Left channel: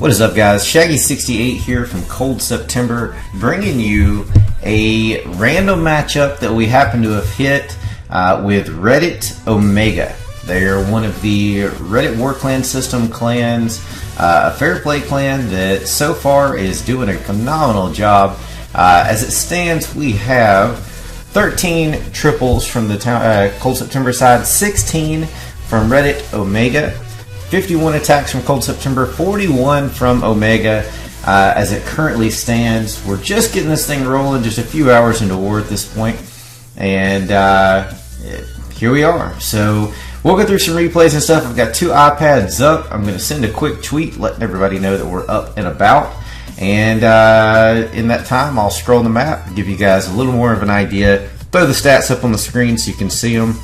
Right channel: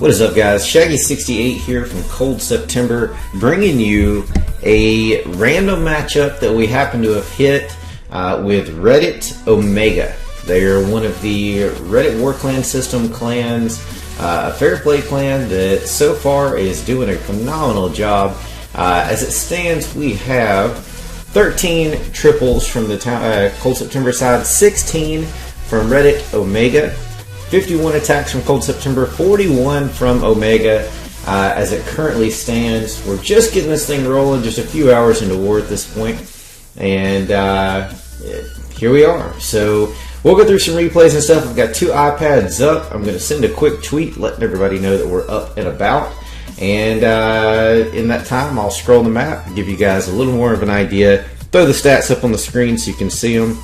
What is up, guys? Shaggy68 here from Cold September, bringing you a random matchup that we happen to have hit with Reddit Omega. They are one of the Reddit War Clan system clans, a fair play clan that so far is doing a phenomenal job. As it stands, we have 13 triples from the Cold September side, 16 from Reddit Omega, 51 attacks from Cold September, 41 from Omega. As it currently stands, we're just getting this thing rolling, just a few hours into war at this point, and here we are. So we'll go through some replays and stuff. I've got 2 iPads up. I'm going to send a quick tweet letting everybody know that we're up and about, and in that time I'll scroll the map, give you guys a little more of an idea, throw the stats up on the screen so you can see them,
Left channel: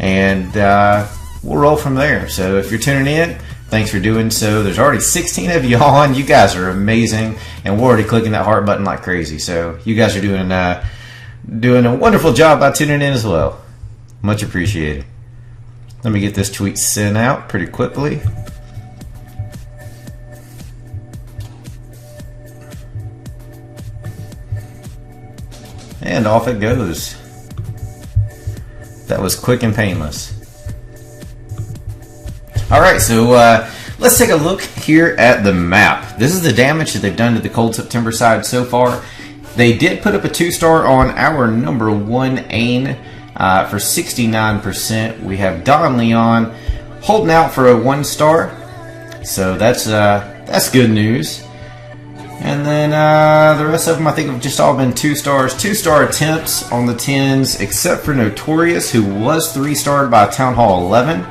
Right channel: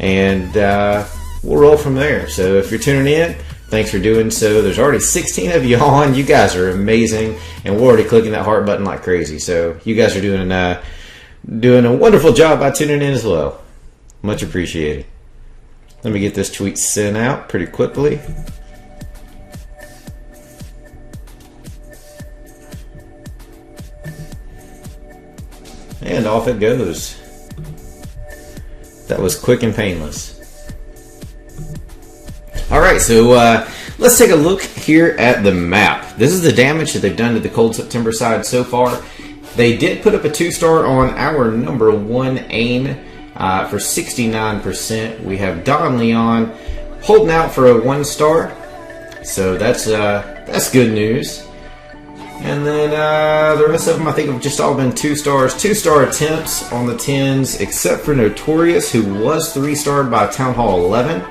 and we'll roll from there. So if you're tuning in, thanks for doing so. There's already 16 of you on. You guys are amazing, and we're already clicking that heart button like crazy. So you guys are doing a wonderful job by tuning in as well. Much appreciated. Let me get this tweet sent out pretty quickly. And off it goes. That was quick and painless. Alright, so let's take a look here at the map. This is the damage that they've done to the Cold September side so far. They did put up a 2-star on our number 1 aim for 69%. We have Don Leon holding out for a 1-star. So that's good news. And then the rest of them, I think, have just all been 2 stars. 2-star attempts on the 10s, except for Notorious, who was 3-starred by Town Hall 11.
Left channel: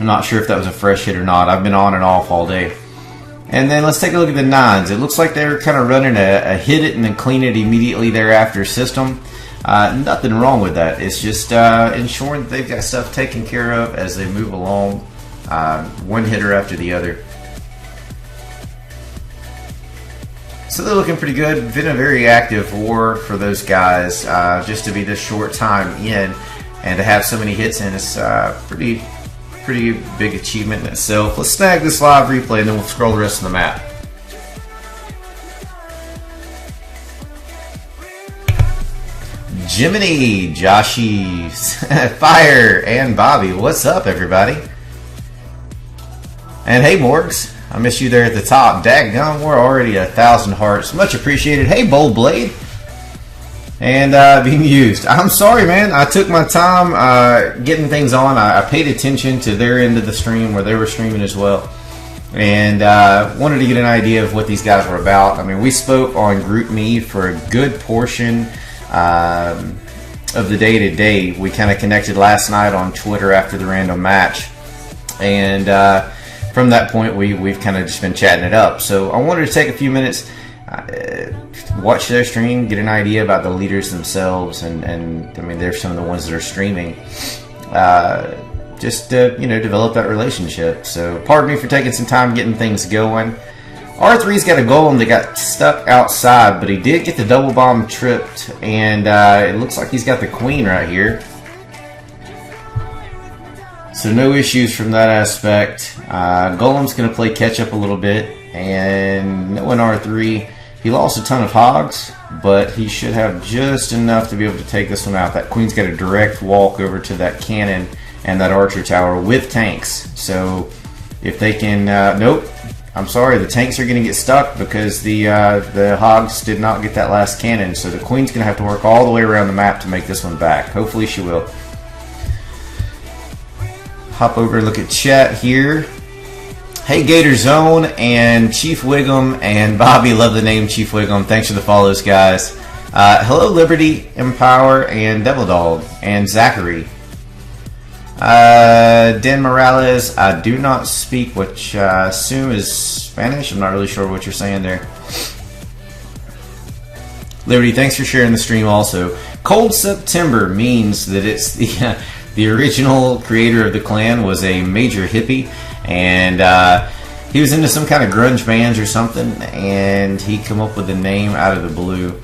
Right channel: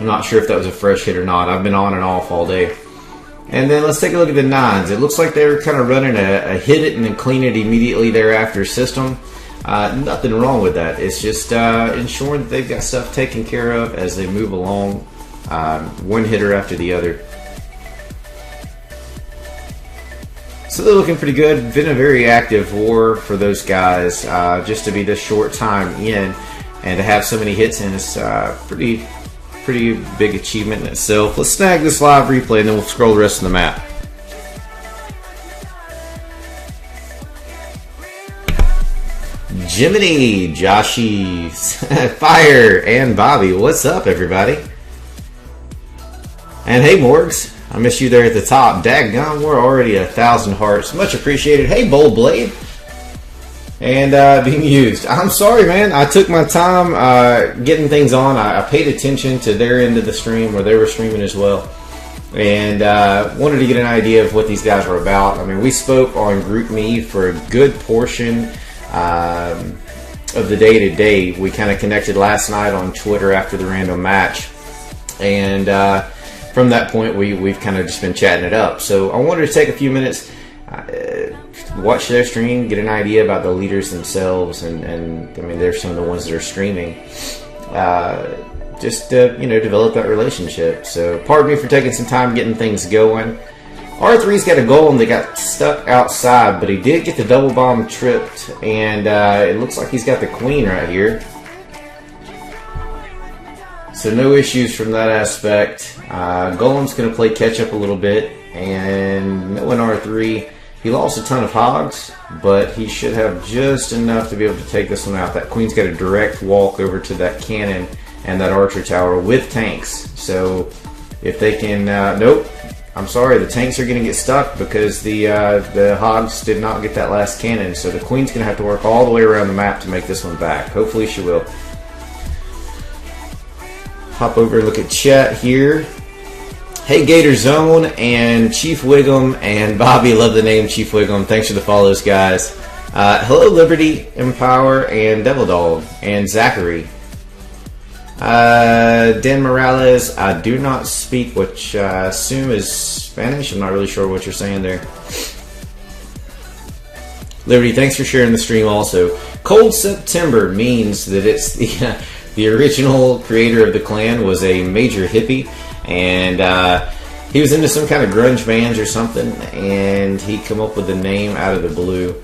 I'm not sure if that was a fresh hit or not. I've been on and off all day. And then let's take a look at the 9s. It looks like they're kind of running a hit it and then clean it immediately thereafter system. Nothing wrong with that. It's just ensuring that they've got stuff taken care of as they move along, one hitter after the other. So they're looking pretty good. Been a very active war for those guys, just to be this short time in and to have so many hits in. It's pretty big achievement in itself. Let's snag this live replay and then we'll scroll the rest of the map. Jiminy, Joshy, Fire, and Bobby. What's up, everybody? And hey, Morgs. I miss you there at the top. Daggone, we're already 1,000 hearts. Much appreciated. Hey, Bold Blade. And being used. I'm sorry, man. I took my time getting things on. I paid attention to their end of the stream where they were streaming as well. And wanted to get an idea of what these guys were about. I mean, we spoke on GroupMe for a good portion of the day-to-day. We kind of connected last night on Twitter after the random match. And from that point, we've kind of just been chatting it up. So I wanted to take a few minutes, watch their stream, get an idea about the leaders themselves, and I mean, they're some of the ones that are streaming. Just to, develop that relationship. So pardon me for taking some time getting things going. R3's got a golem that got stuck outside, but he did get the double bomb tripped, and it looks like he's got the queen right here. So no issues from that aspect. Golem's going to play catch up a little bit, and knowing R3, he lost a ton of hogs, but he should have just enough to be able to take this one out. That queen's got a direct walk over to that cannon and that archer tower with tanks. So if they can, nope, I'm sorry, the tanks are going to get stuck because the hogs did not get that last cannon. So the queen's going to have to work all the way around the map to make this one back. Hopefully she will. Hop over and look at chat here. Hey, Gator Zone and Chief Wiggum and Bobby, love the name Chief Wiggum. Thanks for the follows, guys. Hello, Liberty, Empower, and Devil Dog, and Zachary. Dan Morales, I do not speak, which I assume is Spanish. I'm not really sure what you're saying there. Liberty, thanks for sharing the stream also. Cold September means that it's the original creator of the clan was a major hippie, and he was into some kind of grunge bands or something, and he come up with the name out of the blue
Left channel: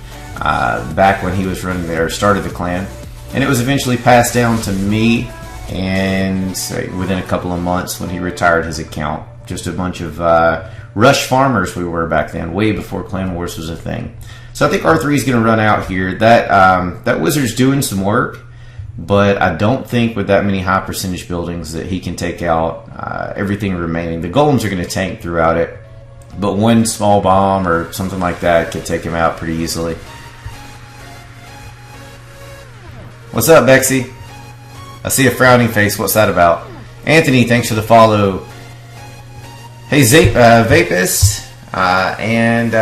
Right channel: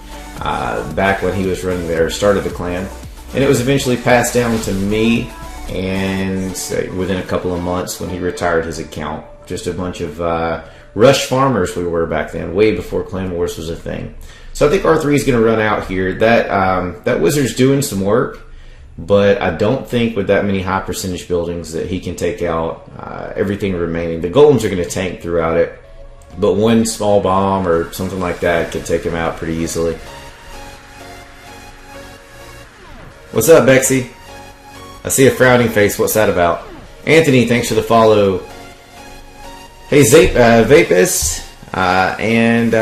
back when he was running there, started the clan, and it was eventually passed down to me. And within a couple of months when he retired his account, just a bunch of rush farmers we were back then, way before Clan Wars was a thing. So I think R3 is going to run out here. That wizard's doing some work, but I don't think with that many high percentage buildings that he can take out everything remaining. The golems are going to tank throughout it, but one small bomb or something like that could take him out pretty easily. What's up, Bexy? I see a frowning face. What's that about? Anthony, thanks for the follow. Hey, Vapus, and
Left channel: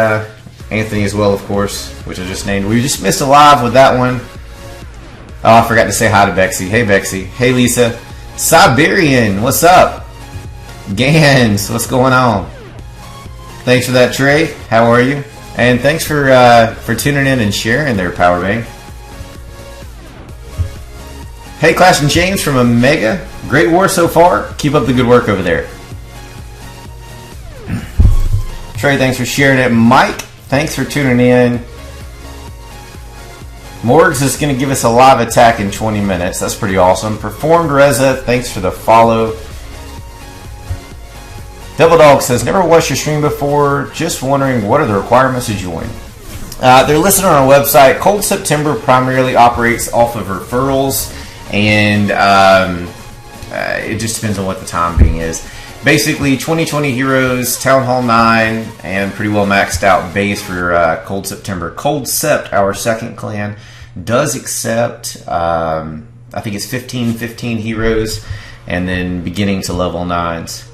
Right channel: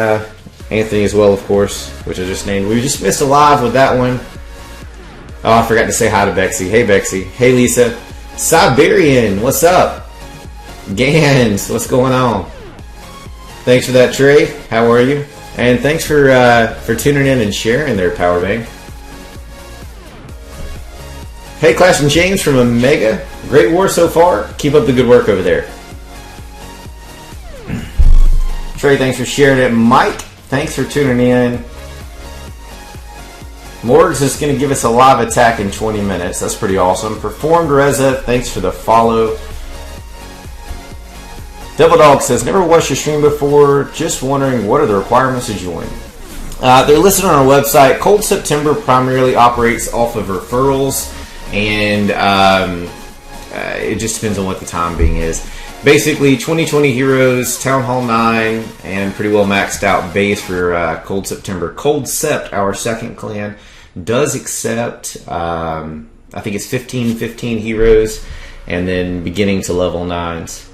Anthony as well, of course, which I just named. We just missed a live with that one. Oh, I forgot to say hi to Bexy. Hey, Bexy. Hey, Lisa. Siberian, what's up? Gans, what's going on? Thanks for that, Trey. How are you? And thanks for tuning in and sharing there, Powerbank. Hey, Clash and James from Omega. Great war so far. Keep up the good work over there. Trey, thanks for sharing it. Mike, thanks for tuning in. Morgs is going to give us a live attack in 20 minutes. That's pretty awesome. Performed Reza, thanks for the follow. Devil Dog says, never watched your stream before. Just wondering, what are the requirements to join? They're listed on our website. Cold September primarily operates off of referrals, and it just depends on what the time being is. Basically, 2020 heroes, Town Hall 9, and pretty well maxed out base for Cold September. Cold Sept, our second clan, does accept, I think it's 15 heroes, and then beginning to level 9s.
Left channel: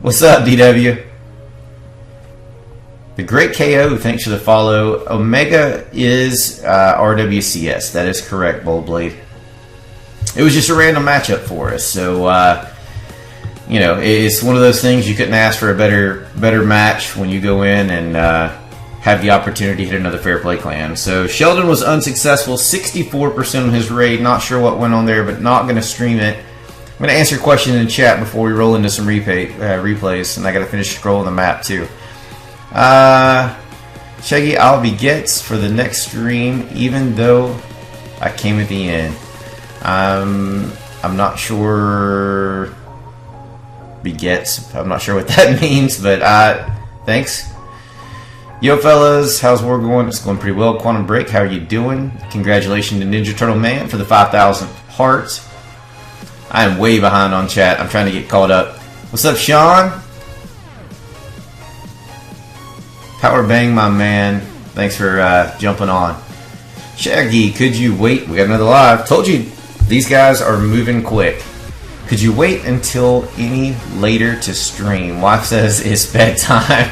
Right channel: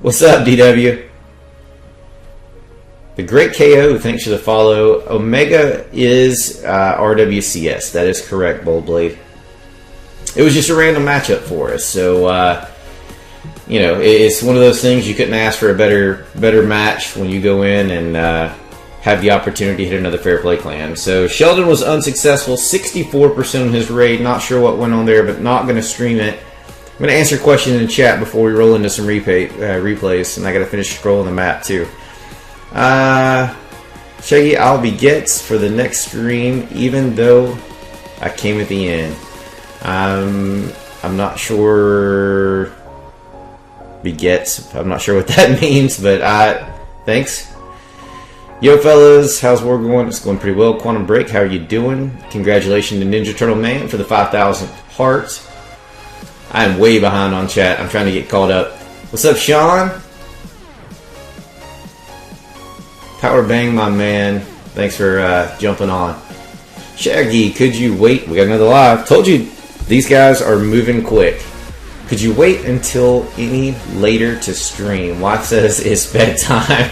What's up, DW? The Great KO, thanks for the follow. Omega is RWCS. That is correct, Boldblade. It was just a random matchup for us, so you know, it's one of those things you couldn't ask for a better match when you go in and have the opportunity to hit another Fair Play clan. So Sheldon was unsuccessful, 64% on his raid. Not sure what went on there, but not going to stream it. I'm going to answer a question in the chat before we roll into some replays, and I got to finish scrolling the map too. Shaggy, I'll be gets for the next stream, even though I came at the end. I'm not sure. Begets. I'm not sure what that means, but thanks. Yo, fellas, how's war going? It's going pretty well. Quantum Break, how are you doing? Congratulations to Ninja Turtle Man for the 5,000 hearts. I am way behind on chat. I'm trying to get caught up. What's up, Sean? Power Bang, my man. Thanks for jumping on. Shaggy, could you wait? We got another live. Told you these guys are moving quick. Could you wait until any later to stream? Wife says it's bedtime.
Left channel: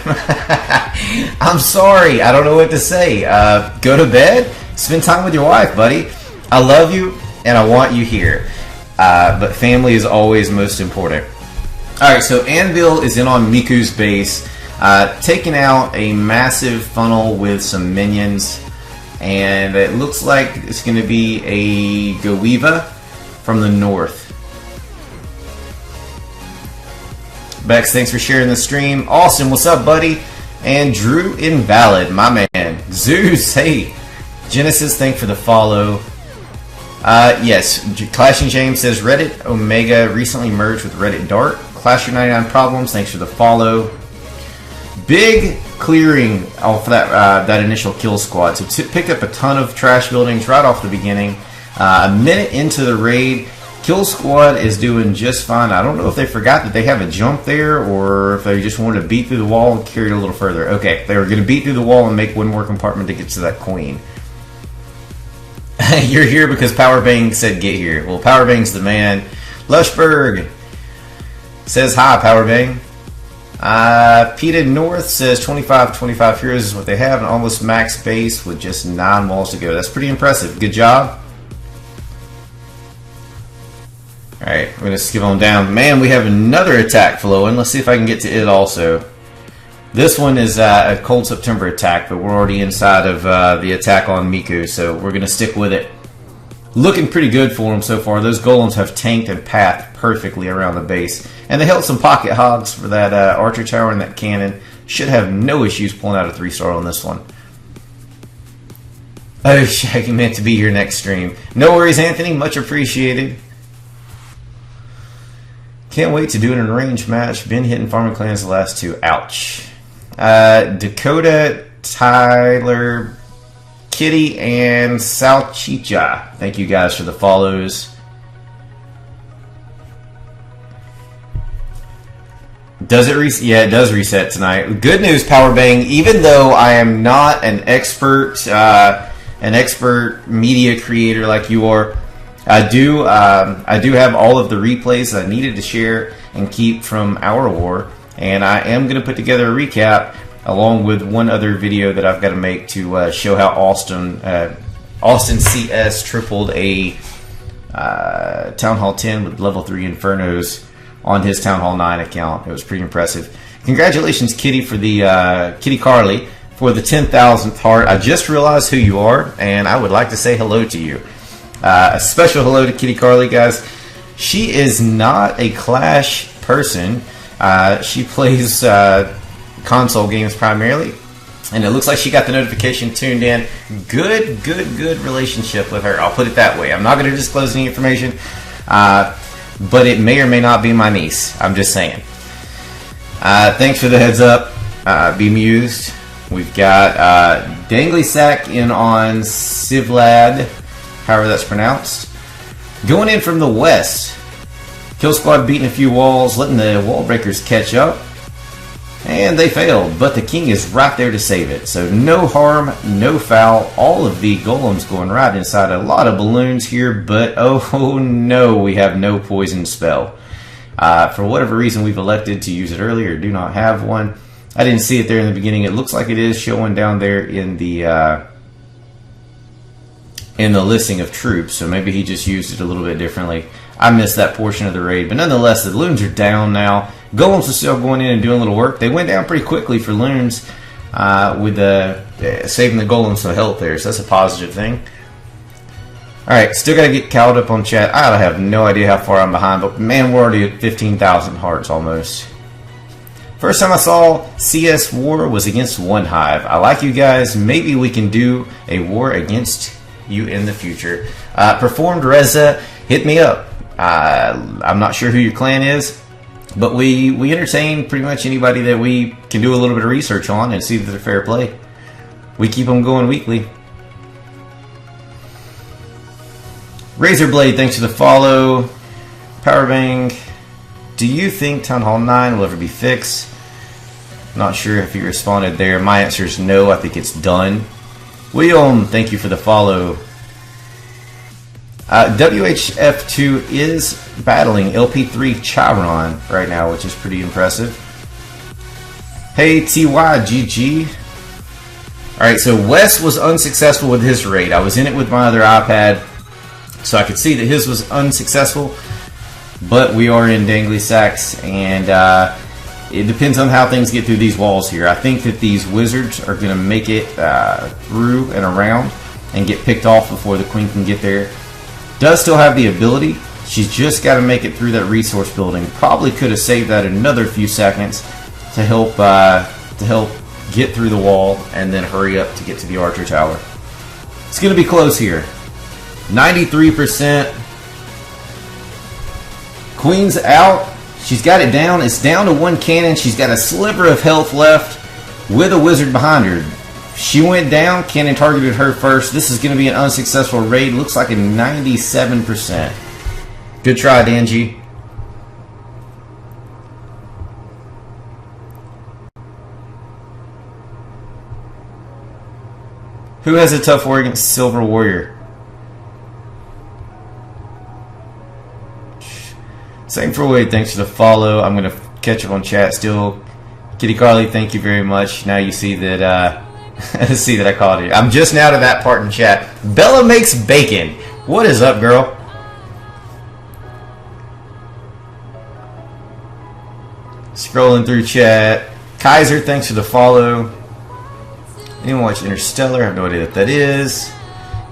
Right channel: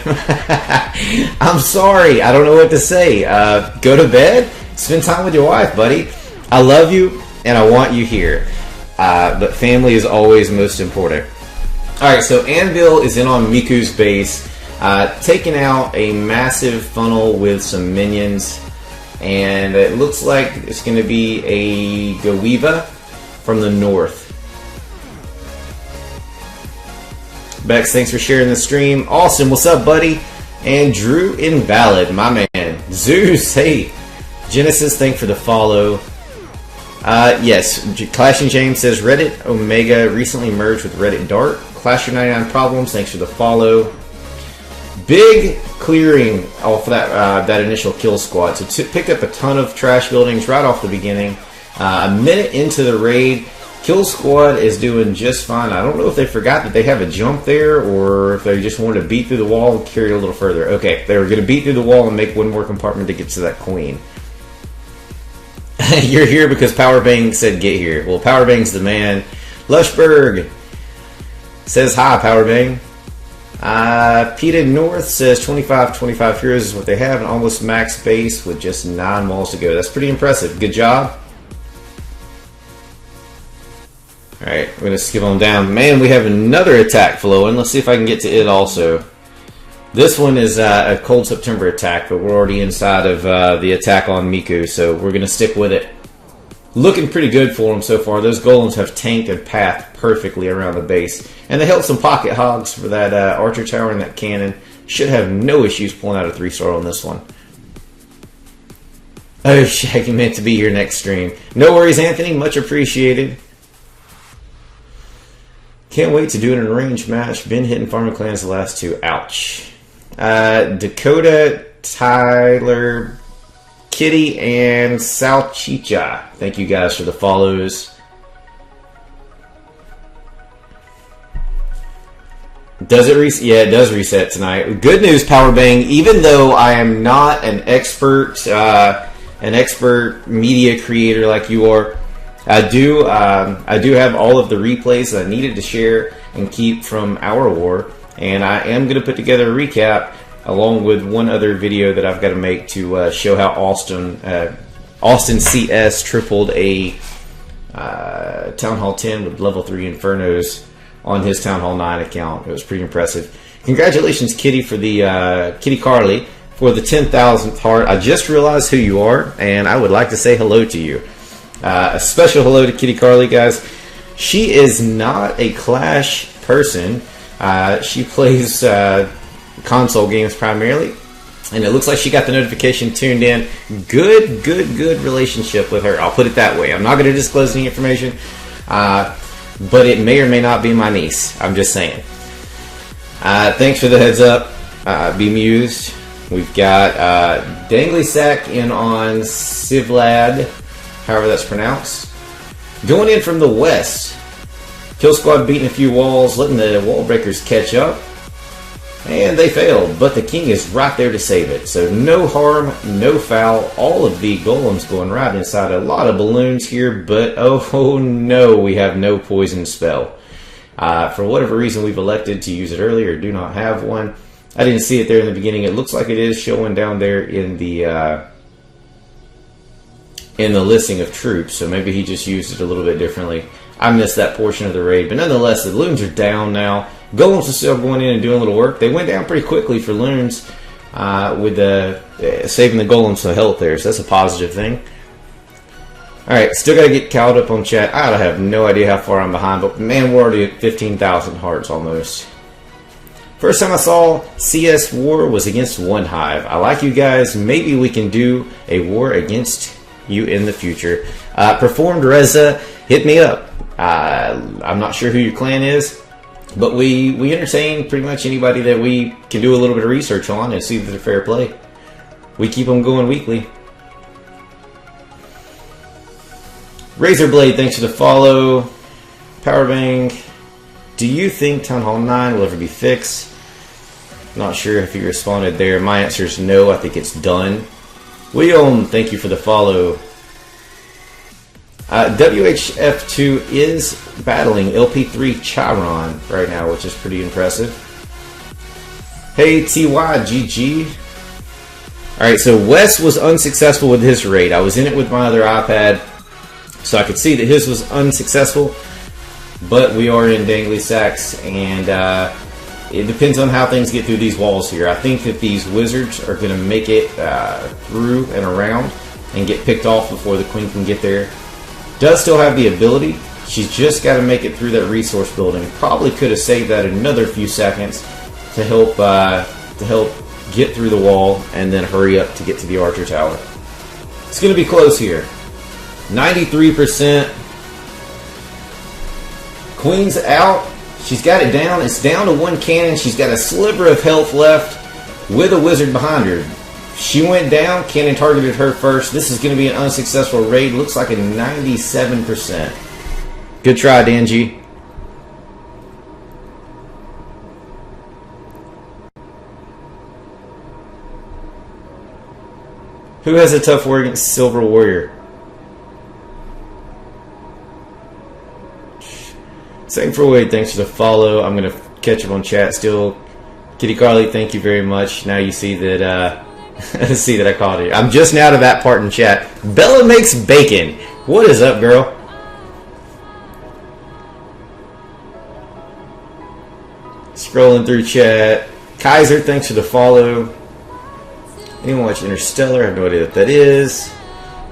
I'm sorry. I don't know what to say. Go to bed. Spend time with your wife, buddy. I love you and I want you here. But family is always most important. Alright, so Anvil is in on Miku's base. Taking out a massive funnel with some minions. And it looks like it's going to be a Goiva from the north. Bex, thanks for sharing the stream. Awesome, what's up, buddy? And Drew Invalid, my man. Zeus, hey. Genesis, thanks for the follow. Yes, Clash and James says Reddit Omega recently merged with Reddit Dark. Clash of 99 Problems, thanks for the follow. Big clearing off that initial kill squad. So picked up a ton of trash buildings right off the beginning. A minute into the raid, Kill Squad is doing just fine. I don't know if they forgot that they have a jump there or if they just wanted to beat through the wall and carry it a little further. Okay, they were going to beat through the wall and make one more compartment to get to that queen. You're here because Powerbang said get here. Well, Powerbang's the man. Lushberg says hi, Powerbang. Peta North says 25 heroes is what they have, an almost max base with just 9 walls to go. That's pretty impressive. Good job. Alright, we're going to skip on down. Man, we have another attack flowing. Let's see if I can get to it also. This one is a Cold September attack, but we're already inside of the attack on Miku, so we're going to stick with it. Looking pretty good for them so far. Those golems have tanked and pathed perfectly around the base. And they held some pocket hogs for that archer tower and that cannon. Should have no issues pulling out a 3-star on this one. Oh, Shaggy meant to be here next stream. No worries, Anthony. Much appreciated. Can't wait to do an arranged match. Been hitting farming clans the last two. Ouch. Dakota, Tyler, Kitty, and Salchicha. Thank you guys for the follows. Does it reset? Yeah, it does reset tonight. Good news, Powerbang. Even though I am not an expert media creator like you are, I do have all of the replays that I needed to share and keep from our war, and I am going to put together a recap along with one other video that I've got to make to show how Austin CS tripled a Town Hall 10 with level 3 Infernos on his Town Hall 9 account. It was pretty impressive. Congratulations, Kitty, for the Kitty Carly for the 10,000th heart. I just realized who you are, and I would like to say hello to you. A special hello to Kitty Carly, guys. She is not a Clash person. She plays console games primarily, and it looks like she got the notification tuned in. Good relationship with her. I'll put it that way. I'm not going to disclose any information. But it may or may not be my niece. I'm just saying. Thanks for the heads up. Be amused. We've got Dangly Sack in on Sivlad, however that's pronounced. Going in from the west. Kill Squad beating a few walls, letting the wall breakers catch up. And they failed, but the king is right there to save it. So no harm, no foul. All of the golems going right inside a lot of balloons here, but oh no, we have no poison spell. For whatever reason, we've elected to use it earlier, do not have one. I didn't see it there in the beginning. It looks like it is showing down there in the listing of troops, so maybe he just used it a little bit differently. I missed that portion of the raid, but nonetheless, the loons are down now. Golems are still going in and doing a little work. They went down pretty quickly for loons with saving the golems some health there, so that's a positive thing. Alright, still got to get cowed up on chat. I have no idea how far I'm behind, but man, we're already at 15,000 hearts almost. First time I saw CS War was against One Hive. I like you guys. Maybe we can do a war against you in the future. Performed Reza, hit me up. I'm not sure who your clan is, but we entertain pretty much anybody that we can do a little bit of research on and see if they're fair play. We keep them going weekly. Razorblade, thanks for the follow. Powerbang, do you think Town Hall 9 will ever be fixed? Not sure if you responded there. My answer is no. I think it's done. William, thank you for the follow. WHF2 is battling LP3 Chiron right now, which is pretty impressive. Hey, TYGG. Alright, so Wes was unsuccessful with his raid. I was in it with my other iPad, so I could see that his was unsuccessful. But we are in Dangly Sacks, and it depends on how things get through these walls here. I think that these wizards are going to make it through and around and get picked off before the queen can get there. Does still have the ability. She's just got to make it through that resource building. Probably could have saved that another few seconds to help get through the wall and then hurry up to get to the archer tower. It's going to be close here. 93%. Queen's out. She's got it down. It's down to one cannon. She's got a sliver of health left with a wizard behind her. She went down. Cannon targeted her first. This is going to be an unsuccessful raid. Looks like a 97%. Good try, Danji. Who has a tough war against Silver Warrior? Same for Wade. Thanks for the follow. I'm going to catch up on chat still. Kitty Carly, thank you very much. Now you see that see that I called it. I'm just now to that part in chat. Bella makes bacon. What is up, girl? Scrolling through chat. Kaiser, thanks for the follow. Anyone watch Interstellar? I have no idea what that is.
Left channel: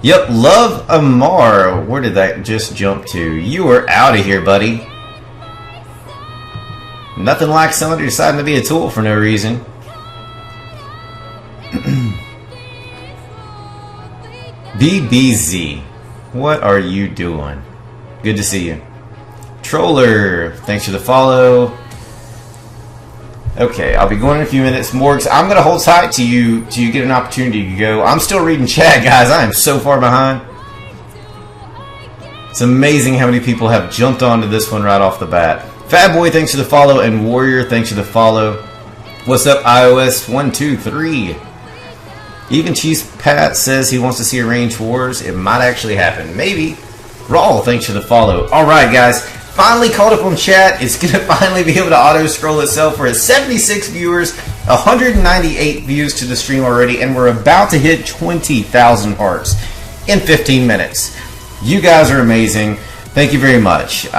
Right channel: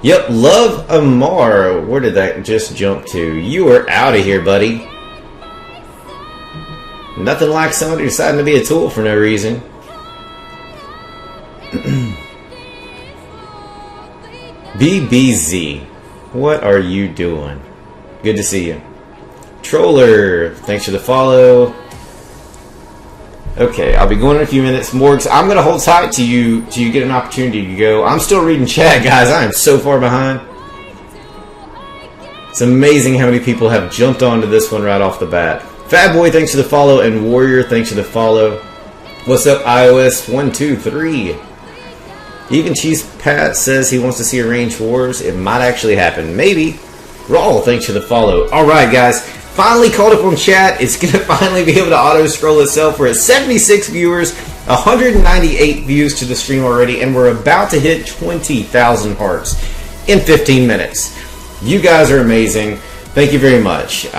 Yep, Love Amar. Where did that just jump to? You are out of here, buddy. Nothing like somebody deciding to be a tool for no reason. BBZ, what are you doing? Good to see you. Controller, thanks for the follow. Okay, I'll be going in a few minutes. Morgs, I'm going to hold tight to you till you get an opportunity to go. I'm still reading chat, guys. I am so far behind. It's amazing how many people have jumped onto this one right off the bat. Fat Boy, thanks for the follow. And Warrior, thanks for the follow. What's up, iOS 123? Even Chief Pat says he wants to see Arranged Wars. It might actually happen. Maybe. Raw, thanks for the follow. Alright, guys. Finally caught up on chat. It's going to finally be able to auto-scroll itself. We're at 76 viewers, 198 views to the stream already, and we're about to hit 20,000 hearts in 15 minutes. You guys are amazing. Thank you very much.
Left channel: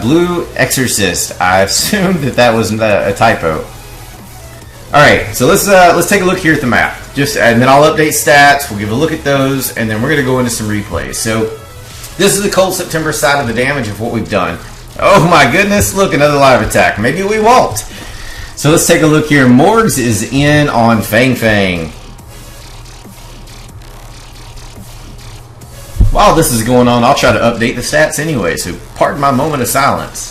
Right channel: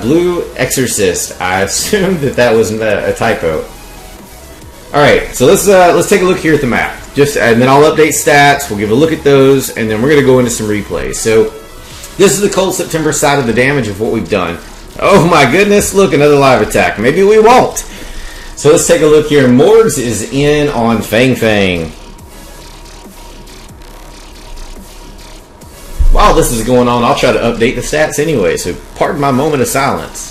Blue Exorcist. I assumed that was a typo. Alright, so let's take a look here at the map. And then I'll update stats, we'll give a look at those, and then we're going to go into some replays. So, this is the Cold September side of the damage of what we've done. Oh my goodness, look, another live attack. Maybe we won't. So let's take a look here. Morgs is in on Fang Fang. While this is going on, I'll try to update the stats anyway, so pardon my moment of silence.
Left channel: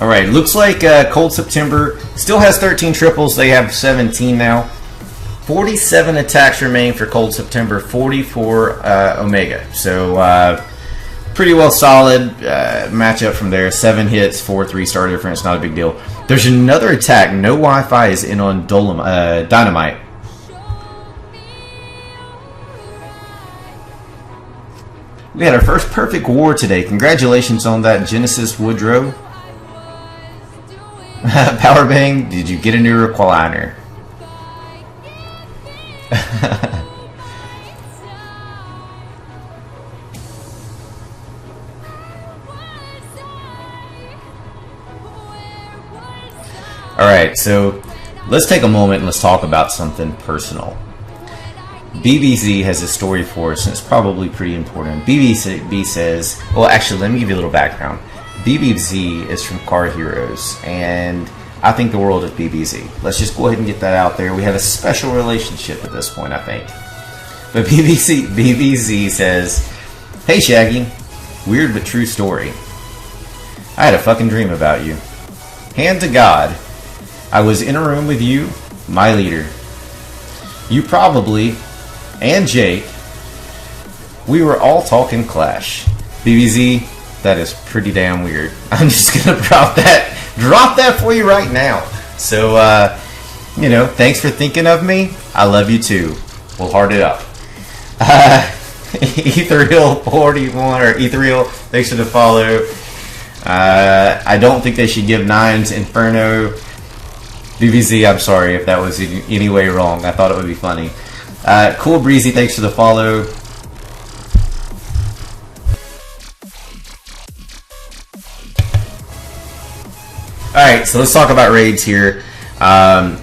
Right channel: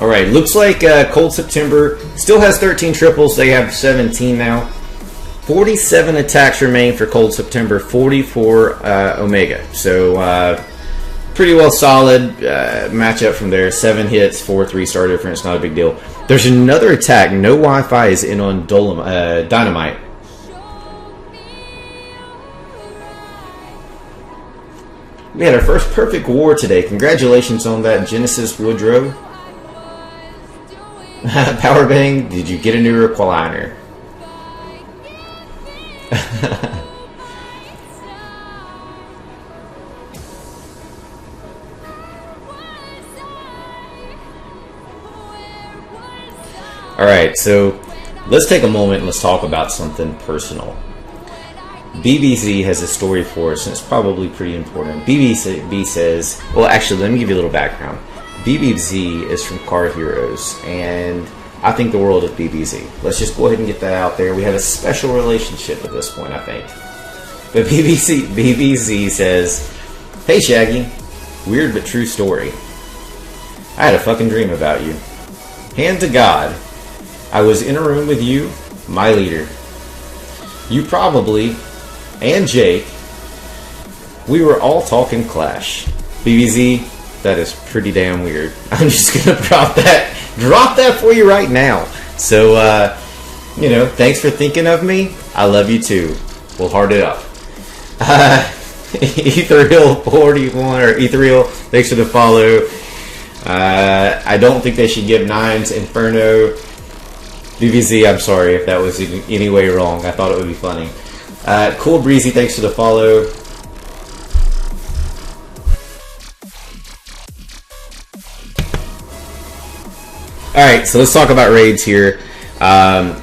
Alright, looks like Cold September still has 13 triples. They have 17 now. 47 attacks remain for Cold September, 44 Omega. So, pretty well solid matchup from there. 7 hits, 4 3-star difference, not a big deal. There's another attack. No Wi-Fi is in on Dynamite. We had our first perfect war today. Congratulations on that, Genesis Woodrow. Power Bang, did you get a new recliner? Alright, so let's take a moment and let's talk about something personal. BBC has a story for us, and it's probably pretty important. BBC says, well, actually, let me give you a little background. BBZ is from Car Heroes, and I think the world of BBZ. Let's just go ahead and get that out there. We have a special relationship at this point, I think. But BBZ says, hey Shaggy, weird but true story. I had a fucking dream about you. Hand to God, I was in a room with you, my leader. You probably, and Jake, we were all talking Clash. BBZ, that is pretty damn weird. I'm just gonna drop that for you right now. So, you know, thanks for thinking of me. I love you too. We'll heart it up. Ethereal 41 or Ethereal, thanks for the follow. I don't think they should give 9s Inferno. BBZ, I'm sorry if that was in any way wrong. I thought it would be funny. Cool Breezy, thanks for the follow. Alright, so let's talk about raids here.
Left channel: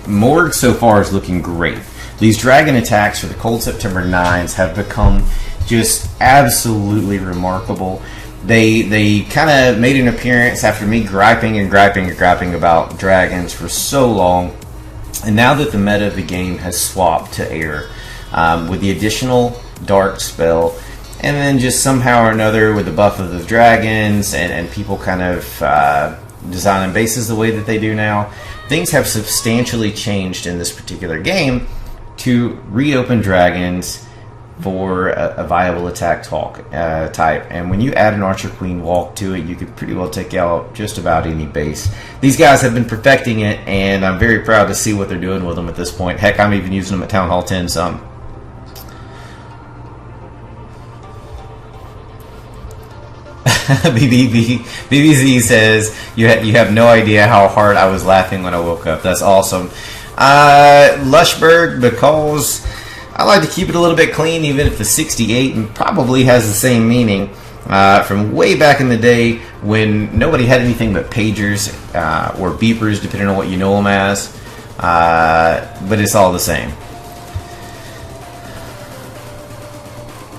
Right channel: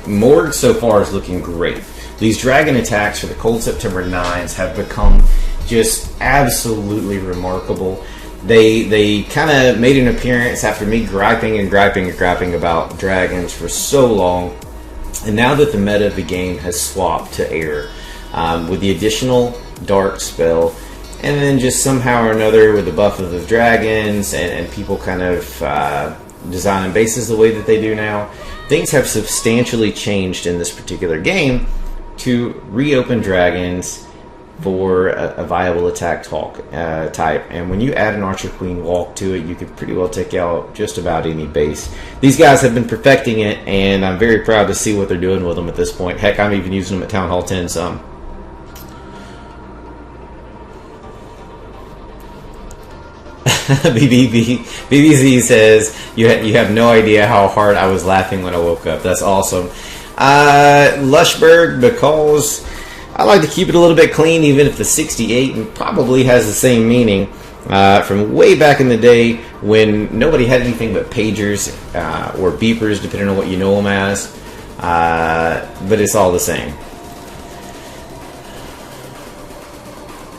Morg so far is looking great. These dragon attacks for the Cold September 9s have become just absolutely remarkable. They kind of made an appearance after me griping about dragons for so long. And now that the meta of the game has swapped to air, with the additional dark spell, and then just somehow or another with the buff of the dragons and people kind of designing bases the way that they do now, things have substantially changed in this particular game to reopen dragons for a viable attack type. And when you add an Archer Queen Walk to it, you could pretty well take out just about any base. These guys have been perfecting it, and I'm very proud to see what they're doing with them at this point. Heck, I'm even using them at Town Hall 10 some. BBZ says, you have no idea how hard I was laughing when I woke up. That's awesome. Lushberg, because I like to keep it a little bit clean, even if the 68 probably has the same meaning from way back in the day when nobody had anything but pagers or beepers, depending on what you know them as. But it's all the same.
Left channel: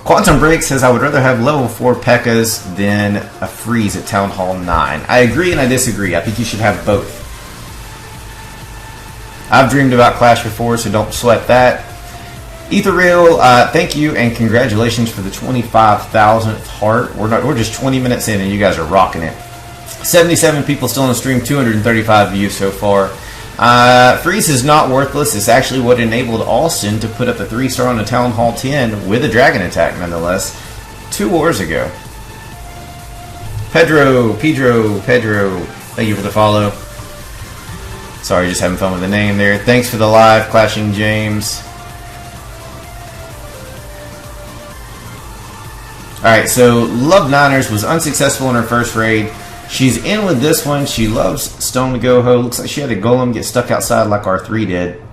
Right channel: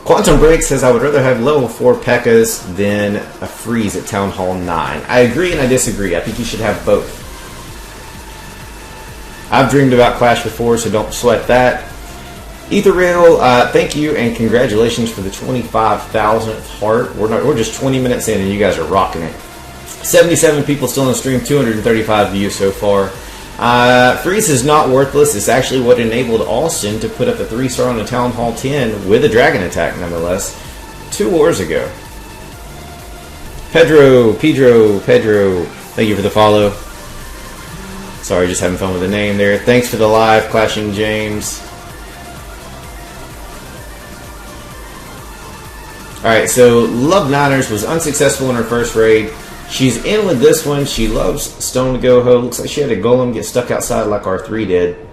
Quantum Break says, I would rather have level 4 P.E.K.K.A.s than a freeze at Town Hall 9. I agree and I disagree. I think you should have both. I've dreamed about Clash before, so don't sweat that. Ethereal, thank you and congratulations for the 25,000th heart. We're just 20 minutes in and you guys are rocking it. 77 people still on the stream, 235 views so far. Freeze is not worthless. It's actually what enabled Austin to put up the 3-star on the Town Hall 10 with a dragon attack, nonetheless, 2 wars ago. Pedro, thank you for the follow. Sorry, just having fun with the name there. Thanks for the live, Clashing James. Alright, so Love Niners was unsuccessful in her first raid. She's in with this one. She loves Stone to Go Ho. Looks like she had a golem get stuck outside like R3 did.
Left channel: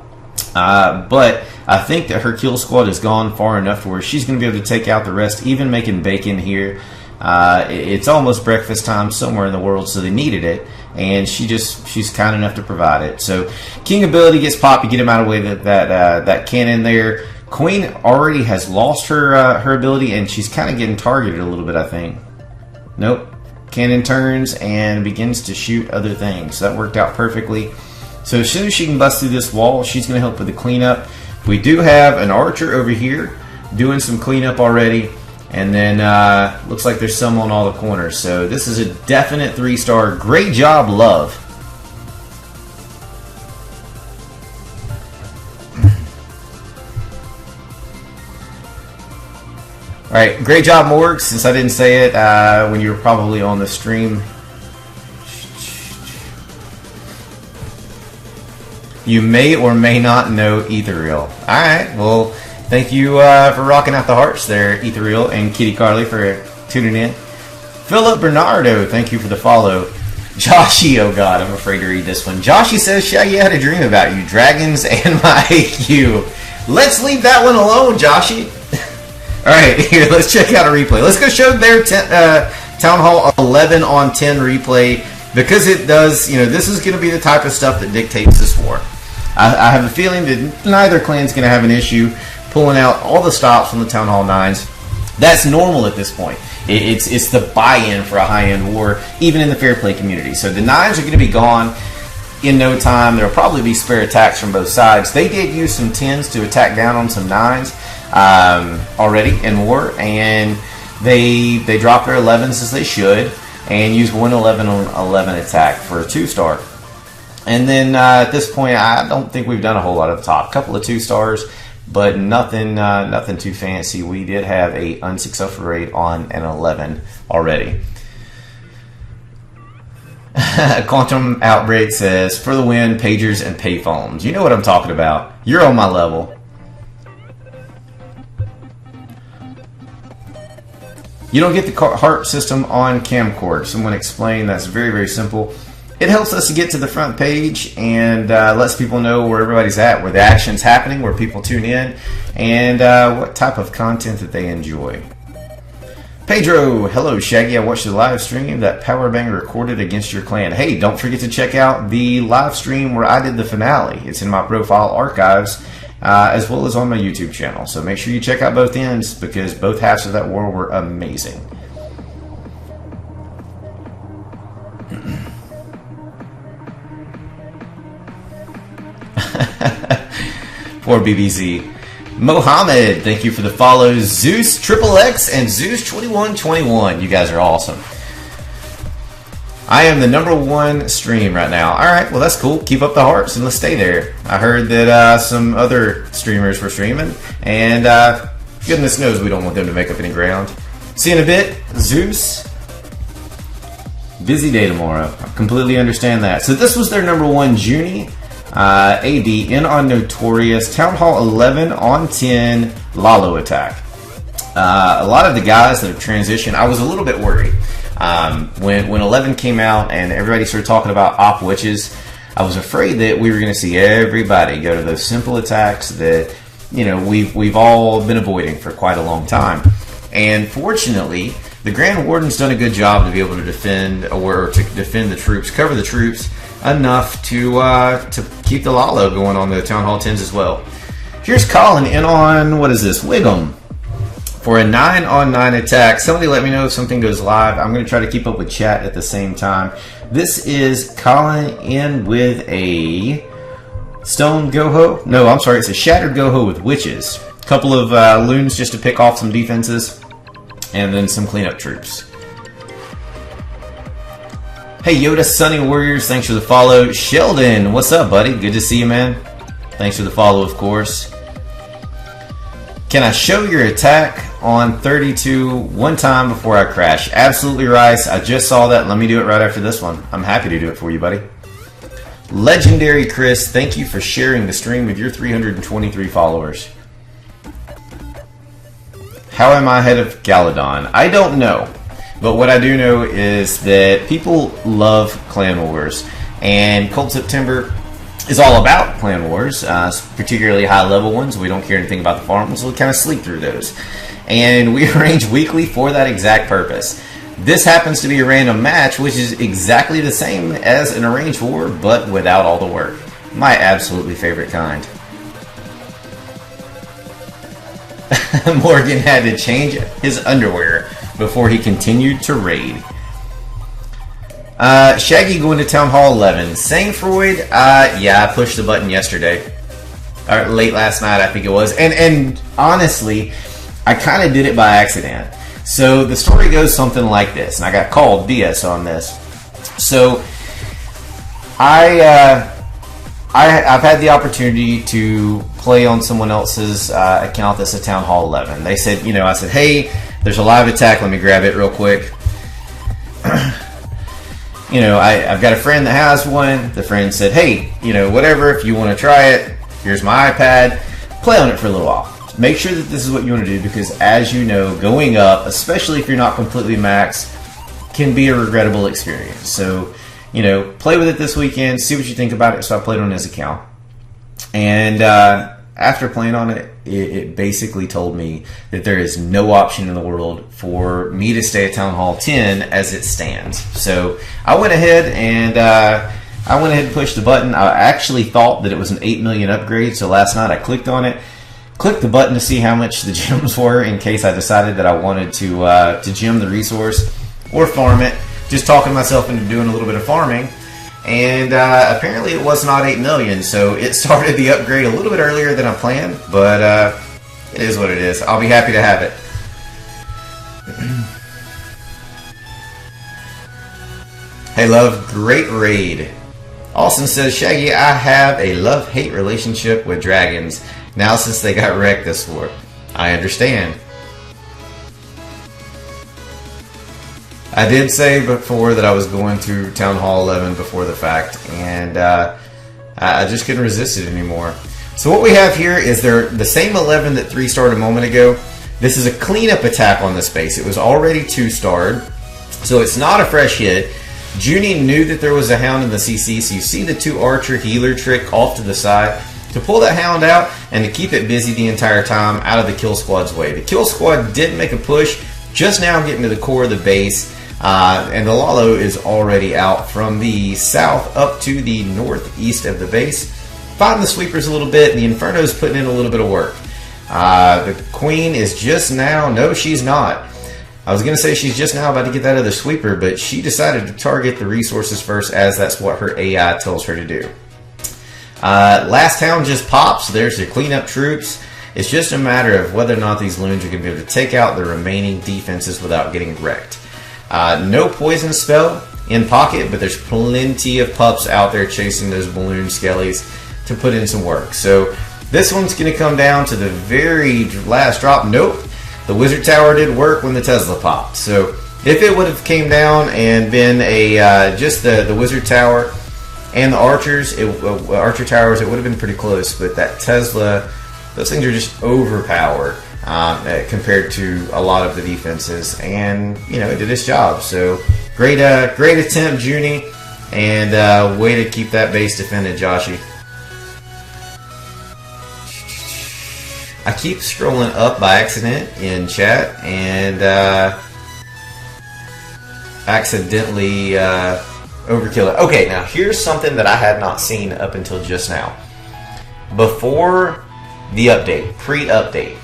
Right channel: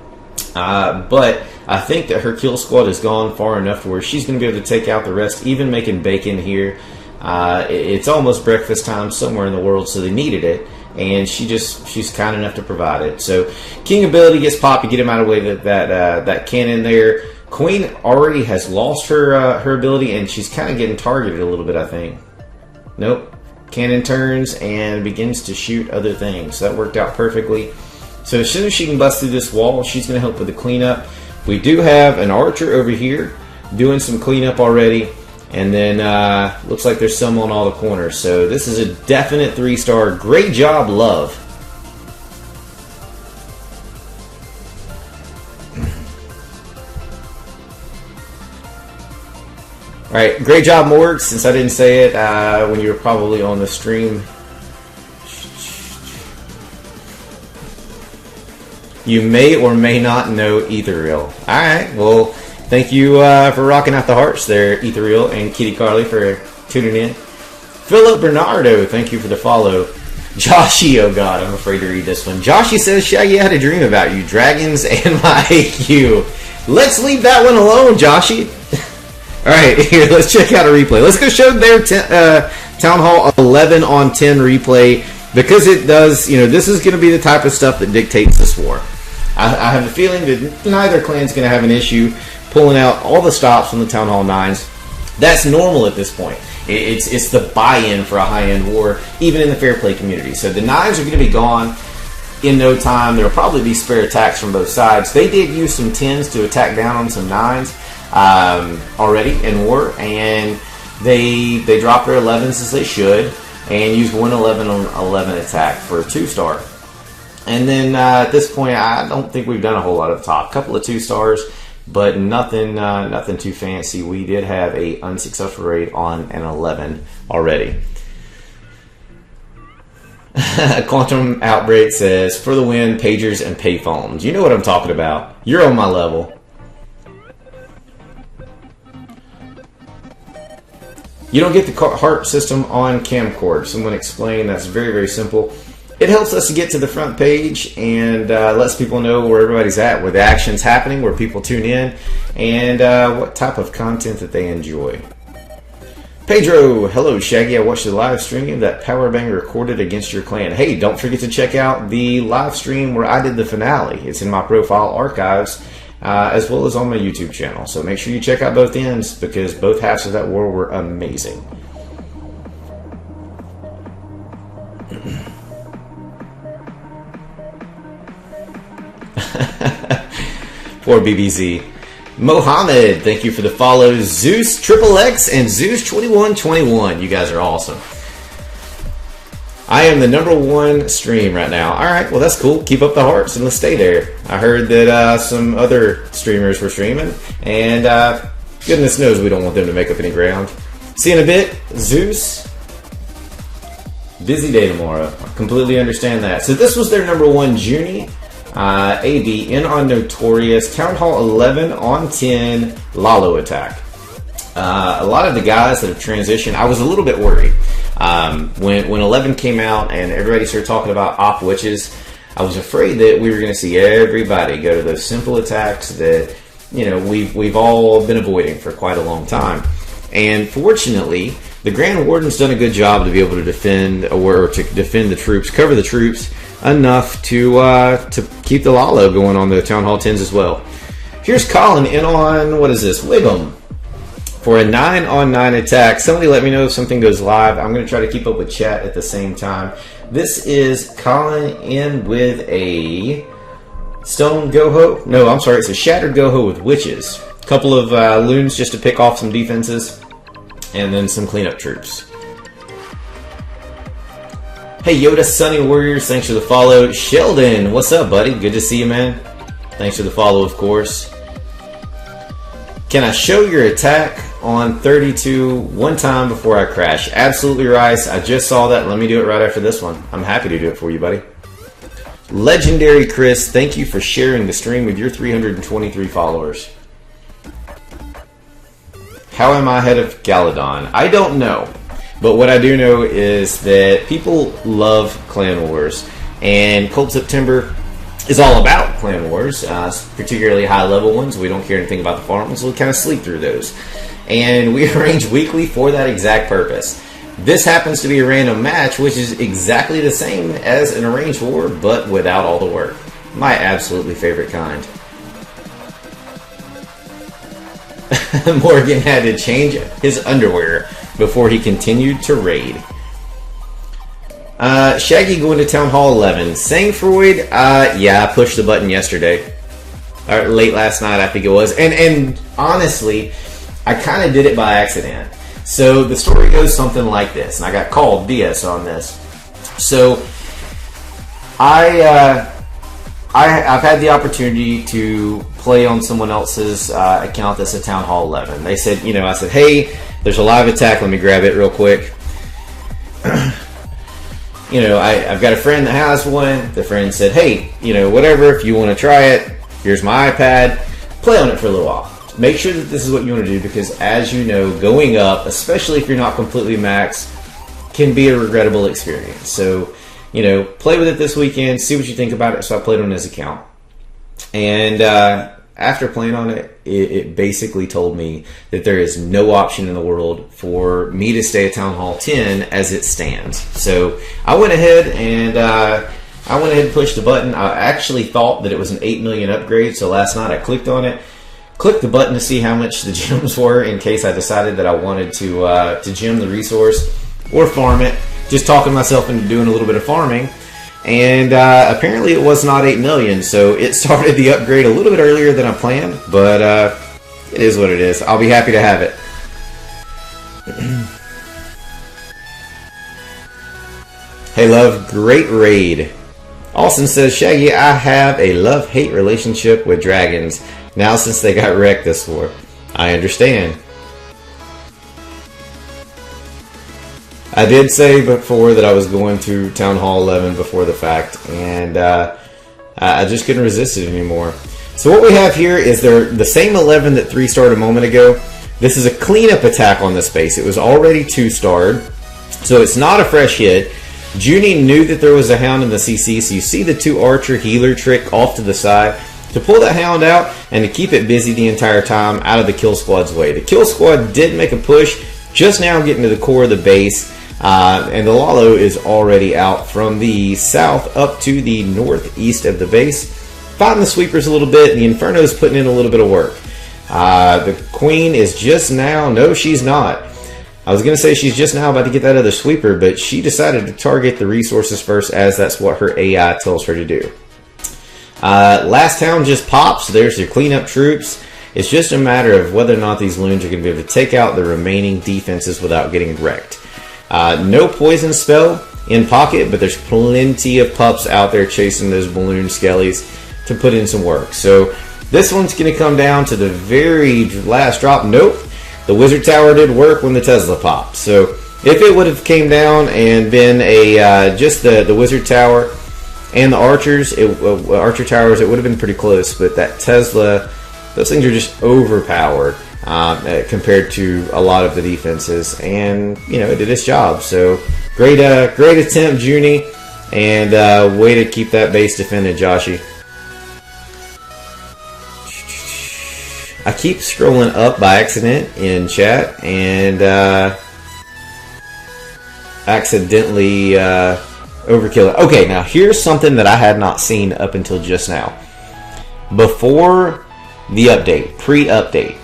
But I think that her kill squad has gone far enough to where she's going to be able to take out the rest, even making bacon here. It's almost breakfast time somewhere in the world, so they needed it. And she's kind enough to provide it. So King ability gets popped. You get him out of the way that cannon there. Queen already has lost her ability, and she's kind of getting targeted a little bit, I think. Nope. Cannon turns and begins to shoot other things. So that worked out perfectly. So as soon as she can bust through this wall, she's going to help with the cleanup. We do have an archer over here doing some cleanup already. And then looks like there's some on all the corners. So this is a definite 3-star. Great job, Love. Alright, great job, Morg, since I didn't say it when you were probably on the stream. You may or may not know Ethereal. Alright, well, thank you for rocking out the hearts there, Ethereal, and Kitty Carly for tuning in. Philip Bernardo, thank you for the follow. Joshy, oh god, I'm afraid to read this one. Joshy says, Shaggy, I had a dream about you, dragons and my IQ. Let's leave that one alone, Joshy. Alright, here, let's check out a replay. Let's go show their Town Hall 11 on 10 replay, because it does, this is going to be the type of stuff that dictates this war. I have a feeling that neither clan's going to have an issue pulling out all the stops from the Town Hall 9s. That's normal at this point. It's the buy-in for a high-end war, even in the fair play community. So the 9s are going to be gone in no time. There will probably be spare attacks from both sides. They did use some 10s to attack down on some 9s. Already in war, and they dropped their 11s as they should, and used 111 on 11 attack for a 2-star. And then at this point, I don't think we've done a whole lot at the top. A couple of 2-stars, but nothing too fancy. We did have a unsuccessful raid on an 11 already. Quantum Outbreak says, for the win, pagers and payphones. You know what I'm talking about. You're on my level. You don't get the heart system on camcord. Someone explained that's very, very simple. It helps us to get to the front page and lets people know where everybody's at, where the action's happening, where people tune in, and what type of content that they enjoy. Pedro, hello Shaggy. I watched the live stream that Powerbang recorded against your clan. Hey, don't forget to check out the live stream where I did the finale. It's in my profile archives. As well as on my YouTube channel. So make sure you check out both ends, because both halves of that war were amazing. Poor BBC. Mohammed, thank you for the follows. Zeus XXX and Zeus 2121. You guys are awesome. I am the #1 stream right now. Alright, well that's cool. Keep up the hearts and let's stay there. I heard that some other streamers were streaming, and goodness knows we don't want them to make up any ground. See you in a bit, Zeus. Busy day tomorrow. I completely understand that. So this was their #1 Junie. AD in on Notorious. Town Hall 11 on 10 Lalo attack. A lot of the guys that have transitioned, I was a little bit worried. When 11 came out and everybody started talking about op witches, I was afraid that we were going to see everybody go to those simple attacks that we've all been avoiding for quite a long time. And fortunately, the Grand Warden's done a good job to be able to defend the troops, cover the troops enough to keep the Lalo going on the Town Hall 10s as well. Here's Colin in on, what is this, Wiggum. For a 9-on-9 attack, somebody let me know if something goes live. I'm going to try to keep up with chat at the same time. This is calling in with a stone goho. No, I'm sorry, it's a shattered goho with witches. A couple of loons just to pick off some defenses, and then some cleanup troops. Hey Yoda, Sunny Warriors, thanks for the follow. Sheldon, what's up, buddy? Good to see you, man. Thanks for the follow, of course. Can I show your attack on 32 one time before I crash? Absolutely, Rice. I just saw that. Let me do it right after this one. I'm happy to do it for you, buddy. Legendary Chris, thank you for sharing the stream with your 323 followers. How am I ahead of Galadon? I don't know. But what I do know is that people love Clan Wars. And Cold September is all about Clan Wars, particularly high-level ones. We don't care anything about the farm ones, so we kind of sleep through those. And we arrange weekly for that exact purpose. This happens to be a random match, which is exactly the same as an arranged war, but without all the work. My absolutely favorite kind. Morgan had to change his underwear before he continued to raid. Shaggy going to Town Hall 11. Sang Freud, yeah, I pushed the button yesterday. Or late last night, I think it was. And honestly, I kind of did it by accident. So the story goes something like this, and I got called BS on this. So I've had the opportunity to play on someone else's account that's at Town Hall 11. They said, I said, hey, there's a live attack, let me grab it real quick. I've got a friend that has one. The friend said, hey, whatever, if you want to try it, here's my iPad, play on it for a little while. Make sure that this is what you want to do, because as you know, going up, especially if you're not completely maxed, can be a regrettable experience. So, play with it this weekend, see what you think about it. So I played on his account. And after playing on it, it basically told me that there is no option in the world for me to stay at Town Hall 10 as it stands. So I went ahead and pushed the button. I actually thought that it was an 8 million upgrade, so last night I clicked on it. Clicked the button to see how much the gems were in case I decided that I wanted to gem the resource or farm it. Just talking myself into doing a little bit of farming. And apparently it was not 8 million, so it started the upgrade a little bit earlier than I planned, but it is what it is. I'll be happy to have it. Hey, love, great raid. Austin says, Shaggy, I have a love-hate relationship with dragons now since they got wrecked this war. I understand. I did say before that I was going through Town Hall 11 before the fact, and I just couldn't resist it anymore. So what we have here is the same 11 that 3-starred a moment ago. This is a cleanup attack on this base. It was already 2-starred, so it's not a fresh hit. Junie knew that there was a hound in the CC, so you see the 2 archer healer trick off to the side to pull that hound out and to keep it busy the entire time out of the kill squad's way. The kill squad did make a push, just now getting to the core of the base. And the Lalo is already out from the south up to the northeast of the base. Fighting the sweepers a lit's bit. The Inferno's putting in a little bit of work. The Queen is just now... No, she's not. I was going to say she's just now about to get that other sweeper, but she decided to target the resources first, as that's what her AI tells her to do. Last hound just pops. There's your cleanup troops. It's just a matter of whether or not these loons are going to be able to take out the remaining defenses without getting wrecked. No poison spell in pocket, but there's plenty of pups out there chasing those balloon skellies to put in some work. So this one's going to come down to the very last drop. Nope. The wizard tower did work when the Tesla popped. So if it would have came down and been a just the wizard tower and the archers, archer towers, it would have been pretty close. But that Tesla, those things are just overpowered compared to a lot of the defenses, and it did its job. So great attempt, Junie, and way to keep that base defended, Joshy. I keep scrolling up by accident in chat and accidentally overkill it. Okay, now here's something that I had not seen up until just now. Before the update, pre-update,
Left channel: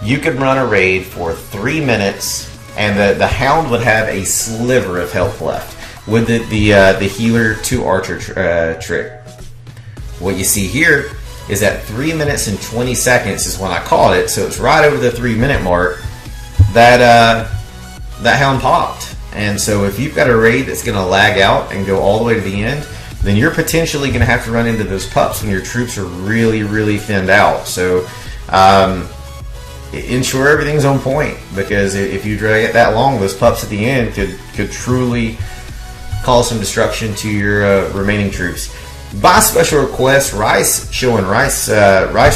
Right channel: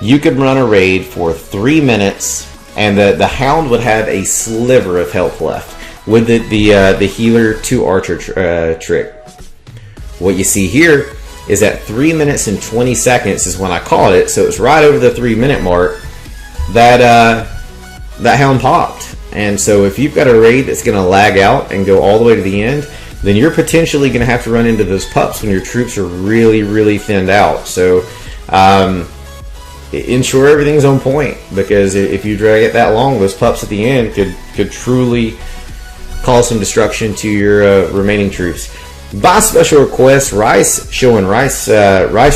you could run a raid for 3 minutes, and the Hound would have a sliver of health left with the healer to archer trick. What you see here is at 3 minutes and 20 seconds is when I caught it, so it's right over the 3 minute mark that Hound popped. And so if you've got a raid that's going to lag out and go all the way to the end, then you're potentially going to have to run into those pups when your troops are really, really thinned out. So ensure everything's on point, because if you drag it that long, those pups at the end could truly cause some destruction to your remaining troops. By special request, Rice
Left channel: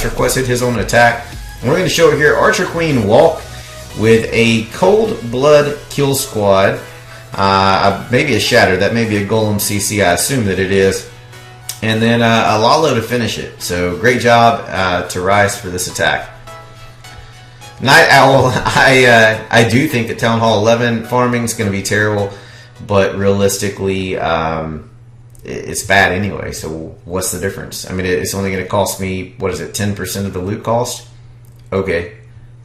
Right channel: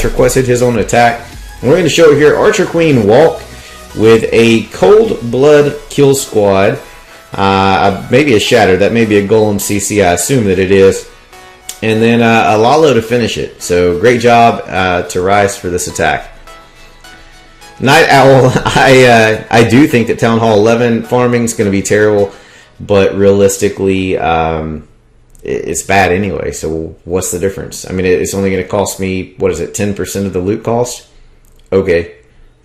requested his own attack. We're going to show it here. Archer Queen Walk with a Cold Blood Kill Squad. Maybe a Shatter. That may be a Golem CC. I assume that it is. And then a Lalo to finish it. So great job to Rice for this attack. Night Owl, I do think that Town Hall 11 farming is going to be terrible, but realistically, it's bad anyway. So what's the difference? I mean, it's only going to cost me, 10% of the loot cost? Okay,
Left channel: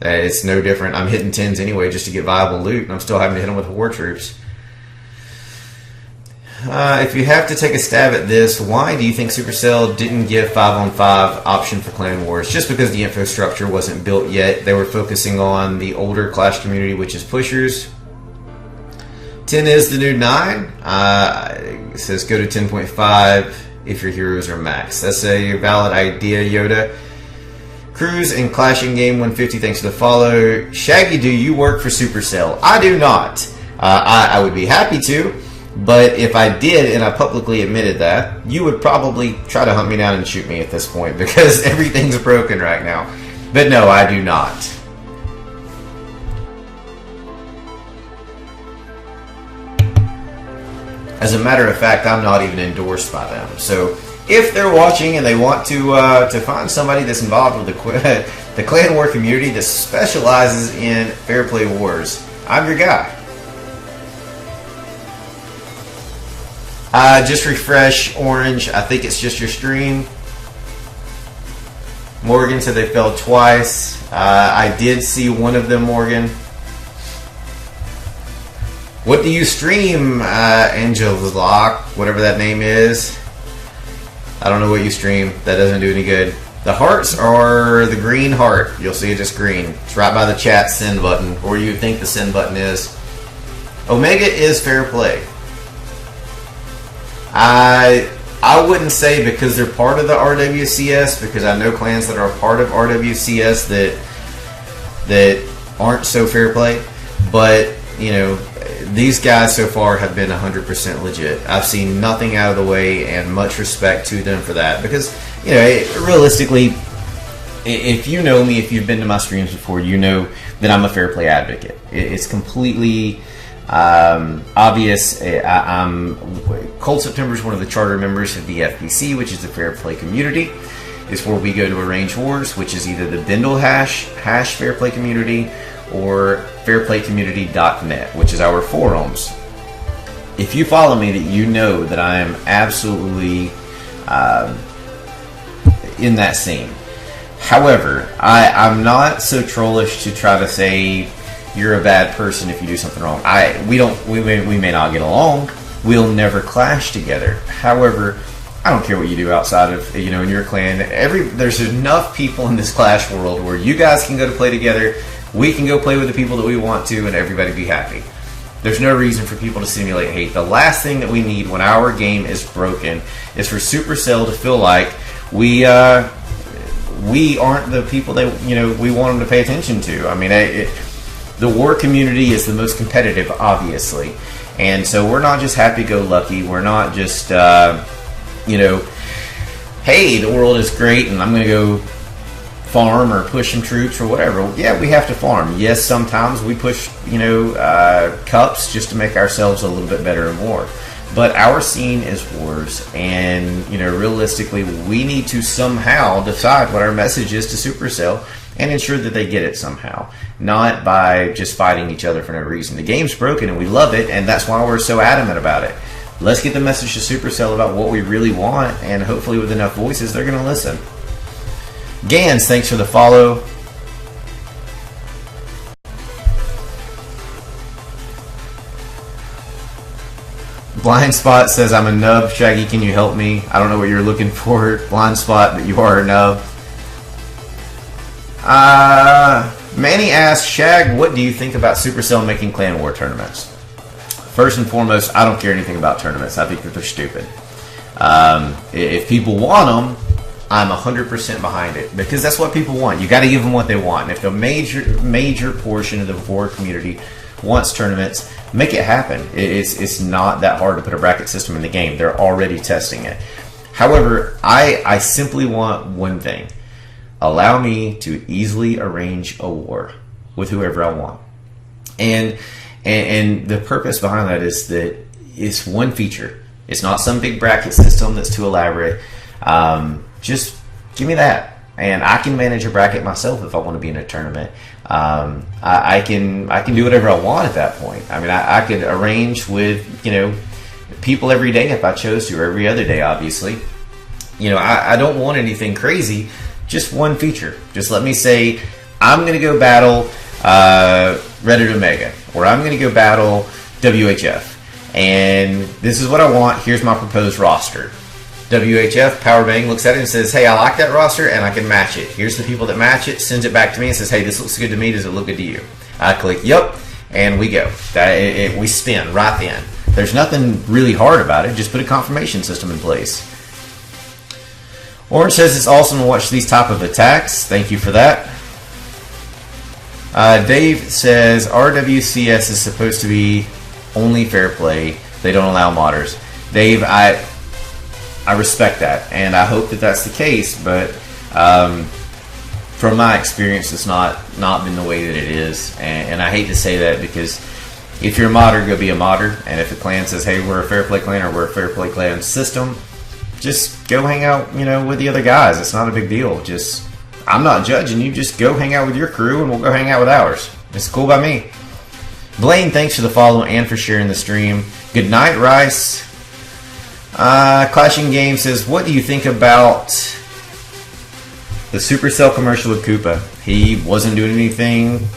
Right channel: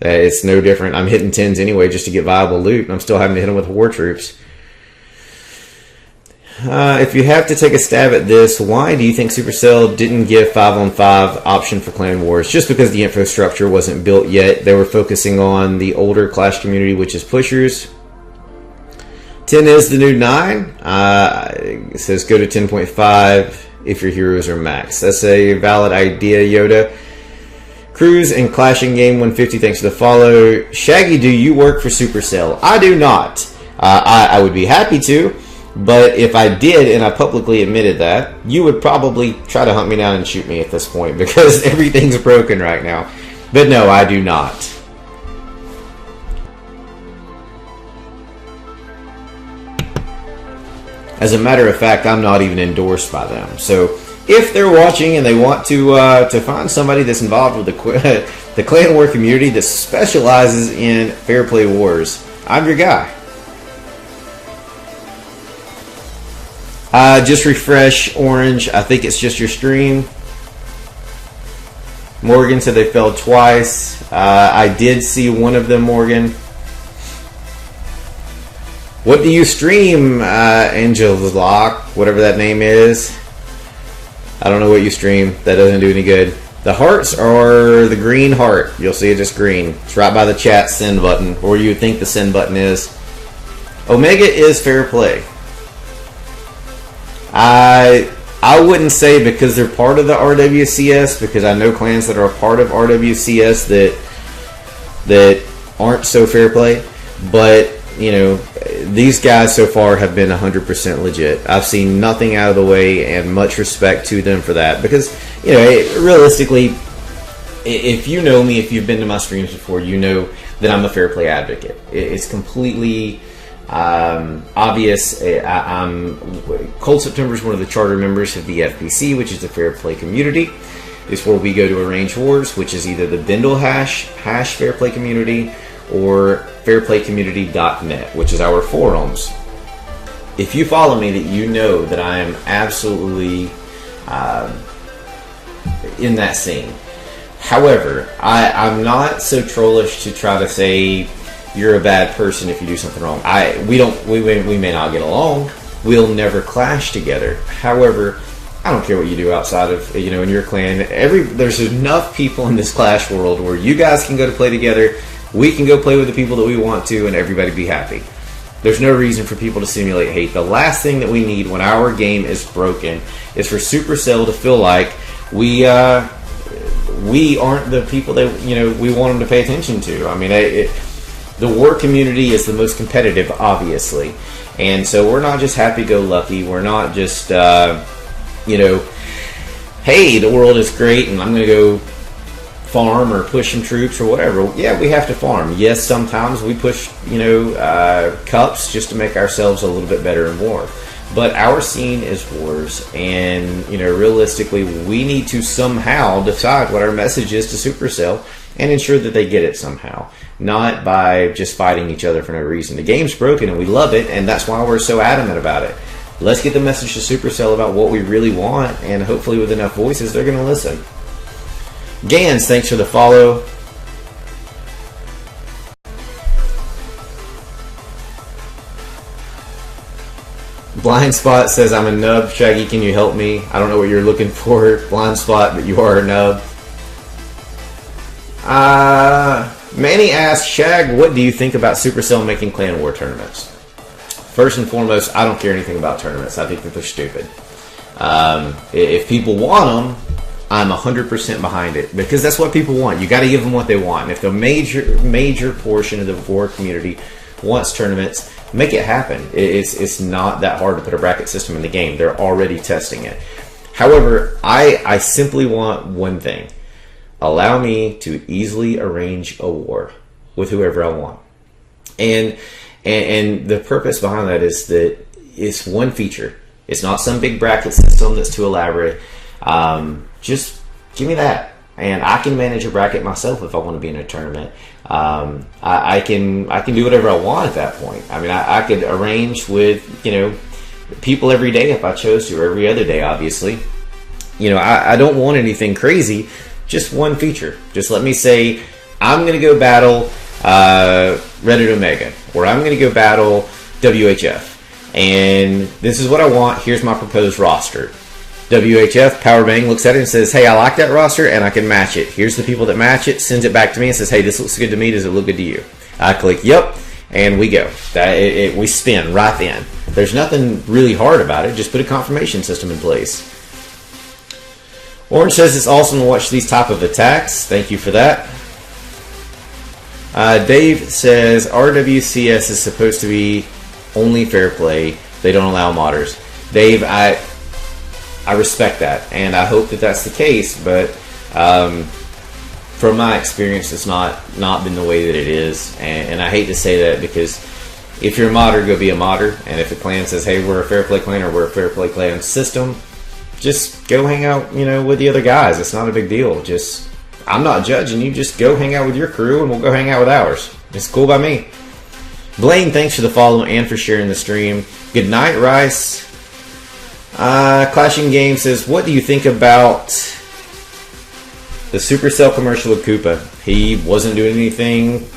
it's no different. I'm hitting 10s anyway just to get viable loot, and I'm still having to hit them with war troops. If you have to take a stab at this, why do you think Supercell didn't give 5-on-5 option for Clan Wars? Just because the infrastructure wasn't built yet. They were focusing on the older Clash community, which is pushers. 10 is the new 9. It says go to 10.5 if your heroes are max. That's a valid idea, Yoda. Cruise and Clashing Game 150, thanks for the follow. Shaggy, do you work for Supercell? I do not. I would be happy to. But if I did, and I publicly admitted that, you would probably try to hunt me down and shoot me at this point, because everything's broken right now. But no, I do not. As a matter of fact, I'm not even endorsed by them. So if they're watching and they want to find somebody that's involved with the Clan War community that specializes in fair play wars, I'm your guy. Just refresh, Orange. I think it's just your stream. Morgan said they fell twice. I did see one of them, Morgan. What do you stream, Angela, whatever that name is? I don't know what you stream. That doesn't do any good. The hearts are the green heart. You'll see it just green. It's right by the chat send button, or you would think the send button is. Omega is fair play. I wouldn't say because they're part of the RWCS, because I know clans that are a part of RWCS that aren't so fair play, but you know, these guys so far have been 100% legit. I've seen nothing out of the way, and much respect to them for that, because you know, realistically, if you know me, if you've been to my streams before, you know that I'm a fair play advocate. It's completely obvious. Cold September is one of the charter members of the FPC, which is the Fair Play Community. It's where we go to arrange wars, which is either the Bindle hash Fair Play Community, or fairplaycommunity.net, which is our forums. If you follow me, that you know that I am absolutely in that scene. However, I'm not so trollish to try to say you're a bad person if you do something wrong. We may not get along. We'll never clash together. However, I don't care what you do outside of, you know, in your clan. There's enough people in this Clash world where you guys can go to play together. We can go play with the people that we want to, and everybody be happy. There's no reason for people to simulate hate. The last thing that we need when our game is broken is for Supercell to feel like we aren't the people that, you know, we want them to pay attention to. I mean, the war community is the most competitive, obviously, and so we're not just happy-go-lucky. We're not just, you know, hey, the world is great, and I'm going to go farm or push some troops or whatever. Yeah, we have to farm. Yes, sometimes we push, you know, cups just to make ourselves a little bit better in war. But our scene is wars, and, you know, realistically, we need to somehow decide what our message is to Supercell and ensure that they get it somehow, not by just fighting each other for no reason. The game's broken, and we love it, and that's why we're so adamant about it. Let's get the message to Supercell about what we really want, and hopefully with enough voices, they're going to listen. Gans, thanks for the follow. Blind Spot says, I'm a nub. Shaggy, can you help me? I don't know what you're looking for, Blind Spot, but you are a nub. Manny asks, Shag, what do you think about Supercell making clan war tournaments? First and foremost, I don't care anything about tournaments. I think that they're stupid. If people want them, I'm 100% behind it, because that's what people want. You got to give them what they want. And if the major portion of the war community wants tournaments, make it happen. It's not that hard to put a bracket system in the game. They're already testing it. However, I simply want one thing. Allow me to easily arrange a war with whoever I want. And the purpose behind that is that it's one feature. It's not some big bracket system that's too elaborate. Just give me that, and I can manage a bracket myself if I want to be in a tournament. I can do whatever I want at that point. I mean, I could arrange with people every day if I chose to, or every other day, obviously. I don't want anything crazy. Just one feature. Just let me say, I'm going to go battle Reddit Omega, or I'm going to go battle WHF. And this is what I want. Here's my proposed roster. WHF, Power Bang, looks at it and says, hey, I like that roster and I can match it. Here's the people that match it, sends it back to me and says, hey, this looks good to me. Does it look good to you? I click, yep, and we go. We spin right then. There's nothing really hard about it. Just put a confirmation system in place. Orange says it's awesome to watch these type of attacks. Thank you for that. Dave says RWCS is supposed to be only fair play. They don't allow modders. Dave, I respect that, and I hope that that's the case, but from my experience, it's not been the way that it is, and I hate to say that, because if you're a modder, go be a modder, and if a clan says, hey, we're a fair play clan, or we're a fair play clan system, just go hang out, with the other guys. It's not a big deal. I'm not judging you. Just go hang out with your crew, and we'll go hang out with ours. It's cool by me. Blaine, thanks for the follow and for sharing the stream. Good night, Rice. Clashing Game says, what do you think about the Supercell commercial with Koopa? He wasn't doing anything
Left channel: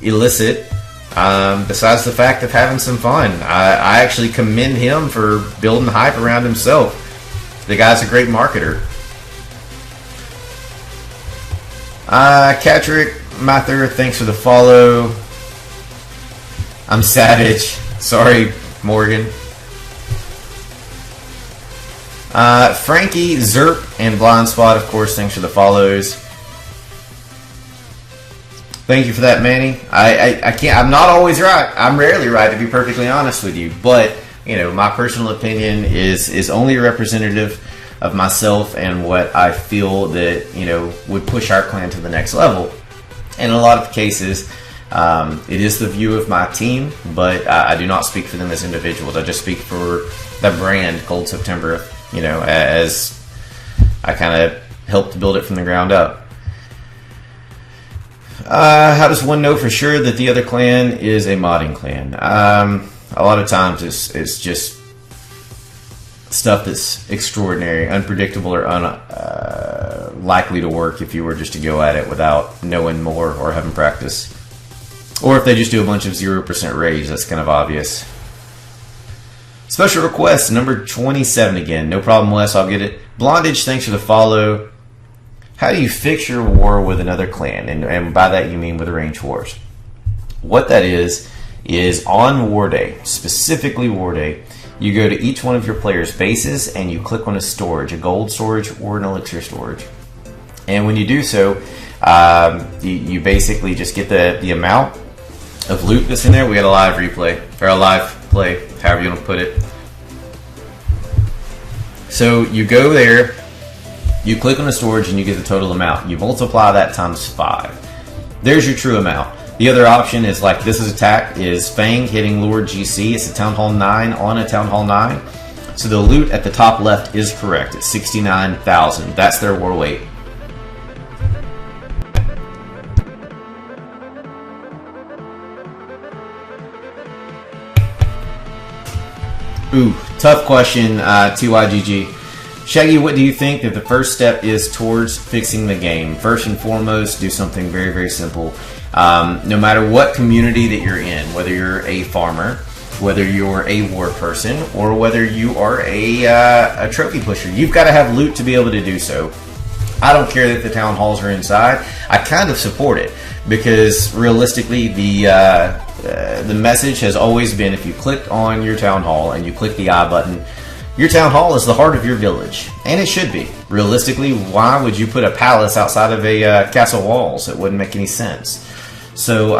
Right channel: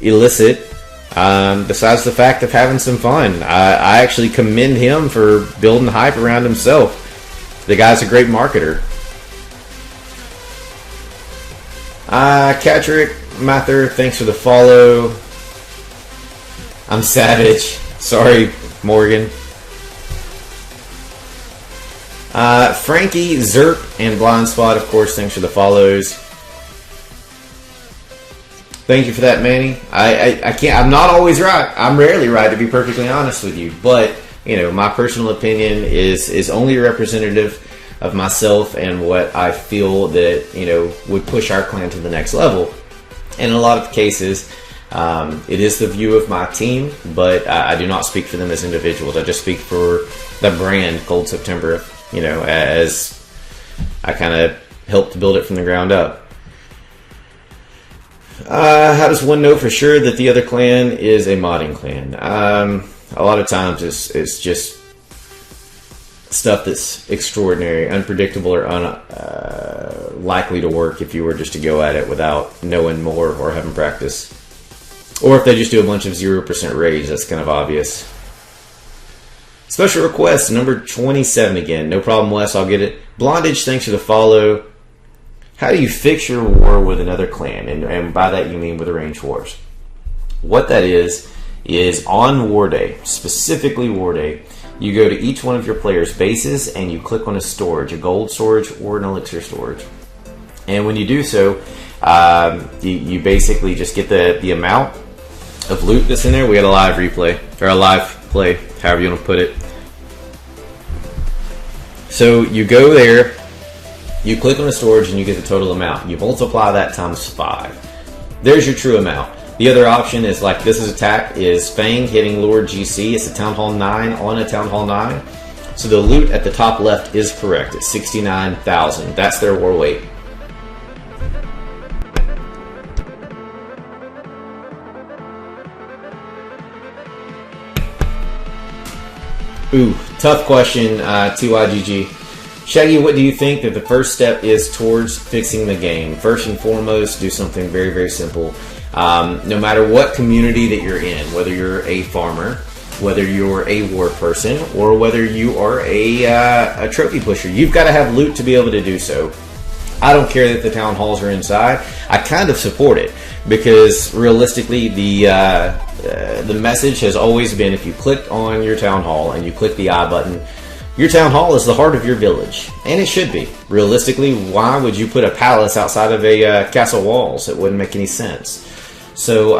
illicit, besides the fact of having some fun. I actually commend him for building hype around himself. The guy's a great marketer. Catrick Mather, thanks for the follow. I'm savage. Sorry, Morgan. Frankie, Zerp, and Blind Spot, of course, thanks for the follows. Thank you for that, Manny. I'm not always right. I'm rarely right, to be perfectly honest with you. But, my personal opinion is only a representative of myself and what I feel that, would push our clan to the next level. And in a lot of cases, it is the view of my team, but I do not speak for them as individuals. I just speak for the brand, Cold September, as I kind of helped to build it from the ground up. How does one know for sure that the other clan is a modding clan? A lot of times it's just stuff that's extraordinary, unpredictable, or likely to work if you were just to go at it without knowing more or having practice. Or if they just do a bunch of 0% rage, that's kind of obvious. Special request, number 27 again. No problem, Wes, I'll get it. Blondage, thanks for the follow. How do you fix your war with another clan? And by that you mean with arranged wars. What that is on War Day, specifically War Day, you go to each one of your players' bases and you click on a storage, a gold storage or an elixir storage. And when you do so, you basically just get the amount of loot that's in there. We got a live replay, or a live play, however you want to put it. So you go there, you click on the storage, and you get the total amount. You multiply that times 5. There's your true amount. The other option is, like this is attack, is Fang hitting Lord GC. It's a Town Hall 9 on a Town Hall 9. So the loot at the top left is correct. It's 69,000. That's their war weight. Ooh, tough question, TYGG. Shaggy, what do you think that the first step is towards fixing the game? First and foremost, do something very, very simple. No matter what community that you're in, whether you're a farmer, whether you're a war person or whether you are a trophy pusher. You've got to have loot to be able to do so. I don't care that the town halls are inside. I kind of support it because realistically, the message has always been, if you click on your town hall and you click the I button, your town hall is the heart of your village, and it should be. Realistically, why would you put a palace outside of a castle walls? It wouldn't make any sense. So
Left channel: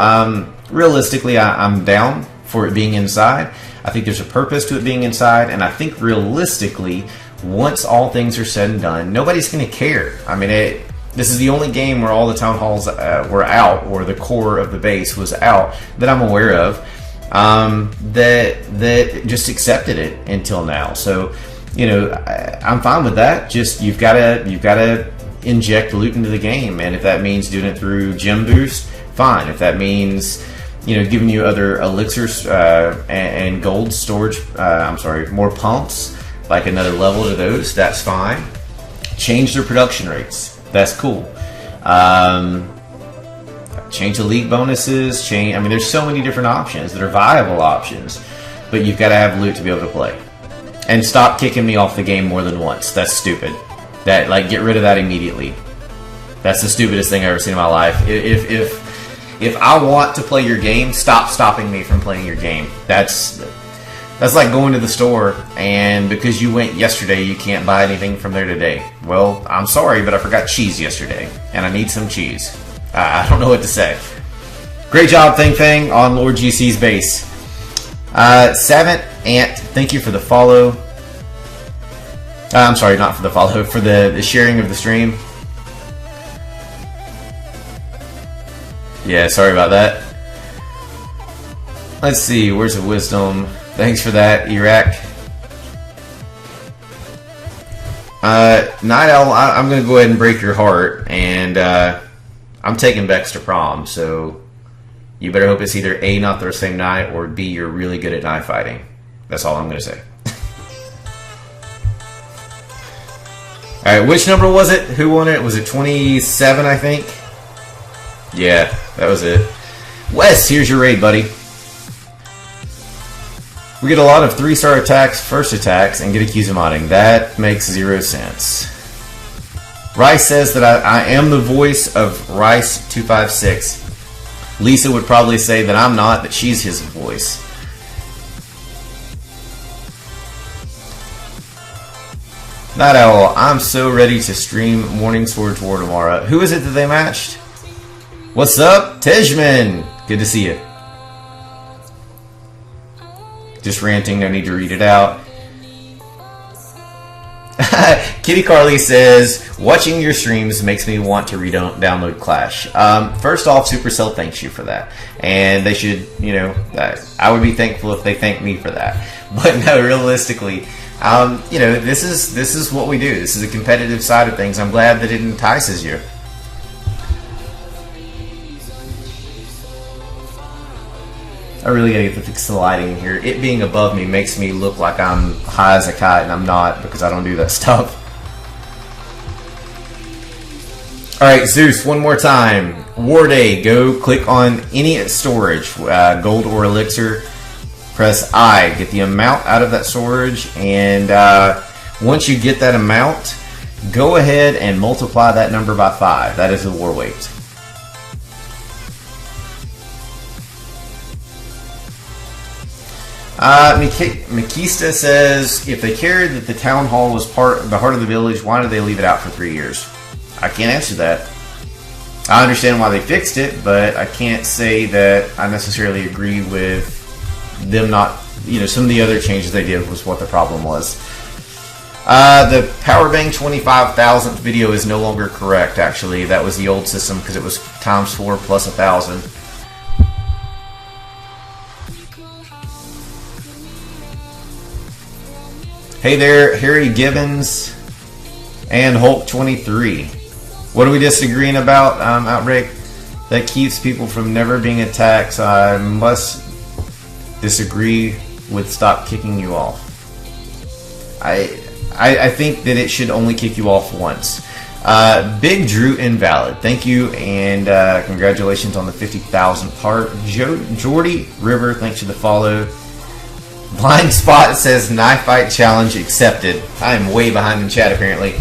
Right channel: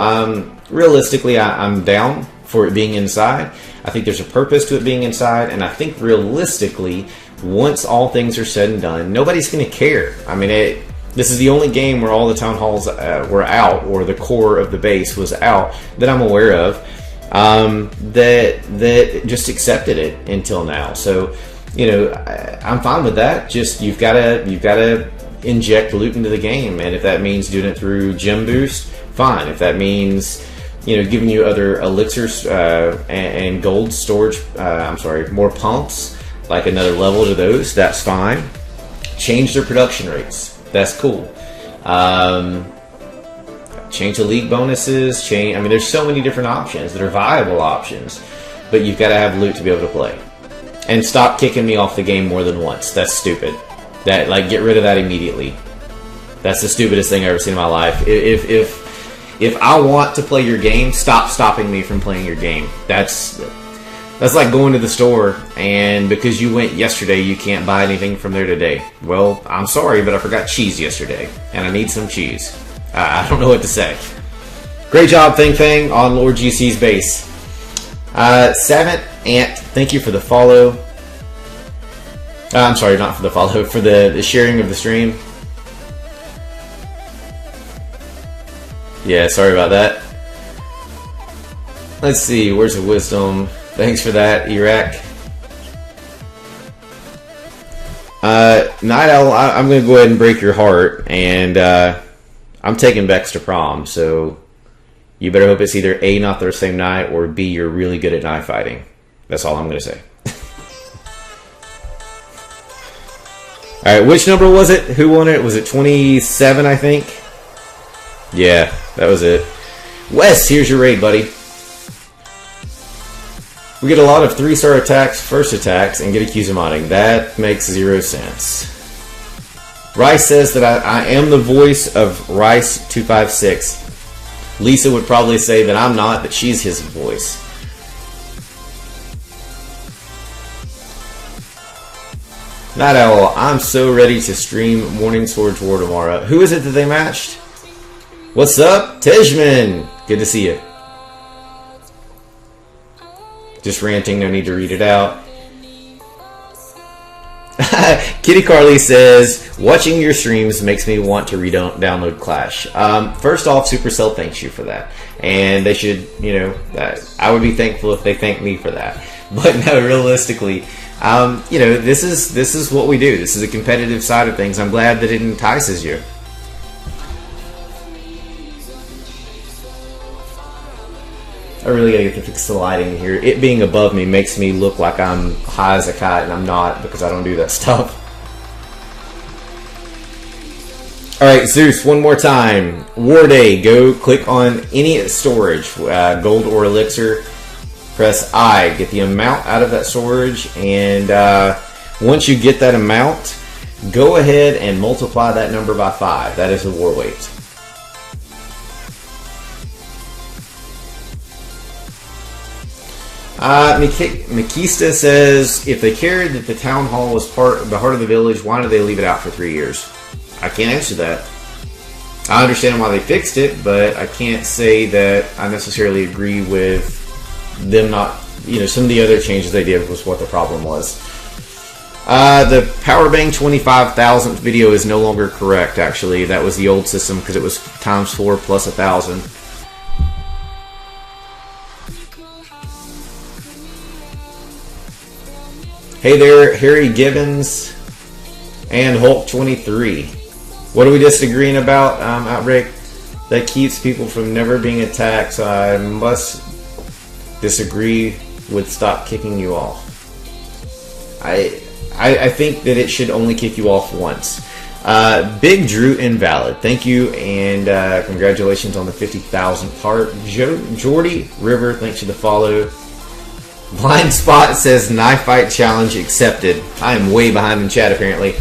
realistically, I'm down for it being inside. I think there's a purpose to it being inside, and I think realistically, once all things are said and done, nobody's going to care. I mean, this is the only game where all the town halls were out, or the core of the base was out, that I'm aware of, that just accepted it until now. So, you know, I'm fine with that. Just you've got to inject loot into the game, and if that means doing it through gem boost, fine. If that means, you know, giving you other elixirs and gold storage, more pumps, like another level to those, that's fine. Change their production rates. That's cool. Change the league bonuses. I mean, there's so many different options that are viable options, but you've got to have loot to be able to play. And stop kicking me off the game more than once. That's stupid. Get rid of that immediately. That's the stupidest thing I've ever seen in my life. If I want to play your game, stop stopping me from playing your game. That's like going to the store, and because you went yesterday, you can't buy anything from there today. Well, I'm sorry, but I forgot cheese yesterday, and I need some cheese. I don't know what to say. Great job, Thing Fang, on Lord GC's base. Savant Ant, thank you for the follow. I'm sorry, not for the follow, for the sharing of the stream. Yeah, sorry about that. Let's see, where's the wisdom? Thanks for that, Iraq. Night Owl, I'm going to go ahead and break your heart, and I'm taking Bex to prom, so you better hope it's either A, not the same night, or B, you're really good at knife fighting. That's all I'm going to say. Alright, which number was it? Who won it? Was it 27, I think? Yeah, that was it. Wes, here's your raid, buddy. We get a lot of 3-star attacks, first attacks, and get accused of modding. That makes 0 sense. Rice says that I am the voice of Rice256. Lisa would probably say that I'm not, that she's his voice. Night Owl, I'm so ready to stream Morning Sword War tomorrow. Who is it that they matched? What's up, Tejman? Good to see you. Just ranting, no need to read it out. Kitty Carly says, watching your streams makes me want to download Clash. First off, Supercell thanks you for that. And they should, you know, I would be thankful if they thanked me for that. But no, realistically, you know, this is what we do. This is a competitive side of things. I'm glad that it entices you. I really gotta get the fix the lighting here. It being above me makes me look like I'm high as a kite, and I'm not, because I don't do that stuff. Alright, Zeus, one more time. War Day, go click on any storage, gold or elixir. Press I, get the amount out of that storage, and once you get that amount, go ahead and multiply that number by 5. That is the war weight. Makista says, if they cared that the town hall was the heart of the village, why did they leave it out for 3 years? I can't answer that. I understand why they fixed it, but I can't say that I necessarily agree with them not, you know, some of the other changes they did was what the problem was. The Powerbang 25,000th video is no longer correct, actually. That was the old system because it was times 4 plus 1,000. Hey there, Harry Gibbons and Hulk23. What are we disagreeing about, Outbreak? That keeps people from never being attacked, so I must disagree with stop kicking you off. I think that it should only kick you off once. Big Drew Invalid, thank you, and congratulations on the 50,000 part. Jordy River, thanks for the follow. Blind Spot says knife fight challenge accepted. I am way behind in chat apparently.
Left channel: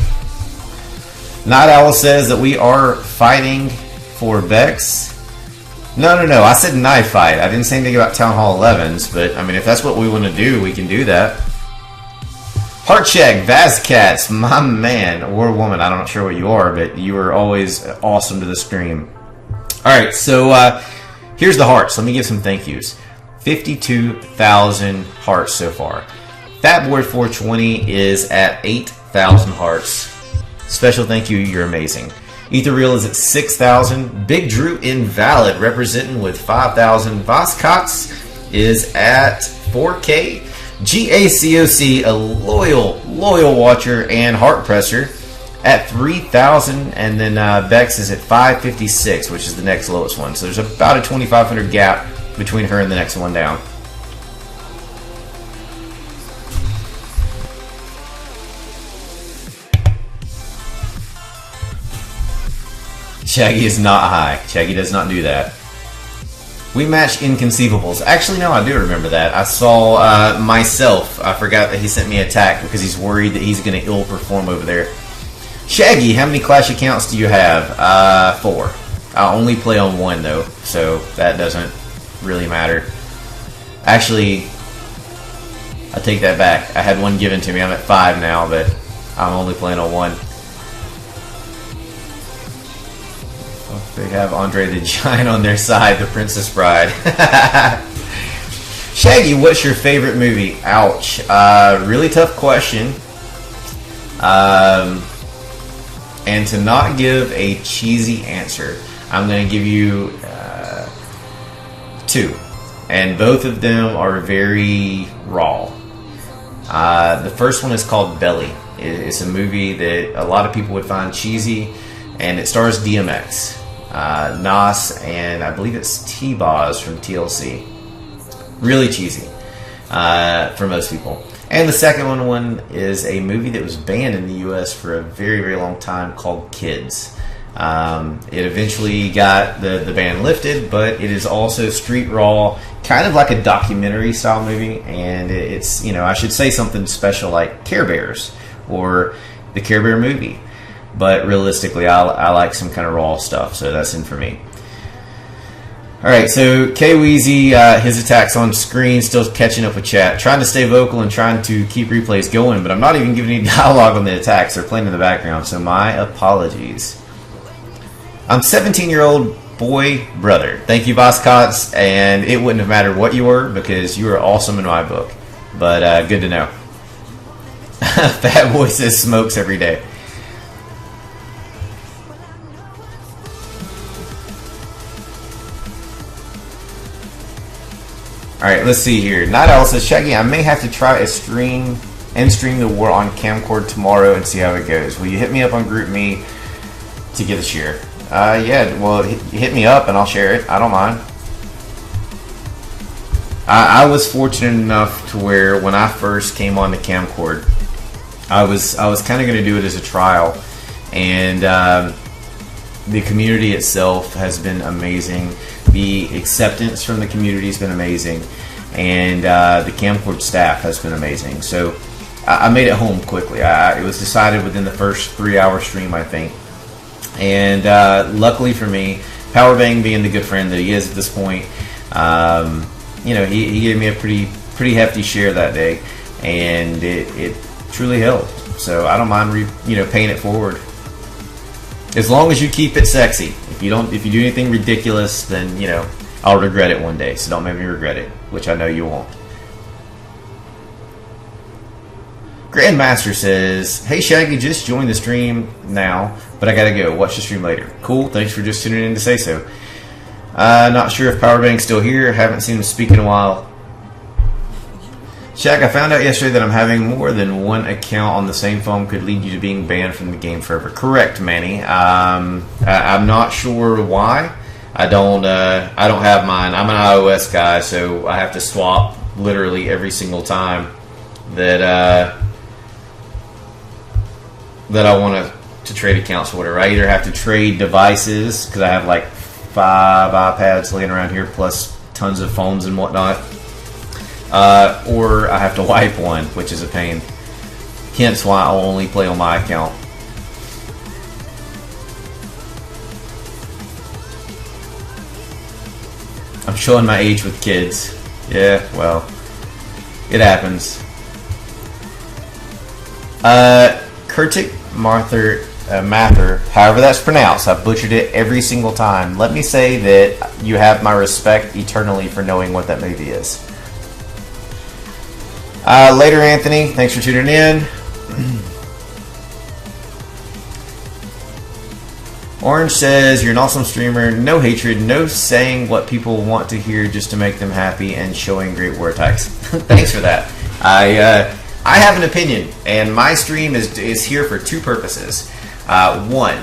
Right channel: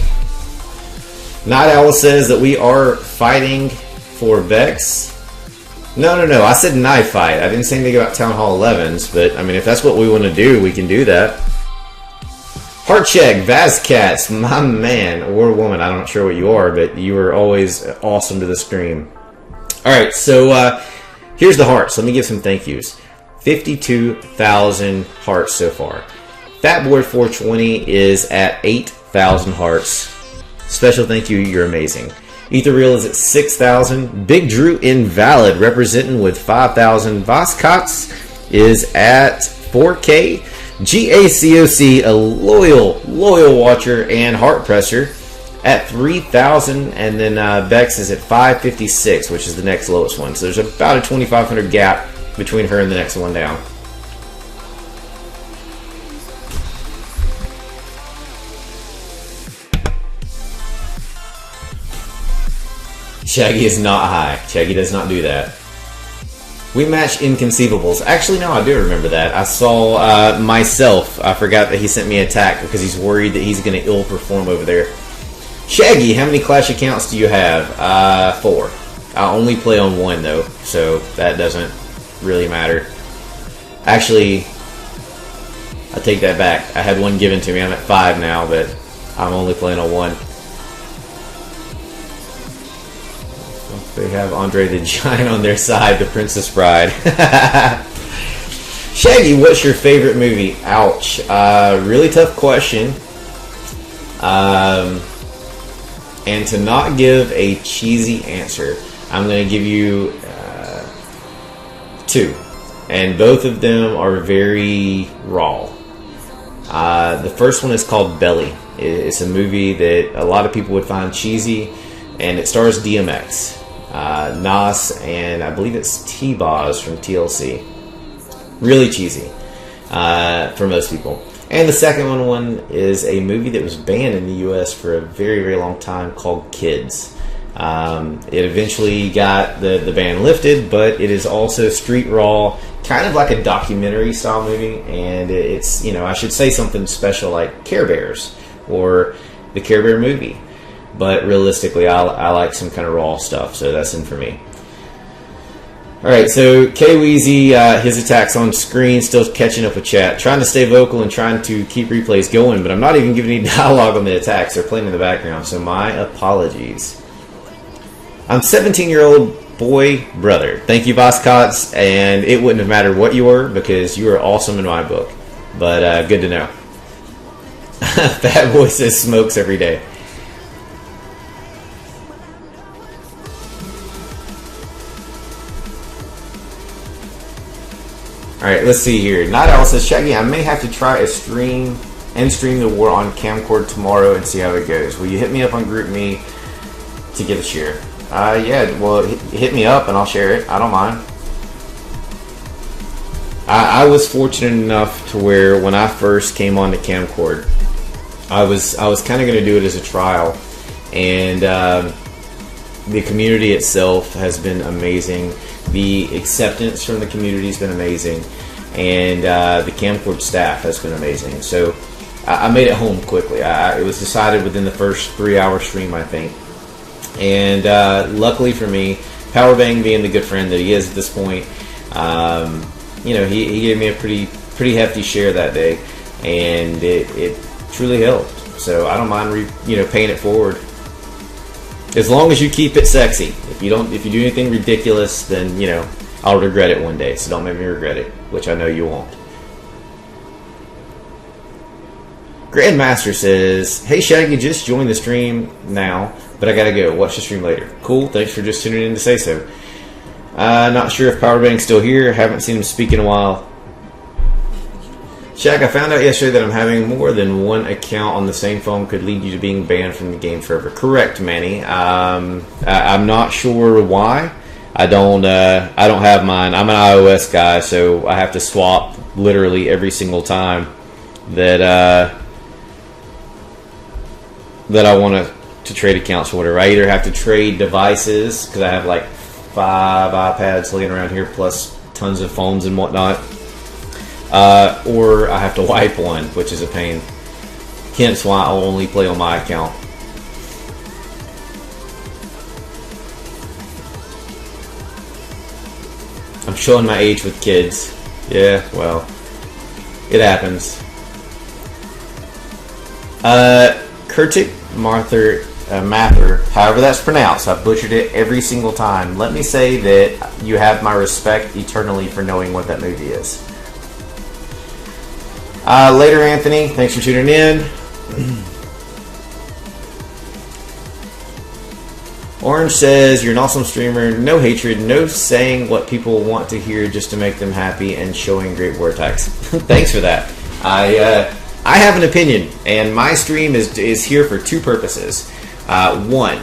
Night Owl says that we are fighting for Vex. No. I said knife fight. I didn't say anything about Town Hall 11s, but I mean, if that's what we want to do, we can do that. Heart check, Vazcats, my man or woman. I'm not sure what you are, but you are always awesome to the stream. All right, so here's the hearts. Let me give some thank yous. 52,000 hearts so far. Fatboy420 is at 8,000 hearts. Special thank you, you're amazing. Ether Real is at 6,000. Big Drew Invalid representing with 5,000. Voscots is at 4K. GACOC, a loyal watcher and heart presser, at 3,000. And then Bex is at 556, which is the next lowest one. So there's about a 2,500 gap between her and the next one down. Shaggy is not high. Shaggy does not do that. We match Inconceivables. Actually, no, I do remember that. I saw myself. I forgot that he sent me an attack because he's worried that he's going to ill perform over there. Shaggy, how many Clash accounts do you have? 4. I only play on 1 though, so that doesn't really matter. Actually, I take that back. I had 1 given to me. I'm at 5 now, but I'm only playing on 1. They have Andre the Giant on their side, the Princess Bride. Shaggy, what's your favorite movie? Ouch. Really tough question. And to not give a cheesy answer, I'm going to give you 2. And both of them are very raw. The first one is called Belly. It's a movie that a lot of people would find cheesy, and it stars DMX. Nas, and I believe it's T-Boz from TLC. Really cheesy for most people. And the second one is a movie that was banned in the US for a very, very long time called Kids. It eventually got the ban lifted, but it is also street raw, kind of like a documentary style movie, and it's, you know, I should say something special like Care Bears or the Care Bear movie. But realistically, I like some kind of raw stuff, so that's in for me. Alright, so K-Weezy, his attack's on screen, still catching up with chat. Trying to stay vocal and trying to keep replays going, but I'm not even giving any dialogue on the attacks. They're playing in the background, so my apologies. I'm 17-year-old boy brother. Thank you, Voscots, and it wouldn't have mattered what you were, because you are awesome in my book. But good to know. Fat Boy says smokes every day. Alright, let's see here. Night Owl says, Shaggy, I may have to try a stream the war on Camcord tomorrow and see how it goes. Will you hit me up on GroupMe to get a share? Yeah, well, hit me up and I'll share it. I don't mind. I was fortunate enough to where when I first came on to Camcord, I was kind of going to do it as a trial, and the community itself has been amazing. The acceptance from the community has been amazing, and the Camcord staff has been amazing. So I made it home quickly. It was decided within the first 3-hour stream, I think. And luckily for me, Powerbang being the good friend that he is at this point, you know, he gave me a pretty hefty share that day, and it truly helped. So I don't mind paying it forward. As long as you keep it sexy. If you do anything ridiculous, then, you know, I'll regret it one day. So don't make me regret it, which I know you won't. Grandmaster says, hey Shaggy, just joined the stream now, but I gotta go. Watch the stream later. Cool, thanks for just tuning in to say so. Not sure if Powerbank's still here. Haven't seen him speak in a while. Shaq, I found out yesterday that I'm having more than one account on the same phone could lead you to being banned from the game forever. Correct, Manny. I'm not sure why. I don't have mine. I'm an iOS guy, so I have to swap literally every single time that I want to trade accounts or whatever. I either have to trade devices because I have like 5 iPads laying around here plus tons of phones and whatnot. or I have to wipe one, which is a pain. Hence why I'll only play on my account. I'm showing my age with kids. Yeah, well, it happens. Kurtik Mather, however that's pronounced, I've butchered it every single time. Let me say that you have my respect eternally for knowing what that movie is. Later, Anthony, thanks for tuning in. Orange says, you're an awesome streamer, no hatred, no saying what people want to hear just to make them happy, and showing great war attacks. Thanks for that. I have an opinion, and my stream is here for two purposes. One,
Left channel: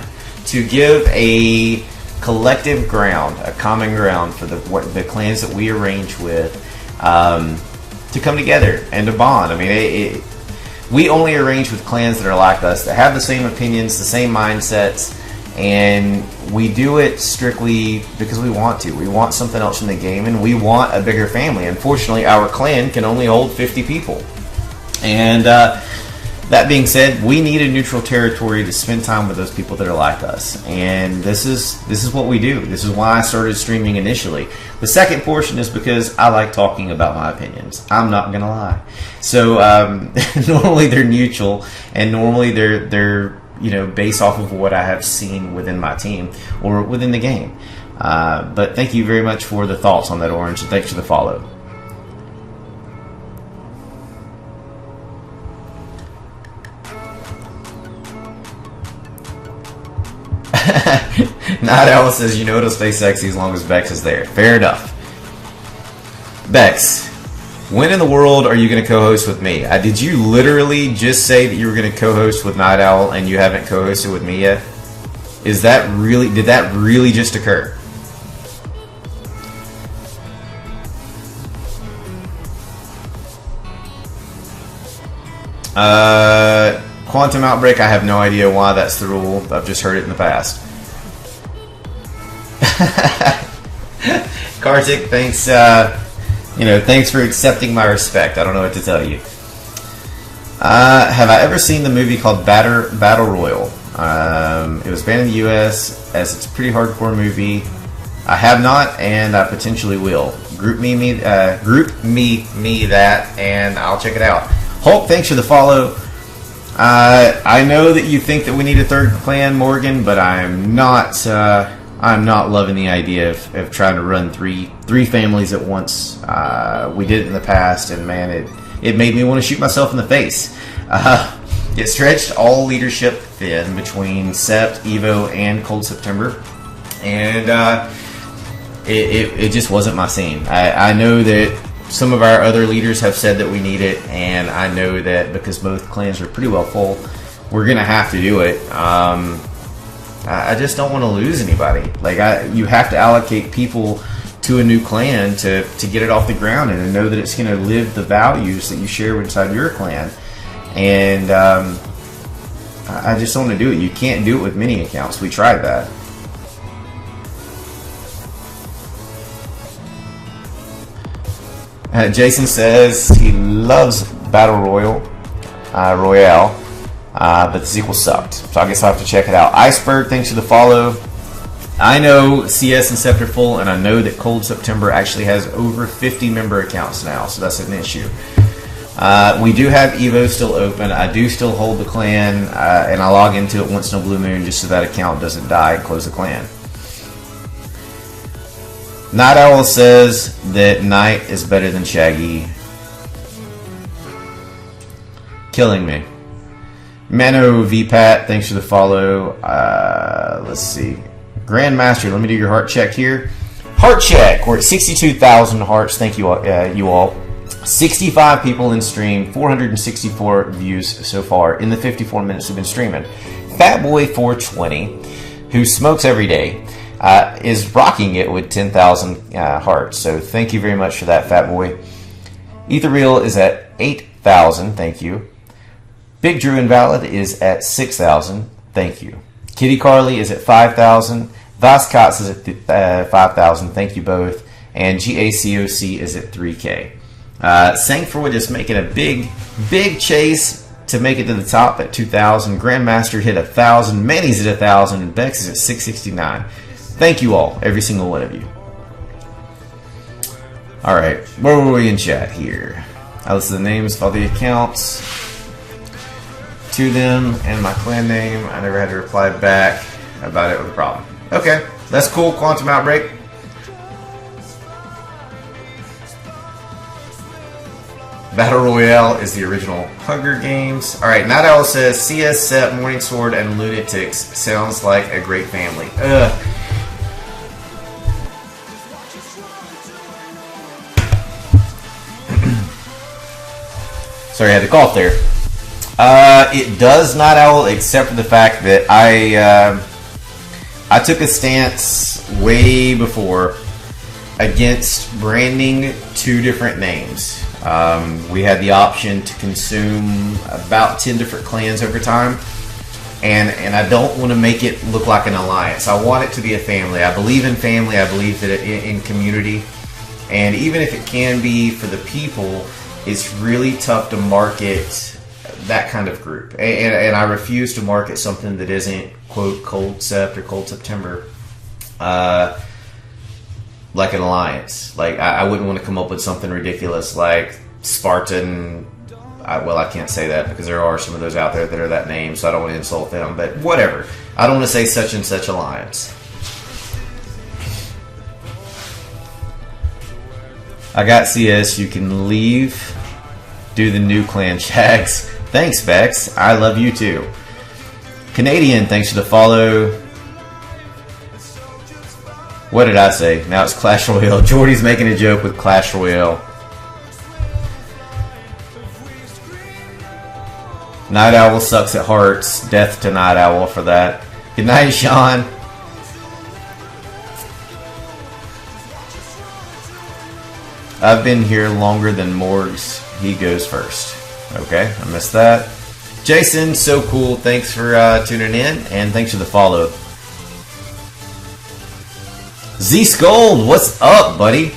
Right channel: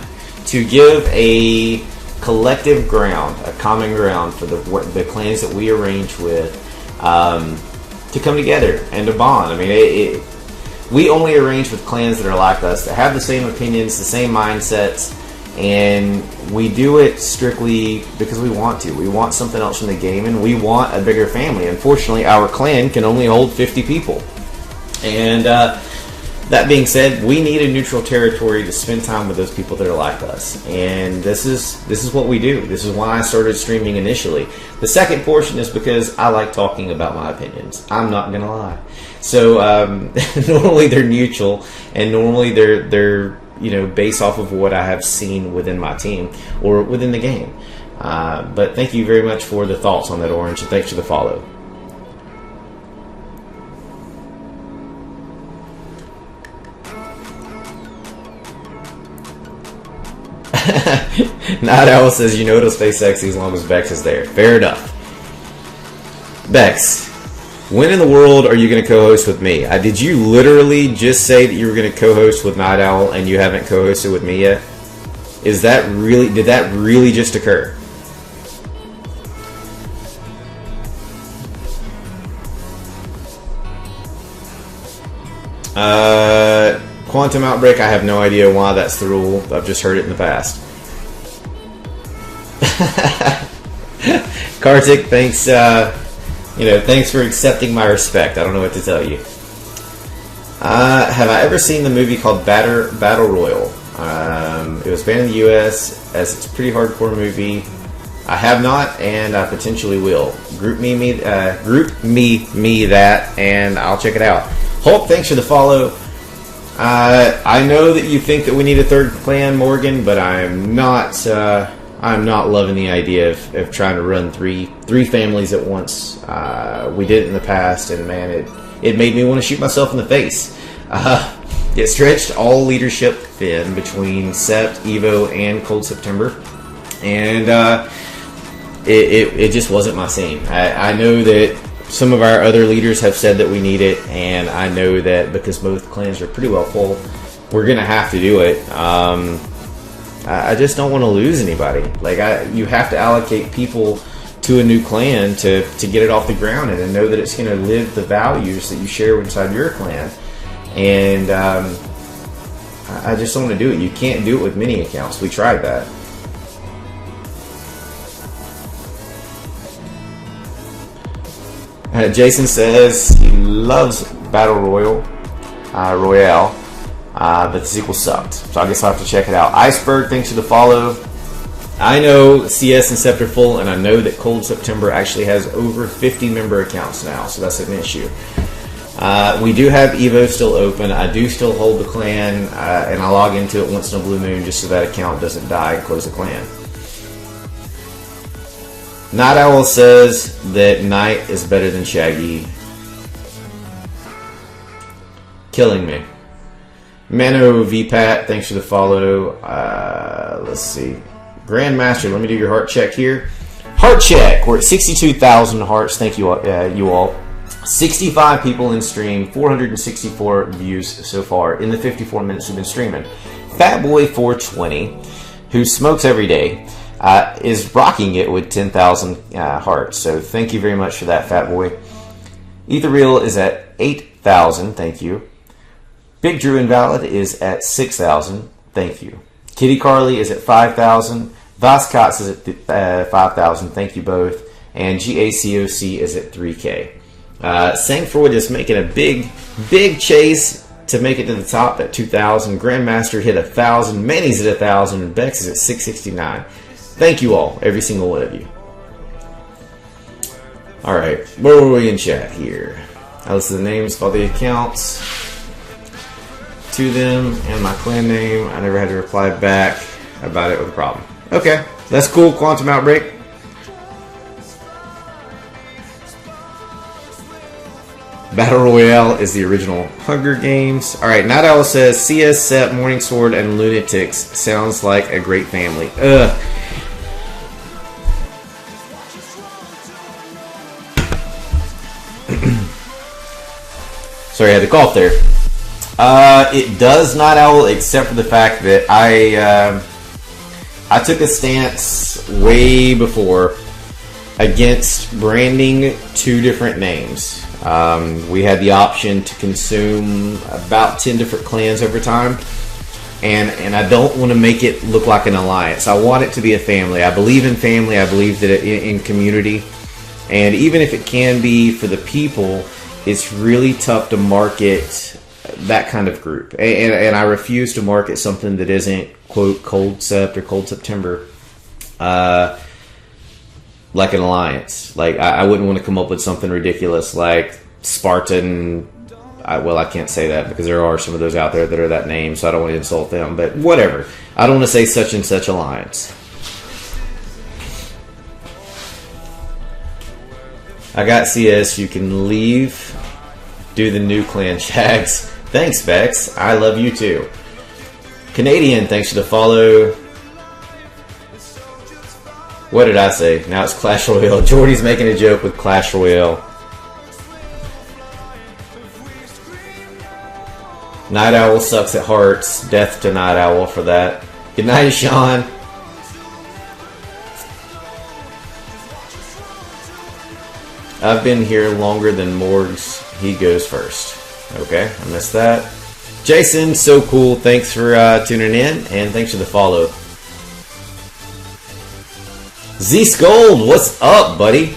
to give a collective ground, a common ground for the clans that we arrange with to come together and to bond. I mean, we only arrange with clans that are like us, that have the same opinions, the same mindsets, and we do it strictly because we want to. We want something else in the game, and we want a bigger family. Unfortunately, our clan can only hold 50 people. And that being said, we need a neutral territory to spend time with those people that are like us. And this is what we do. This is why I started streaming initially. The second portion is because I like talking about my opinions. I'm not going to lie. So normally they're neutral, and normally they're based off of what I have seen within my team or within the game. But thank you very much for the thoughts on that, Orange, and thanks for the follow. Night Owl says, it'll stay sexy as long as Bex is there. Fair enough. Bex, when in the world are you going to co-host with me? Did you literally just say that you were going to co-host with Night Owl and you haven't co-hosted with me yet? Did that really just occur? Quantum Outbreak, I have no idea why that's the rule. I've just heard it in the past. Kartik, thanks. Thanks for accepting my respect. I don't know what to tell you. Have I ever seen the movie called Battle Royal? It was banned in the U.S. as it's a pretty hardcore movie. I have not, and I potentially will. Group me that, and I'll check it out. Hulk, thanks for the follow. I know that you think that we need a third clan, Morgan, but I'm not loving the idea of trying to run three families at once. We did it in the past, and man, it made me want to shoot myself in the face. It stretched all leadership thin between Sept, Evo, and Cold September, and it just wasn't my scene. I know that some of our other leaders have said that we need it, and I know that because both clans are pretty well full, we're going to have to do it. I just don't want to lose anybody. You have to allocate people to a new clan to get it off the ground and to know that it's going to live the values that you share inside your clan. And I just don't want to do it. You can't do it with mini accounts. We tried that. Jason says he loves Battle Royale, but the sequel sucked. So I guess I'll have to check it out. Iceberg, thanks for the follow. I know CS and Sept are full, and I know that Cold September actually has over 50 member accounts now, so that's an issue. We do have Evo still open. I do still hold the clan, and I log into it once in a blue moon just so that account doesn't die and close the clan. Night Owl says that Knight is better than Shaggy. Killing me. Mano VPAT, thanks for the follow. Let's see. Grandmaster, let me do your heart check here. Heart check. We're at 62,000 hearts. Thank you all. 65 people in stream. 464 views so far in the 54 minutes we've been streaming. Fatboy420, who smokes every day, is rocking it with 10,000 hearts. So thank you very much for that, Fatboy. Ethereal is at 8,000. Thank you. Big Drew Invalid is at 6,000. Thank you. Kitty Carly is at 5,000. Voskots is at 5,000. Thank you both. And GACOC is at 3K. Sankford is making a big chase to make it to the top at 2,000. Grandmaster hit 1,000. Manny's at 1,000. And Bex is at 669. Thank you all, every single one of you. All right, where were we in chat here? I listed the names of all the accounts to them and my clan name. I never had to reply back about it with a problem. Okay, that's cool. Quantum Outbreak. Battle Royale is the original Hunger Games. Alright, Night Owl says, CS set, Morning Sword, and Lunatics. Sounds like a great family. Ugh. Sorry, I had to cough there. It does Night Owl, except for the fact that I took a stance way before against branding two different names. We had the option to consume about 10 different clans over time, and I don't want to make it look like an alliance. I want it to be a family. I believe in family. I believe that in community, and even if it can be for the people, it's really tough to market that kind of group. And I refuse to market something that isn't, quote, Cold Sept or Cold September, like an alliance. Like, I wouldn't want to come up with something ridiculous like Spartan. Well, I can't say that because there are some of those out there that are that name, so I don't want to insult them. But whatever. I don't want to say such and such alliance. I got CS. You can leave. Do the new clan shags. Thanks, Bex. I love you too. Canadian, thanks for the follow. What did I say? Now it's Clash Royale. Jordy's making a joke with Clash Royale. Night Owl sucks at hearts. Death to Night Owl for that. Good night, Sean. I've been here longer than Morgs. He goes first. Okay, I missed that. Jason, so cool. Thanks for tuning in, and thanks for the follow. Z-Scold, what's up, buddy?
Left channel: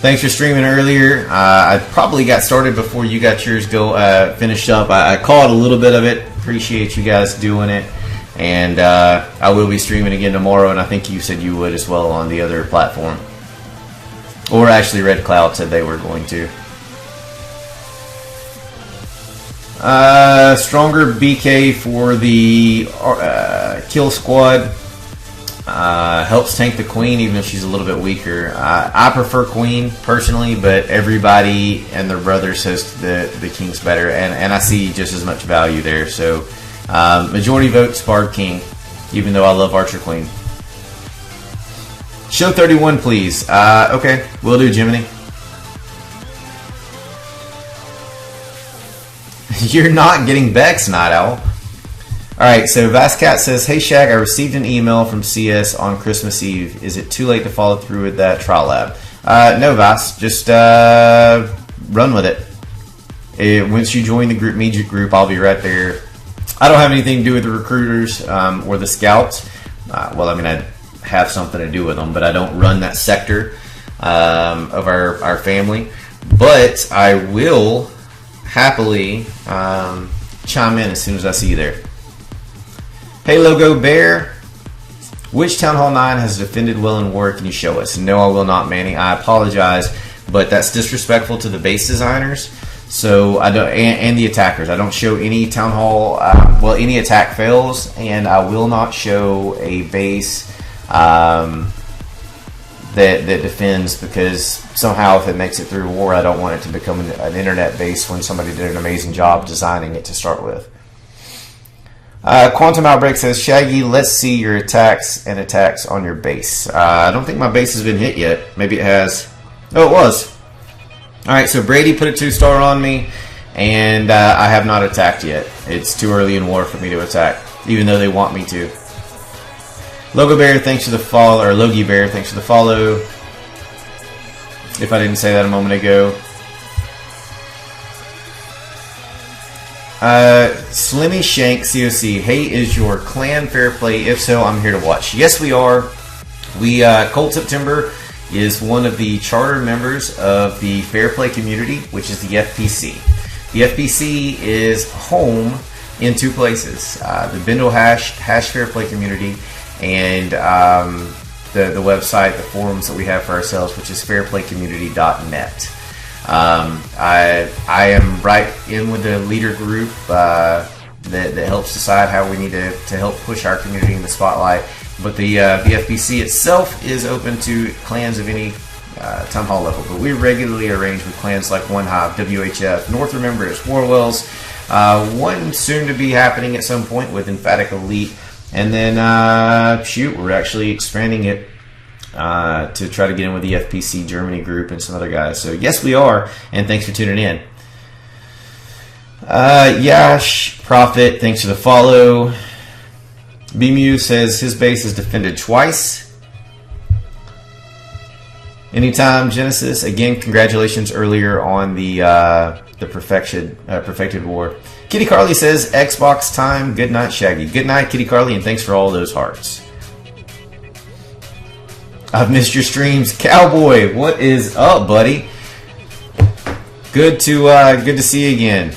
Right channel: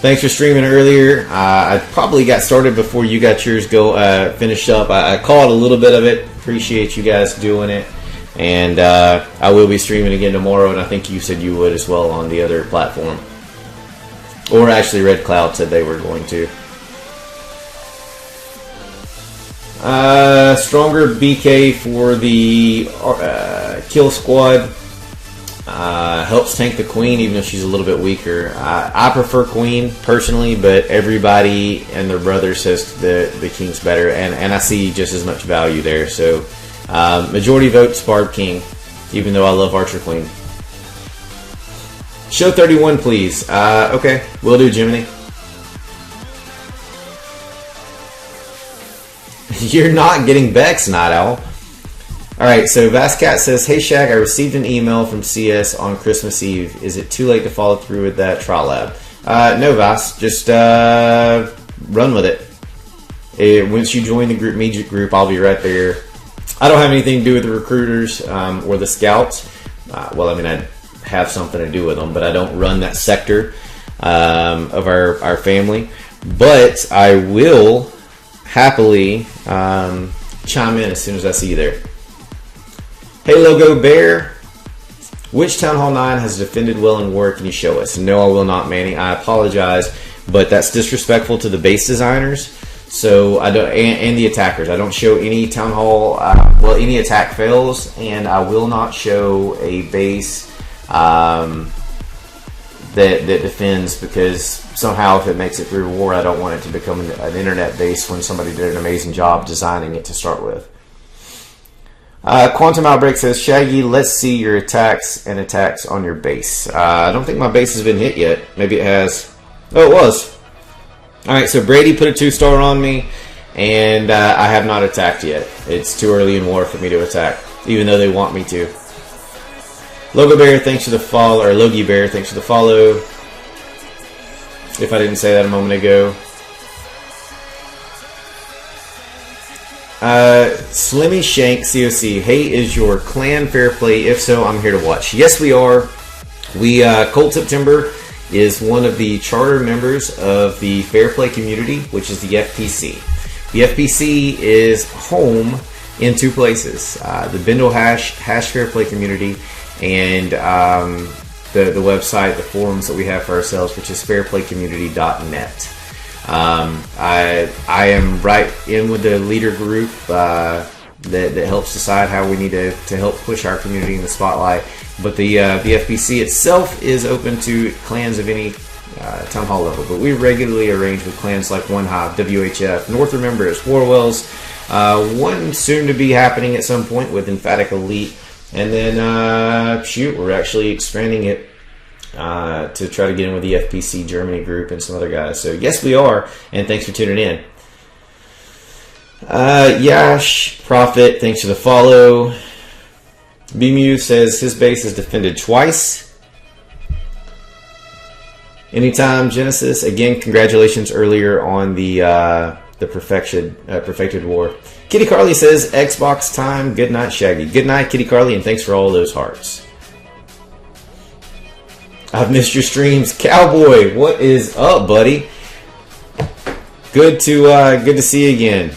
Thanks for streaming earlier. I probably got started before you got yours finished up. I caught a little bit of it. Appreciate you guys doing it. And I will be streaming again tomorrow, and I think you said you would as well on the other platform. Or actually, Red Cloud said they were going to. Stronger BK for the kill squad. Helps tank the queen, even if she's a little bit weaker. I prefer queen personally, but everybody and their brother says the king's better, and I see just as much value there. So majority votes Barb King, even though I love Archer Queen. Show 31, please. Okay, will do, Jiminy. You're not getting Bex, Night Owl. Alright, so Vascat says, hey Shaq, I received an email from CS on Christmas Eve. Is it too late to follow through with that trial lab? No, Vas. Just run with it. Once you join the group, media group, I'll be right there. I don't have anything to do with the recruiters or the scouts. Well, I mean, I have something to do with them, but I don't run that sector of our family. But I will happily chime in as soon as I see you there. Hey Logo Bear, which Town Hall 9 has defended well in war? Can you show us? No, I will not, Manny. I apologize, but that's disrespectful to the base designers. So I don't, and the attackers. I don't show any Town Hall. Well, any attack fails, and I will not show a base that defends, because somehow if it makes it through war, I don't want it to become an internet base when somebody did an amazing job designing it to start with. Quantum Outbreak says, Shaggy, let's see your attacks and attacks on your base. I don't think my base has been hit yet. Maybe it has. Oh, it was. Alright, so Brady put a 2-star on me, and I have not attacked yet. It's too early in war for me to attack, even though they want me to. Logo Bear, thanks for the follow, or Logie Bear, thanks for the follow. If I didn't say that a moment ago. Slimmy Shank COC, hey, is your clan fair play? If so, I'm here to watch. Yes, we are. We Cold September is one of the charter members of the Fair Play community, which is the FPC. The FPC is home in two places, the Bindle Hash Fair Play community, and the website, the forums that we have for ourselves, which is fairplaycommunity.net. I am right in with the leader group that helps decide how we need to help push our community in the spotlight. But the FPC itself is open to clans of any town hall level. But we regularly arrange with clans like One Hive, WHF, North Remembers, Warwells, one soon to be happening at some point with Emphatic Elite. And then, we're actually expanding it to try to get in with the FPC Germany group and some other guys. So, yes, we are. And thanks for tuning in. Yash, Prophet, thanks for the follow. BMU says his base is defended twice. Anytime, Genesis. Again, congratulations earlier on the Perfected War. Kitty Carly says, Xbox time. Good night, Shaggy. Good night, Kitty Carly, and thanks for all those hearts. I've missed your streams. Cowboy, what is up, buddy? Good to see you again.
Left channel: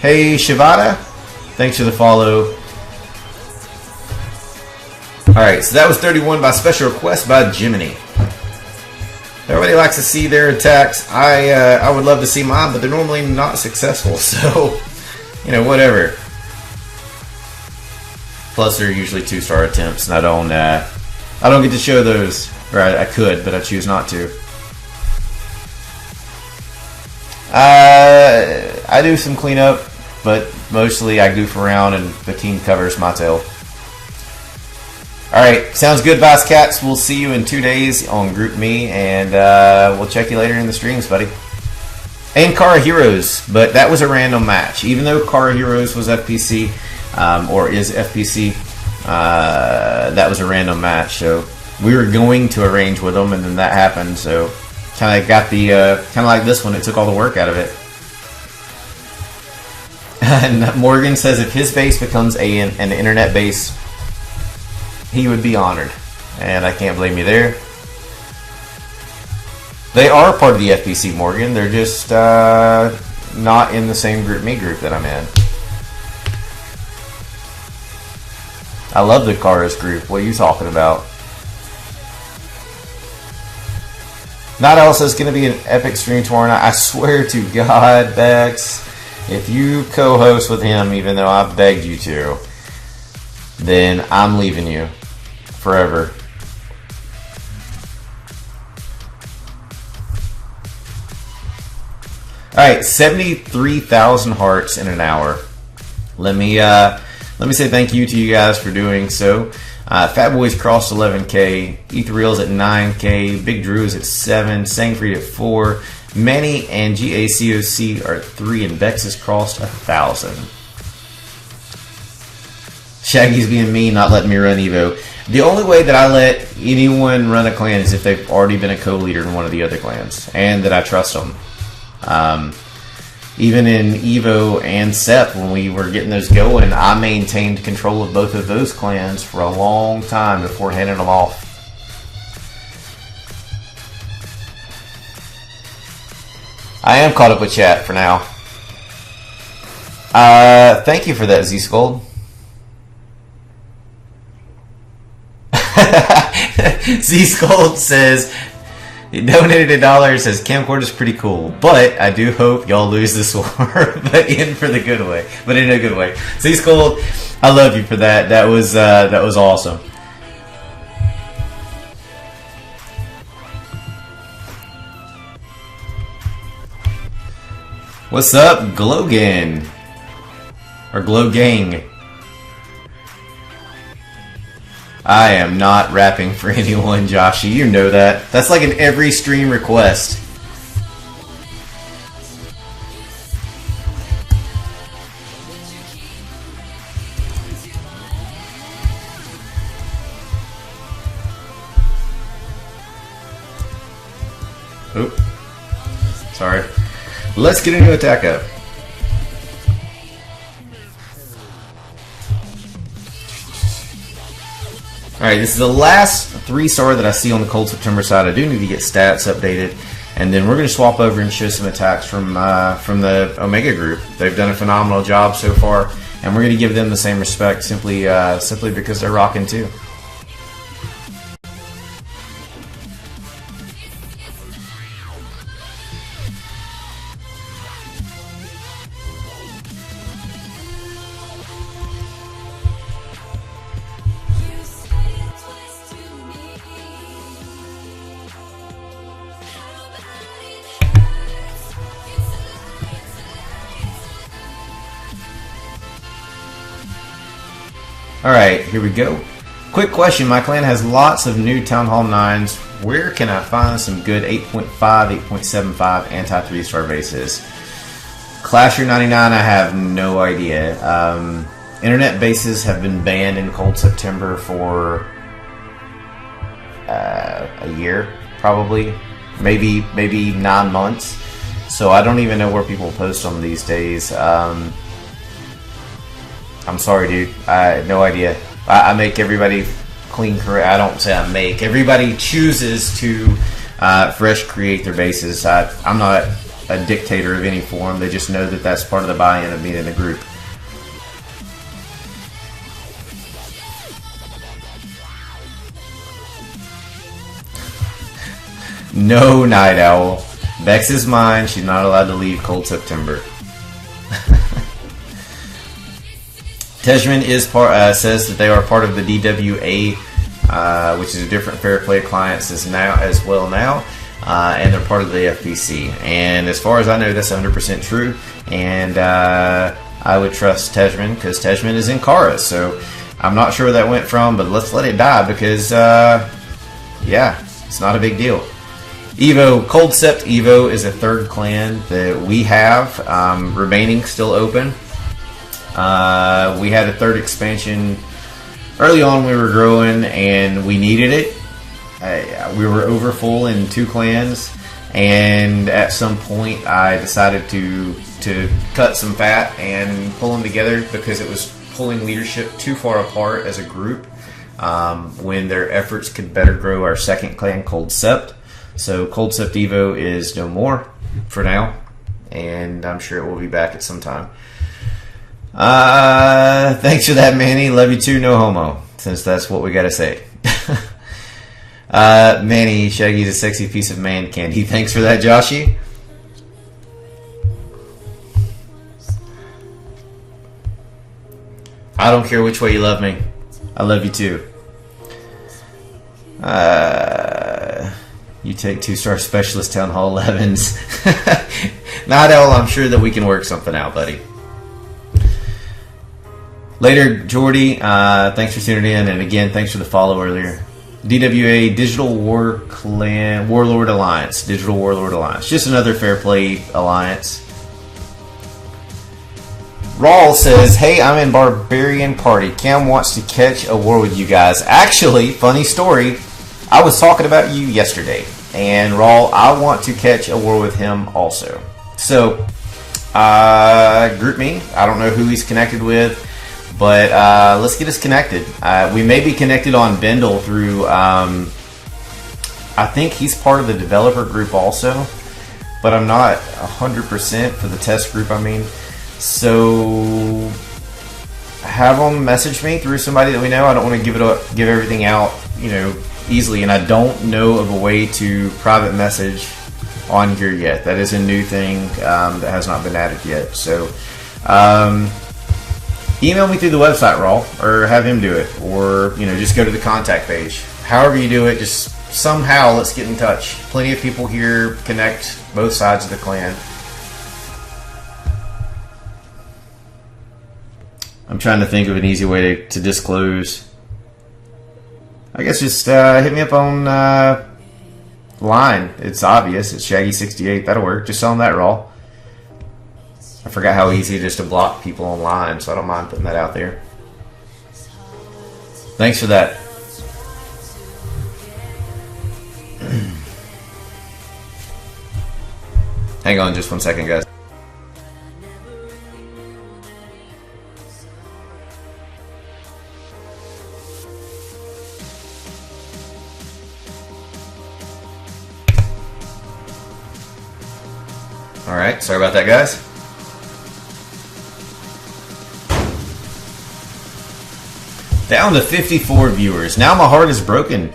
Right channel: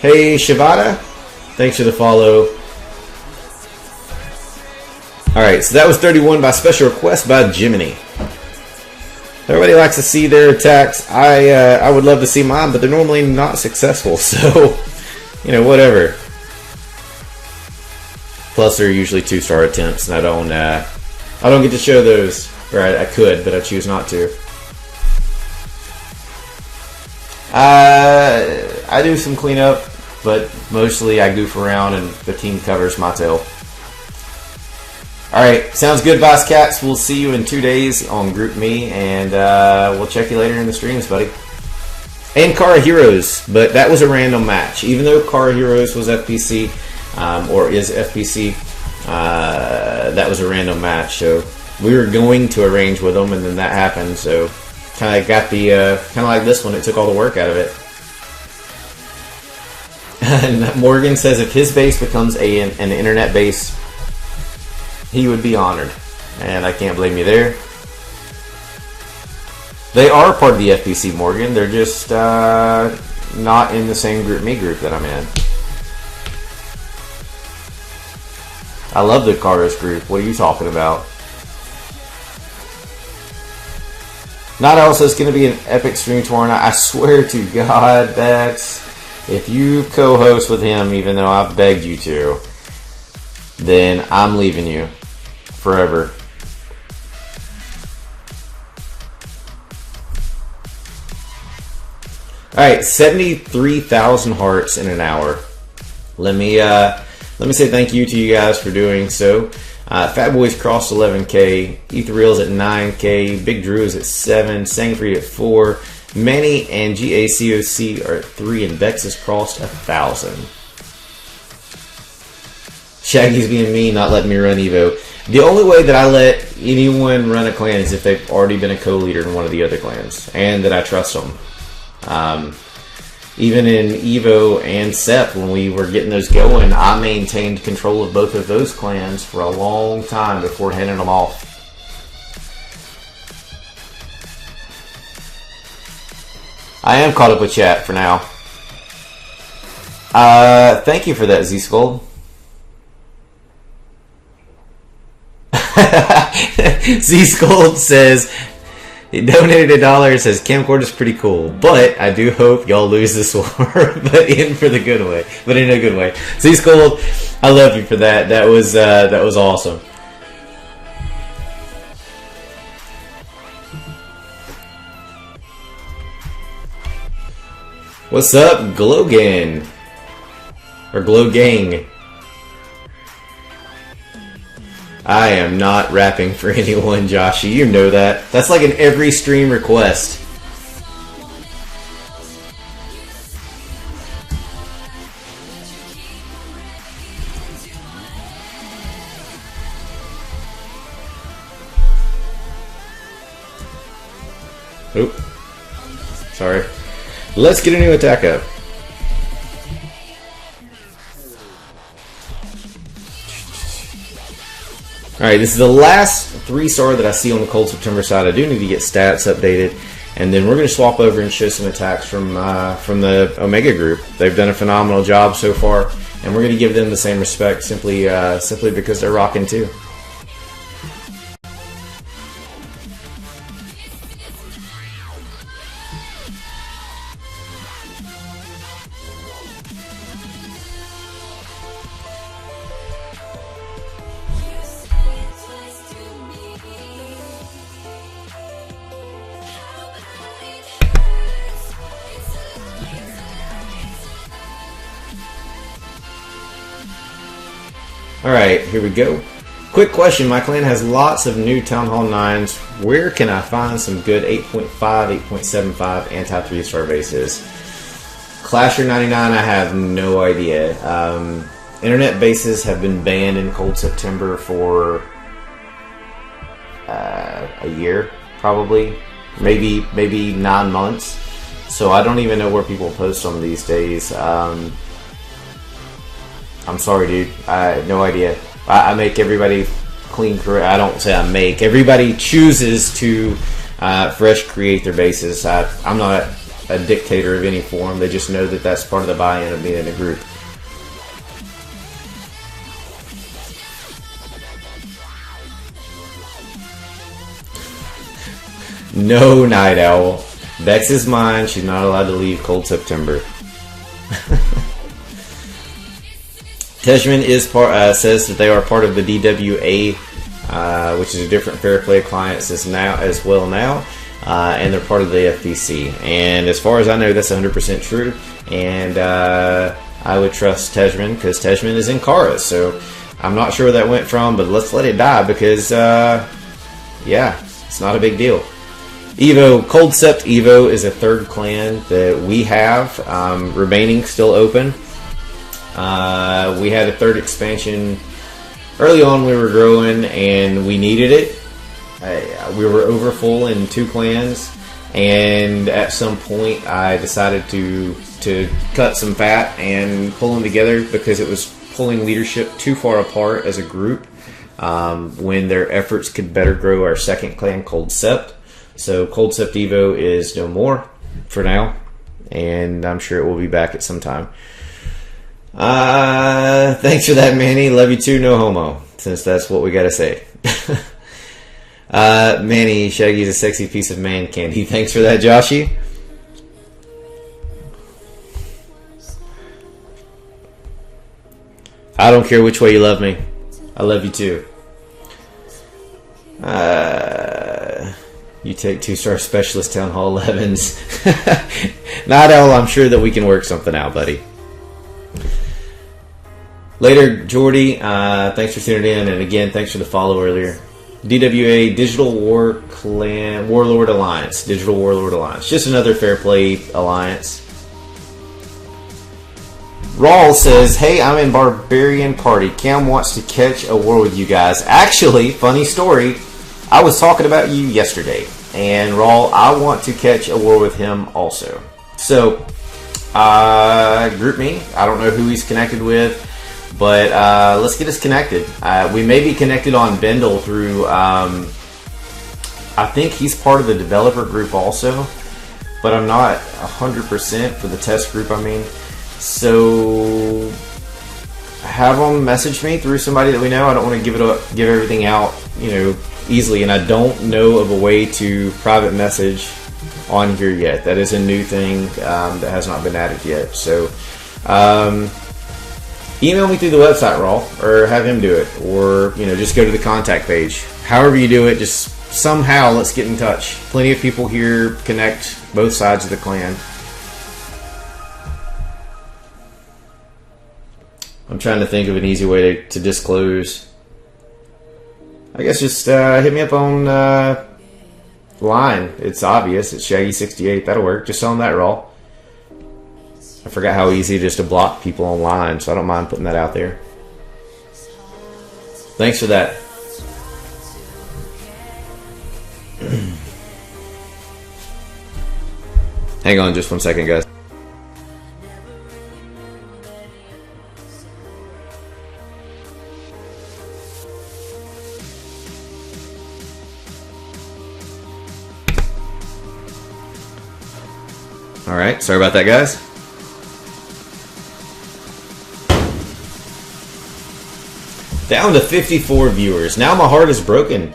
Hey, Shivada, thanks for the follow. Alright, so that was 31 by special request by Jiminy. Everybody likes to see their attacks. I would love to see mine, but they're normally not successful, so, whatever. Plus, they're usually 2-star attempts, and I don't get to show those. Or I could, but I choose not to. I do some cleanup, but mostly I goof around and the team covers my tail. Alright, sounds good, Vice Cats. We'll see you in 2 days on Group Me, and we'll check you later in the streams, buddy. And Kara Heroes, but that was a random match. Even though Kara Heroes was FPC, or is FPC, that was a random match. So we were going to arrange with them, and then that happened. So kind of got the, kind of like this one, it took all the work out of it. And Morgan says if his base becomes an internet base, he would be honored. And I can't blame you there. They are part of the FPC, Morgan. They're just not in the same Group Me group that I'm in. I love the Karas group. What are you talking about? Not else is going to be an epic stream tomorrow night. I swear to God, Bex, if you co-host with him, even though I've begged you to, then I'm leaving you forever. Alright, 73,000 hearts in an hour. Let me say thank you to you guys for doing so. Fat Boys crossed 11K, Ethereal's at 9K, Big Drew is at 7, Sangfried at 4, Manny and GACOC are at 3, and Bex has crossed 1,000. Shaggy's being mean, not letting me run Evo. The only way that I let anyone run a clan is if they've already been a co-leader in one of the other clans, and that I trust them. Even in Evo and SEP, when we were getting those going, I maintained control of both of those clans for a long time before handing them off. I am caught up with chat for now. Thank you for that, Z-Skull. Z-Skull says, he donated $1, says camcorder's pretty cool, but I do hope y'all lose this war, but in for the good way, but in a good way. Z-Skull, I love you for that. That was awesome. What's up, Glogan? Or Glowgang? I am not rapping for anyone, Joshy. You know that. That's like in every stream request. Oop. Sorry. Let's get a new attack up. Alright, this is the last 3-star that I see on the Cold September side. I do need to get stats updated. And then we're going to swap over and show some attacks from the Omega group. They've done a phenomenal job so far, and we're going to give them the same respect simply because they're rocking too. Alright, here we go. Quick question. My clan has lots of new Town Hall 9s. Where can I find some good 8.5, 8.75 anti-3-star bases? Clasher 99, I have no idea. Internet bases have been banned in Cold September for a year, probably. Maybe 9 months. So I don't even know where people post them these days. I'm sorry, dude. No idea. I make everybody clean. I don't say I make. Everybody chooses to fresh create their bases. I'm not a dictator of any form. They just know that that's part of the buy-in of being in a group. No, Night Owl. Bex is mine. She's not allowed to leave Cold September. Tejman is says that they are part of the DWA, which is a different Fair Play Alliance as well now, and they're part of the FPC. And as far as I know, that's 100% true. And I would trust Tejman because Tejman is in Kara. So I'm not sure where that went from, but let's let it die because, yeah, it's not a big deal. Evo, Cold Sept Evo is a third clan that we have remaining still open. We had a third expansion early on. We were growing and we needed it. We were over full in 2 clans, and at some point I decided to cut some fat and pull them together because it was pulling leadership too far apart as a group when their efforts could better grow our second clan, Cold Sept. So Cold Sept Evo is no more for now, and I'm sure it will be back at some time. Thanks for that, Manny. Love you too, no homo, since that's what we gotta say. Manny, Shaggy's a sexy piece of man candy. Thanks for that, Joshy. I don't care which way you love me. I love you too. You take 2-star specialist Town Hall 11s. Not all. I'm sure that we can work something out, buddy. Later, Jordy, thanks for tuning in, and again, thanks for the follow earlier. DWA, Digital Warlord Alliance. Digital Warlord Alliance. Just another Fair Play Alliance. Rawl says, hey, I'm in Barbarian Party. Cam wants to catch a war with you guys. Actually, funny story, I was talking about you yesterday, and Rawl, I want to catch a war with him also. So, group me. I don't know who he's connected with. But let's get us connected. We may be connected on Bendel through, I think he's part of the developer group also, but I'm not 100% for the test group, I mean. So have them message me through somebody that we know. I don't want to give everything out, easily, and I don't know of a way to private message on here yet. That is a new thing that has not been added yet. So, email me through the website, Raw, or have him do it, or just go to the contact page. However you do it, just somehow let's get in touch. Plenty of people here connect both sides of the clan. I'm trying to think of an easy way to disclose. I guess just hit me up on line. It's obvious. It's Shaggy68. That'll work. Just tell them that, Raw. I forgot how easy it is to block people online, so I don't mind putting that out there. Thanks for that. Hang on just 1 second, guys. Alright, sorry about that, guys. Down to 54 viewers. Now my heart is broken.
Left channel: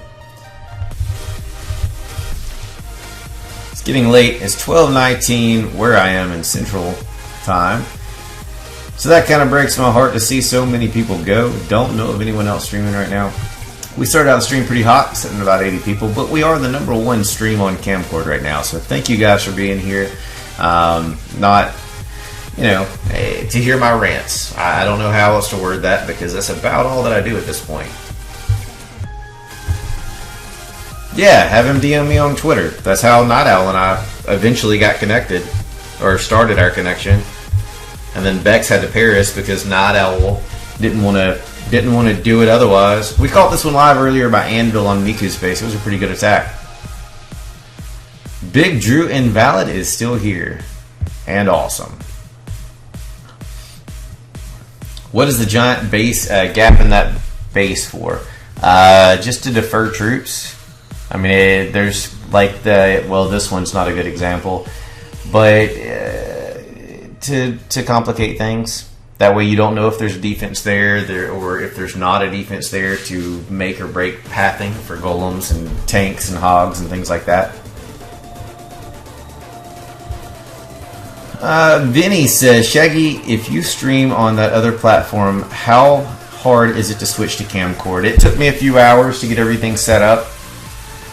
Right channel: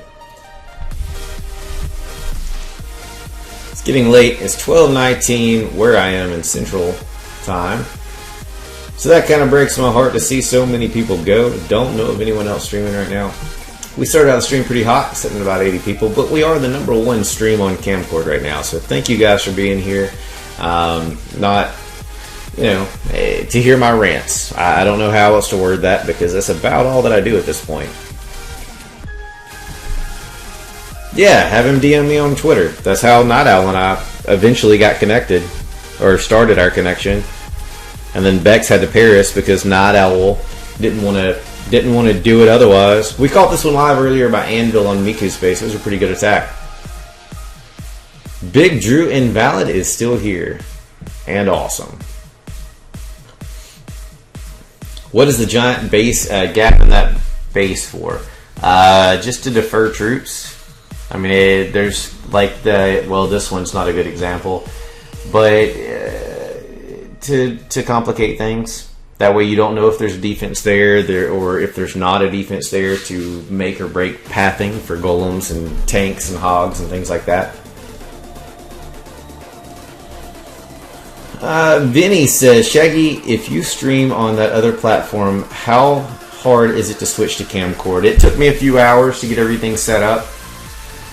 It's getting late. It's 12:19 where I am in Central Time. So that kind of breaks my heart to see so many people go. Don't know of anyone else streaming right now. We started out the stream pretty hot, sitting at about 80 people, but we are the #1 stream on Camcord right now. So thank you guys for being here. Not, you know, to hear my rants. I don't know how else to word that because that's about all that I do at this point. Yeah, have him DM me on Twitter. That's how Night Owl and I eventually got connected, or started our connection. And then Bex had to Paris because Night Owl didn't want to do it otherwise. We caught this one live earlier by Anvil on Miku's face. It was a pretty good attack. Big Drew Invalid is still here. And awesome. What is the giant base gap in that base for? Just to defer troops. I mean, there's like this one's not a good example. But to complicate things. That way you don't know if there's a defense there or if there's not a defense there, to make or break pathing for golems and tanks and hogs and things like that. Vinny says, Shaggy, if you stream on that other platform, how hard is it to switch to Camcord? It took me a few hours to get everything set up.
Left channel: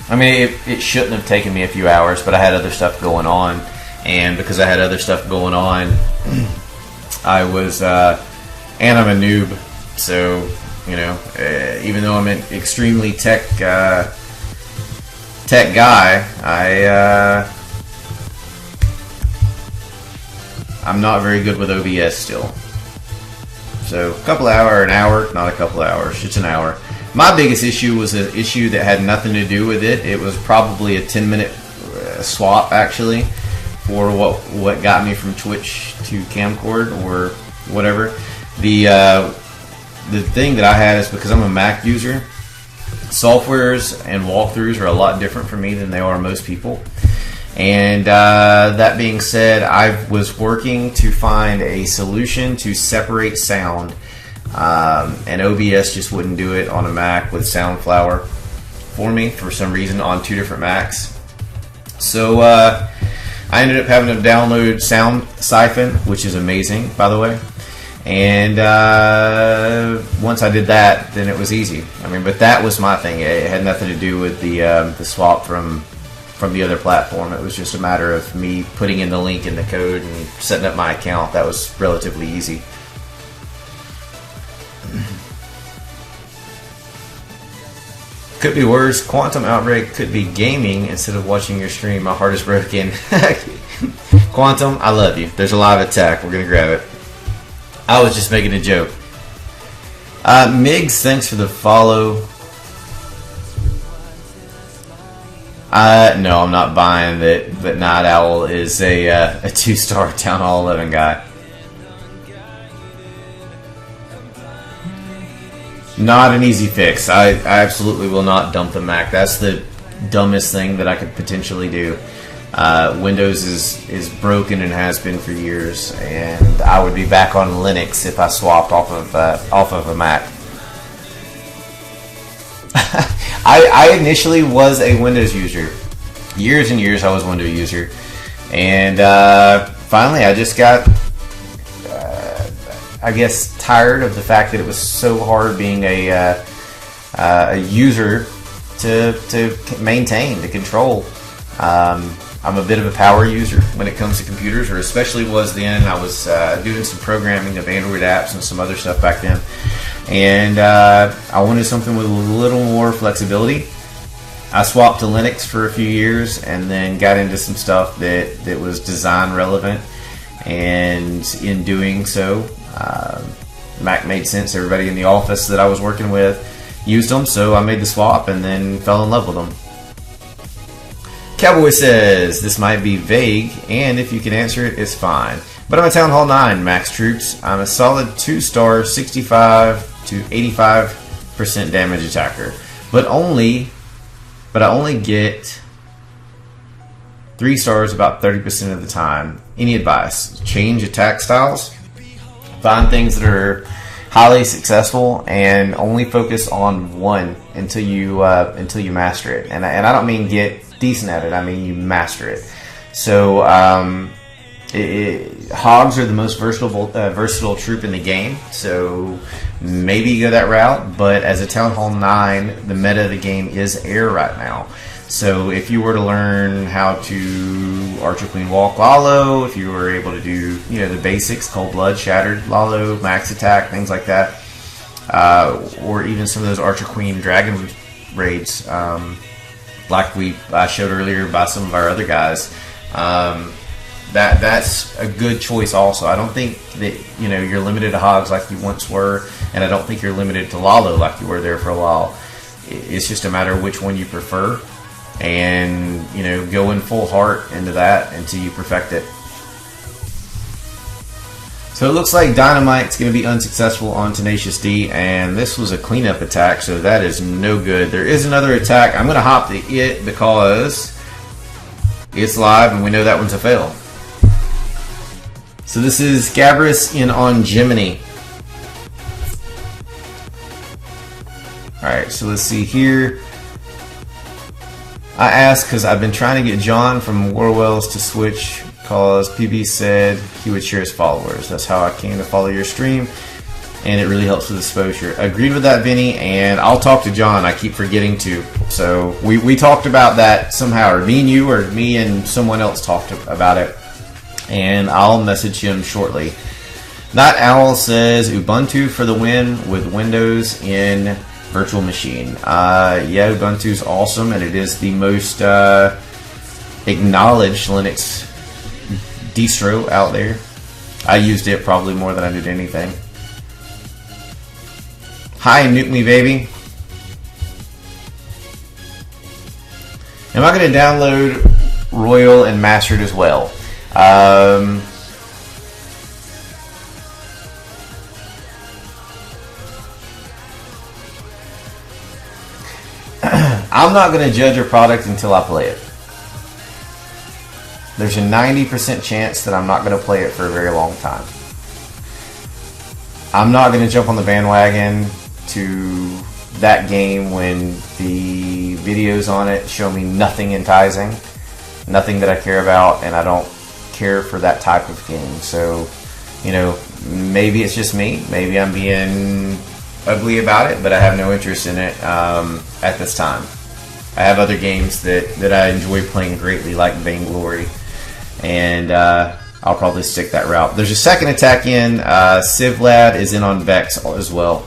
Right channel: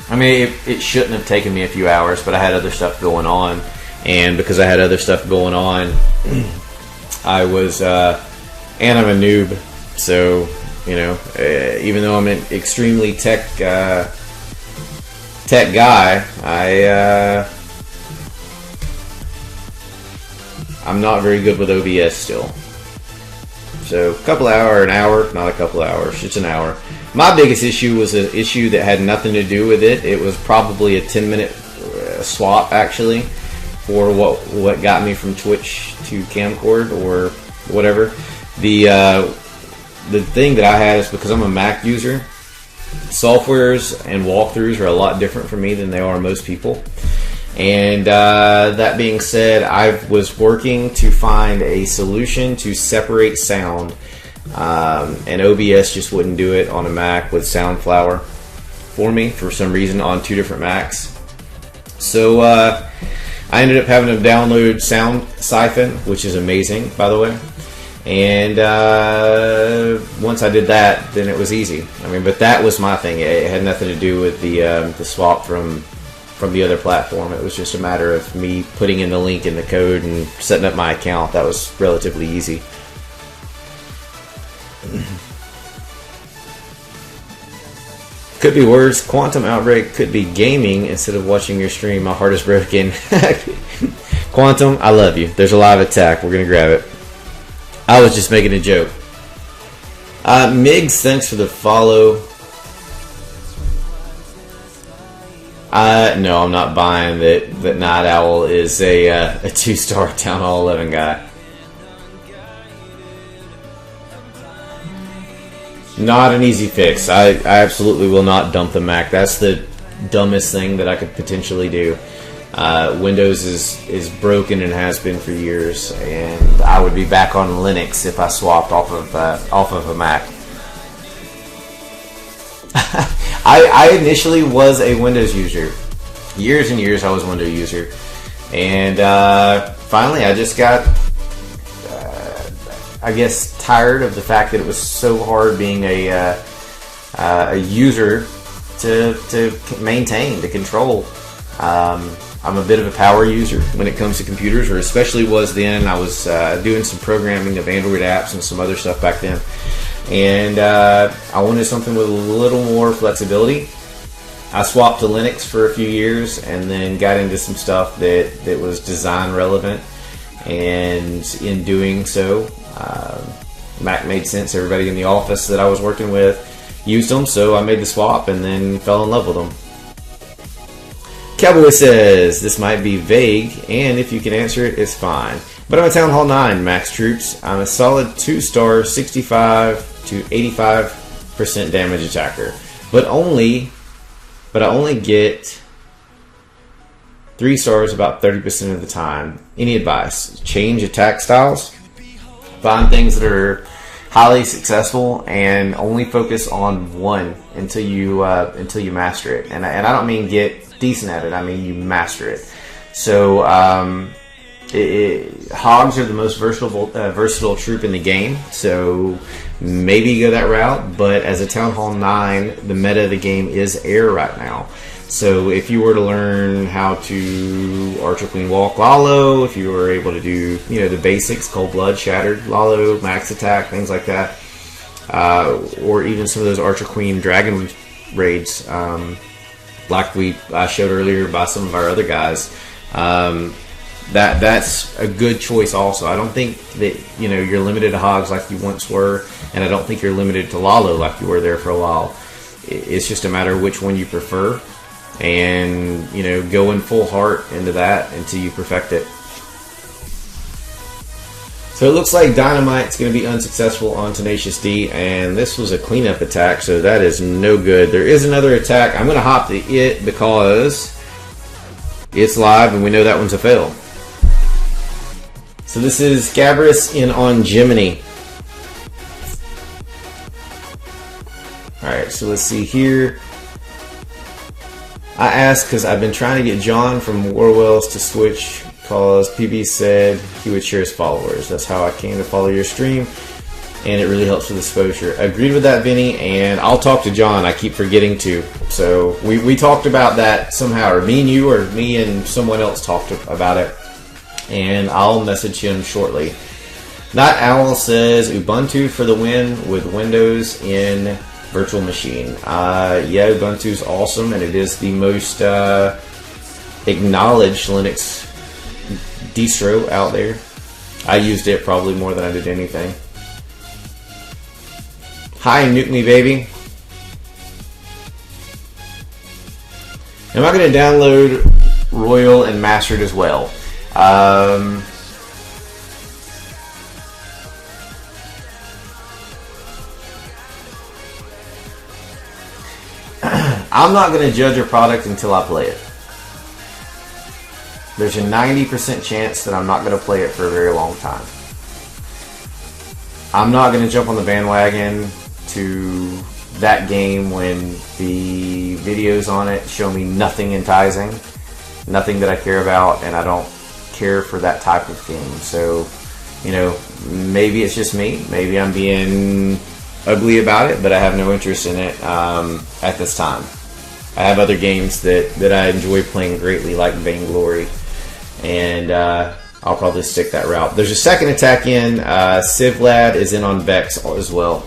I mean, it shouldn't have taken me a few hours, but I had other stuff going on. And because I had other stuff going on, I was, and I'm a noob, so, you know, even though I'm an extremely tech guy, I'm not very good with OBS still. So, an hour, not a couple hours, just an hour. My biggest issue was an issue that had nothing to do with it. It was probably a 10-minute swap, actually, for what got me from Twitch to Camcord or whatever. The thing that I had is because I'm a Mac user, softwares and walkthroughs are a lot different for me than they are most people. And that being said, I was working to find a solution to separate sound, and OBS just wouldn't do it on a Mac with Soundflower for me for some reason on two different Macs. So I ended up having to download Sound Siphon, which is amazing, by the way. And once I did that, then it was easy. I mean, but that was my thing. It had nothing to do with the swap from the other platform. It was just a matter of me putting in the link in the code and setting up my account. That was relatively easy. Could be worse. Quantum Outbreak could be gaming instead of watching your stream. My heart is broken. Quantum, I love you. There's a live attack. We're going to grab it. I was just making a joke. Migs, thanks for the follow. No, I'm not buying that Night Owl is a 2-star Town Hall 11 guy. Not an easy fix. I absolutely will not dump the Mac. That's the dumbest thing that I could potentially do. Windows is broken and has been for years, and I would be back on Linux if I swapped off of a Mac. I initially was a Windows user. Years and years I was a Windows user. And finally I just got, I guess, tired of the fact that it was so hard being a user to maintain, to control. I'm a bit of a power user when it comes to computers, or especially was then. I was doing some programming of Android apps and some other stuff back then. And I wanted something with a little more flexibility. I swapped to Linux for a few years and then got into some stuff that was design relevant. And in doing so, Mac made sense. Everybody in the office that I was working with used them, so I made the swap and then fell in love with them. Cowboy says, this might be vague, and if you can answer it, it's fine. But I'm a Town Hall 9 max troops. I'm a solid 2-star, 65 to 85% damage attacker. But I only get 3 stars about 30% of the time. Any advice? Change attack styles. Find things that are highly successful and only focus on one until you master it. And I don't mean get decent at it. I mean you master it. So hogs are the most versatile troop in the game. So maybe you go that route. But as a Town Hall 9, the meta of the game is air right now. So if you were to learn how to Archer Queen Walk Lalo, if you were able to do, the basics, Cold Blood, Shattered Lalo, Max Attack, things like that, or even some of those Archer Queen Dragon raids, like I showed earlier by some of our other guys, that's a good choice also. I don't think that, you're limited to hogs like you once were, and I don't think you're limited to Lalo like you were there for a while. It's just a matter of which one you prefer. And go in full heart into that until you perfect it. So it looks like Dynamite's going to be unsuccessful on Tenacious D, and this was a cleanup attack, so that is no good. There is another attack. I'm going to hop to it because it's live and we know that one's a fail. So this is Gabrus in on Gemini. Alright, so let's see here. I asked because I've been trying to get John from Warwells to switch because PB said he would share his followers. That's how I came to follow your stream, and it really helps with exposure. Agreed with that, Vinny, and I'll talk to John. I keep forgetting to. So we talked about that somehow, or me and you, or me and someone else talked about it, and I'll message him shortly. Not Owl says Ubuntu for the win with Windows in virtual machine. Yeah, Ubuntu's awesome, and it is the most acknowledged Linux distro out there. I used it probably more than I did anything. Hi, Nuke Me Baby. Am I going to download Royal and Mastered as well? I'm not going to judge a product until I play it. There's a 90% chance that I'm not going to play it for a very long time. I'm not going to jump on the bandwagon to that game when the videos on it show me nothing enticing, nothing that I care about, and I don't care for that type of game. So, maybe it's just me. Maybe I'm being ugly about it, but I have no interest in it at this time. I have other games that I enjoy playing greatly, like Vainglory, and I'll probably stick that route. There's a second attack in. Civlad is in on Vex as well.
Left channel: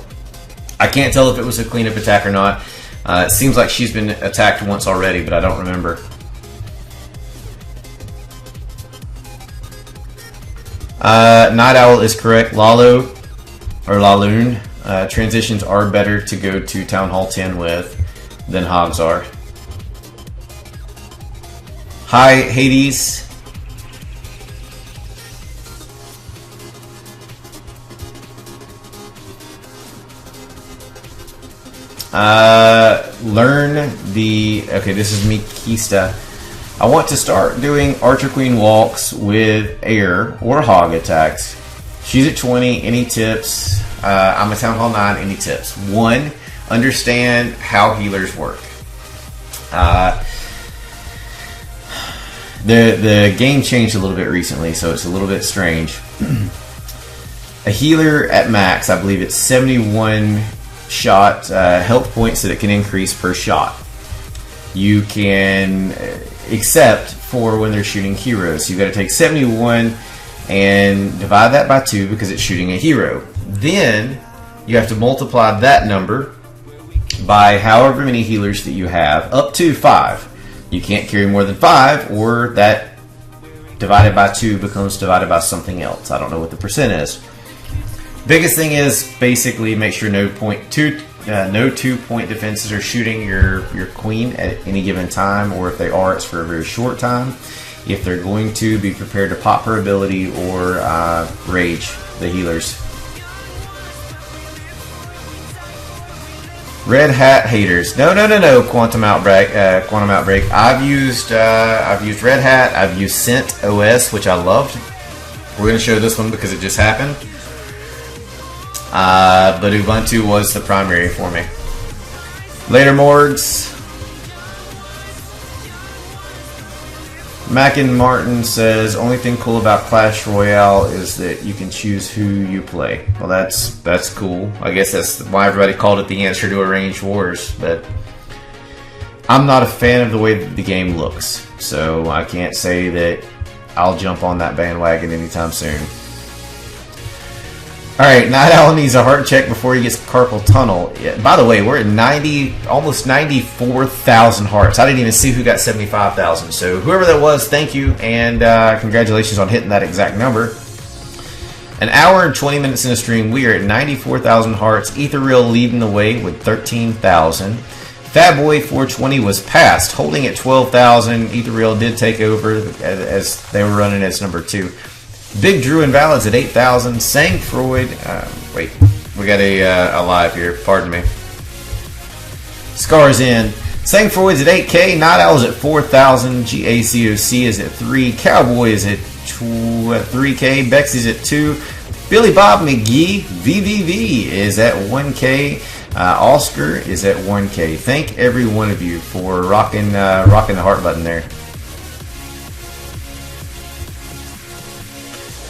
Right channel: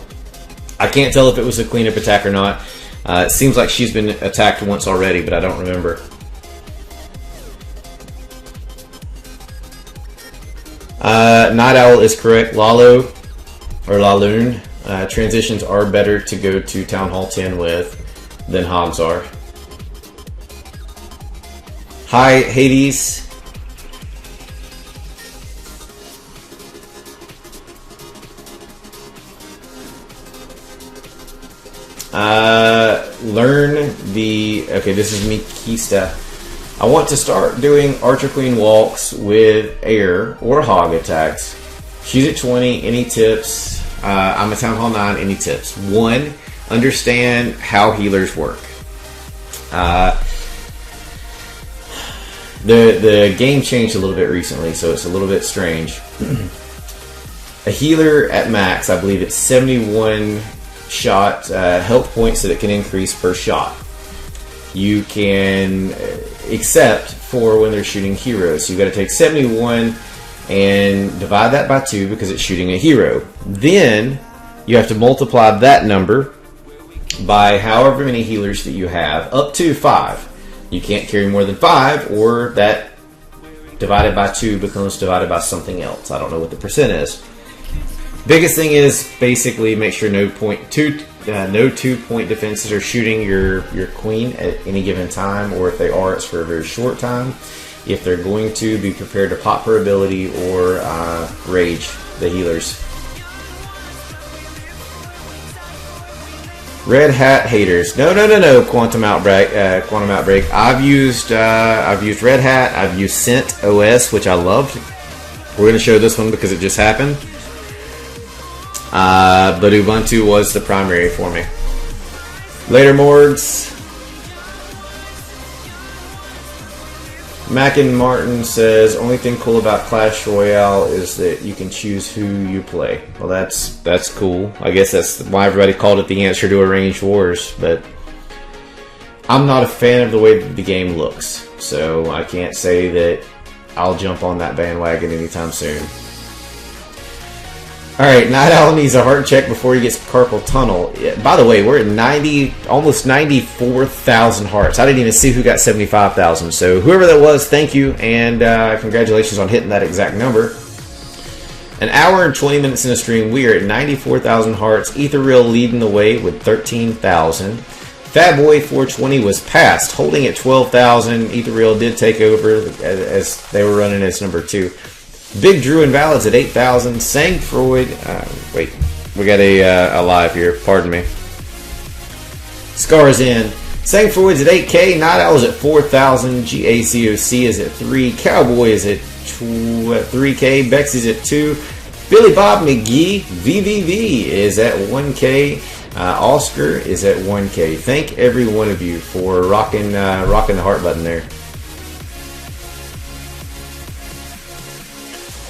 I can't tell if it was a cleanup attack or not. It seems like she's been attacked once already, but I don't remember. Night Owl is correct. Lalo, or Laloon, transitions are better to go to Town Hall 10 with than hogs are. Hi, Hades. Okay, this is Mikista. I want to start doing Archer Queen walks with air or hog attacks. She's at 20. Any tips? I'm a Town Hall 9. Any tips? 1, understand how healers work. The game changed a little bit recently, so it's a little bit strange. A healer at max, I believe it's 71 shot health points that it can increase per shot. You can, except for when they're shooting heroes. So you've got to take 71 and divide that by 2 because it's shooting a hero. Then you have to multiply that number by however many healers that you have, up to 5. You can't carry more than 5, or that divided by 2 becomes divided by something else. I don't know what the percent is. Biggest thing is basically make sure no 2-point defenses are shooting your queen at any given time, or if they are, it's for a very short time. If they're going to, be prepared to pop her ability or rage the healers. Red Hat haters. No, Quantum Outbreak. I've used Red Hat. I've used Scent OS, which I loved. We're going to show this one because it just happened. But Ubuntu was the primary for me. Later, Morgs. Mac and Martin says, only thing cool about Clash Royale is that you can choose who you play. Well, that's cool. I guess that's why everybody called it the answer to Arranged Wars, but I'm not a fan of the way that the game looks, so I can't say that I'll jump on that bandwagon anytime soon. Alright, Night Owl needs a heart check before he gets carpal tunnel. Yeah, by the way, we're at almost 94,000 hearts. I didn't even see who got 75,000. So whoever that was, thank you, and congratulations on hitting that exact number. An hour and 20 minutes in the stream, we are at 94,000 hearts. Ethereal leading the way with 13,000. Fatboy 420 was passed, holding at 12,000. Ethereal did take over as they were running as number 2. Big Drew Invalids at 8,000. Sang Freud. Wait, we got a live here. Pardon me. Scars in. Sang Freud's at 8K. Night Owl's at 4,000. GACOC is at 3. Cowboy is at 3K. Bexy's at 2. Billy Bob McGee VVV is at 1K. Oscar is at 1K. Thank every one of you for rocking the heart button there.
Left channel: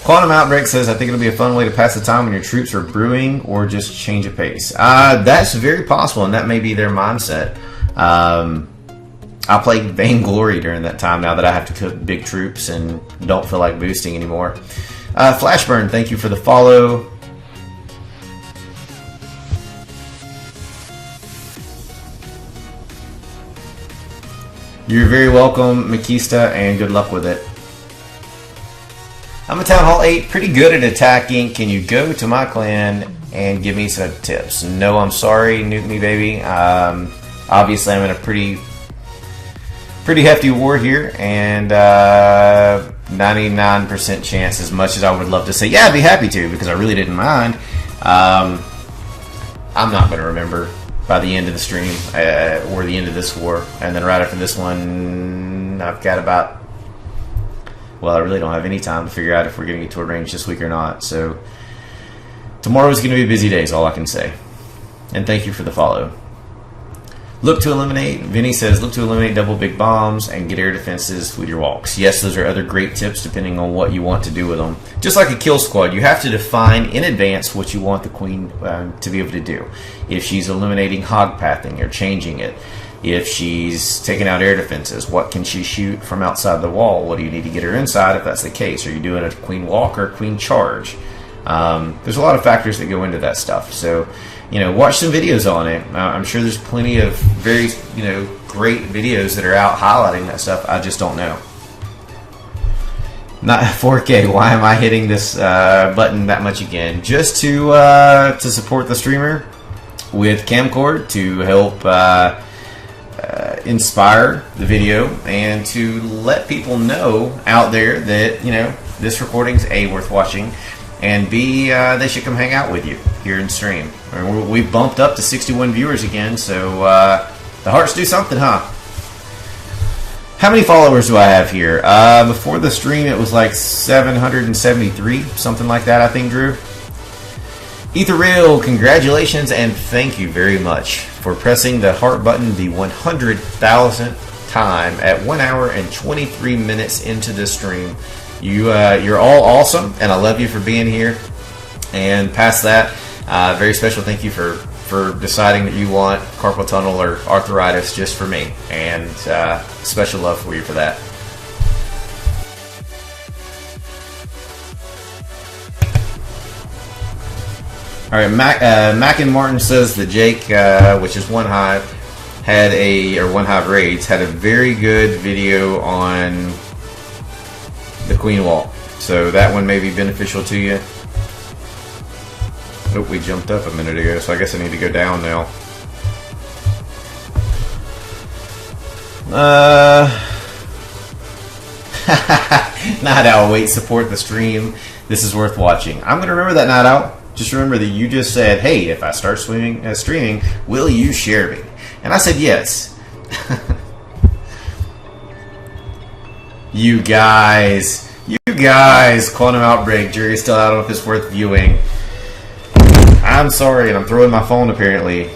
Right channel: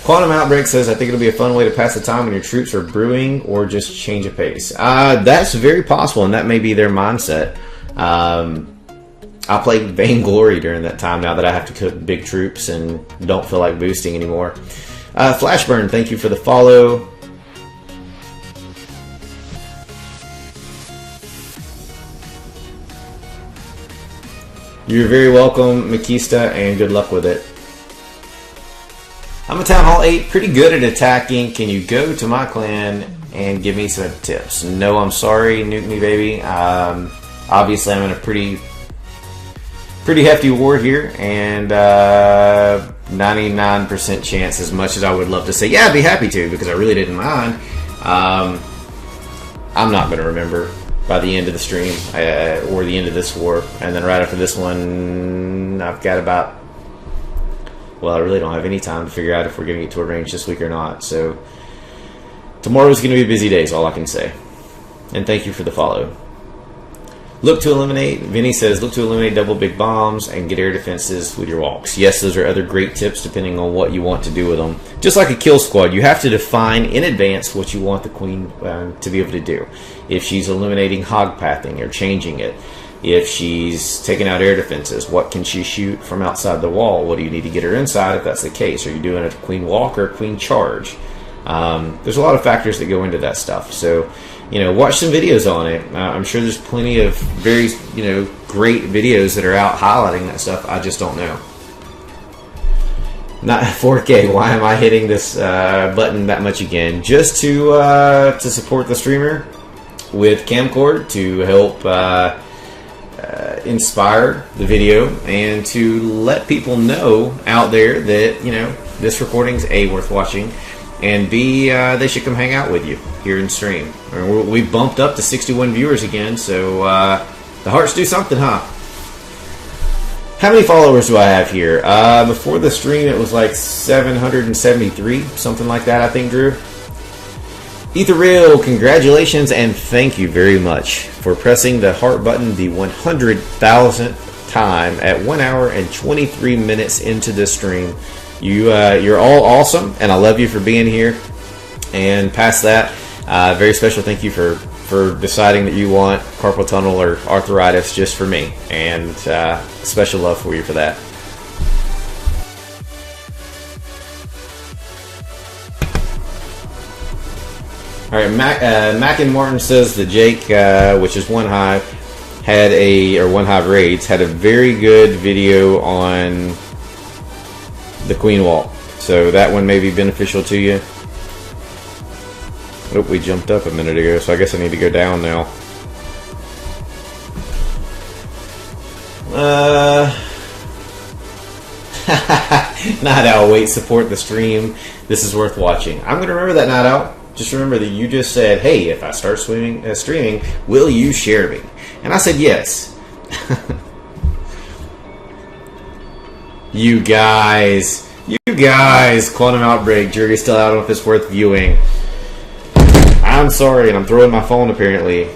Quantum Outbreak says, I think it'll be a fun way to pass the time when your troops are brewing or just change a pace. That's very possible, and that may be their mindset. I played Vainglory during that time now that I have to cook big troops and don't feel like boosting anymore. Flashburn, thank you for the follow. You're very welcome, Makista, and good luck with it. I'm a Town Hall 8, pretty good at attacking. Can you go to my clan and give me some tips? No, I'm sorry, nuke me, baby. Obviously, I'm in a pretty hefty war here, and 99% chance, as much as I would love to say, yeah, I'd be happy to, because I really didn't mind. I'm not going to remember by the end of the stream, or the end of this war. And then right after this one, I've got about... Well, I really don't have any time to figure out if we're going to get to a range this week or not. So tomorrow's going to be a busy day is all I can say. And thank you for the follow. Look to eliminate, Vinny says, look to eliminate double big bombs and get air defenses with your walks. Yes, those are other great tips depending on what you want to do with them. Just like a kill squad, you have to define in advance what you want the queen to be able to do. If she's eliminating hog pathing or changing it. If she's taking out air defenses, what can she shoot from outside the wall? What do you need to get her inside if that's the case? Are you doing a queen walk or a queen charge? There's a lot of factors that go into that stuff. So, watch some videos on it. I'm sure there's plenty of very, great videos that are out highlighting that stuff. I just don't know. Not 4K. Why am I hitting this button that much again? Just to support the streamer with camcord to help... inspire the video and to let people know out there that this recording's A, worth watching, and B, they should come hang out with you here in stream. We've bumped up to 61 viewers again, so the hearts do something, huh? How many followers do I have here? Before the stream it was like 773, something like that, I think, Drew. Ethereal, congratulations and thank you very much for pressing the heart button the 100,000th time at 1 hour and 23 minutes into this stream. You're all awesome, and I love you for being here. And past that, very special thank you for deciding that you want carpal tunnel or arthritis just for me, and special love for you for that. All right, Mac and Martin says that Jake, which is One Hive, One Hive Raids, had a very good video on the Queen Walk. So that one may be beneficial to you. Oh, we jumped up a minute ago, so I guess I need to go down now. Night Owl, wait, support the stream. This is worth watching. I'm going to remember that, Night Owl. Just remember that you just said, hey, if I start streaming, will you share me? And I said yes. You guys, Quantum Outbreak, jury's still out on if it's worth viewing. I'm sorry, and I'm throwing my phone apparently.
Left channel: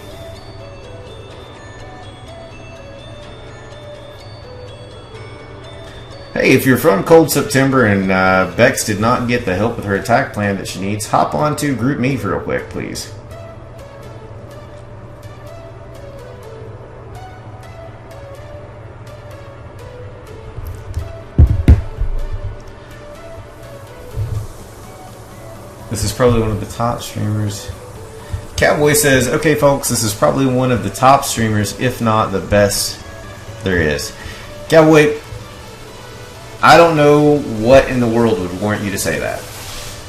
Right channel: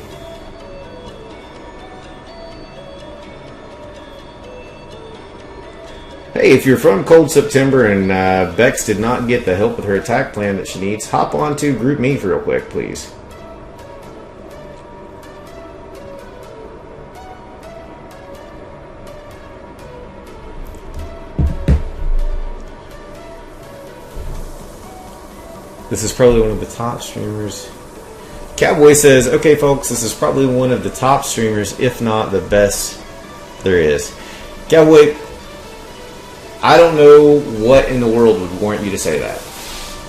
Hey, if you're from Cold September and Bex did not get the help with her attack plan that she needs, hop on to Group Me real quick, please. This is probably one of the top streamers. Cowboy says, okay, folks, this is probably one of the top streamers, if not the best there is. Cowboy, I don't know what in the world would warrant you to say that.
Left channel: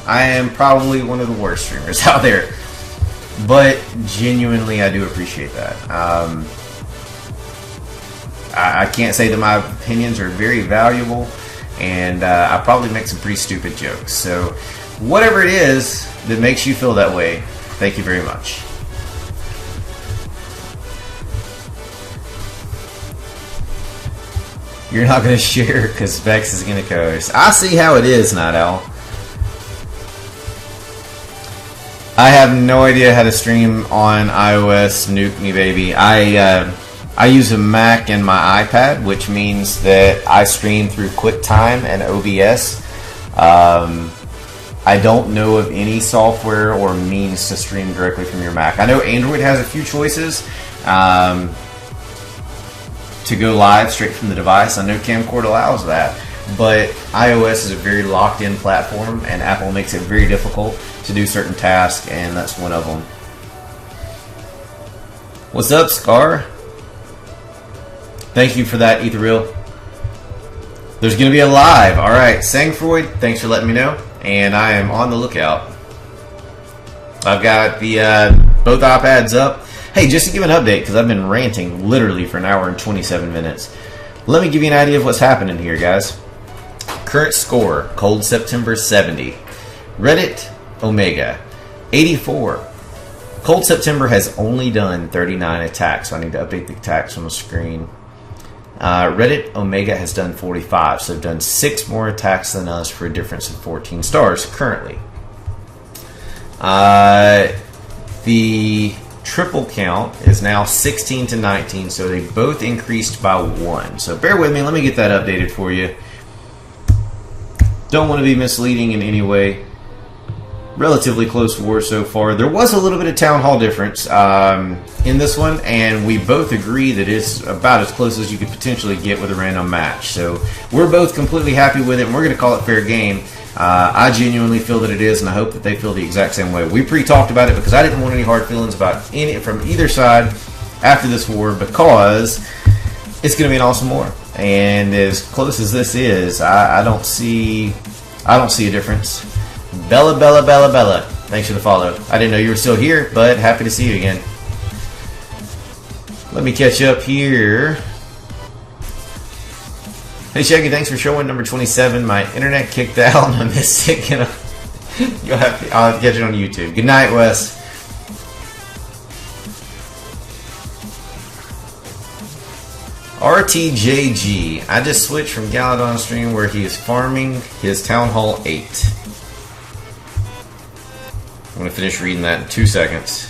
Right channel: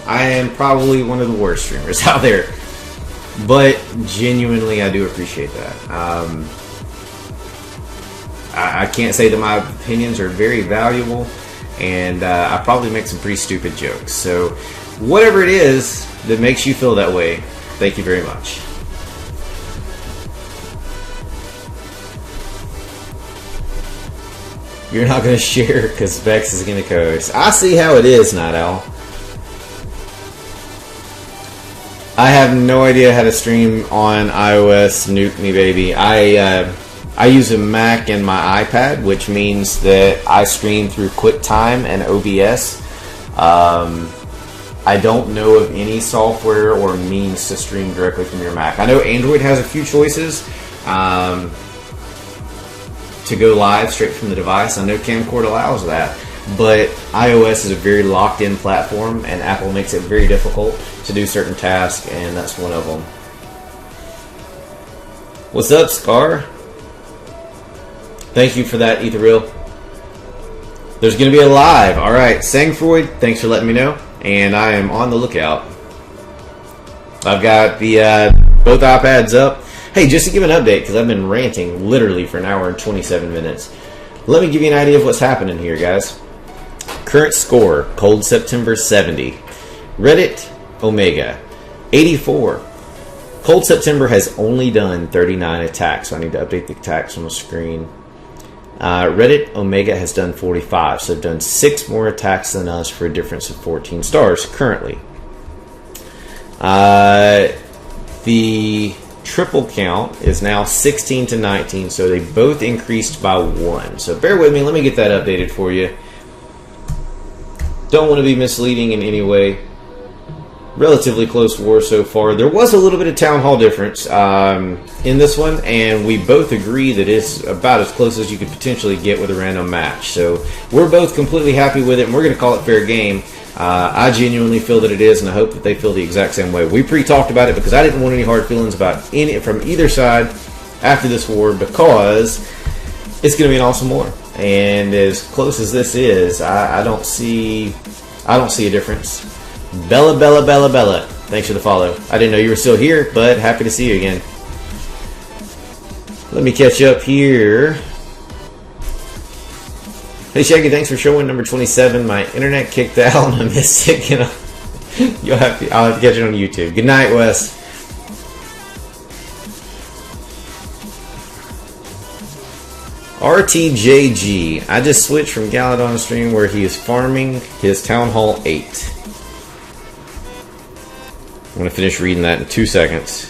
I am probably one of the worst streamers out there. But genuinely, I do appreciate that. I can't say that my opinions are very valuable, and I probably make some pretty stupid jokes. So whatever it is that makes you feel that way, thank you very much. You're not going to share because Vex is going to coast. I see how it is, Night Owl. I have no idea how to stream on iOS. Nuke me, baby. I use a Mac and my iPad, which means that I stream through QuickTime and OBS. I don't know of any software or means to stream directly from your Mac. I know Android has a few choices to go live straight from the device. I know Camcord allows that, but iOS is a very locked-in platform, and Apple makes it very difficult to do certain tasks, and that's one of them. What's up, Scar? Thank you for that, Ethereal. There's going to be a live. All right, Sangfroid, thanks for letting me know, and I am on the lookout. I've got the both iPads up. Hey, just to give an update, because I've been ranting literally for an hour and 27 minutes. Let me give you an idea of what's happening here, guys. Current score, Cold September 70. Reddit, Omega, 84. Cold September has only done 39 attacks, so I need to update the attacks on the screen. Reddit, Omega has done 45, so they've done 6 more attacks than us for a difference of 14 stars currently. The triple count is now 16 to 19, so they both increased by 1. So bear with me, let me get that updated for you. Don't want to be misleading in any way. Relatively close war so far. There was a little bit of Town Hall difference in this one, and we both agree that it's about as close as you could potentially get with a random match. So we're both completely happy with it, and we're going to call it fair game. I genuinely feel that it is, and I hope that they feel the exact same way. We pre-talked about it because I didn't want any hard feelings about any from either side after this war, because it's going to be an awesome war. And as close as this is, I don't see a difference. Bella, thanks for the follow. I didn't know you were still here, but happy to see you again. Let me catch up here. Hey Shaggy, thanks for showing number 27. My internet kicked out and I missed it. I'll have to catch it on YouTube. Good night, Wes. RTJG. I just switched from Galadon stream where he is farming his Town Hall 8. I'm going to finish reading that in 2 seconds.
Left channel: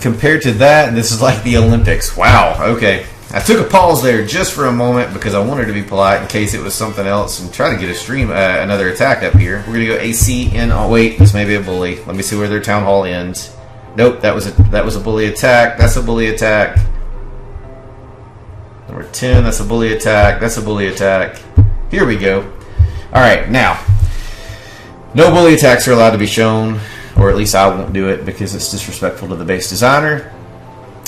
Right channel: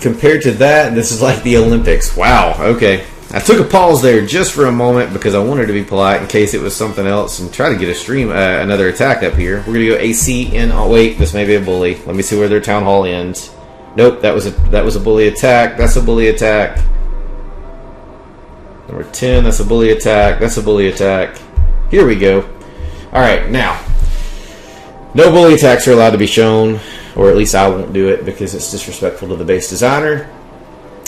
Compared to that, this is like the Olympics. Wow, okay. I took a pause there just for a moment because I wanted to be polite in case it was something else and try to get a stream, another attack up here. We're going to go AC in. Oh, wait, this may be a bully. Let me see where their Town Hall ends. Nope, that was a bully attack. That's a bully attack. Number 10, that's a bully attack. That's a bully attack. Here we go. Alright, now, no bully attacks are allowed to be shown, or at least I won't do it because it's disrespectful to the base designer.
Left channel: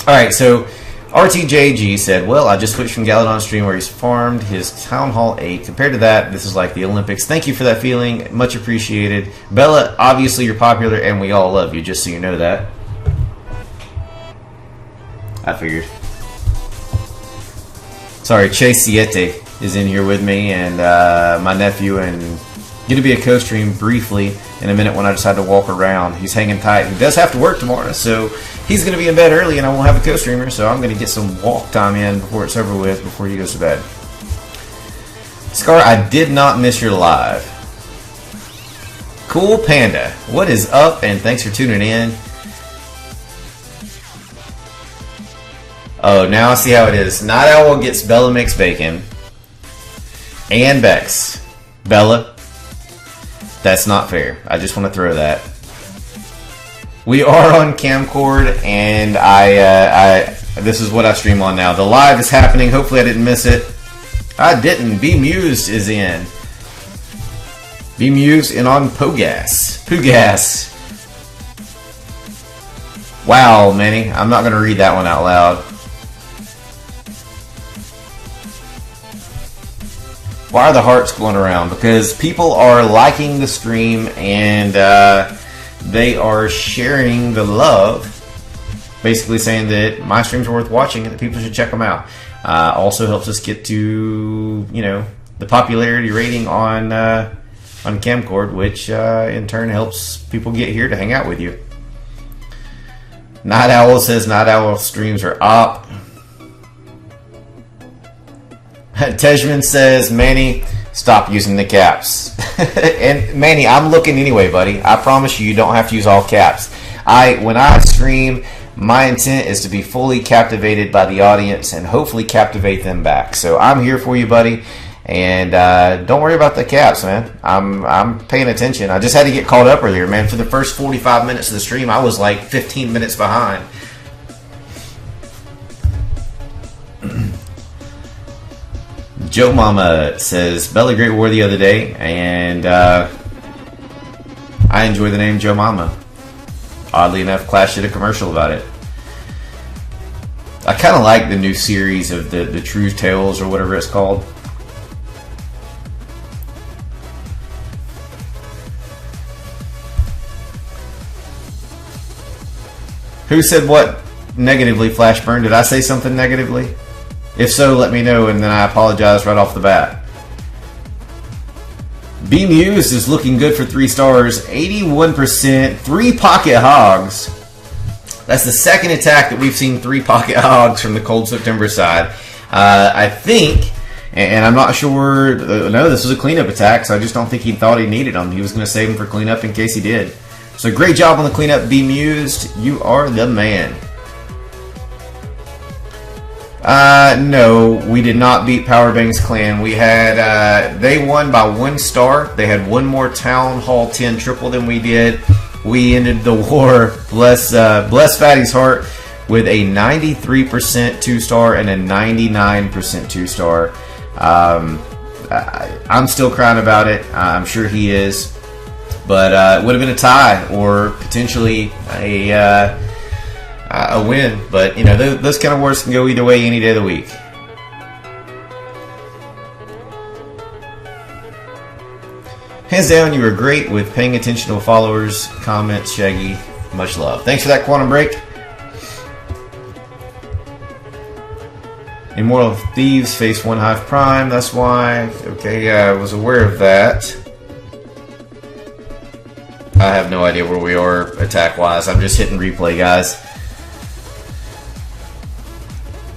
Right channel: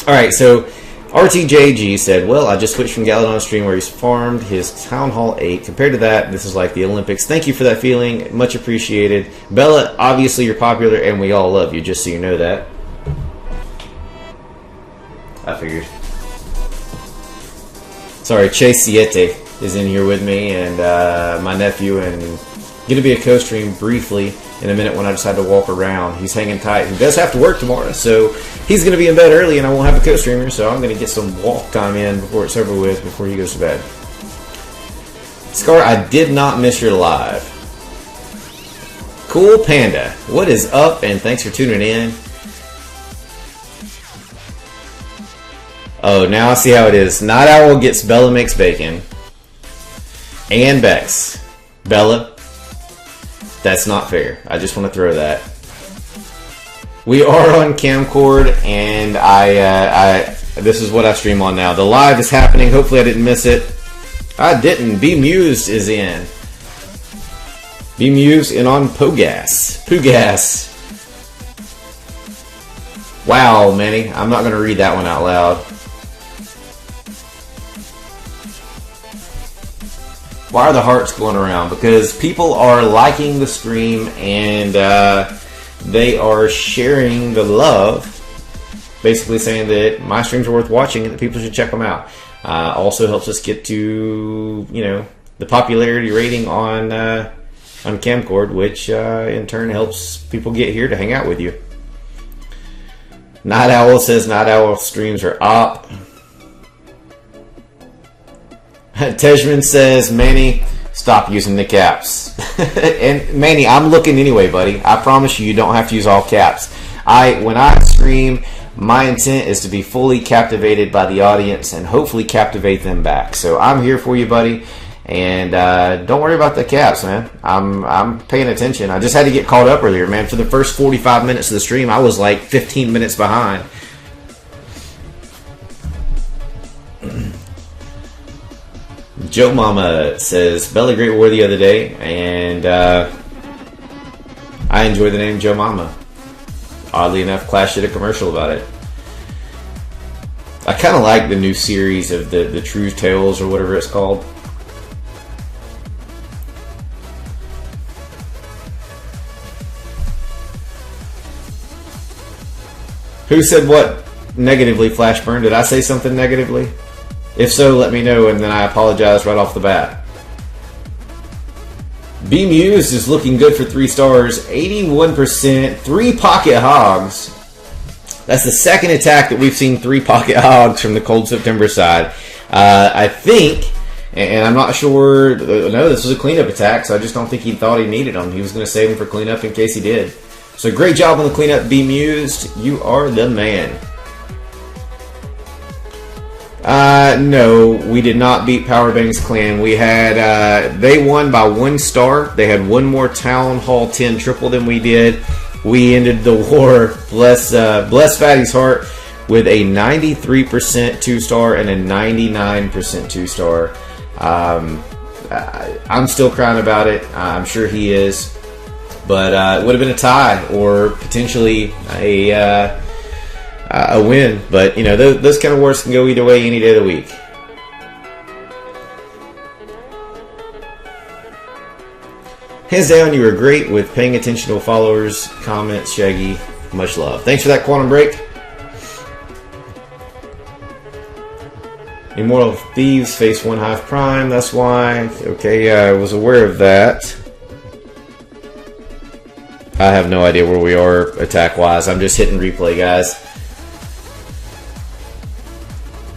Alright, so RTJG said, well, I just switched from Galadon stream where he's farmed his Town Hall 8. Compared to that, this is like the Olympics. Thank you for that feeling. Much appreciated. Bella, obviously you're popular and we all love you, just so you know that. I figured. Sorry, Chase Siete is in here with me, and my nephew and Going to be a co-stream briefly in a minute when I decide to walk around. He's hanging tight. He does have to work tomorrow, so he's going to be in bed early, and I won't have a co-streamer, so I'm going to get some walk time in before it's over with, before he goes to bed. Scar, I did not miss your live. Cool Panda, what is up, and thanks for tuning in. Oh, now I see how it is. Night Owl gets Bella Makes Bacon and Bex. Bella, that's not fair. I just want to throw that. We are on Camcord, and this is what I stream on now. The live is happening. Hopefully I didn't miss it. I didn't. Be Mused is in. Be Mused and on Pogas. Pugas. Wow, Manny. I'm not going to read that one out loud. Why are the hearts going around? Because people are liking the stream and they are sharing the love. Basically saying that my streams are worth watching and that people should check them out. Also helps us get to, you know, the popularity rating on Camcord, which in turn helps people get here to hang out with you. Night Owl says Night Owl streams are up. Tejman says, Manny, stop using the caps. And Manny, I'm looking anyway, buddy. I promise you don't have to use all caps. When I stream, my intent is to be fully captivated by the audience and hopefully captivate them back. So I'm here for you, buddy. And don't worry about the caps, man. I'm paying attention. I just had to get caught up earlier, man. For the first 45 minutes of the stream, I was like 15 minutes behind. Joe Mama says, Bella Great War the other day, and I enjoy the name Joe Mama. Oddly enough, Clash did a commercial about it. I kind of like the new series of the True Tales or whatever it's called. Who said what negatively, Flashburn? Did I say something negatively? If so, let me know, and then I apologize right off the bat. Be Mused is looking good for 3 stars. 81%. 3 pocket hogs. That's the second attack that we've seen 3 pocket hogs from the Cold September side. I think, and I'm not sure, no, this was a cleanup attack, so I just don't think he thought he needed them. He was going to save them for cleanup in case he did. So great job on the cleanup, Be Mused. You are the man. No, we did not beat Powerbang's clan. We had, they won by 1 star. They had 1 more Town Hall 10 triple than we did. We ended the war, bless Fatty's heart, with a 93% 2-star and a 99% 2-star. I'm still crying about it. I'm sure he is. But it would have been a tie or potentially a win. But, you know, those kind of wars can go either way any day of the week. Hands down, you were great with paying attention to followers, comments, Shaggy. Much love. Thanks for that, Quantum Break. Immortal Thieves face 1 Hive Prime. That's why. Okay, yeah, I was aware of that. I have no idea where we are attack-wise. I'm just hitting replay, guys.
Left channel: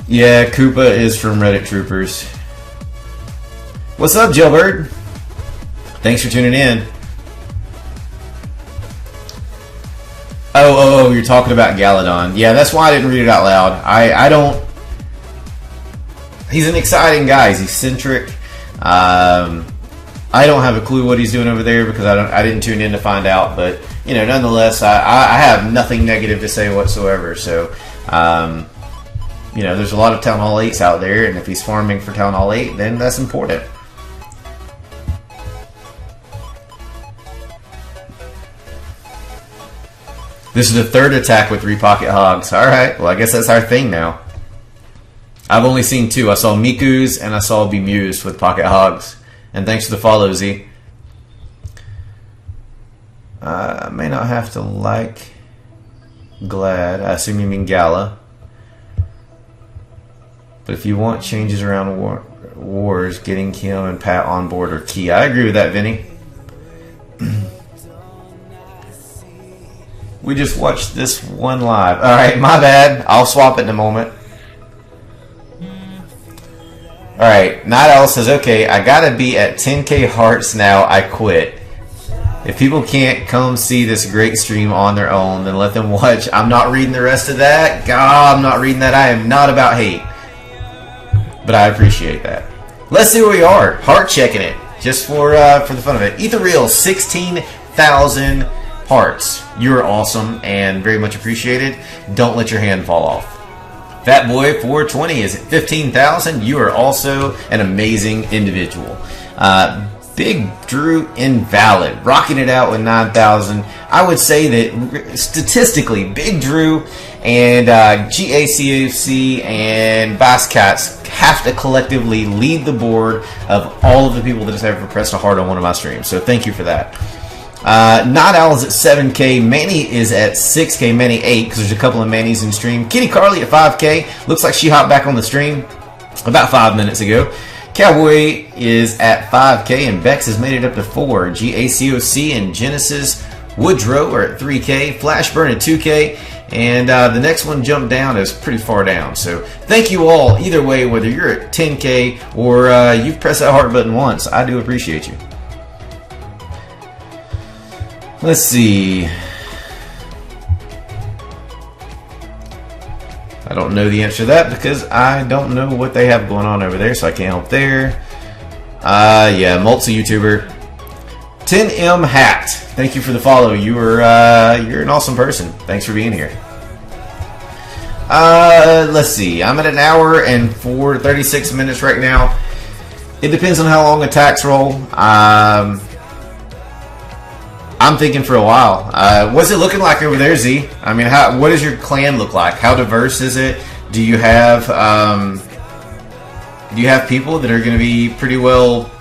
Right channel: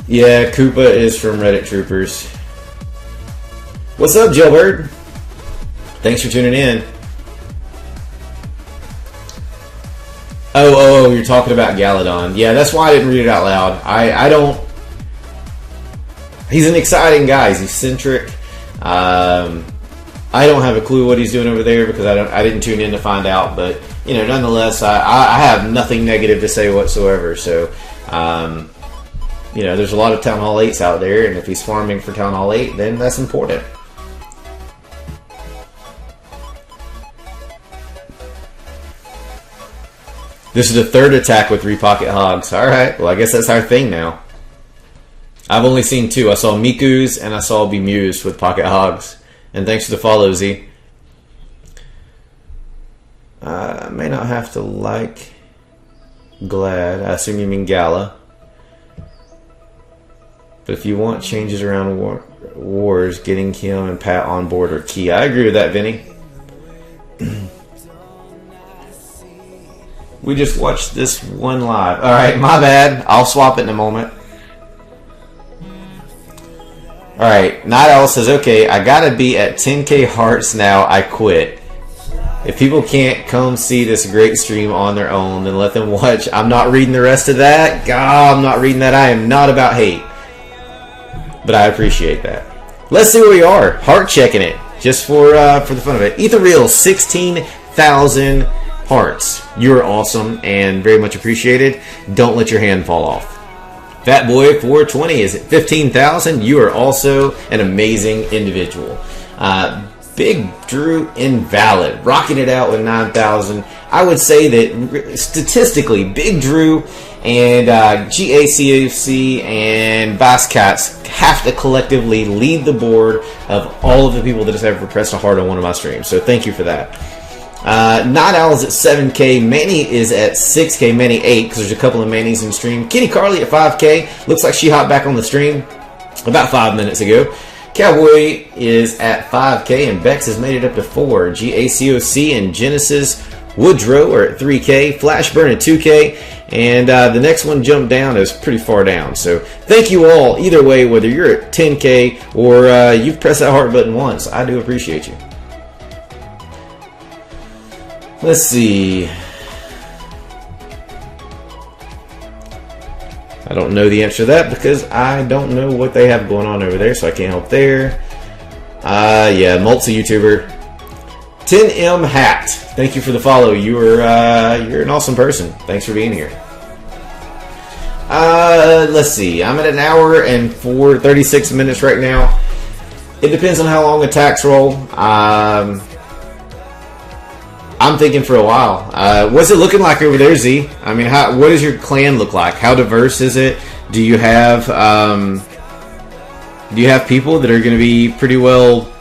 Yeah, Koopa is from Reddit Troopers. What's up, Jailbird? Thanks for tuning in. Oh, you're talking about Galadon. Yeah, that's why I didn't read it out loud. I don't... He's an exciting guy. He's eccentric. I don't have a clue what he's doing over there because I didn't tune in to find out. But, you know, nonetheless, I have nothing negative to say whatsoever. So, you know, there's a lot of Town Hall 8s out there, and if he's farming for Town Hall 8, then that's important. This is the 3rd attack with 3 pocket hogs. Alright, well I guess that's our thing now. I've only seen 2. I saw Miku's and I saw Bemused with pocket hogs. And thanks for the follow, Z. I may not have to like Glad. I assume you mean Gala. But if you want changes around wars, getting Kim and Pat on board are key. I agree with that, Vinny. We just watched this one live. Alright, my bad. I'll swap it in a moment. Alright, Night Owl says, okay, I gotta be at 10k hearts now. I quit. If people can't come see this great stream on their own, then let them watch. I'm not reading the rest of that. God, I'm not reading that. I am not about hate. But I appreciate that. Let's see where we are. Heart checking it. Just for the fun of it. Ethan Real, 16,000 hearts. You're awesome and very much appreciated. Don't let your hand fall off. Fat Boy 420 is at 15,000. You are also an amazing individual. Big Drew Invalid, rocking it out with 9,000. I would say that statistically, Big Drew and GACOC and Bass Cats have to collectively lead the board of all of the people that have ever pressed a heart on one of my streams. So thank you for that. Night Owl is at 7K. Manny is at 6K. Manny 8, because there's a couple of Manny's in stream. Kenny Carly at 5K. Looks like she hopped back on the stream about 5 minutes ago. Cowboy is at 5K, and Bex has made it up to 4. GACOC and Genesis Woodrow are at 3K. Flashburn at 2K. And the next one jumped down is pretty far down. So thank you all. Either way, whether you're at 10K or you've pressed that heart button once, I do appreciate you. Let's see. I don't know the answer to that because I don't know what they have going on over there, so I can't help there. Yeah, multi-YouTuber. 10M Hacked. Thank you for the follow. You're an awesome person. Thanks for being here. Let's see. I'm at an hour and 36 minutes right now. It depends on how long attacks roll. I'm thinking for a while. What's it looking like over there, Z? I mean, what does your clan look like? How diverse is it? Do you have people that are going to be pretty well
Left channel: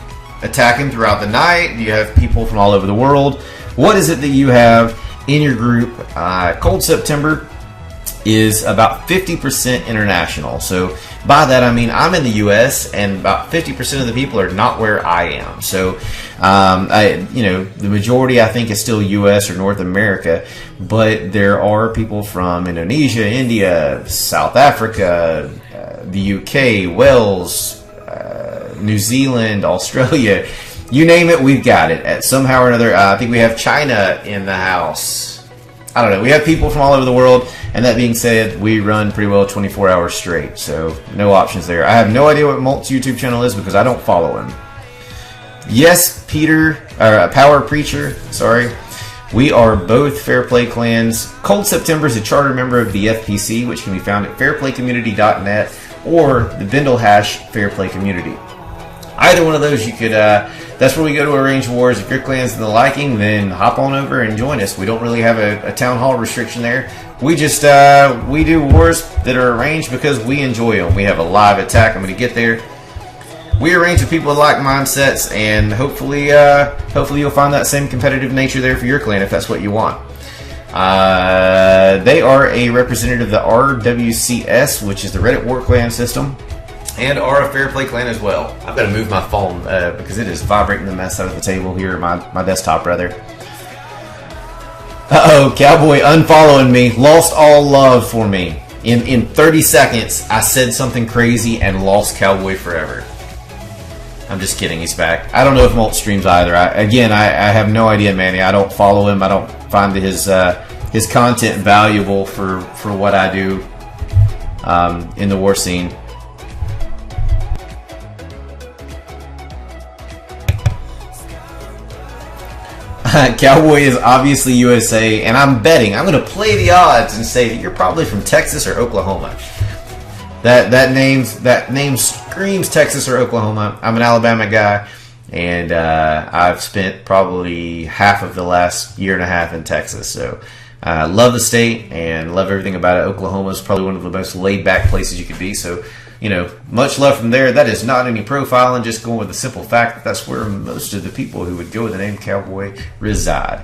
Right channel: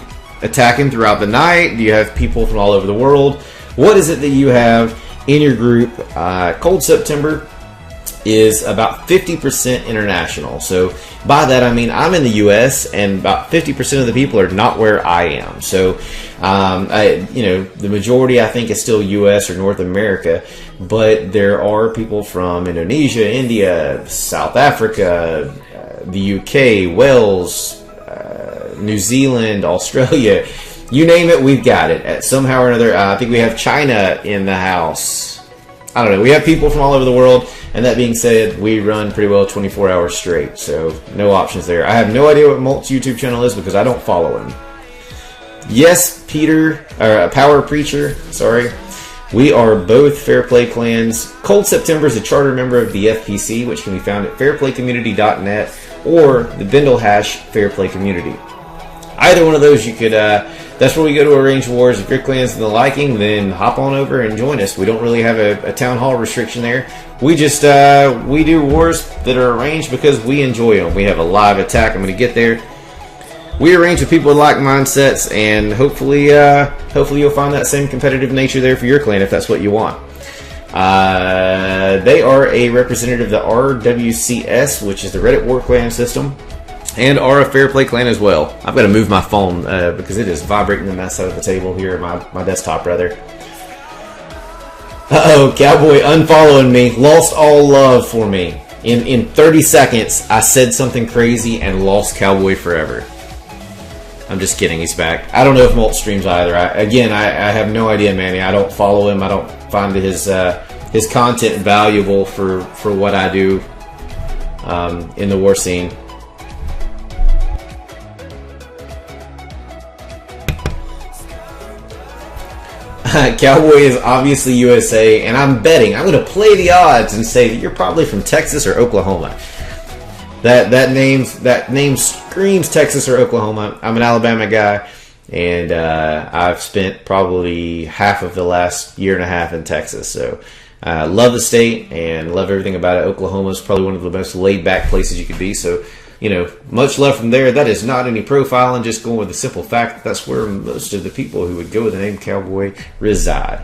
attacking throughout the night? Do you have people from all over the world? What is it that you have in your group? Cold September is about 50% international. So by that I mean I'm in the U.S. and about 50% of the people are not where I am. So the majority I think is still U.S. or North America, but there are people from Indonesia, India, South Africa, the U.K., Wales, New Zealand, Australia. You name it, we've got it. Somehow or another, I think we have China in the house. I don't know. We have people from all over the world. And that being said, we run pretty well 24 hours straight. So no options there. I have no idea what Malt's YouTube channel is because I don't follow him. Yes, Peter, or Power Preacher, sorry. We are both Fair Play clans. Cold September is a charter member of the FPC, which can be found at fairplaycommunity.net or the Bindle hash Fairplay Community. Either one of those you could, that's where we go to arrange wars. If your clan's in the liking, then hop on over and join us. We don't really have a town hall restriction there. We just, we do wars that are arranged because we enjoy them. We have a live attack. I'm going to get there. We arrange with people with like mindsets, and hopefully you'll find that same competitive nature there for your clan if that's what you want. They are a representative of the RWCS, which is the Reddit War Clan system, and are a Fair Play clan as well. I'm going to move my phone because it is vibrating the mess out of the table here at my desktop, rather. Uh-oh, Cowboy unfollowing me. Lost all love for me. In 30 seconds, I said something crazy and lost Cowboy forever. I'm just kidding, he's back. I don't know if Malt streams either. I have no idea, Manny. I don't follow him. I don't find his content valuable for what I do in the war scene. Cowboy is obviously USA, and I'm betting, I'm going to play the odds and say that you're probably from Texas or Oklahoma. That name screams Texas or Oklahoma. I'm an Alabama guy, and I've spent probably half of the last year and a half in Texas. So love the state and love everything about it. Oklahoma is probably one of the most laid-back places you could be. So, much love from there. That is not any profiling, just going with the simple fact that that's where most of the people who would go with the name Cowboy reside.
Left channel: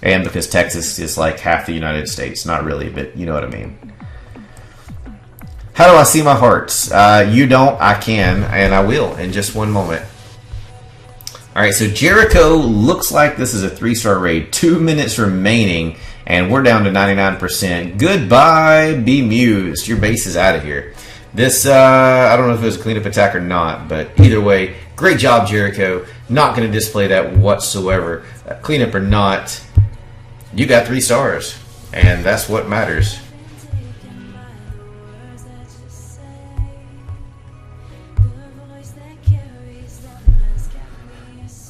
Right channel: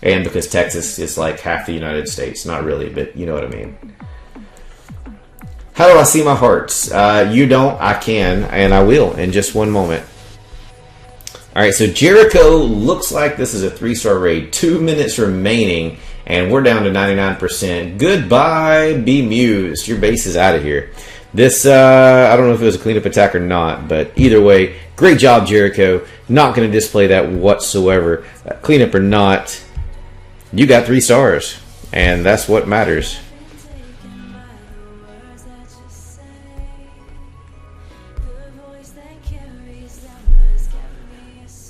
And because Texas is like half the United States. Not really, but you know what I mean. How do I see my hearts? You don't, I can, and I will in just one moment. Alright, so Jericho looks like this is a 3-star raid. 2 minutes remaining, And we're down to 99%. Goodbye, Bemused. Your base is out of here. This, I don't know if it was a cleanup attack or not, but either way, great job, Jericho. Not going to display that whatsoever. Cleanup or not, you got 3 stars, and that's what matters.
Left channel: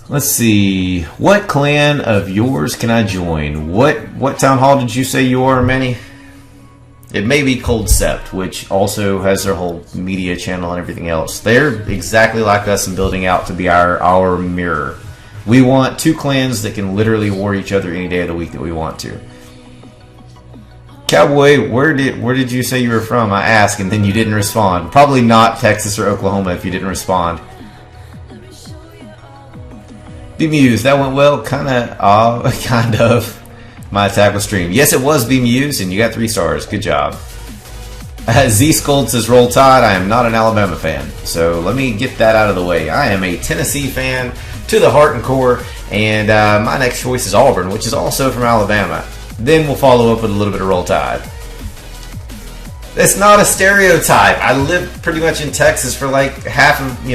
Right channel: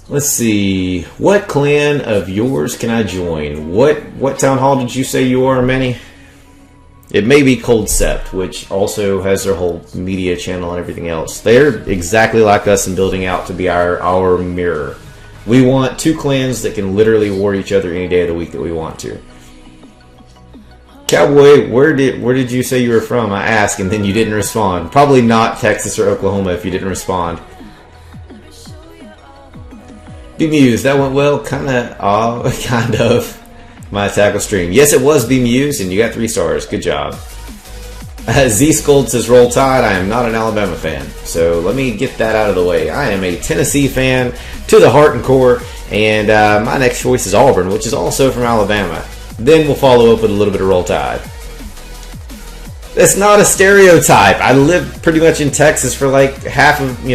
Let's see. What clan of yours can I join? What town hall did you say you are, Manny? It may be Cold Sept, which also has their whole media channel and everything else. They're exactly like us in building out to be our mirror. We want 2 clans that can literally war each other any day of the week that we want to. Cowboy, where did you say you were from? I asked, and then you didn't respond. Probably not Texas or Oklahoma if you didn't respond. Bemused, that went well. Kind of. My attack was streamed. Yes, it was Bemused, and you got 3 stars. Good job. Z-Scold says, Roll Tide. I am not an Alabama fan. So let me get that out of the way. I am a Tennessee fan to the heart and core, and my next choice is Auburn, which is also from Alabama. Then we'll follow up with a little bit of Roll Tide. That's not a stereotype. I lived pretty much in Texas for like half of,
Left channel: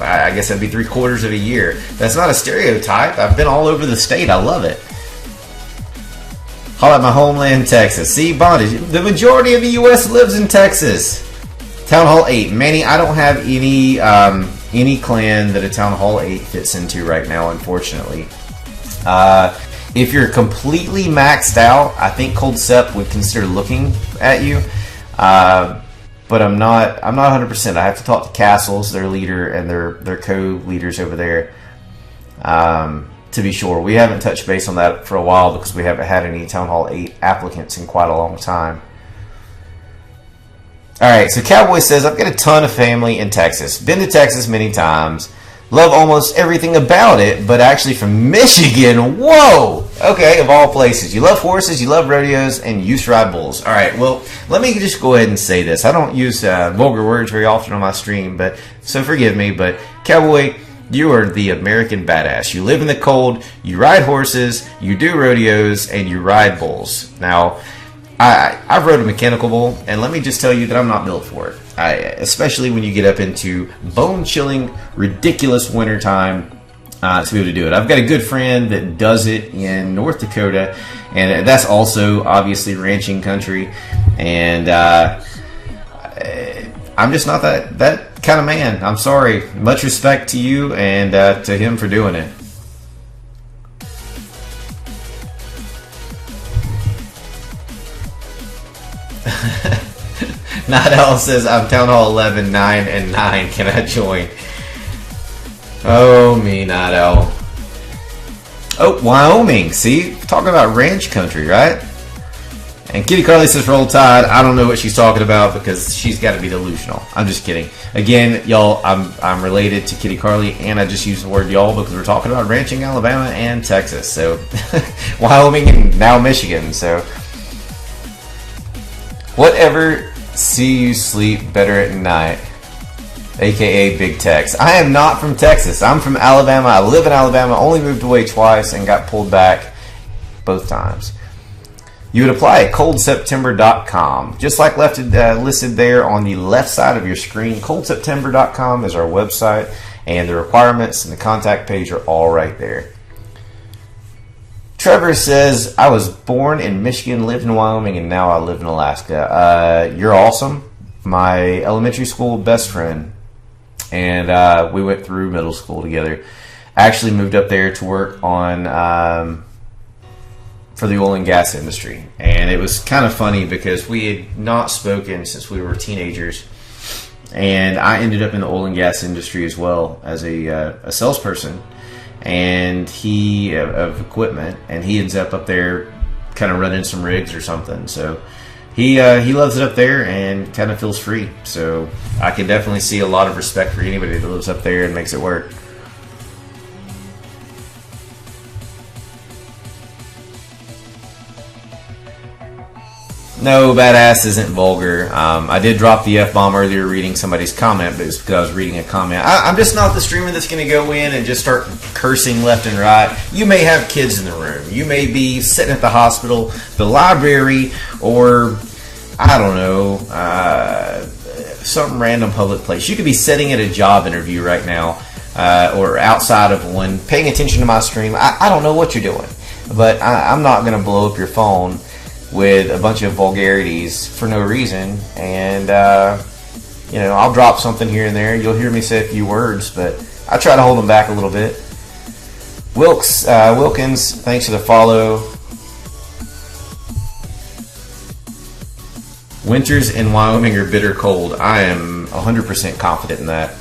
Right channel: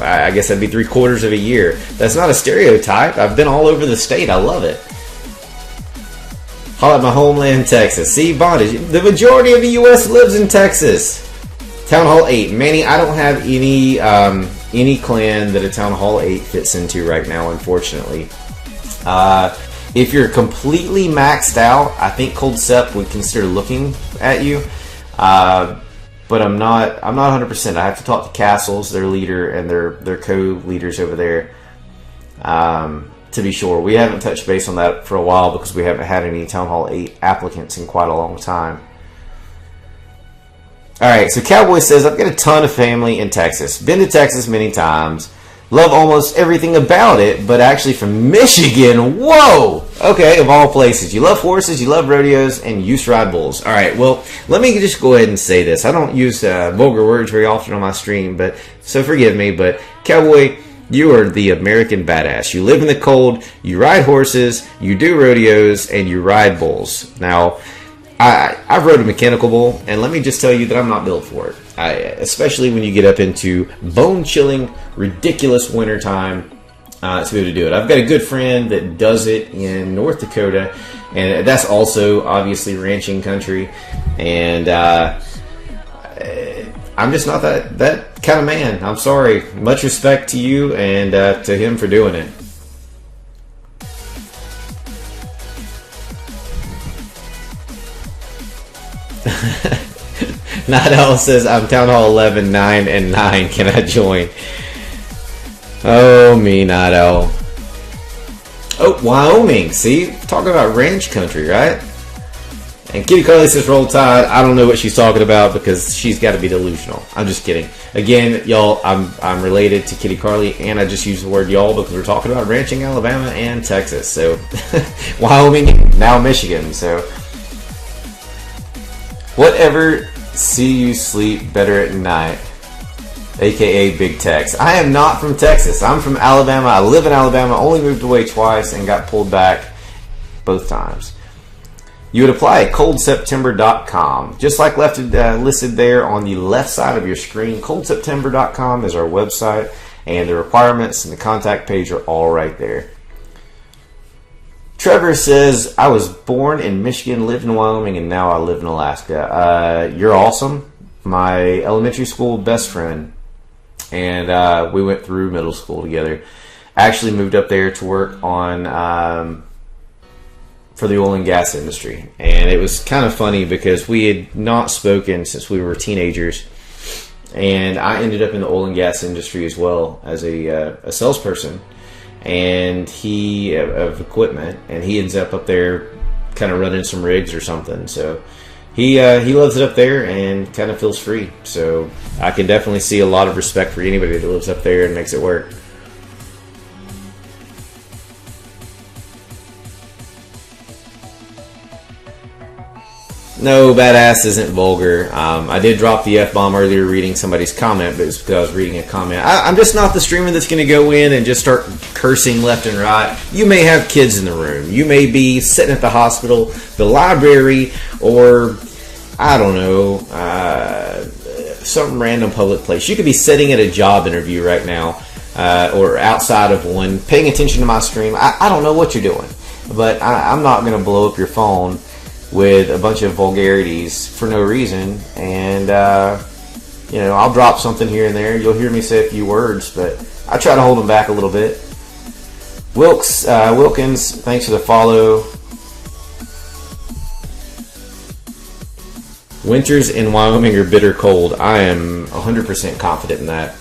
I guess that'd be 3/4 of a year. That's not a stereotype. I've been all over the state. I love it. Holla at my homeland, Texas. See, bondage. The majority of the U.S. lives in Texas. Town Hall 8. Manny, I don't have any clan that a Town Hall 8 fits into right now, unfortunately. If you're completely maxed out, I think Cold Sept would consider looking at you. But I'm not 100%. I have to talk to Castles, their leader, and their co-leaders over there. To be sure, we haven't touched base on that for a while because we haven't had any Town Hall 8 applicants in quite a long time. Alright, so Cowboy says, I've got a ton of family in Texas. Been to Texas many times. Love almost everything about it, but actually from Michigan. Whoa! Okay, of all places. You love horses, you love rodeos, and you used to ride bulls. Alright, well, let me just go ahead and say this. I don't use vulgar words very often on my stream, so forgive me, but Cowboy, you are the American badass. You live in the cold, you ride horses, you do rodeos, and you ride bulls. Now, I've rode a mechanical bull, and let me just tell you that I'm not built for it. Especially when you get up into bone-chilling, ridiculous wintertime to be able to do it. I've got a good friend that does it in North Dakota, and that's also obviously ranching country. And I'm just not that kind of man. I'm sorry. Much respect to you and to him for doing it. Nadal says, I'm Town Hall 11, 9, and 9. Can I join? Oh, me, Nadal. Oh, Wyoming. See? Talking about ranch country, right? And Kitty Carly says, Roll Tide. I don't know what she's talking about because she's got to be delusional. I'm just kidding. Again, y'all, I'm related to Kitty Carly, and I just use the word y'all because we're talking about ranching Alabama and Texas. So, Wyoming and now Michigan. So, whatever. See you sleep better at night, aka Big Tex. I am not from Texas. I'm from Alabama. I live in Alabama. Only moved away twice and got pulled back both times. You would apply at coldseptember.com, just like listed there on the left side of your screen. Coldseptember.com is our website, and the requirements and the contact page are all right there. Trevor says, I was born in Michigan, lived in Wyoming, and now I live in Alaska. You're awesome. My elementary school best friend. And we went through middle school together. Actually moved up there to work on for the oil and gas industry. And it was kind of funny because we had not spoken since we were teenagers. And I ended up in the oil and gas industry as well as a salesperson. And he of equipment, and he ends up there kind of running some rigs or something. So he loves it up there and kind of feels free. So I can definitely see a lot of respect for anybody that lives up there and makes it work. No, badass isn't vulgar. I did drop the F-bomb earlier reading somebody's comment, but it's because I was reading a comment. I'm just not the streamer that's going to go in and just start cursing left and right. You may have kids in the room. You may be sitting at the hospital, the library, or, I don't know, some random public place. You could be sitting at a job interview right now, or outside of one, paying attention to my stream. I don't know what you're doing, but I'm not going to blow up your phone with a bunch of vulgarities for no reason, and I'll drop something here and there. You'll hear me say a few words, but I try to hold them back a little bit. Wilkins, thanks for the follow. Winters in Wyoming are bitter cold. I am 100% confident in that.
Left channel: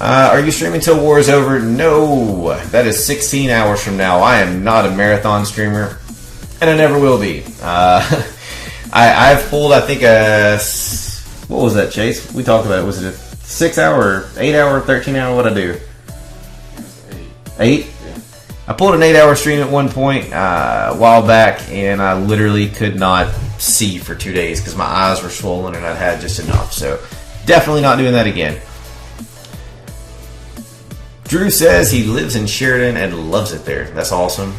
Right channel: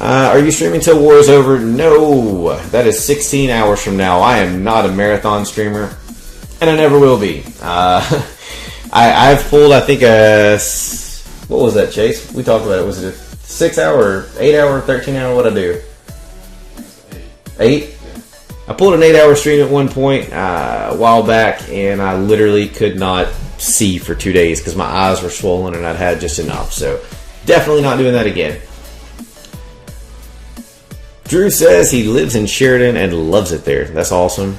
Are you streaming till war is over? No, that is 16 hours from now. I am not a marathon streamer. And I never will be. I've pulled, I think, what was that, Chase? We talked about it. Was it a 6 hour, 8 hour, 13 hour? What'd I do? 8? Yeah. I pulled an 8 hour stream at one point a while back, and I literally could not see for 2 days because my eyes were swollen and I'd had just enough. So definitely not doing that again. Drew says he lives in Sheridan and loves it there. That's awesome.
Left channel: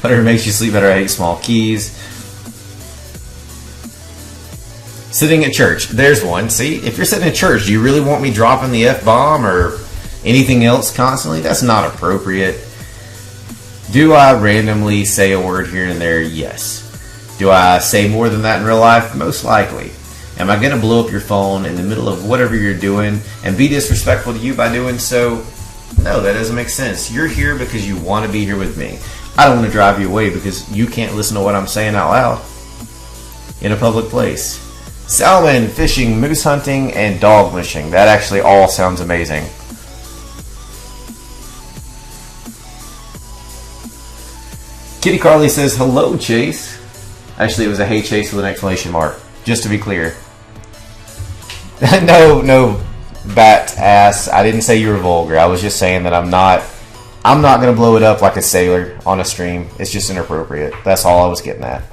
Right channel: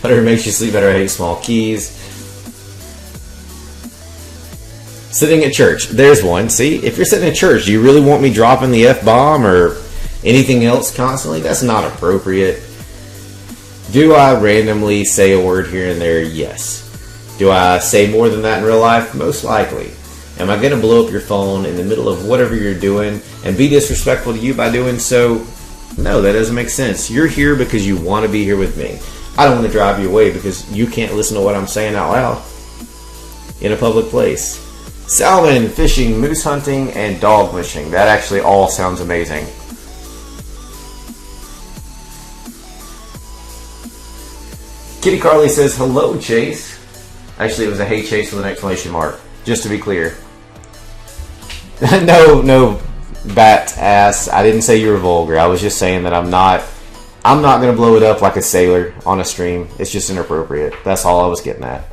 Whatever makes you sleep better. I hate small keys. Sitting at church. There's one. See, if you're sitting at church, do you really want me dropping the F-bomb or anything else constantly? That's not appropriate. Do I randomly say a word here and there? Yes. Do I say more than that in real life? Most likely. Am I going to blow up your phone in the middle of whatever you're doing and be disrespectful to you by doing so? No, that doesn't make sense. You're here because you want to be here with me. I don't want to drive you away because you can't listen to what I'm saying out loud in a public place. Salmon, fishing, moose hunting, and dog mushing. That actually all sounds amazing. Kitty Carly says, hello, Chase. Actually, it was a hey, Chase with an exclamation mark. Just to be clear. No, bat ass. I didn't say you were vulgar. I was just saying that I'm not going to blow it up like a sailor on a stream. It's just inappropriate. That's all I was getting at.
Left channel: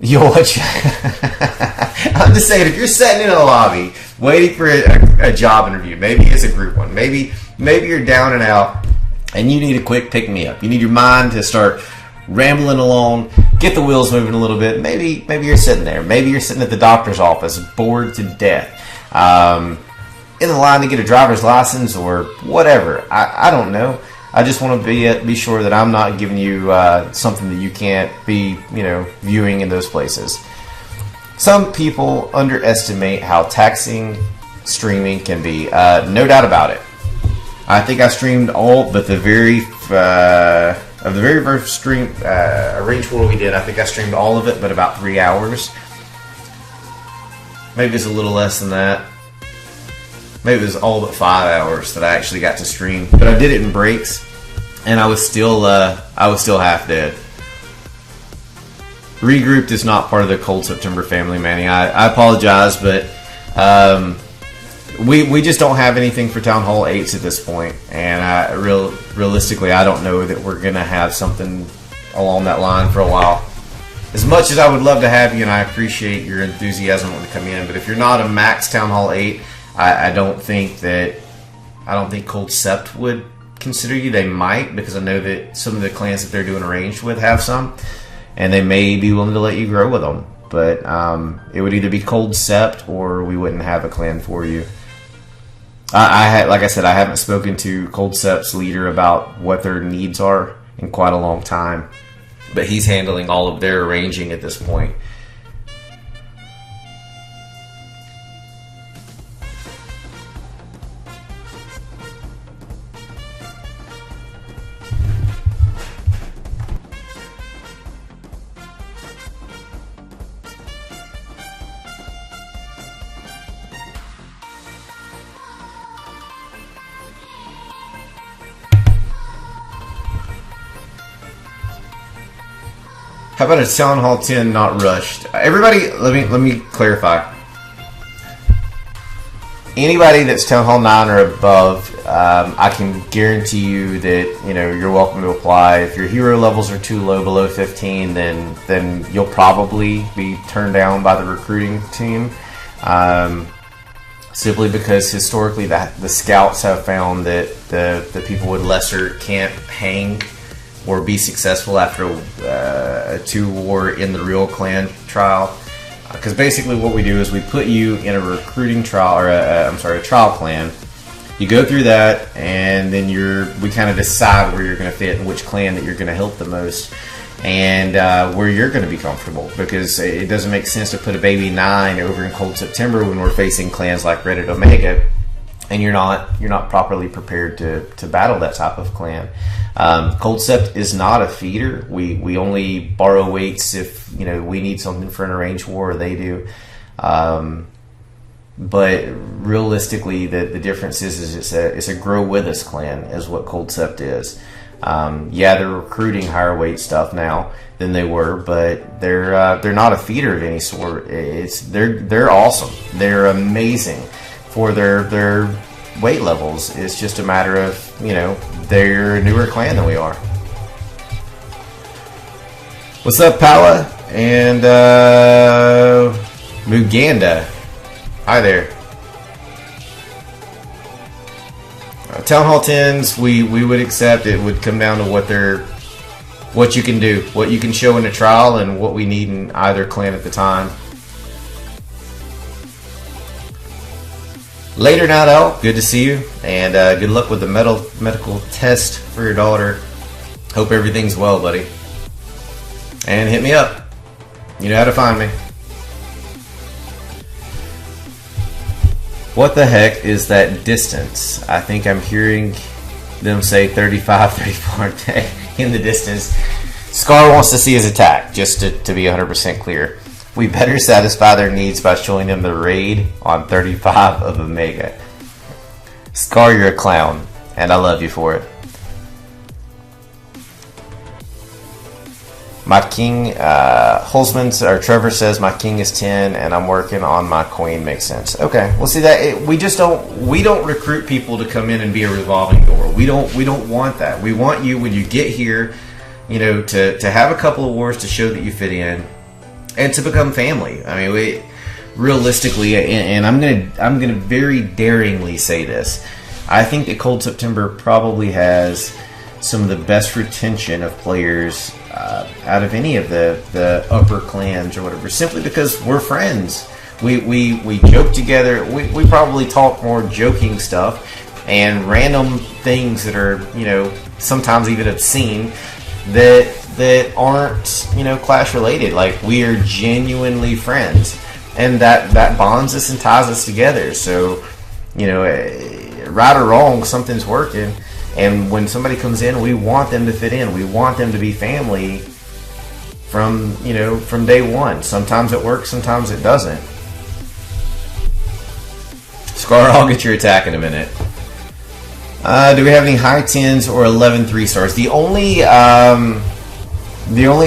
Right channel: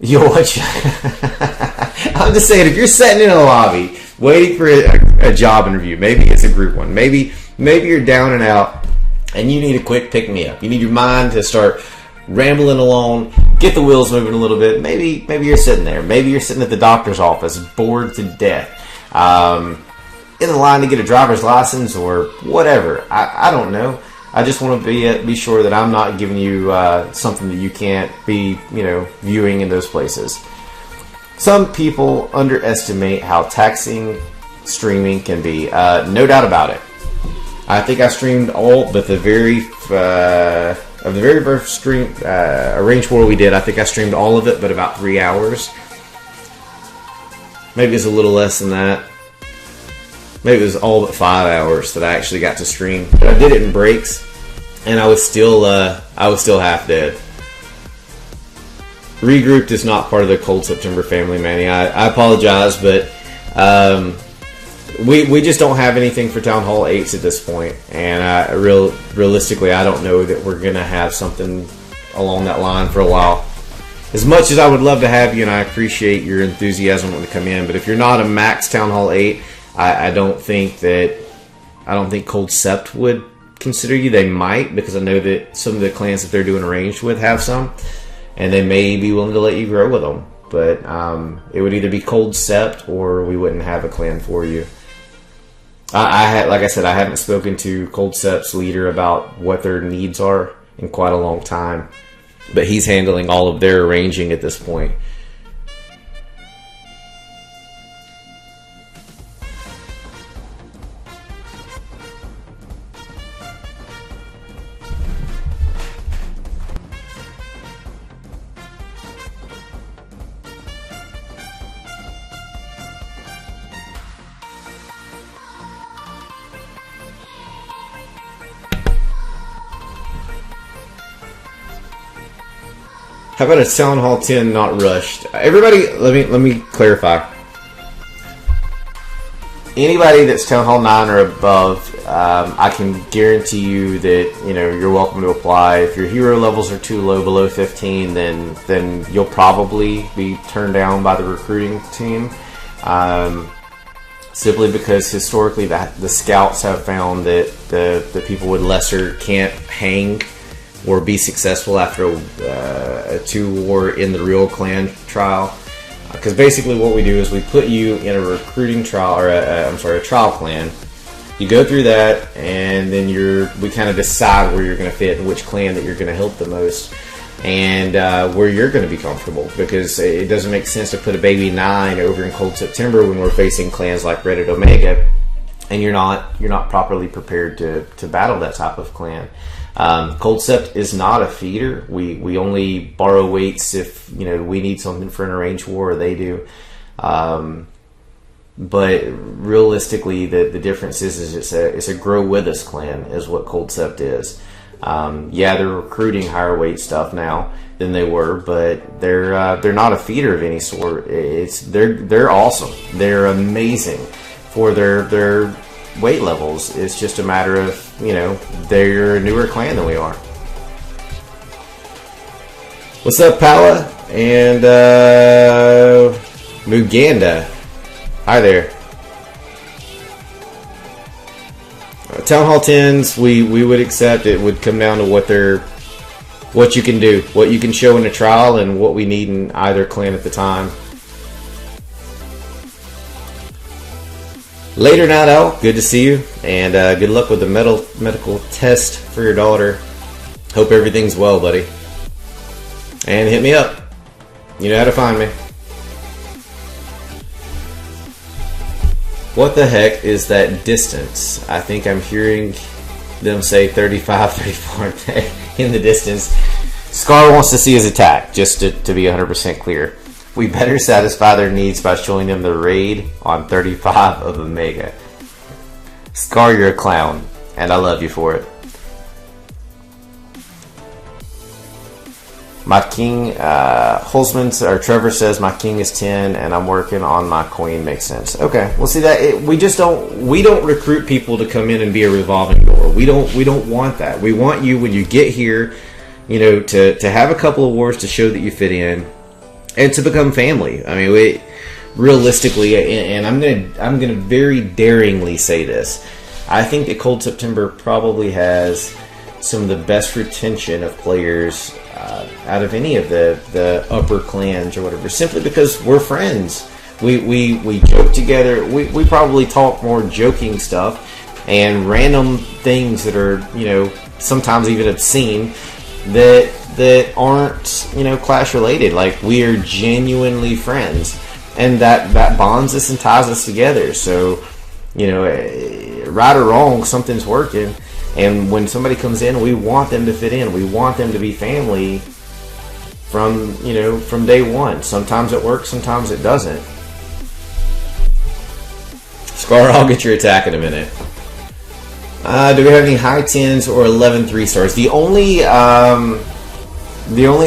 You'll watch. I'm just saying, if you're sitting in a lobby waiting for a job interview, maybe it's a group one. Maybe you're down and out and you need a quick pick me up. You need your mind to start rambling along, get the wheels moving a little bit. Maybe you're sitting there. Maybe you're sitting at the doctor's office, bored to death, in the line to get a driver's license or whatever. I don't know. I just want to be sure that I'm not giving you something that you can't be, viewing in those places. Some people underestimate how taxing streaming can be. No doubt about it. I think I streamed all but the very first stream Arrange War we did. I think I streamed all of it, but about 3 hours. Maybe it's a little less than that. Maybe it was all but 5 hours that I actually got to stream, but I did it in breaks, and I was still half dead. Regrouped is not part of the Cold September family, Manny. I apologize, but we just don't have anything for Town Hall 8s at this point, and realistically, I don't know that we're gonna have something along that line for a while. As much as I would love to have you, and I appreciate your enthusiasm when to come in, but if you're not a max Town Hall 8, I don't think Cold Sept would consider you. They might, because I know that some of the clans that they're doing arranged with have some, and they may be willing to let you grow with them. But it would either be Cold Sept or we wouldn't have a clan for you. Like I said, I haven't spoken to Cold Sept's leader about what their needs are in quite a long time, but he's handling all of their arranging at this point. How about a Town Hall 10 not rushed? Everybody, let me clarify. Anybody that's Town Hall 9 or above, I can guarantee you that you're welcome to apply. If your hero levels are too low, below 15, then you'll probably be turned down by the recruiting team. Simply because historically the scouts have found that the people with lesser can't hang or be successful after a 2-war in the real clan trial. Because basically what we do is we put you in a recruiting trial, or a trial clan. You go through that, and then we kind of decide where you're going to fit and which clan that you're going to help the most, and where you're going to be comfortable. Because it doesn't make sense to put a baby 9 over in Cold September when we're facing clans like Reddit Omega, and you're not properly prepared to battle that type of clan. Cold Sept is not a feeder. We only borrow weights if we need something for an arranged war, or they do. But realistically, the difference is it's a grow with us clan is what Cold Sept is. They're recruiting higher weight stuff now than they were, but they're not a feeder of any sort. They're awesome. They're amazing for their weight levels. It's just a matter of they're a newer clan than we are. What's up, Pala and Muganda? Hi there. Town Hall 10s, we would accept. It would come down to what you can do, what you can show in a trial, and what we need in either clan at the time. Later, Night Owl. Good to see you, and good luck with the medical test for your daughter. Hope everything's well, buddy. And hit me up. You know how to find me. What the heck is that distance? I think I'm hearing them say 35, 34 in the distance. Scar wants to see his attack, just to be 100% clear. We better satisfy their needs by showing them the raid on 35 of Omega. Scar, you're a clown, and I love you for it. My king, Holzman or Trevor says my king is 10, and I'm working on my queen. Makes sense. Okay, well, see that we don't recruit people to come in and be a revolving door. We don't want that. We want you when you get here, to have a couple of wars to show that you fit in. And to become family. I mean, realistically, and I'm gonna very daringly say this. I think that Cold September probably has some of the best retention of players out of any of the upper clans or whatever. Simply because we're friends. We joke together. We probably talk more joking stuff and random things that are sometimes even obscene. That aren't clash related. Like, we are genuinely friends, and that bonds us and ties us together. So right or wrong, something's working, and when somebody comes in, we want them to fit in. We want them to be family from day one. Sometimes it works, sometimes it doesn't. Scar, I'll get your attack in a minute. Do we have any high 10s or 11 3-stars? The only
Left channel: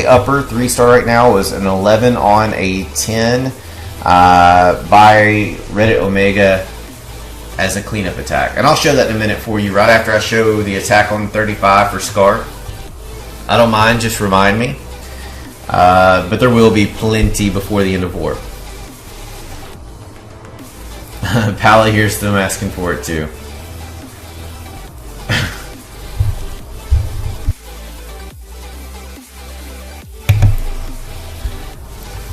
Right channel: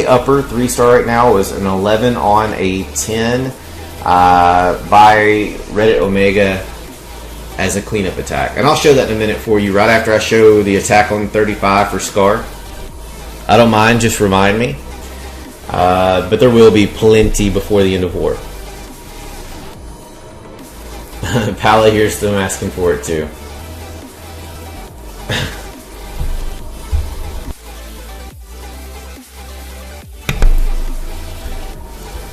upper 3-star right now was an 11 on a 10 by Reddit Omega as a cleanup attack. And I'll show that in a minute for you right after I show the attack on 35 for Scar. I don't mind, just remind me. But there will be plenty before the end of war. Pala here's them asking for it too.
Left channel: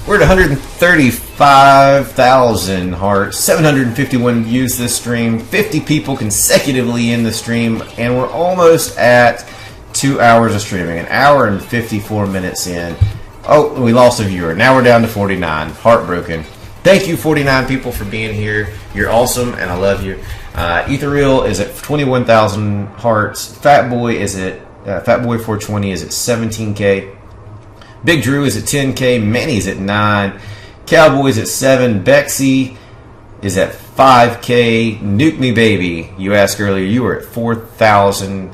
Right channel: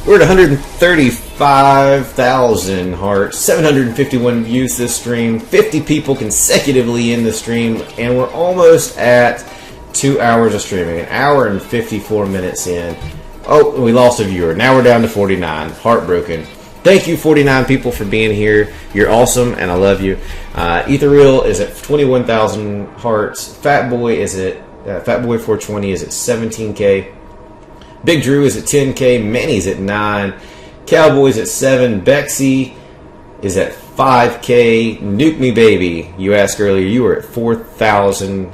We're at 135,000 hearts, 751 views this stream, 50 people consecutively in the stream, and we're almost at 2 hours of streaming, an hour and 54 minutes in. Oh, we lost a viewer. Now we're down to 49. Heartbroken. Thank you, 49 people, for being here. You're awesome, and I love you. Ethereal is at 21,000 hearts. Fatboy420 is at 17K. Big Drew is at 10K. Manny's at 9. Cowboys at 7. Bexy is at 5K, Nuke Me Baby. You asked earlier, you were at 4,000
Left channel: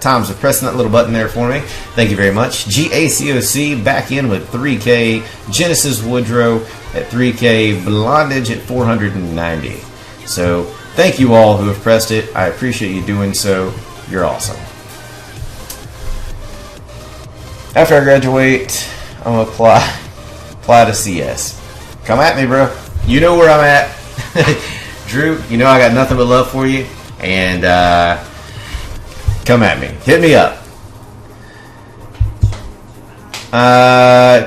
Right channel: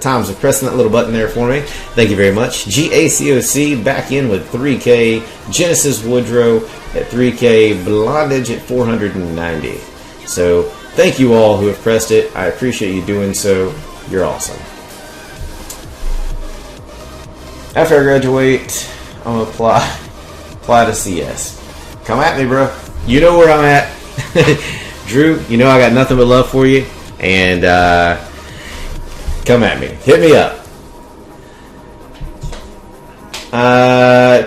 times of pressing that little button there for me. Thank you very much. GACOC back in with 3K. Genesis Woodrow at 3K. Blondage at 490. So thank you all who have pressed it. I appreciate you doing so. You're awesome. After I graduate, I'm going to apply to CS. Come at me, bro. You know where I'm at. Drew, you know I got nothing but love for you. And come at me. Hit me up.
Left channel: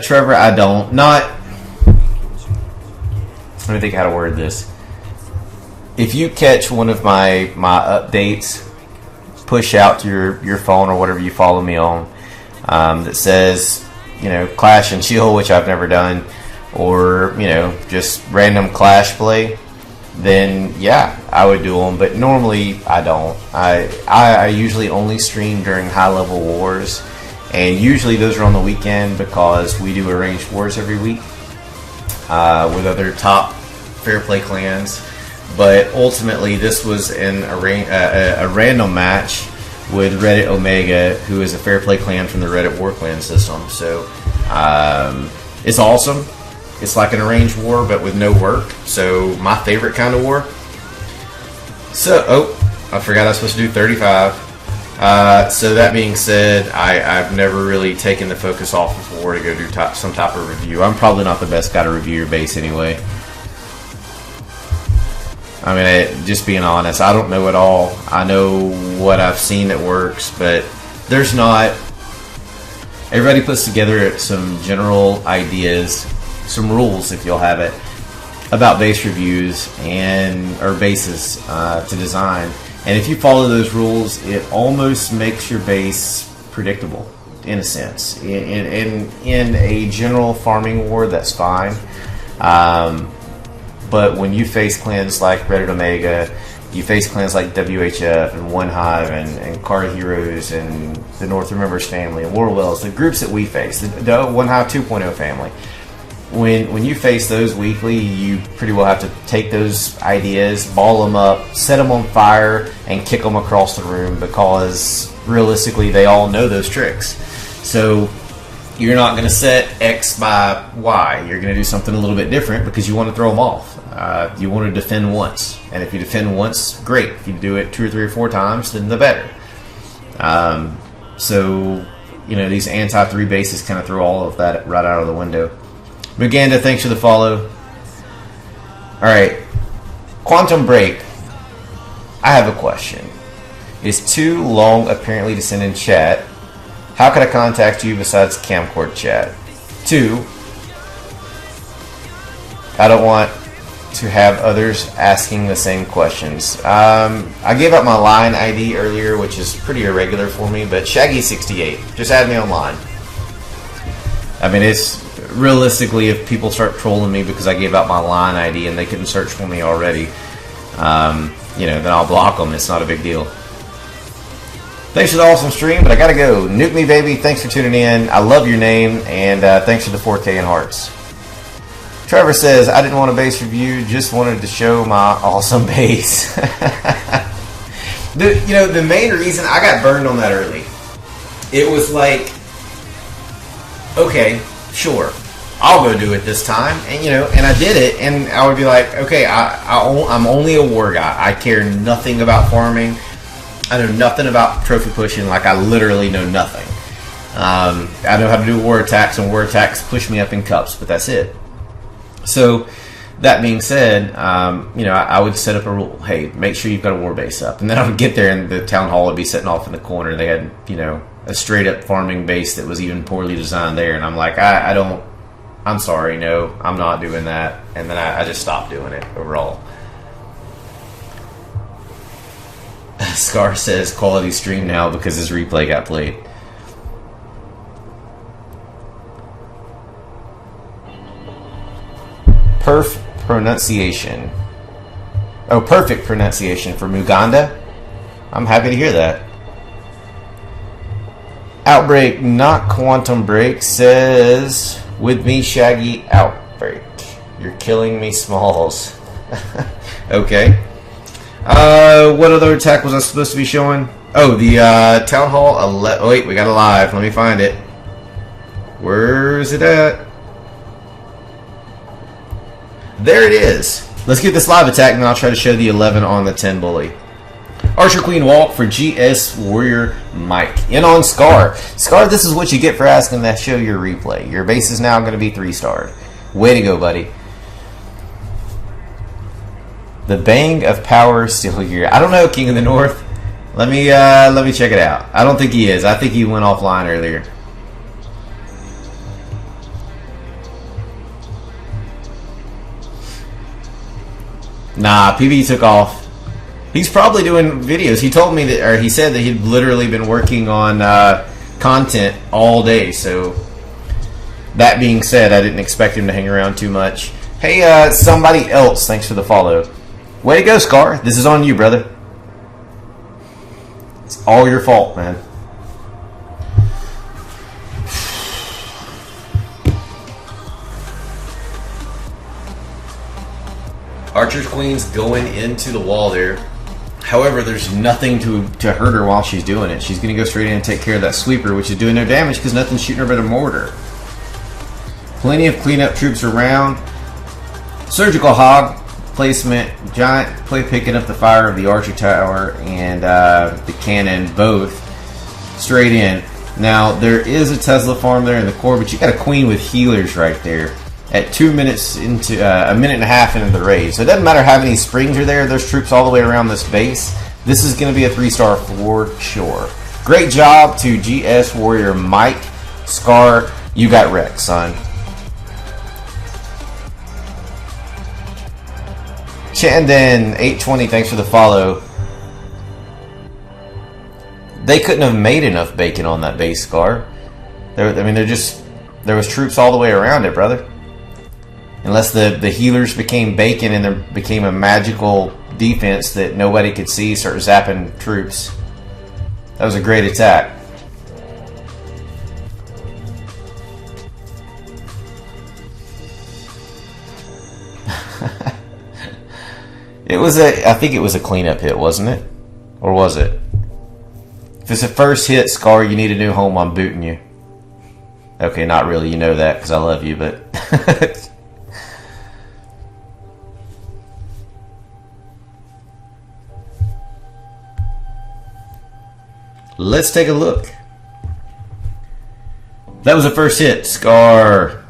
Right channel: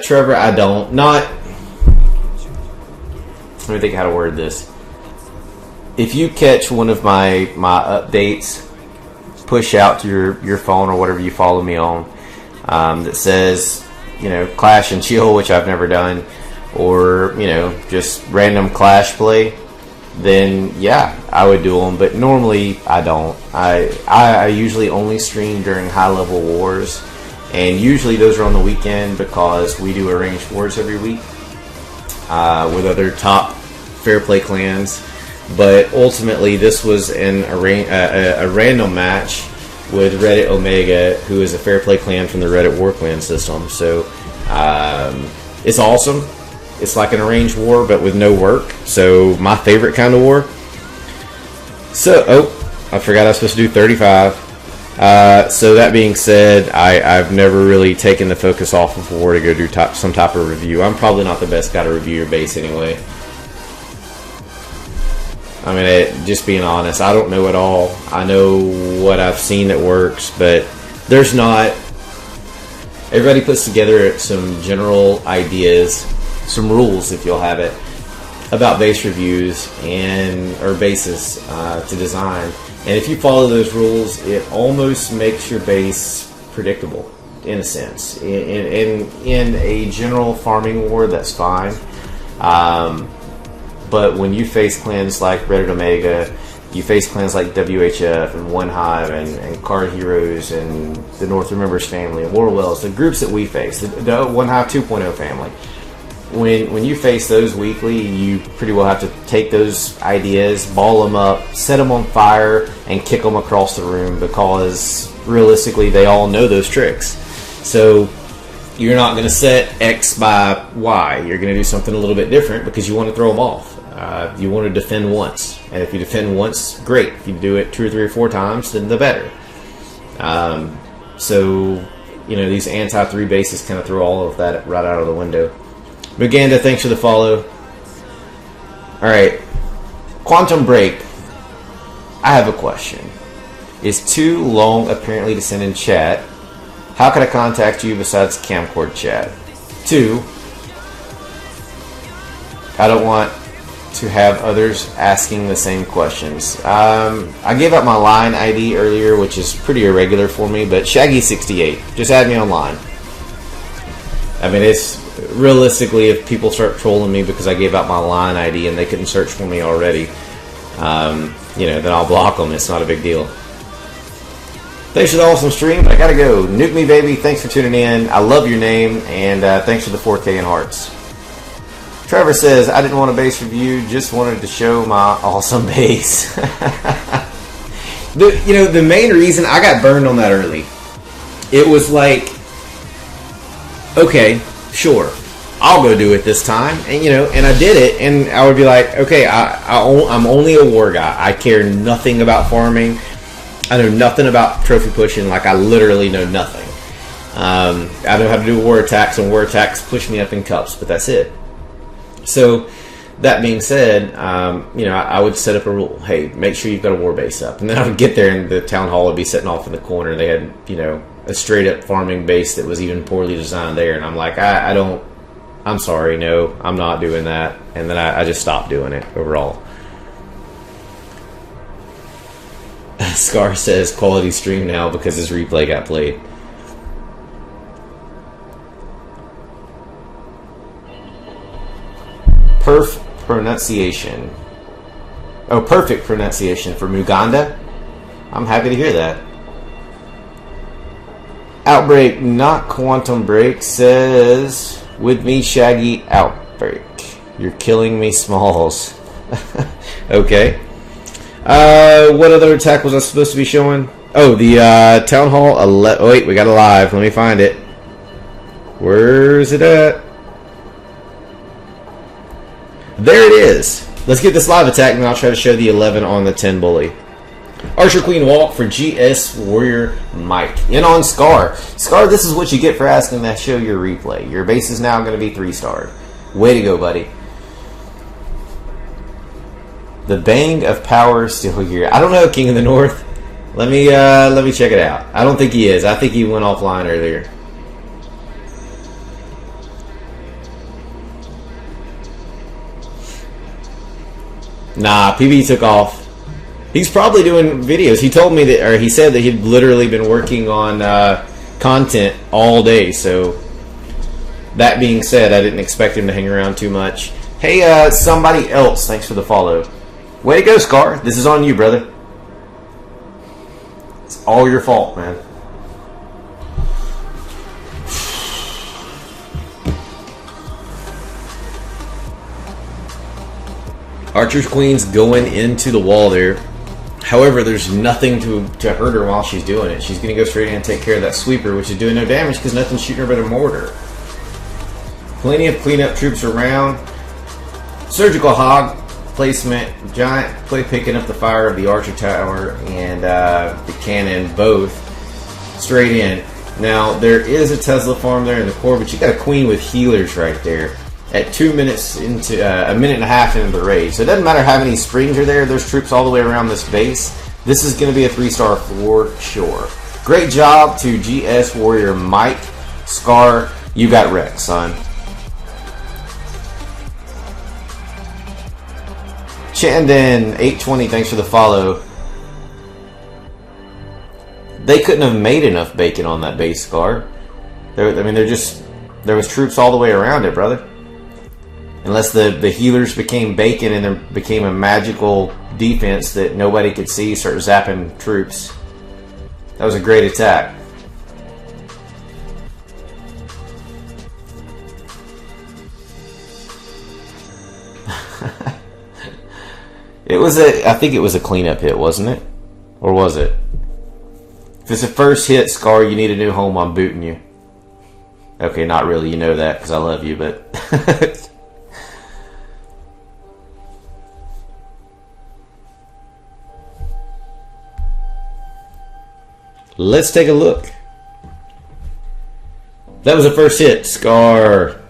Trevor, I don't. Let me think how to word this. If you catch one of my updates, push out to your phone or whatever you follow me on, that says, Clash and Chill, which I've never done, or, just random Clash play, then yeah, I would do them. But normally I don't. I usually only stream during high level wars, and usually those are on the weekend because we do arranged wars every week with other top fair play clans. But ultimately this was a random match with Reddit Omega, who is a fair play clan from the Reddit War Clan system. So it's awesome. It's like an arranged war, but with no work. So my favorite kind of war. So, I forgot I was supposed to do 35. So that being said, I've never really taken the focus off of war to go do some type of review. I'm probably not the best guy to review your base anyway. I mean, just being honest, I don't know it all. I know what I've seen that works, but there's not. Everybody puts together some general ideas, some rules, if you'll have it, about base reviews or bases to design. And if you follow those rules, it almost makes your base predictable, in a sense. In a general farming war, that's fine. But when you face clans like Reddit Omega, you face clans like WHF and One Hive and Card Heroes and the North Remembers family and Warwells, the groups that we face, the One Hive 2.0 family. When you face those weekly, you pretty well have to take those ideas, ball them up, set them on fire, and kick them across the room, because realistically they all know those tricks. So you're not going to set X by Y. You're going to do something a little bit different because you want to throw them off. You want to defend once. And if you defend once, great. If you do it 2 or 3 or 4 times, then the better. So, these anti-3 bases kind of throw all of that right out of the window. Maganda, thanks for the follow. Alright. Quantum Break. I have a question. Is too long apparently to send in chat. How can I contact you besides Camcord chat? 2. I don't want to have others asking the same questions. I gave out my line ID earlier, which is pretty irregular for me, but Shaggy68. Just add me online. I mean, it's realistically, if people start trolling me because I gave out my line ID and they couldn't search for me already, then I'll block them. It's not a big deal. Thanks for the awesome stream, but I gotta go. Nuke Me Baby, thanks for tuning in. I love your name, and thanks for the 4K in hearts. Trevor says, I didn't want a base review, just wanted to show my awesome base. The main reason I got burned on that early, it was like, okay, sure, I'll go do it this time, and I did it, and I would be like, okay, I'm only a war guy. I care nothing about farming. I know nothing about trophy pushing. Like, I literally know nothing. I know how to do war attacks, and war attacks push me up in cups, but that's it. So, that being said, I would set up a rule. Hey, make sure you've got a war base up. And then I would get there, and the town hall would be sitting off in the corner. They had, a straight-up farming base that was even poorly designed there. And I'm like, I'm sorry, no, I'm not doing that. And then I just stopped doing it overall. Scar says quality stream now because his replay got played. Perfect pronunciation for Muganda. I'm happy to hear that. Outbreak, not Quantum Break, says, with me, Shaggy, Outbreak. You're killing me, Smalls. Okay. What other attack was I supposed to be showing? Oh, the Town Hall 11. Oh, wait, we got a live. Let me find it. Where's it at? There it is. Let's get this live attack, and then I'll try to show the 11 on the 10 bully. Archer Queen Walk for GS Warrior Mike. In on Scar. Scar, this is what you get for asking to show your replay. Your base is now going to be 3-starred. Way to go, buddy. The Bang of Power still here. I don't know, King of the North. Let me check it out. I don't think he is. I think he went offline earlier. Nah, PB took off. He's probably doing videos. He told me that, or he said that he'd literally been working on content all day. So, that being said, I didn't expect him to hang around too much. Hey, somebody else, thanks for the follow. Way to go, Scar. This is on you, brother. It's all your fault, man. Archer's Queen's going into the wall there. However, there's nothing to hurt her while she's doing it. She's going to go straight in and take care of that sweeper, which is doing no damage because nothing's shooting her but a mortar. Plenty of cleanup troops around. Surgical Hog placement. Giant play picking up the fire of the Archer Tower and the cannon both straight in. Now, there is a Tesla farm there in the core, but you got a Queen with healers right there. At 2 minutes into a minute and a half into the raid. So it doesn't matter how many springs are there. There's troops all the way around this base. This is going to be a 3-star for sure. Great job to GS Warrior Mike. Scar, you got wrecked, son. Chandon 820, thanks for the follow. They couldn't have made enough bacon on that base, Scar. There was troops all the way around it, brother. Unless the healers became bacon and there became a magical defense that nobody could see, start zapping troops. That was a great attack. I think it was a cleanup hit, wasn't it? Or was it? If it's a first hit, Scar, you need a new home, I'm booting you. Okay, not really, you know that because I love you, but... Let's take a look. That was a first hit. Scar.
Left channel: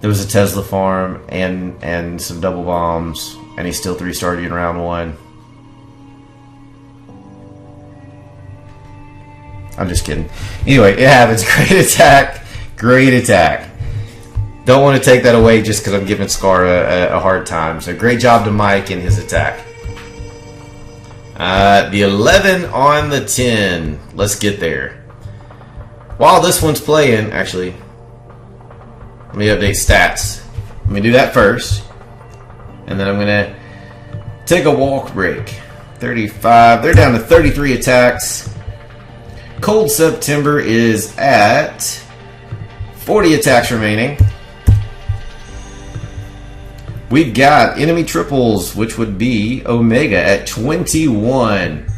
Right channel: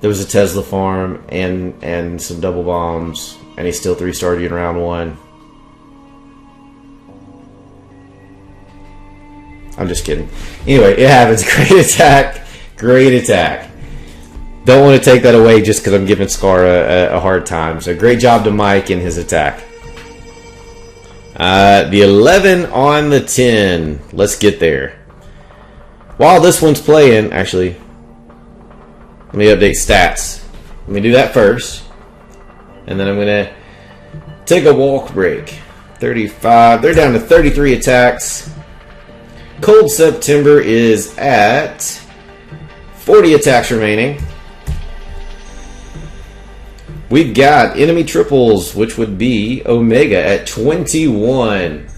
There was a Tesla farm and some double bombs, and he still 3-starred you in round 1. I'm just kidding. Anyway, it happens. Great attack. Great attack. Don't want to take that away just because I'm giving Scar a hard time. So great job to Mike in his attack. The 11 on the 10. Let's get there. While this one's playing, actually, let me update stats. Let me do that first. And then I'm going to take a walk break. 35. They're down to 33 attacks. Cold September is at 40 attacks remaining. We've got enemy triples, which would be Omega at 21.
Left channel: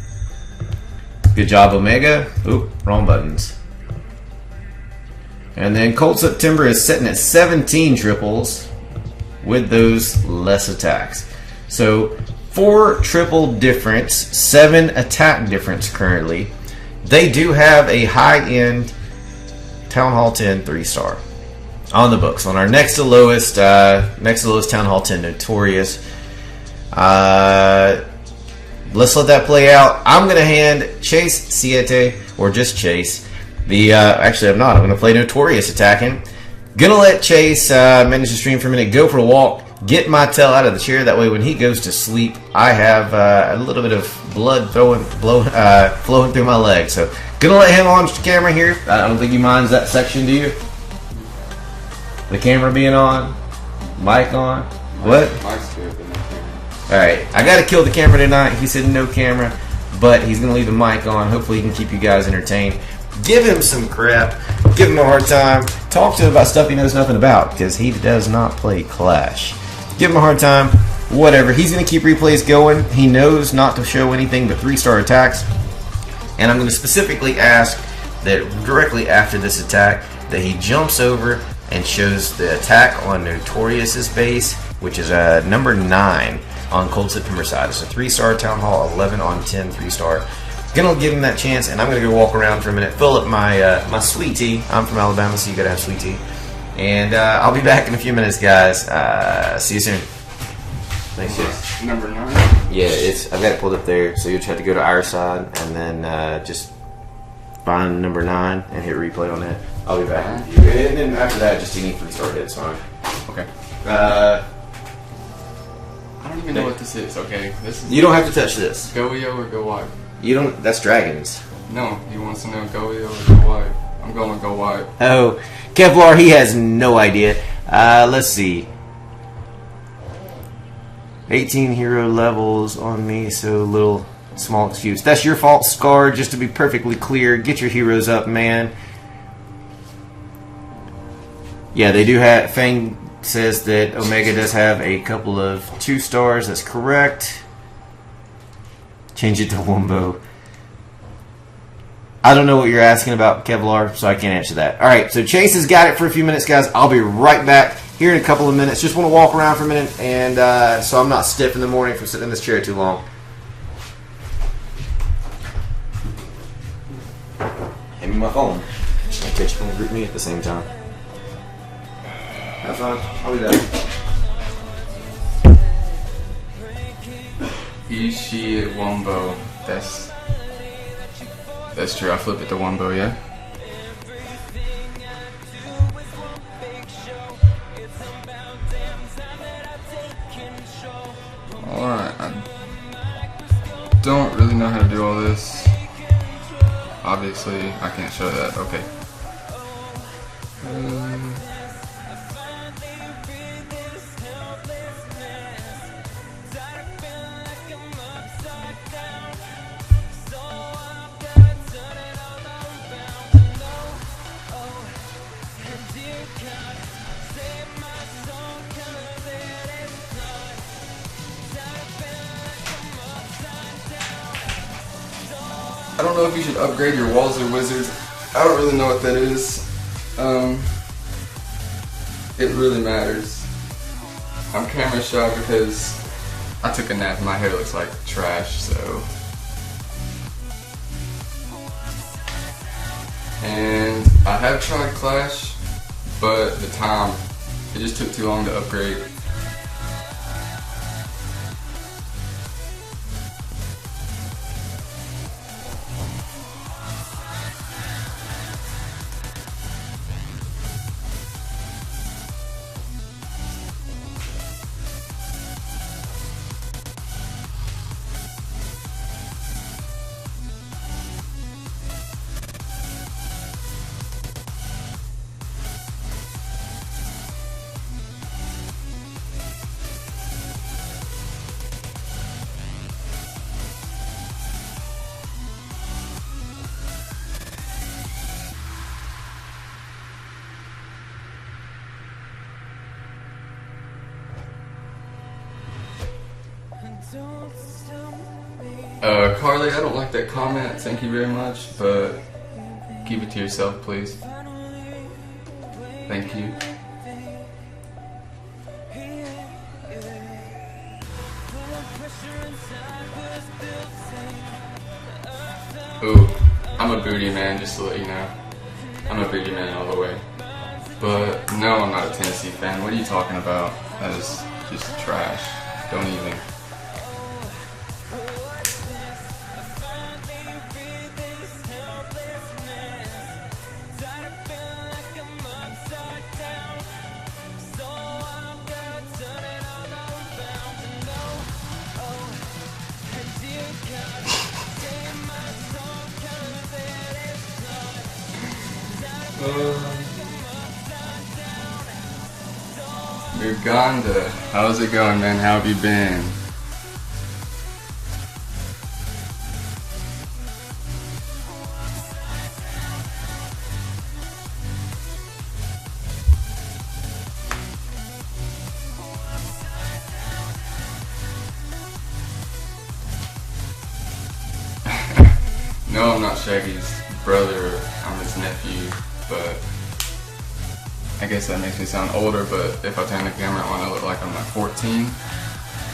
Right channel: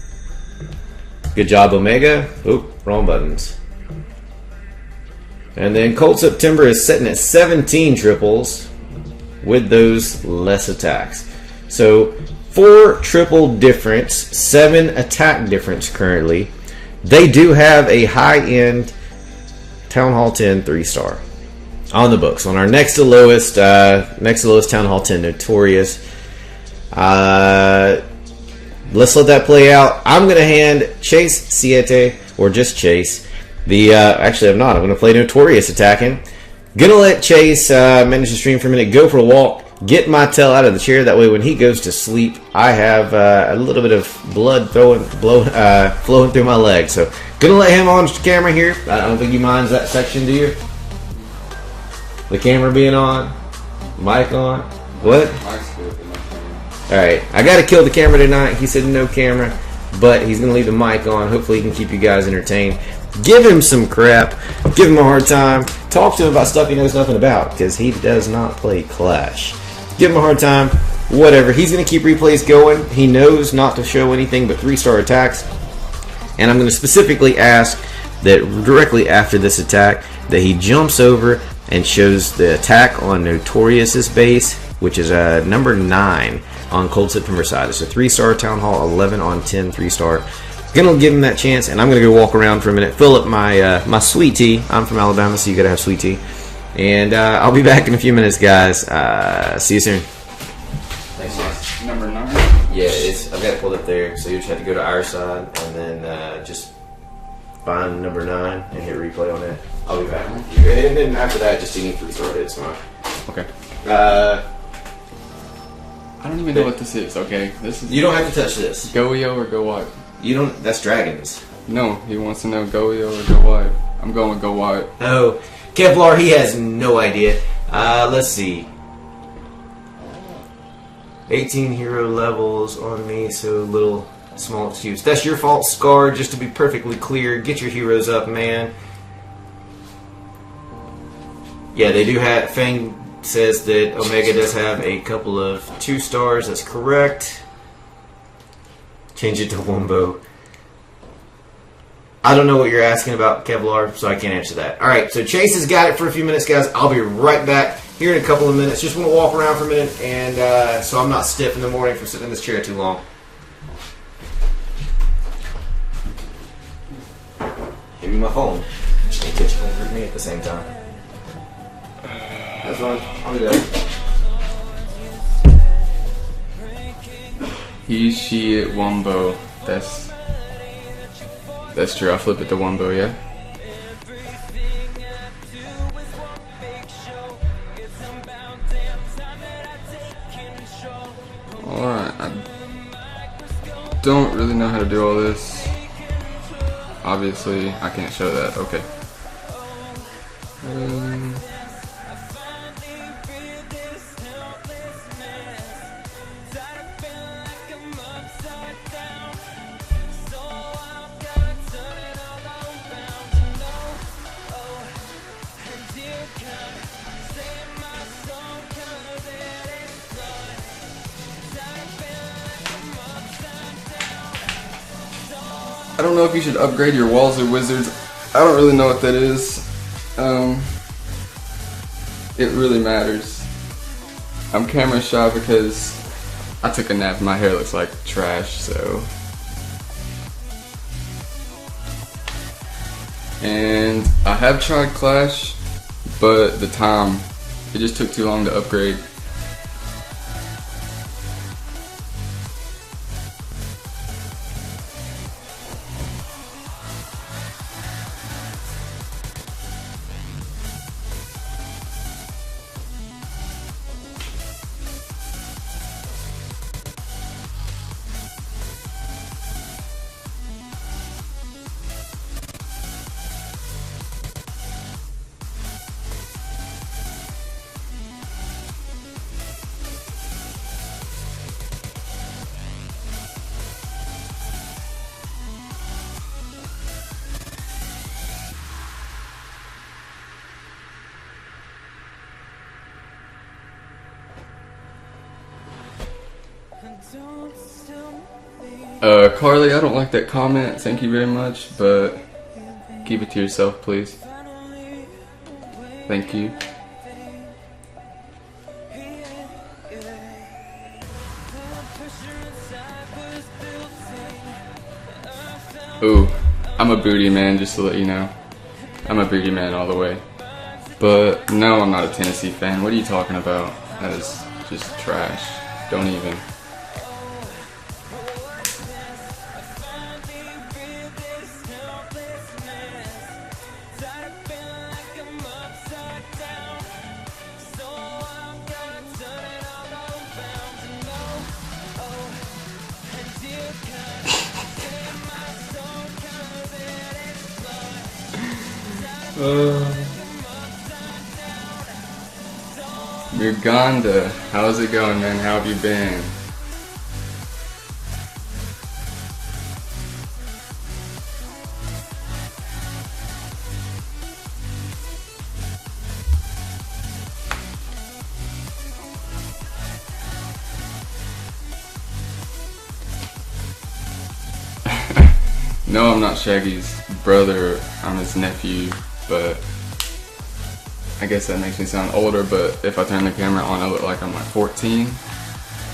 Good job, Omega. Oop, wrong buttons. And then Cold September is sitting at 17 triples with those less attacks. So 4 triple difference, 7 attack difference currently. They do have a high-end Town Hall 10 3-star. On the books, on our next to lowest Town Hall 10 Notorious. Let's let that play out. I'm gonna hand Chase Siete, or just Chase. Actually, I'm not. I'm gonna play Notorious attacking. Gonna let Chase manage the stream for a minute. Go for a walk. Get my tail out of the chair. That way, when he goes to sleep, I have a little bit of blood flowing through my legs. So, gonna let him on camera here. I don't think he minds that section, do you? The camera being on, mic on. What? Mic's good, but no camera. Alright, I gotta kill the camera tonight. He said no camera, but he's gonna leave the mic on. Hopefully he can keep you guys entertained. Give him some crap. Give him a hard time. Talk to him about stuff he knows nothing about, because he does not play Clash. Give him a hard time. Whatever. He's going to keep replays going. He knows not to show anything but 3-star attacks. And I'm going to specifically ask that directly after this attack that he jumps over and shows the attack on Notorious's base, which is number 9 on Cold September side. It's a 3-star Town Hall, 11 on 10 3-star. Gonna give him that chance, and I'm gonna go walk around for a minute, fill up my my sweet tea. I'm from Alabama, so you gotta have sweet tea. And I'll be back in a few minutes, guys. See you soon. Thanks, guys. Number 9? Yeah, I've got it pulled up there, so you just have to go to our side and then just find number 9 and hit replay on it. I'll be back. And then after that, just any 3-star hits, fine. Okay. I don't even know what this is. Okay, this is. You don't have to touch this. Goyo or go wide? You don't. That's dragons. No, he wants to know Goyo or go wide. I'm going with go wide. Oh, Kevlar, he has no idea. Let's see. 18 hero levels on me, so little small excuse. That's your fault, Scar. Just to be perfectly clear, get your heroes up, man. Yeah, they do have. Fang says that Omega does have a couple of 2-stars. That's correct. Change it to Wumbo. I don't know what you're asking about, Kevlar, so I can't answer that. Alright, so Chase has got it for a few minutes, guys. I'll be right back here in a couple of minutes. Just want to walk around for a minute, and so I'm not stiff in the morning from sitting in this chair too long. Hand me my phone. Can't catch phone group me at the same time. That's fine. I'll be back. He, she, it, Wumbo. That's true. I flip it to Wumbo, yeah? Alright, I don't really know how to do all this. Obviously, I can't show that. Okay. I don't know if you should upgrade your walls or wizards. I don't really know what that is. It really matters. I'm camera shy because I took a nap and my hair looks like trash, so. And I have tried Clash, but the time, it just took too long to upgrade. Carly, I don't like that comment, thank you very much, but keep it to yourself, please. Thank you. Ooh, I'm a booty man, just to let you know. I'm a booty man all the way. But no, I'm not a Tennessee fan. What are you talking about? That is just trash. Don't even. Uganda, how's it going, man? How have you been? No, I'm not Shaggy's brother. I'm his nephew, but I guess that makes me sound older, but if I turn the camera on, I look like I'm like 14,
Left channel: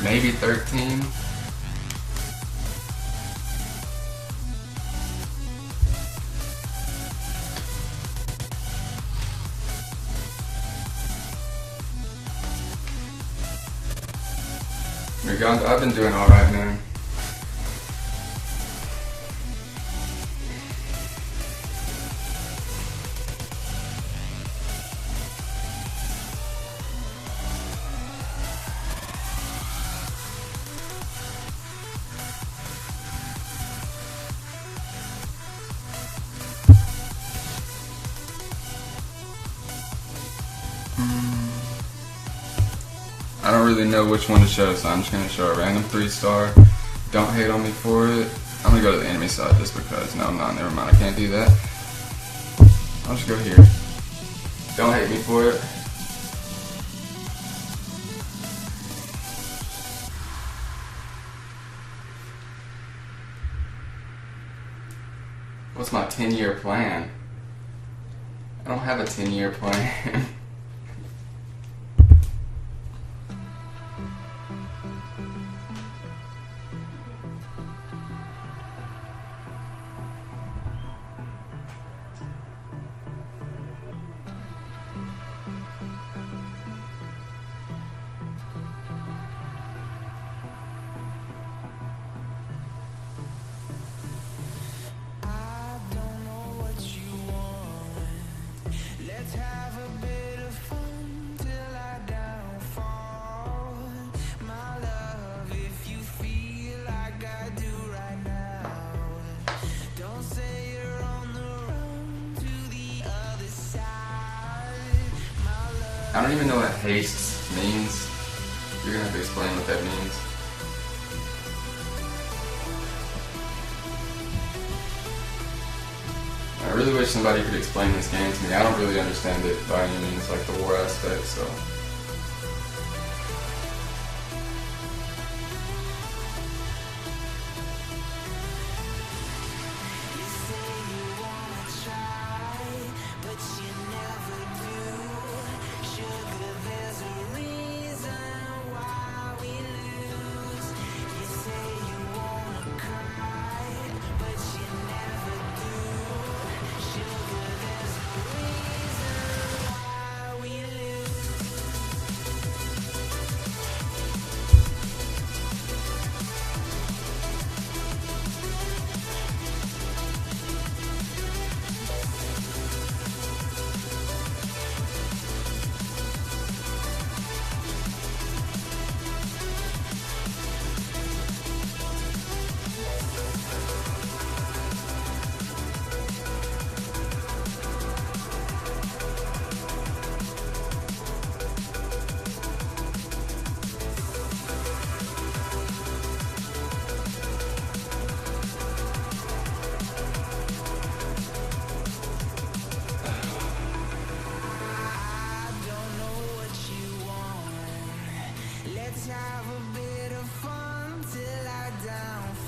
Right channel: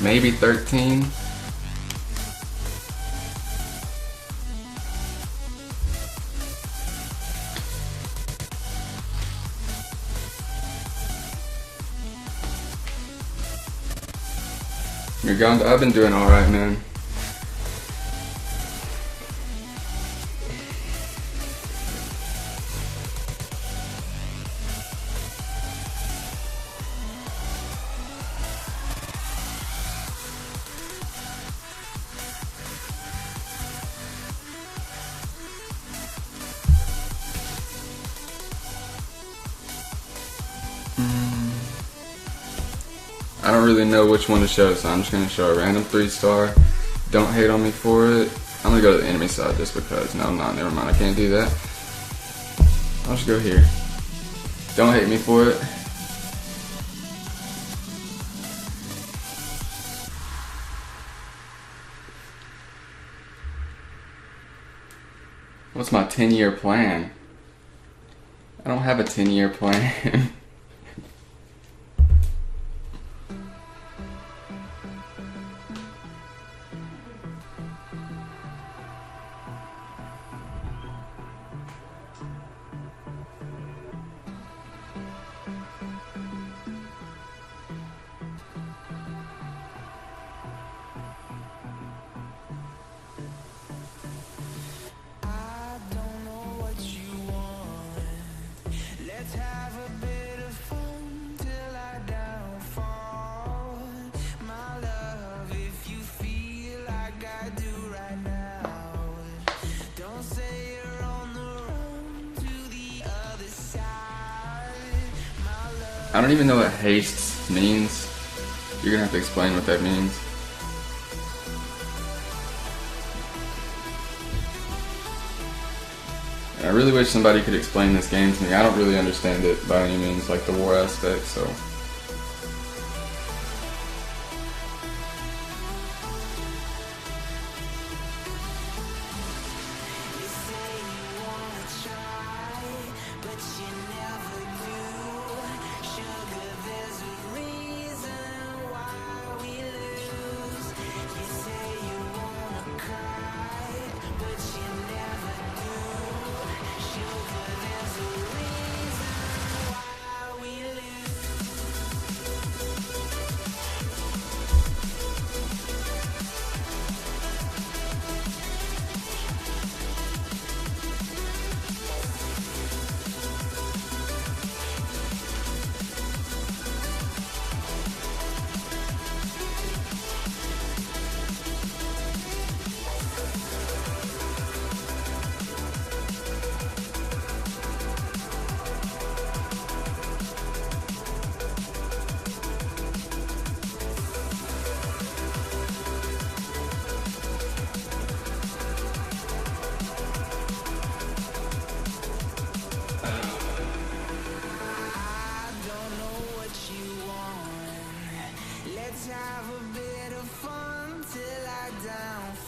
maybe 13. I've been doing alright, man. I don't really know which one to show, so I'm just going to show a random 3-star. Don't hate on me for it. I'm going to go to the enemy side just because. No, I'm not. Never mind. I can't do that. I'll just go here. Don't hate me for it. What's my 10-year plan? I don't have a 10-year plan. I don't even know what haste means. You're gonna have to explain what that means. I really wish somebody could explain this game to me. I don't really understand it by any means, like the war aspect, so.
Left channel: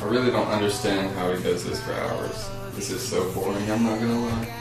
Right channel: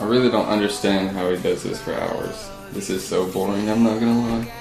I really don't understand how he does this for hours. This is so boring, I'm not gonna lie.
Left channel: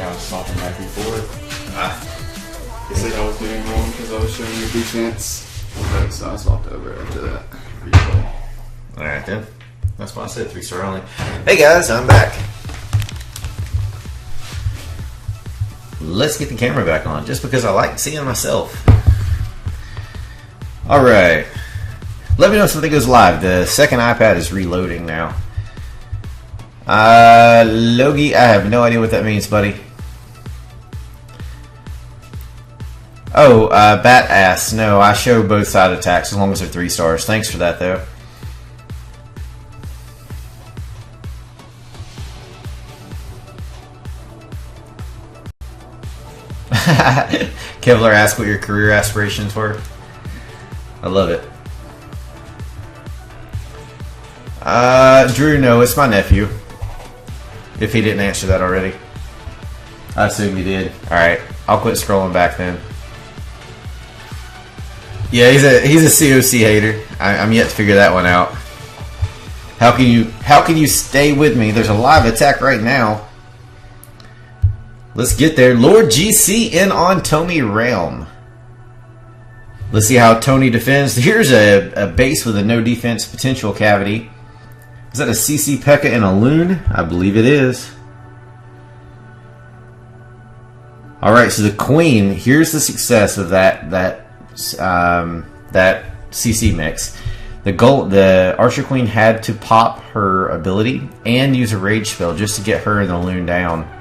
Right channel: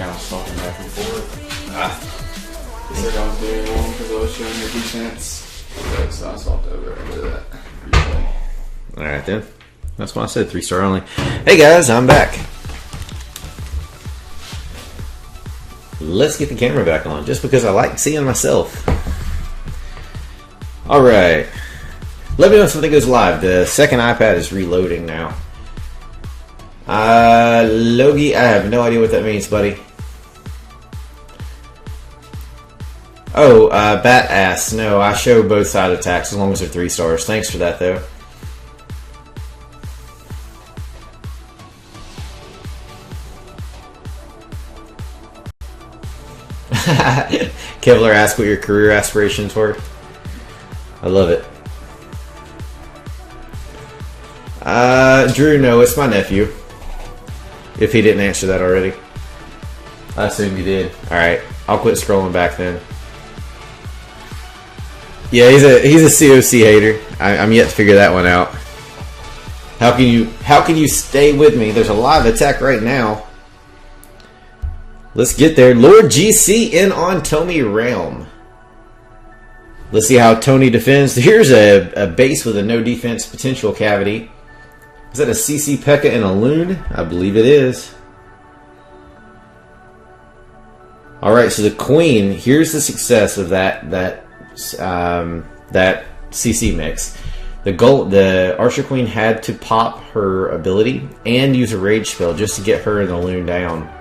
I was swapping back and forth. He said I was doing wrong because I was showing the defense. So I swapped over into that replay. Alright then. That's why I said 3-star only. Hey guys, I'm back. Let's get the camera back on, just because I like seeing myself. Alright. Let me know if something goes live. The second iPad is reloading now. Logie, I have no idea what that means, buddy. Oh, bat ass. No, I show both side attacks as long as they're 3 stars. Thanks for that, though. Kevlar asked what your career aspirations were. I love it. Drew, no, it's my nephew. If he didn't answer that already. I assume he did. Alright, I'll quit scrolling back then. Yeah, he's a COC hater. I'm yet to figure that one out. How can you stay with me? There's a live attack right now. Let's get there. Lord GC in on Tony Realm. Let's see how Tony defends. Here's a base with a no defense potential cavity. Is that a CC P.E.K.K.A and a Loon? I believe it is. Alright, so the Queen, here's the success of that CC mix. The Archer Queen had to pop her ability and use a rage spell just to get her and the Loon down.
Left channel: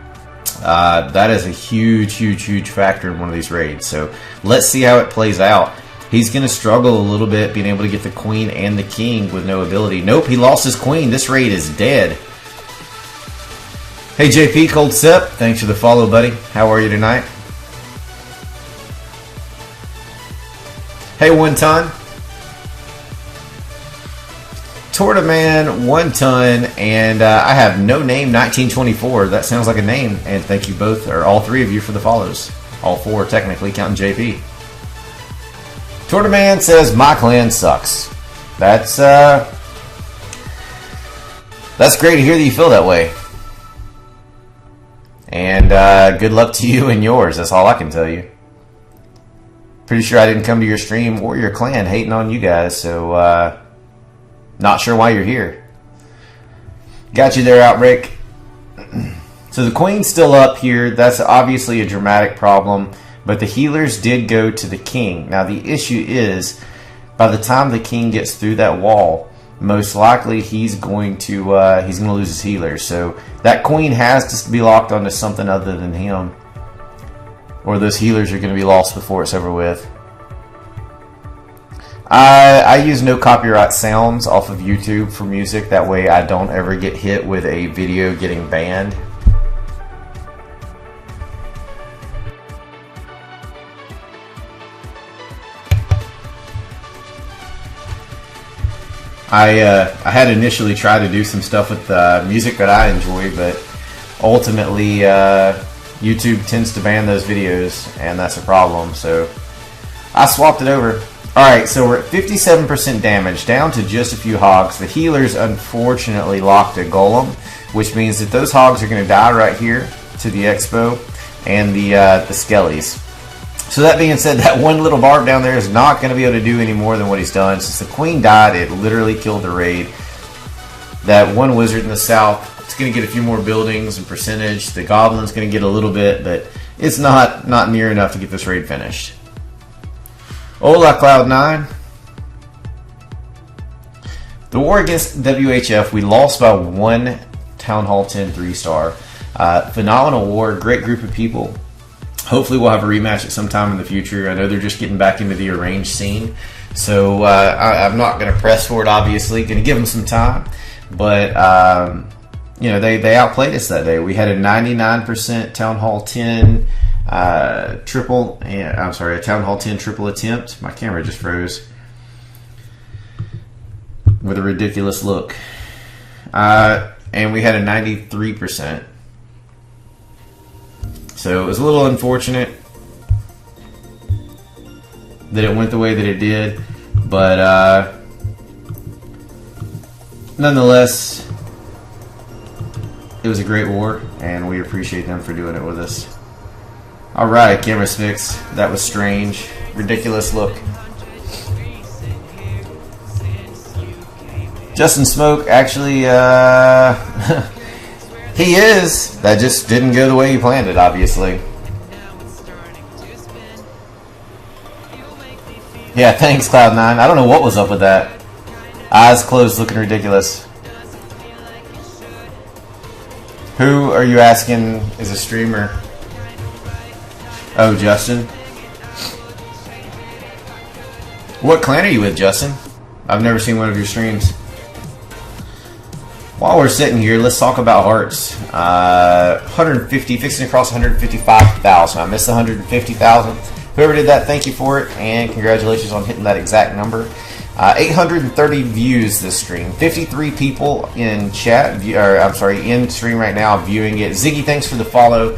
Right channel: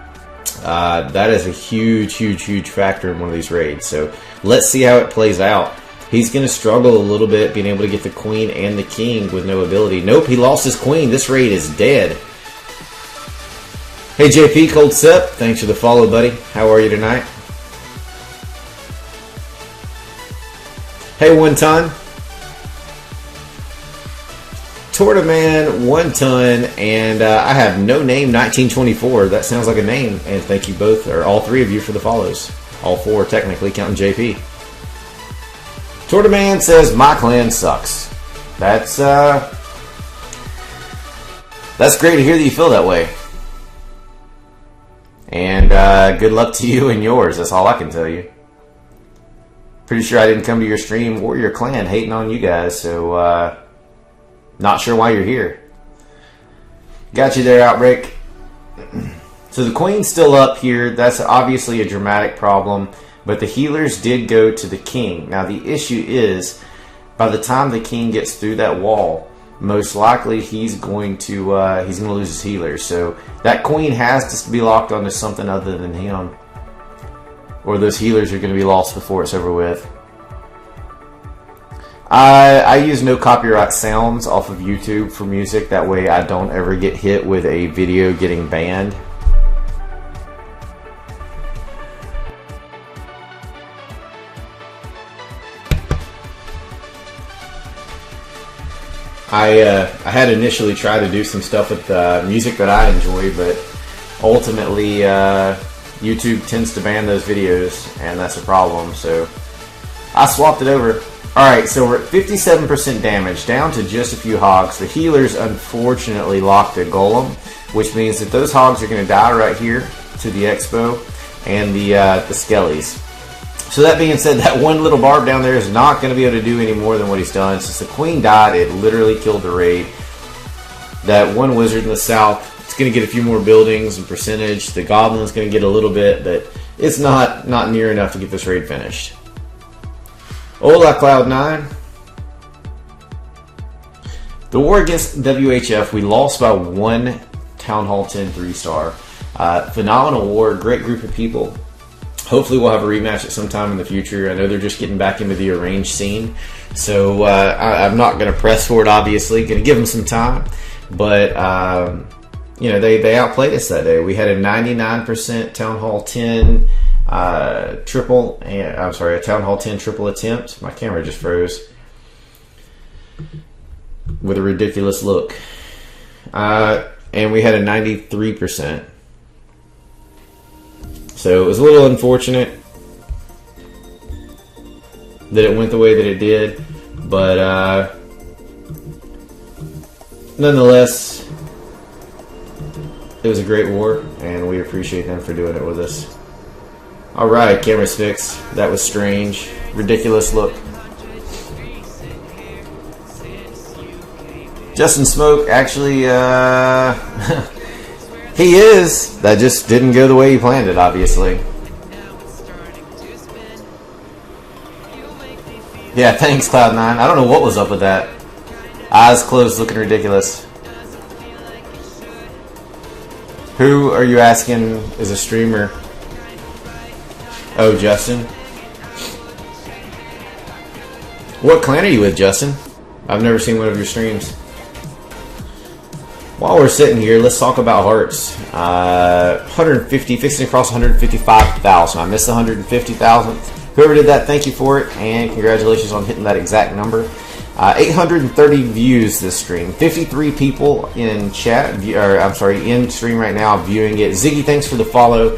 That is a huge factor in one of these raids. So let's see how it plays out. He's going to struggle a little bit being able to get the Queen and the King with no ability. Nope, he lost his Queen. This raid is dead. Hey JP, Cold Sip, thanks for the follow, buddy. How are you tonight? Hey, 1 ton. Tortaman, 1 ton, and I have no name 1924. That sounds like a name. And thank you both, or all 3 of you, for the follows. All 4 technically, counting JP. Tortaman says my clan sucks. That's great to hear that you feel that way. And good luck to you and yours. That's all I can tell you. Pretty sure I didn't come to your stream or your clan hating on you guys, so not sure why you're here. Got you there, Outbreak. So the Queen's still up here. That's obviously a dramatic problem, but the healers did go to the King. Now the issue is, by the time the King gets through that wall, most likely he's going to lose his healers. So that Queen has to be locked onto something other than him, or those healers are going to be lost before it's over with. I use no copyright sounds off of YouTube for music. That way I don't ever get hit with a video getting banned. I had initially tried to do some stuff with music that I enjoy, but ultimately YouTube tends to ban those videos, and that's a problem. So I swapped it over. Alright, so we're at 57% damage, down to just a few hogs. The healers unfortunately locked a golem, which means that those hogs are going to die right here to the expo and the skellies. So that being said, that one little barb down there is not going to be able to do any more than what he's done. Since the Queen died, it literally killed the raid. That one wizard in the south, it's going to get a few more buildings and percentage. The goblin's going to get a little bit, but it's not near enough to get this raid finished. Hola, Cloud9. The war against WHF, we lost by 1 Town Hall 10 3-star. Phenomenal war, great group of people. Hopefully we'll have a rematch at some time in the future. I know they're just getting back into the arranged scene. So I'm not going to press for it, obviously. Going to give them some time. But, you know, they outplayed us that day. We had a 99% Town Hall 10 a Town Hall 10 triple attempt. My camera just froze. With a ridiculous look. And we had a 93%. So it was a little unfortunate that it went the way that it did. But nonetheless, it was a great war, and we appreciate them for doing it with us. Alright, camera's fixed. That was strange. Ridiculous look. Justin Smoke, actually, he is. That just didn't go the way you planned it, obviously. Yeah, thanks, Cloud9. I don't know what was up with that. Eyes closed, looking ridiculous. Who are you asking is a streamer? Oh, Justin. What clan are you with, Justin? I've never seen one of your streams. While we're sitting here, let's talk about hearts. 150, fixing across 155,000. I missed the 150,000. Whoever did that, thank you for it, and congratulations on hitting that exact number. 830 views this stream. 53 people in chat, in stream right now viewing it. Ziggy, thanks for the follow.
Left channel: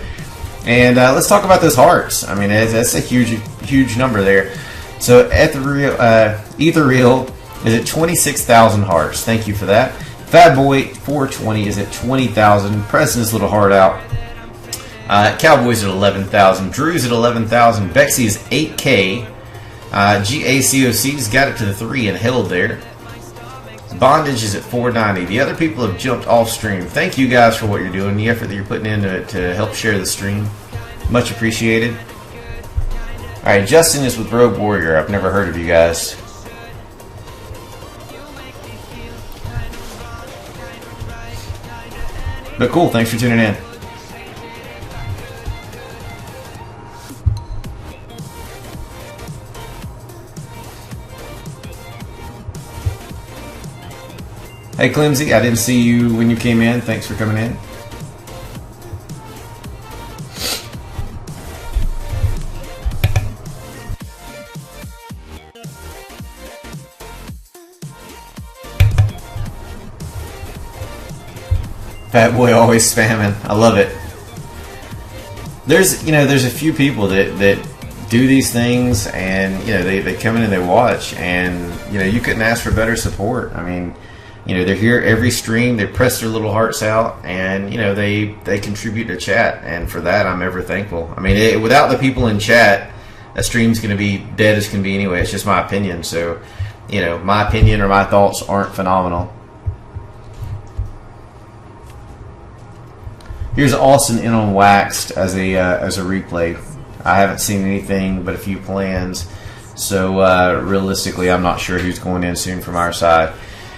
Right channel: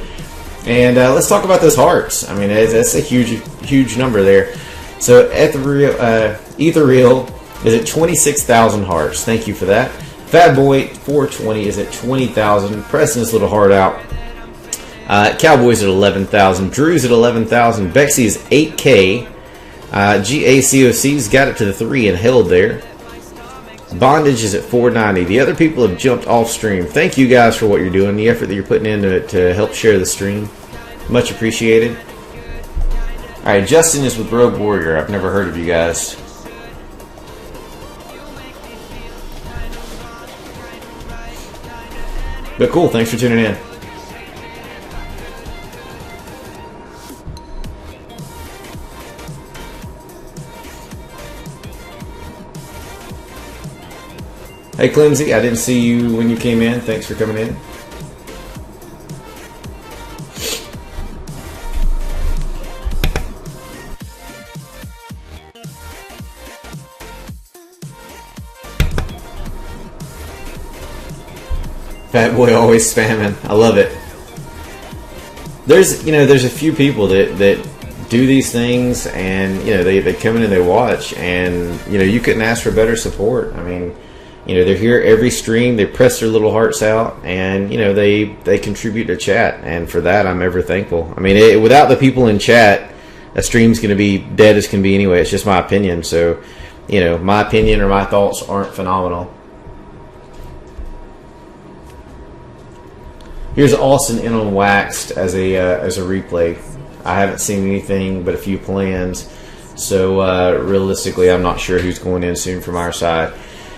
And let's talk about those hearts. I mean, that's a huge number there. So Ethereal is at 26,000 hearts. Thank you for that. Fat Boy 420 is at 20,000. Pressing this little heart out. Cowboys at 11,000. Drew's at 11,000. Bexy is 8K. GACOC's got it to the 3 and held there. Bondage is at 490. The other people have jumped off stream. Thank you guys for what you're doing, the effort that you're putting into it to help share the stream. Much appreciated. Alright, Justin is with Rogue Warrior. I've never heard of you guys. But cool, thanks for tuning in. Hey Clemsy, I didn't see you when you came in. Thanks for coming in. Fat Boy always spamming. I love it. There's a few people that do these things, and they come in and they watch, and you couldn't ask for better support. I mean, they're here every stream. They press their little hearts out, and they contribute to chat, and for that I'm ever thankful. I mean, without the people in chat, a stream's going to be dead as can be anyway. It's just my opinion. So, my opinion or my thoughts aren't phenomenal. Here's Austin in on Waxed as a replay. I haven't seen anything but a few plans, so realistically, I'm not sure who's going in soon from our side.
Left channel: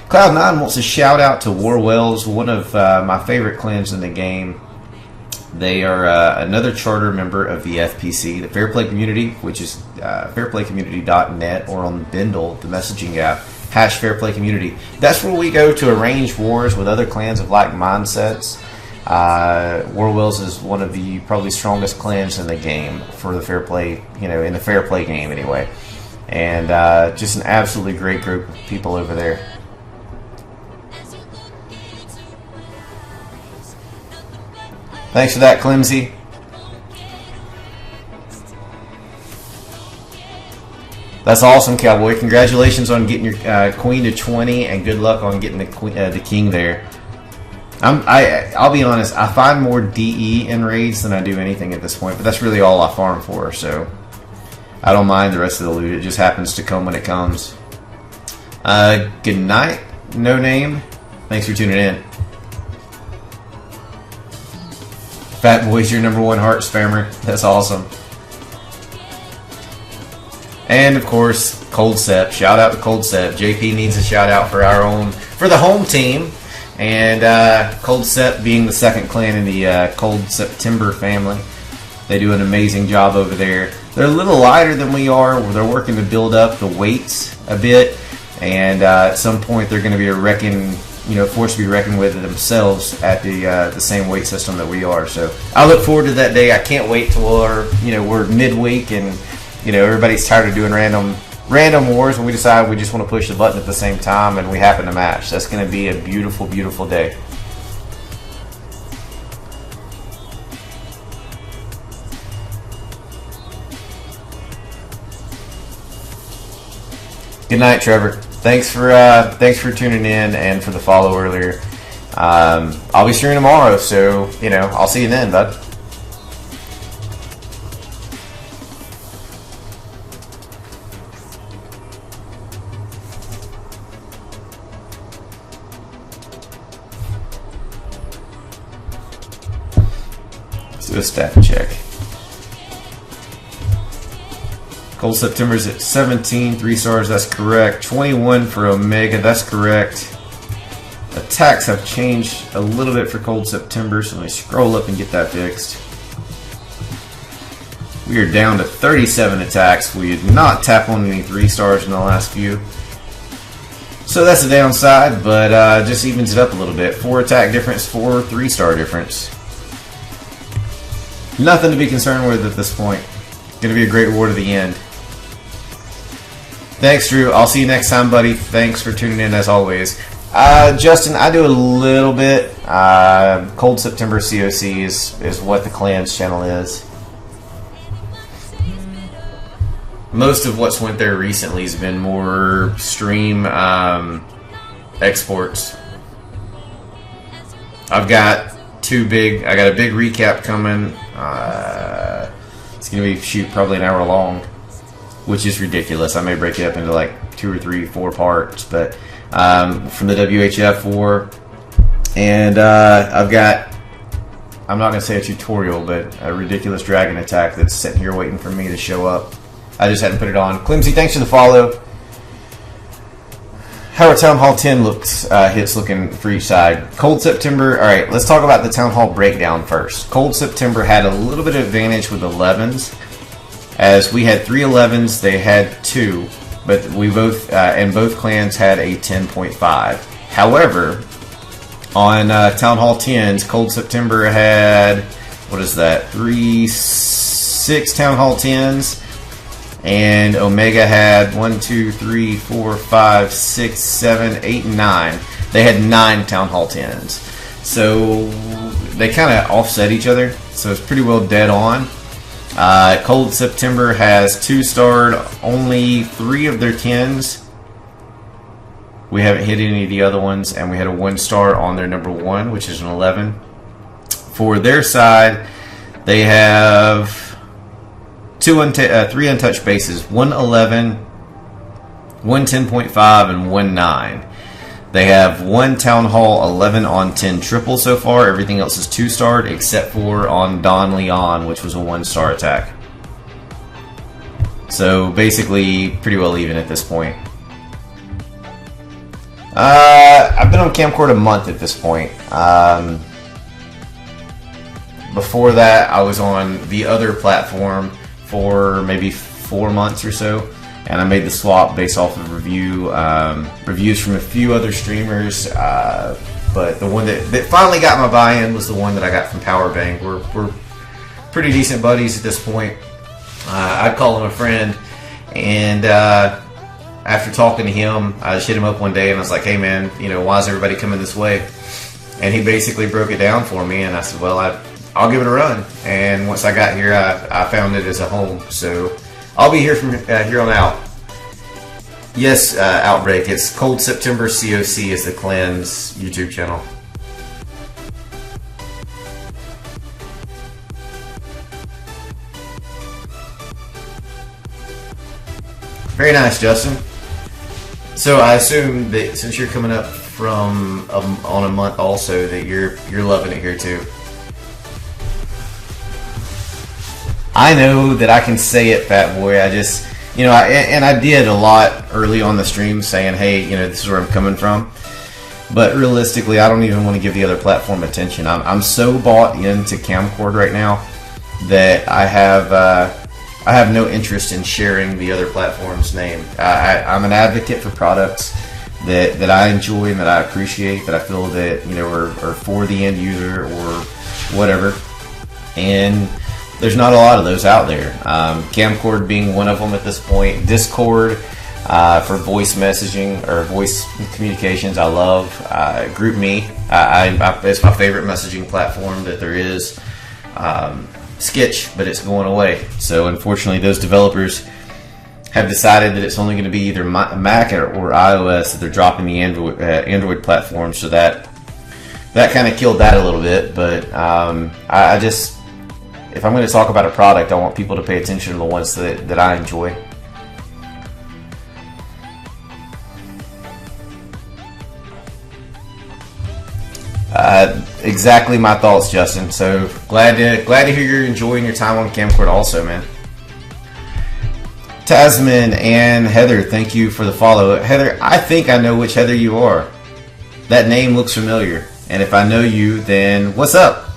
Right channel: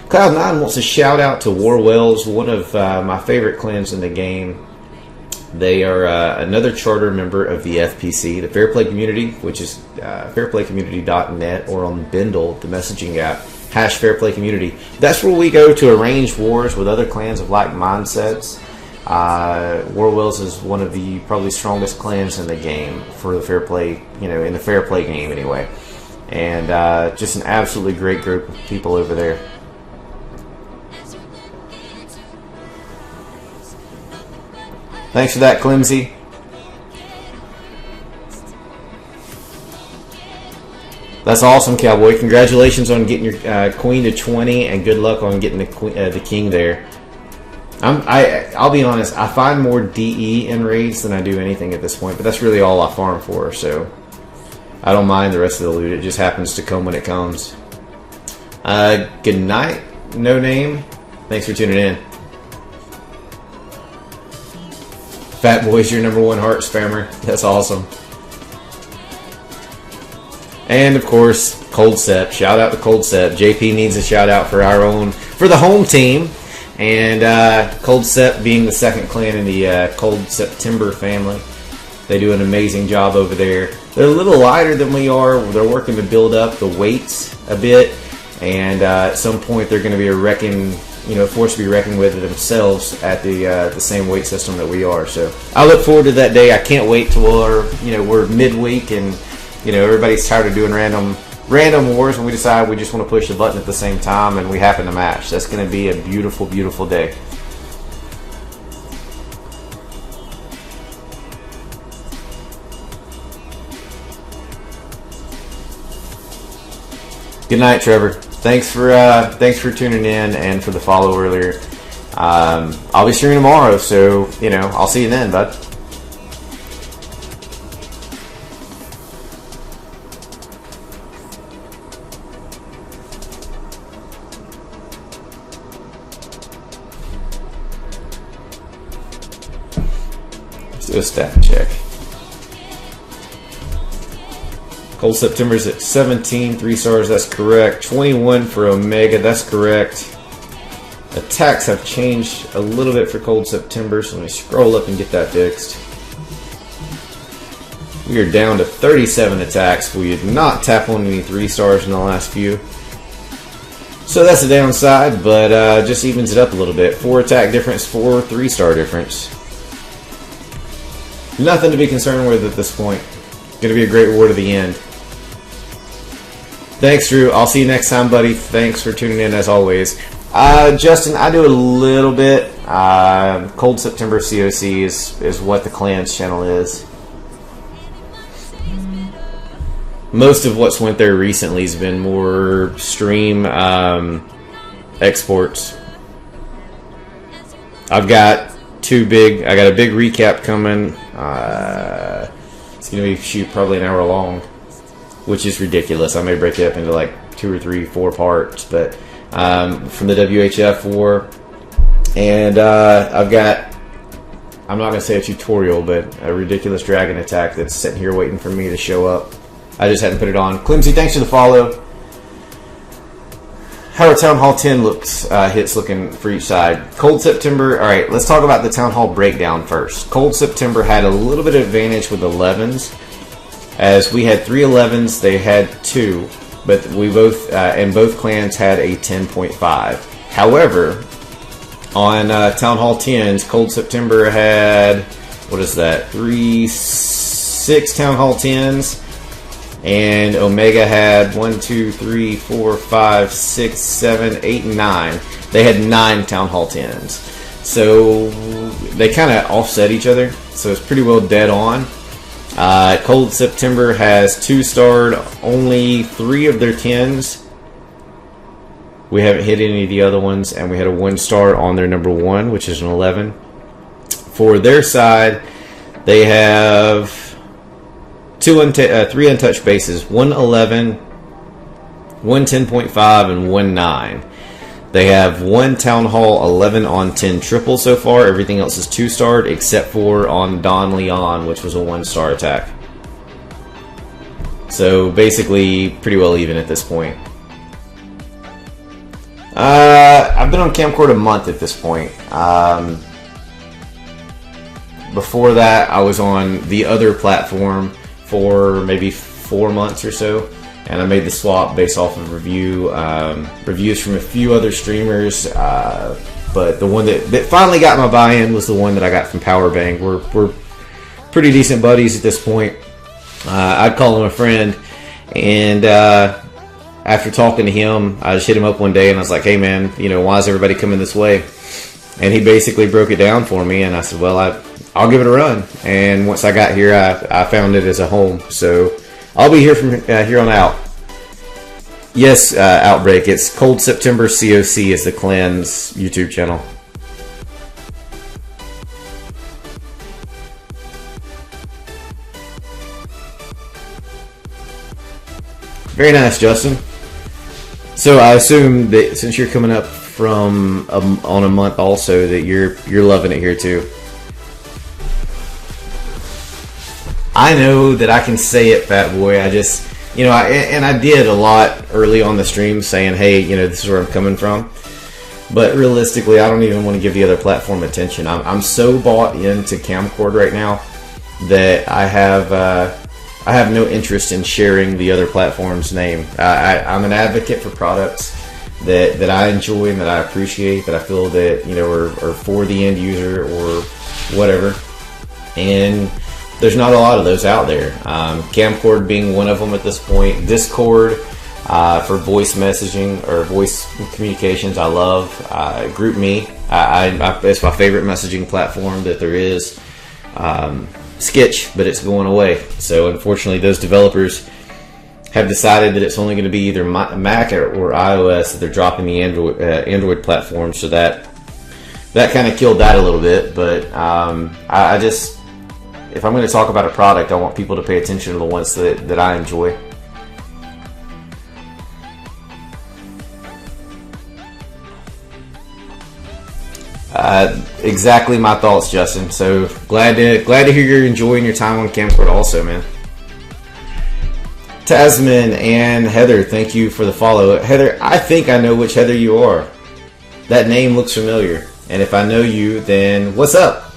Cloud9 wants to shout out to Warwells, one of my favorite clans in the game. They are another charter member of the FPC, the Fair Play Community, which is fairplaycommunity.net, or on Bindle, the messaging app, #FairPlayCommunity. That's where we go to arrange wars with other clans of like mindsets. Warwells is one of the probably strongest clans in the game for the Fair Play, in the Fair Play game anyway. And just an absolutely great group of people over there. Thanks for that, Clemsy. That's awesome, Cowboy. Congratulations on getting your queen to 20, and good luck on getting the king there. I'll be honest, I find more DE in raids than I do anything at this point, but that's really all I farm for, so I don't mind the rest of the loot. It just happens to come when it comes. Good night, No Name. Thanks for tuning in. Fat Boy's your #1 heart spammer. That's awesome. And of course, Cold Sep. Shout out to Cold Sep. JP needs a shout out for the home team. And Cold Sep being the second clan in the Cold September family. They do an amazing job over there. They're a little lighter than we are. They're working to build up the weights a bit. And at some point they're going to be a force to be reckoned with themselves at the same weight system that we are. So I look forward to that day. I can't wait till we're midweek and everybody's tired of doing random wars, when we decide we just want to push the button at the same time and we happen to match. That's going to be a beautiful, beautiful day. Good night, Trevor. Thanks for tuning in and for the follow earlier. I'll be streaming tomorrow, so I'll see you then, bud. do a stat check. Cold September's at 17, 3 stars, that's correct. 21 for Omega, that's correct. Attacks have changed a little bit for Cold September, so let me scroll up and get that fixed. We are down to 37 attacks. We did not tap on any 3 stars in the last few. So that's a downside, but just evens it up a little bit. 4 attack difference, 4 3-star difference. Nothing to be concerned with at this point. Going to be a great reward at the end. Thanks, Drew. I'll see you next time, buddy. Thanks for tuning in as always. Justin, I do a little bit. Cold September COC is what the Clans channel is. Most of what's went there recently has been more stream exports. I got a big recap coming. It's going to be probably an hour long, which is ridiculous. I may break it up into like 2 or 3, 4 parts, but from the WHF war, and I'm not going to say a tutorial, but a ridiculous dragon attack that's sitting here waiting for me to show up. I just hadn't put it on. Clemsy, thanks for the follow. How are Town Hall 10 hits looking for each side? Cold September, alright, let's talk about the Town Hall breakdown first. Cold September had a little bit of advantage with 11s, as we had 3 11s, they had 2, but we both, and both clans had a 10.5. However, on Town Hall 10s, Cold September had, 6 Town Hall 10s, and Omega had 1, 2, 3, 4, 5, 6, 7, 8, and 9. They had 9 Town Hall 10s. So they kind of offset each other. So it's pretty well dead on. Cold September has 2-starred only 3 of their 10s. We haven't hit any of the other ones, and we had a 1-star on their number 1, which is an 11. For their side, they have 3 untouched bases, 1 11, 1 10.5, and 1 9. They have 1 Town Hall 11 on 10 triple so far. Everything else is 2-starred except for on Don Leon, which was a 1-star attack. So basically pretty well even at this point. I've been on Camcord a month at this point. Before that, I was on the other platform for maybe 4 months or so, and I made the swap based off of reviews from a few other streamers, but the one that finally got my buy-in was the one that I got from Powerbang. We're pretty decent buddies at this point. I'd call him a friend, and after talking to him, I just hit him up one day and I was like, hey man, why is everybody coming this way? And he basically broke it down for me, and I said, well, I'll give it a run. And once I got here, I found it as a home. So I'll be here from here on out. Yes, Outbreak. It's Cold September COC is the Clan's YouTube channel. Very nice, Justin. So I assume that since you're coming up from on a month also, that you're loving it here too. I know that I can say it, Fat Boy. I just, I did a lot early on the stream saying, hey, this is where I'm coming from. But realistically, I don't even want to give the other platform attention. I'm so bought into Camcord right now that I have no interest in sharing the other platform's name. I'm an advocate for products that I enjoy and that I appreciate, that I feel that are for the end user or whatever. And there's not a lot of those out there. Camcord being one of them at this point. Discord for voice messaging or voice communications, I love. GroupMe, it's my favorite messaging platform that there is. Skitch, but it's going away. So unfortunately, those developers have decided that it's only going to be either Mac or iOS that they're dropping the Android platform. So that kind of killed that a little bit. But I just, if I'm going to talk about a product, I want people to pay attention to the ones that I enjoy. Exactly my thoughts, Justin. So glad to hear you're enjoying your time on Camcord also, man. Tasman and Heather, thank you for the follow. Heather, I think I know which Heather you are. That name looks familiar. And if I know you, then what's up?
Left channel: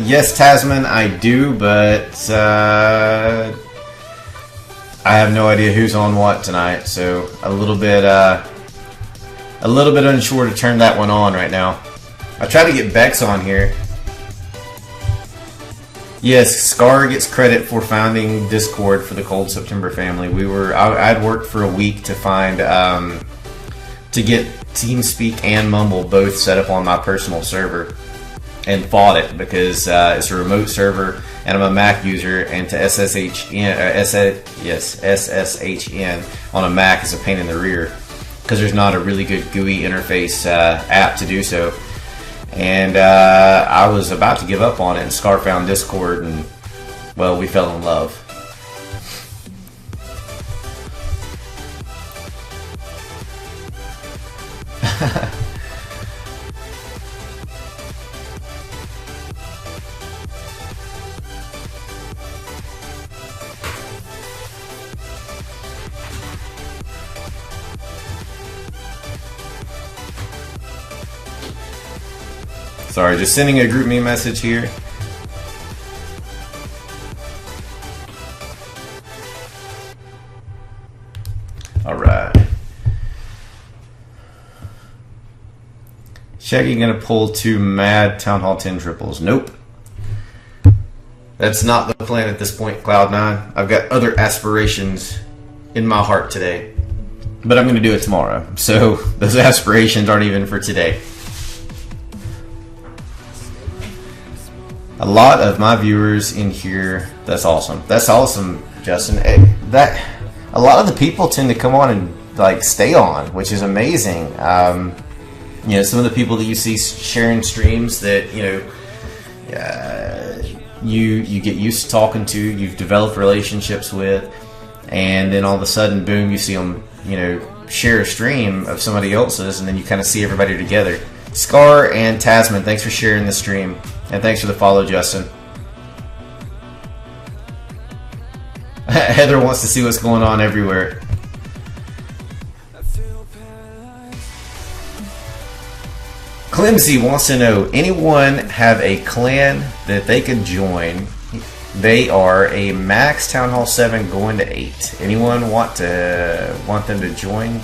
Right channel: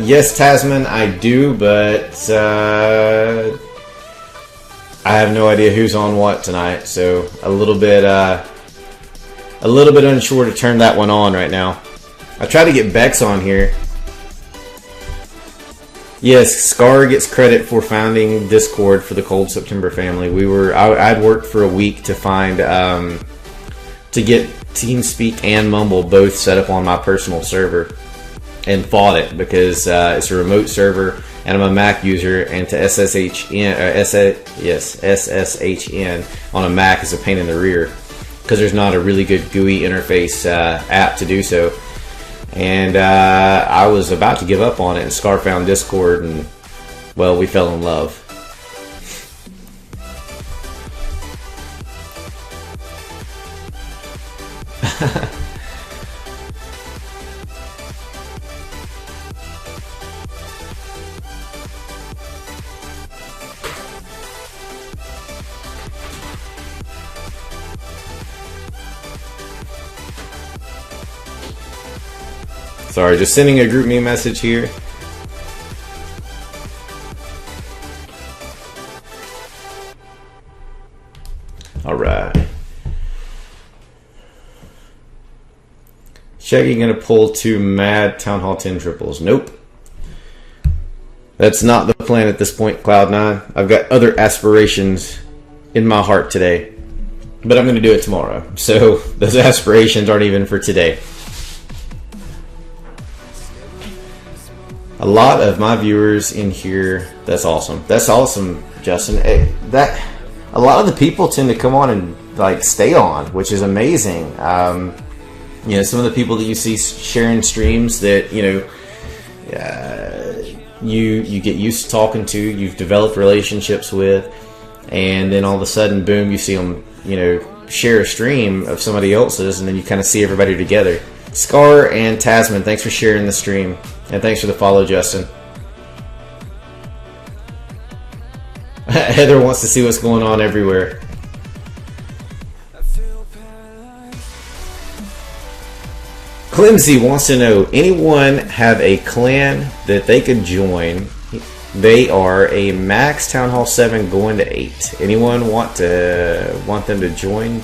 Yes, Tasman, I do, but I have no idea who's on what tonight, so a little bit unsure to turn that one on right now. I try to get Bex on here. Yes, Scar gets credit for founding Discord for the Cold September family. I'd worked for a week to find to get TeamSpeak and Mumble both set up on my personal server, and fought it because it's a remote server and I'm a Mac user, and to SSHN on a Mac is a pain in the rear because there's not a really good GUI interface app to do so. And I was about to give up on it, and Scar found Discord, and well, we fell in love. Sorry, just sending a group me message here. Alright. Shaggy gonna pull 2 mad Town Hall 10 triples. Nope. That's not the plan at this point, Cloud9. I've got other aspirations in my heart today. But I'm gonna do it tomorrow. So those aspirations aren't even for today. A lot of my viewers in here. That's awesome. That's awesome, Justin. A lot of the people tend to come on and like stay on, which is amazing. You know, some of the people that you see sharing streams that you get used to talking to, you've developed relationships with, and then all of a sudden, boom, you see them, share a stream of somebody else's, and then you kind of see everybody together. Scar and Tasman, thanks for sharing the stream. And thanks for the follow, Justin. Heather wants to see what's going on everywhere. Clemsy wants to know, anyone have a clan that they could join? They are a max Town Hall 7 going to 8. Anyone want them to join?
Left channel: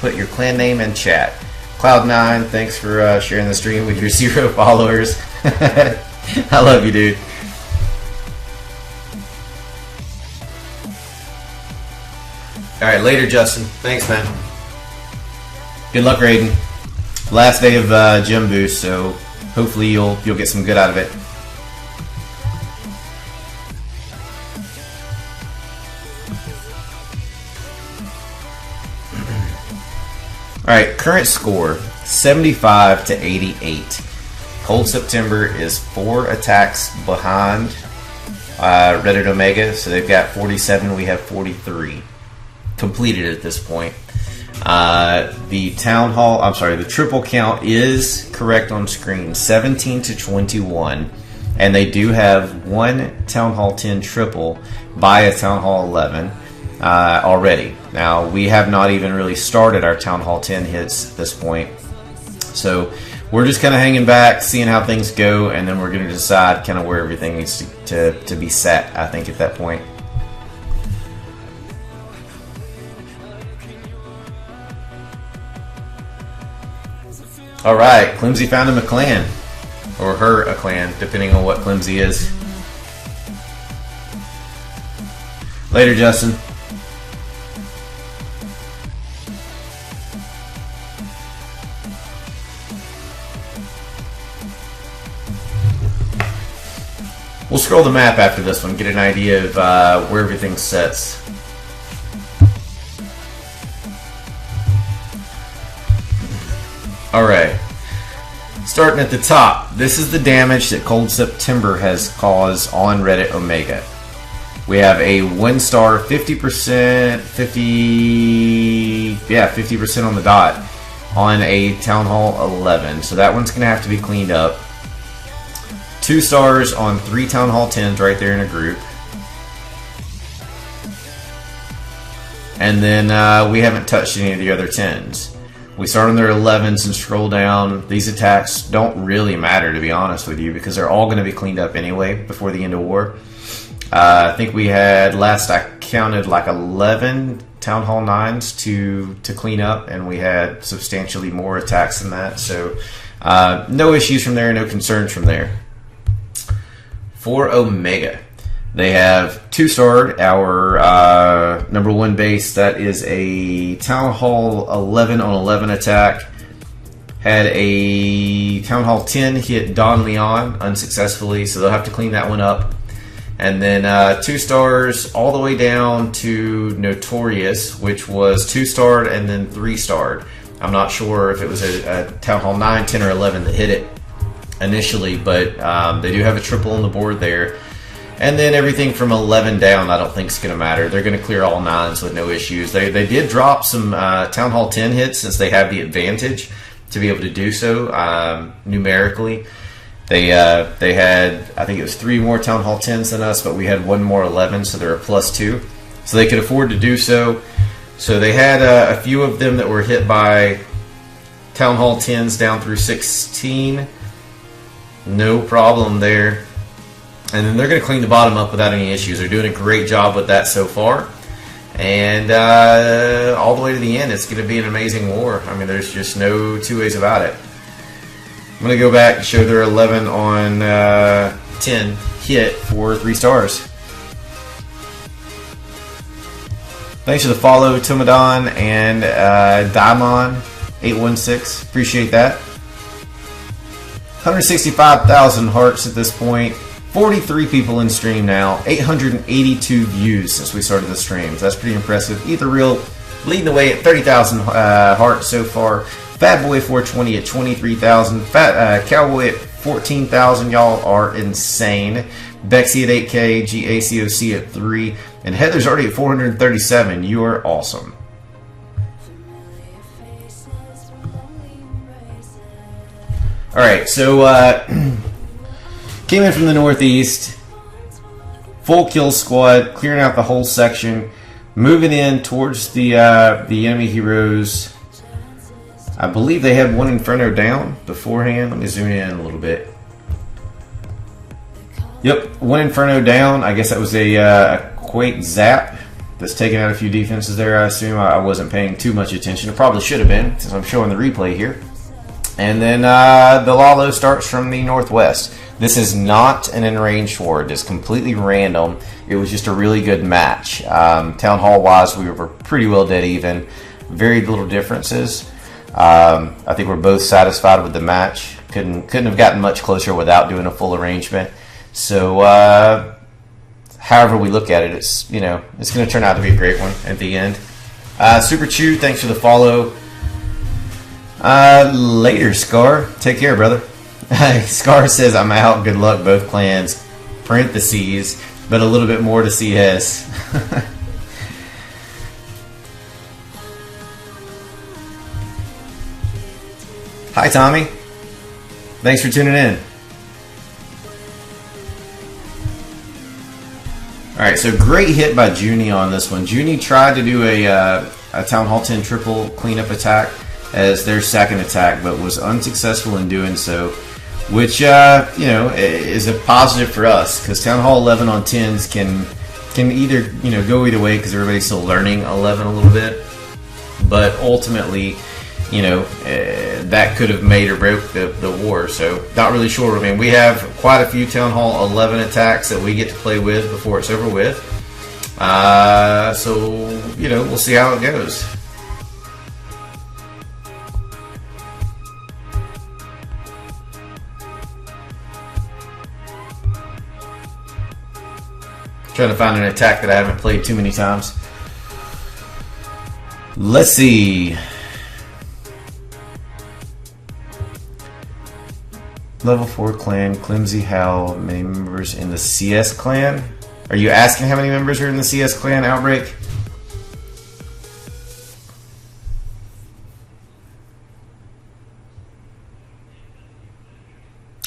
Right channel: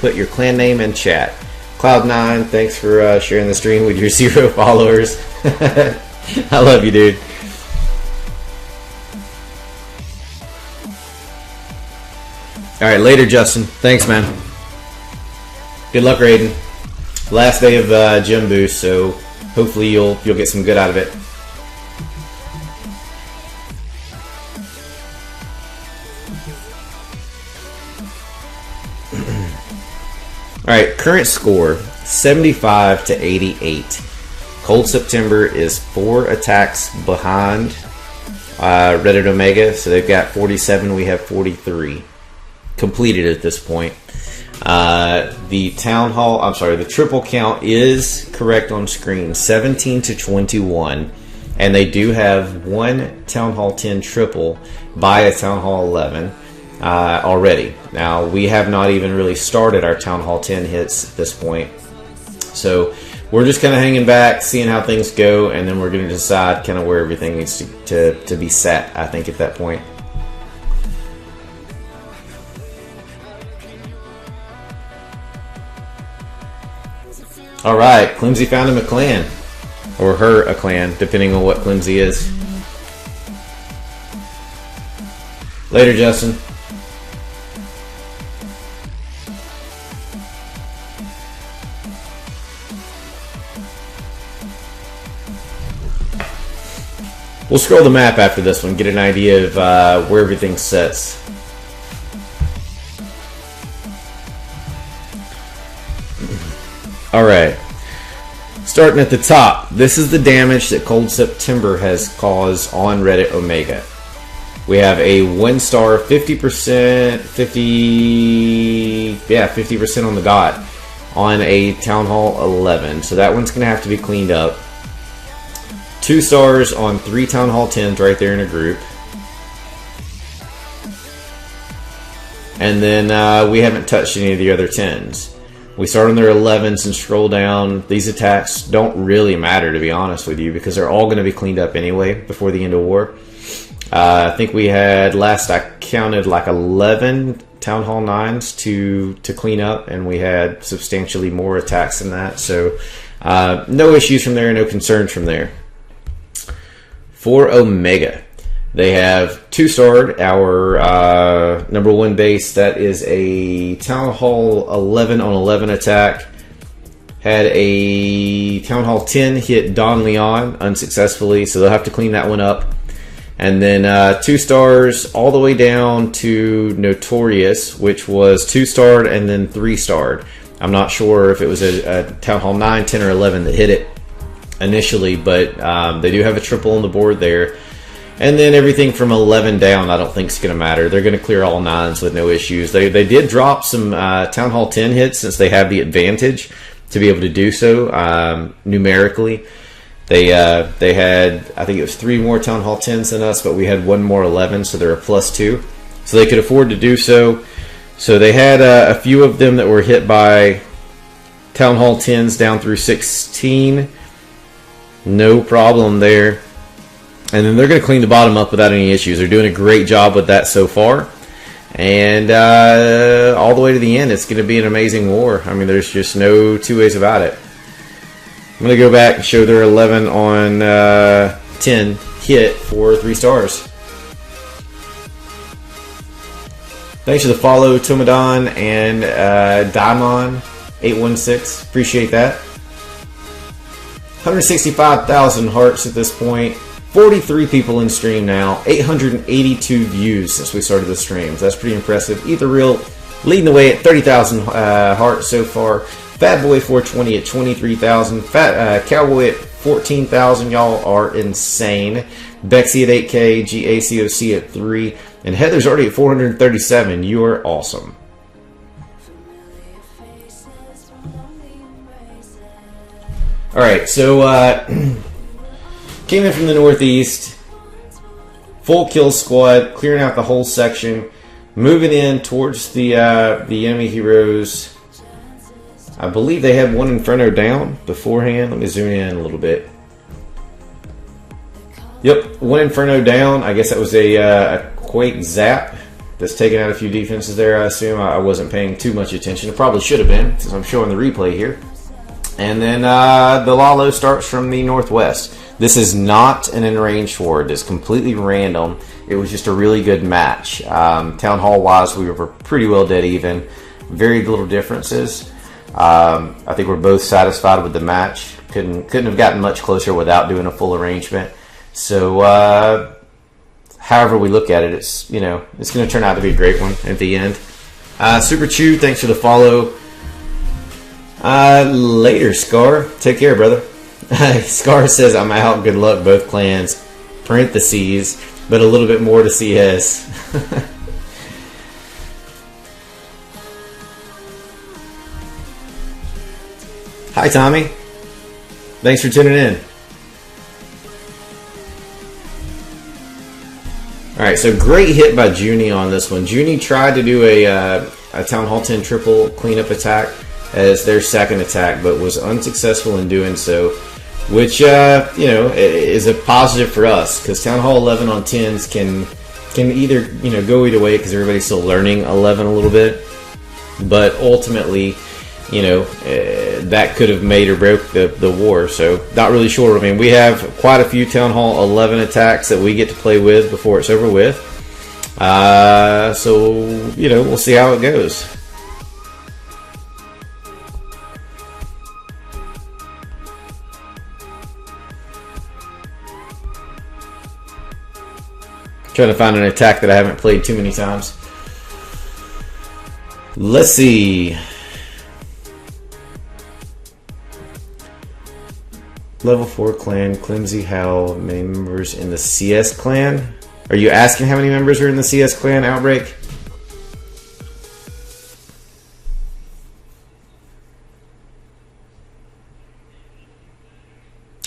Put your clan name in chat. Cloud9, thanks for sharing the stream with your 0 followers. I love you, dude. Alright, later, Justin. Thanks, man. Good luck, Raiden. Last day of gym boost, so hopefully you'll get some good out of it. Alright, current score 75 to 88. Cold September is 4 attacks behind Reddit Omega, so they've got 47, we have 43 completed at this point. The triple count is correct on screen, 17 to 21, and they do have 1 Town Hall 10 triple by a Town Hall 11 already. Now, we have not even really started our Town Hall 10 hits at this point, so we're just kind of hanging back, seeing how things go, and then we're going to decide kind of where everything needs to be set, I think, at that point. Alright, Clemsy found him a clan. Or her a clan, depending on what Clemsy is. Later, Justin. We'll scroll the map after this one, get an idea of where everything sets. Alright, starting at the top, this is the damage that Cold September has caused on Reddit Omega. We have a 1-star, 50%, 50% on the dot on a Town Hall 11. So that one's going to have to be cleaned up. 2 stars on 3 Town Hall 10s right there in a group. And then we haven't touched any of the other 10s. We start on their 11s and scroll down. These attacks don't really matter, to be honest with you, because they're all going to be cleaned up anyway before the end of war. I think we had, last I counted, like 11 Town Hall 9s to clean up, and we had substantially more attacks than that. So no issues from there, no concerns from there. For Omega, they have 2-starred our number 1 base. That is a Town Hall 11 on 11 attack. Had a Town Hall 10 hit Don Leon unsuccessfully, so they'll have to clean that one up. And then 2 stars all the way down to Notorious, which was 2-starred and then 3-starred. I'm not sure if it was a Town Hall 9, 10, or 11 that hit it initially, but they do have a triple on the board there. And then everything from 11 down, I don't think is going to matter. They're going to clear all 9s with no issues. They did drop some Town Hall 10 hits since they have the advantage to be able to do so numerically. They had, I think it was 3 more Town Hall 10s than us, but we had 1 more 11, so they're a +2. So they could afford to do so. So they had a few of them that were hit by Town Hall 10s down through 16. No problem there. And then they're going to clean the bottom up without any issues. They're doing a great job with that so far. And all the way to the end, it's going to be an amazing war. I mean, there's just no 2 ways about it. I'm going to go back and show their 11 on 10 hit for 3 stars. Thanks for the follow, Tomadon and Daimon816. Appreciate that. 165,000 hearts at this point. 43 people in stream now. 882 views since we started the streams. That's pretty impressive. Ether Real leading the way at 30,000 hearts so far. Fat Boy 420 at 23,000. Fat Cowboy at 14,000. Y'all are insane. Bexy at 8K. GACOC at 3. And Heather's already at 437. You are awesome. Alright, so came in from the northeast. Full kill squad. Clearing out the whole section. Moving in towards the enemy heroes. I believe they had 1 Inferno down beforehand. Let me zoom in a little bit. Yep, 1 Inferno down. I guess that was a Quake Zap that's taking out a few defenses there, I assume. I wasn't paying too much attention. It probably should have been, since I'm showing the replay here. And then the Lalo starts from the northwest. This is not an in-range war. It is completely random. It was just a really good match. Town Hall-wise, we were pretty well dead even. Very little differences. I think we're both satisfied with the match. Couldn't have gotten much closer without doing a full arrangement. So, however we look at it, it's going to turn out to be a great one at the end. Super Chew, thanks for the follow. Later, Scar. Take care, brother. Scar says, I'm out. Good luck, both clans. Parentheses, but a little bit more to CS. Hi, Tommy. Thanks for tuning in. Alright, so great hit by Junie on this one. Junie tried to do a Town Hall 10 triple cleanup attack as their second attack, but was unsuccessful in doing so, which is a positive for us, because Town Hall 11 on 10s can either go either way, because everybody's still learning 11 a little bit, but ultimately that could have made or broke the war. So not really sure. I mean, we have quite a few Town Hall 11 attacks that we get to play with before it's over with, so we'll see how it goes. Trying to find an attack that I haven't played too many times. Let's see. Level 4 clan, Clemsy Howl, many members in the CS clan. Are you asking how many members are in the CS clan, Outbreak?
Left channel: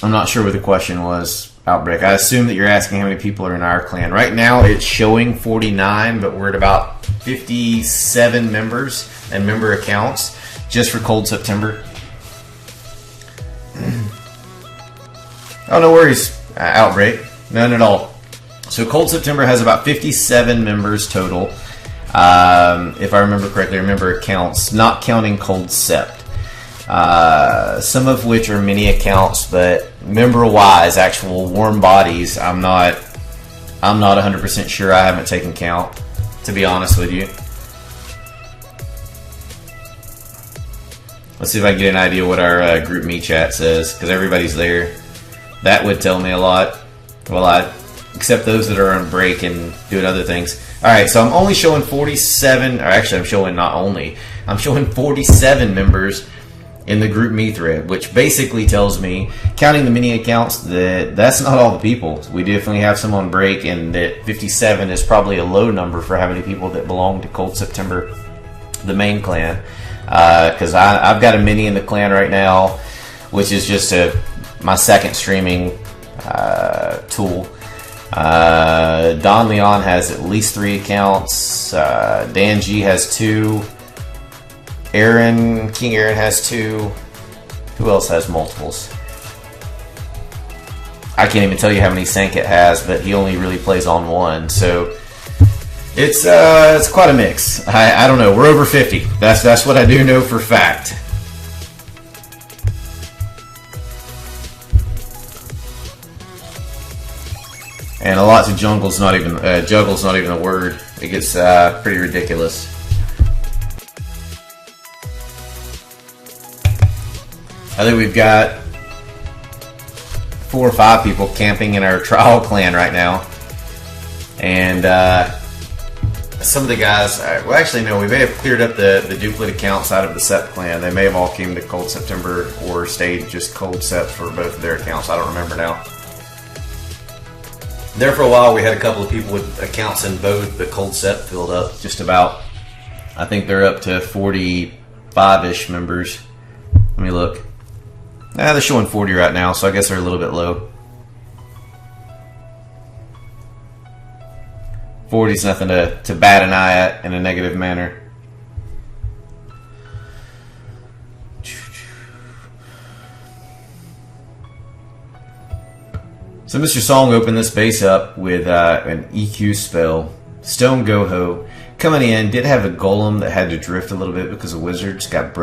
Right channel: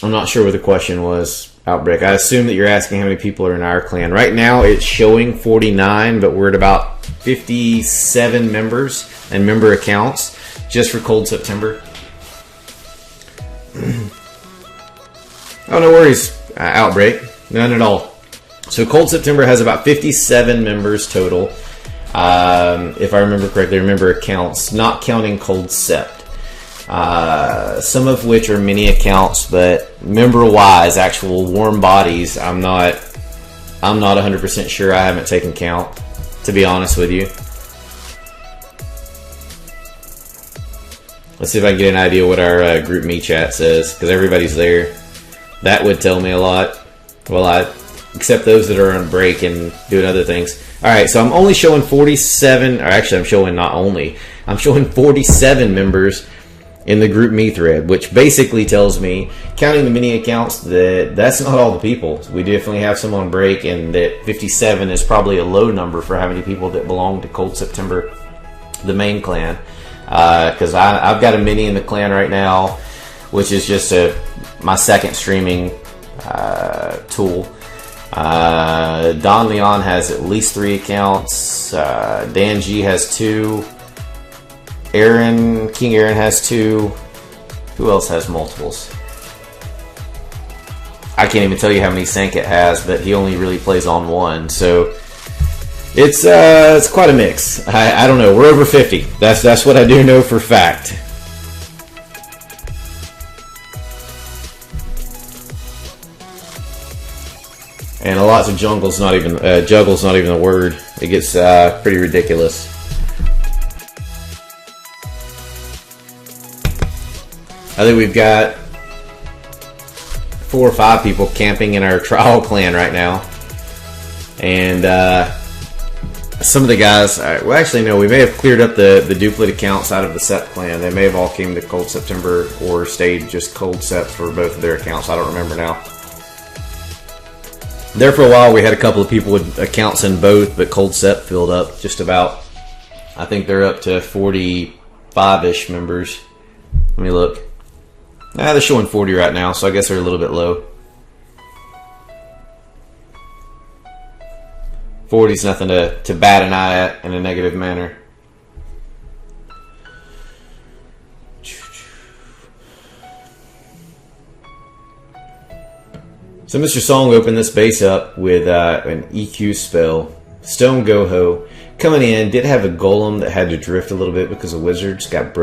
I'm not sure what the question was, Outbreak. I assume that you're asking how many people are in our clan. Right now, it's showing 49, but we're at about 57 members and member accounts just for Cold September. Oh, no worries, Outbreak. None at all. So Cold September has about 57 members total. If I remember correctly, member accounts, not counting Cold Sept. Some of which are mini accounts, but member-wise, actual warm bodies, I'm not 100% sure. I haven't taken count, to be honest with you. Let's see if I can get an idea what our group me chat says, because everybody's there. That would tell me a lot. Well, except those that are on break and doing other things. All right, so I'm only showing 47, or actually I'm showing 47 members in the group me thread, which basically tells me, counting the mini accounts, that's not all the people. We definitely have some on break, and that 57 is probably a low number for how many people that belong to Cold September, the main clan. Because I've got a mini in the clan right now, which is just my second streaming tool. Don Leon has at least 3 accounts. Dan G has 2. King Aaron has 2. Who else has multiples? I can't even tell you how many Sanket has, but he only really plays on 1. So it's quite a mix. I don't know. We're over 50. That's what I do know for fact. And a lot of juggle's not even a word. It gets pretty ridiculous. I think we've got 4 or 5 people camping in our trial clan right now. And some of the guys, well, actually, no, we may have cleared up the duplicate accounts out of the Sept clan. They may have all came to Cold September or stayed just Cold Sept for both of their accounts. I don't remember now. There for a while, we had a couple of people with accounts in both, but Cold Sept filled up just about. I think they're up to 45-ish members. Let me look. They're showing 40 right now, so I guess they're a little bit low. 40's nothing to bat an eye at in a negative manner. So Mr. Song opened this base up with an EQ spell. Stone Goho coming in, did have a golem that had to drift a little bit because the wizards got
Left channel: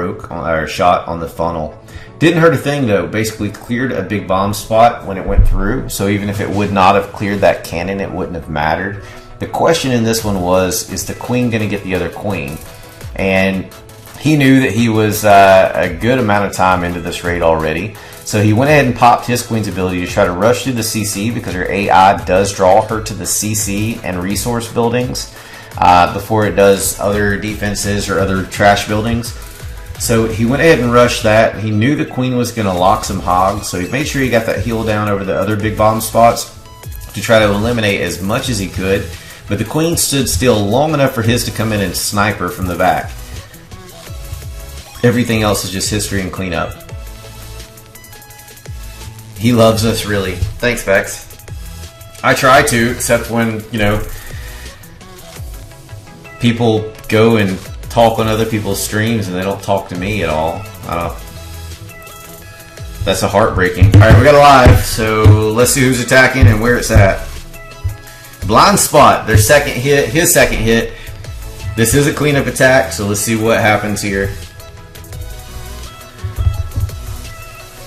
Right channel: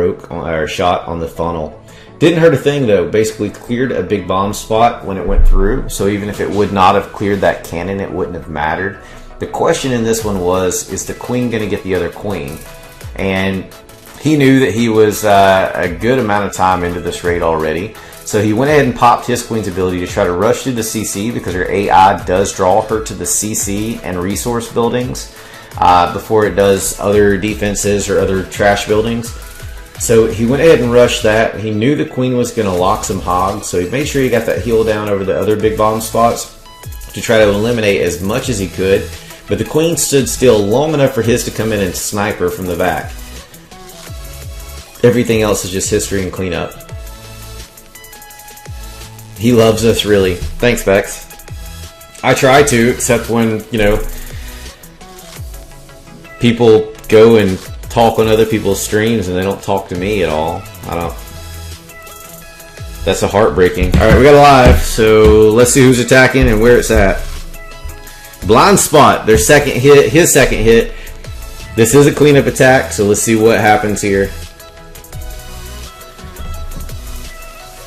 shot on the funnel. Didn't hurt a thing though, basically cleared a big bomb spot when it went through, so even if it would not have cleared that cannon, it wouldn't have mattered. The question in this one was, is the queen going to get the other queen? And he knew that he was a good amount of time into this raid already, so he went ahead and popped his queen's ability to try to rush through the CC, because her AI does draw her to the CC and resource buildings before it does other defenses or other trash buildings. So he went ahead and rushed that. He knew the queen was going to lock some hogs, so he made sure he got that heal down over the other big bomb spots to try to eliminate as much as he could. But the queen stood still long enough for his to come in and snipe her from the back. Everything else is just history and cleanup. He loves us, really. Thanks, Bex. I try to, except when, people go and talk on other people's streams and they don't talk to me at all. That's a heartbreaking. Alright, we got a live, so let's see who's attacking and where it's at. Blind Spot, their second hit, his second hit. This is a cleanup attack, so let's see what happens here.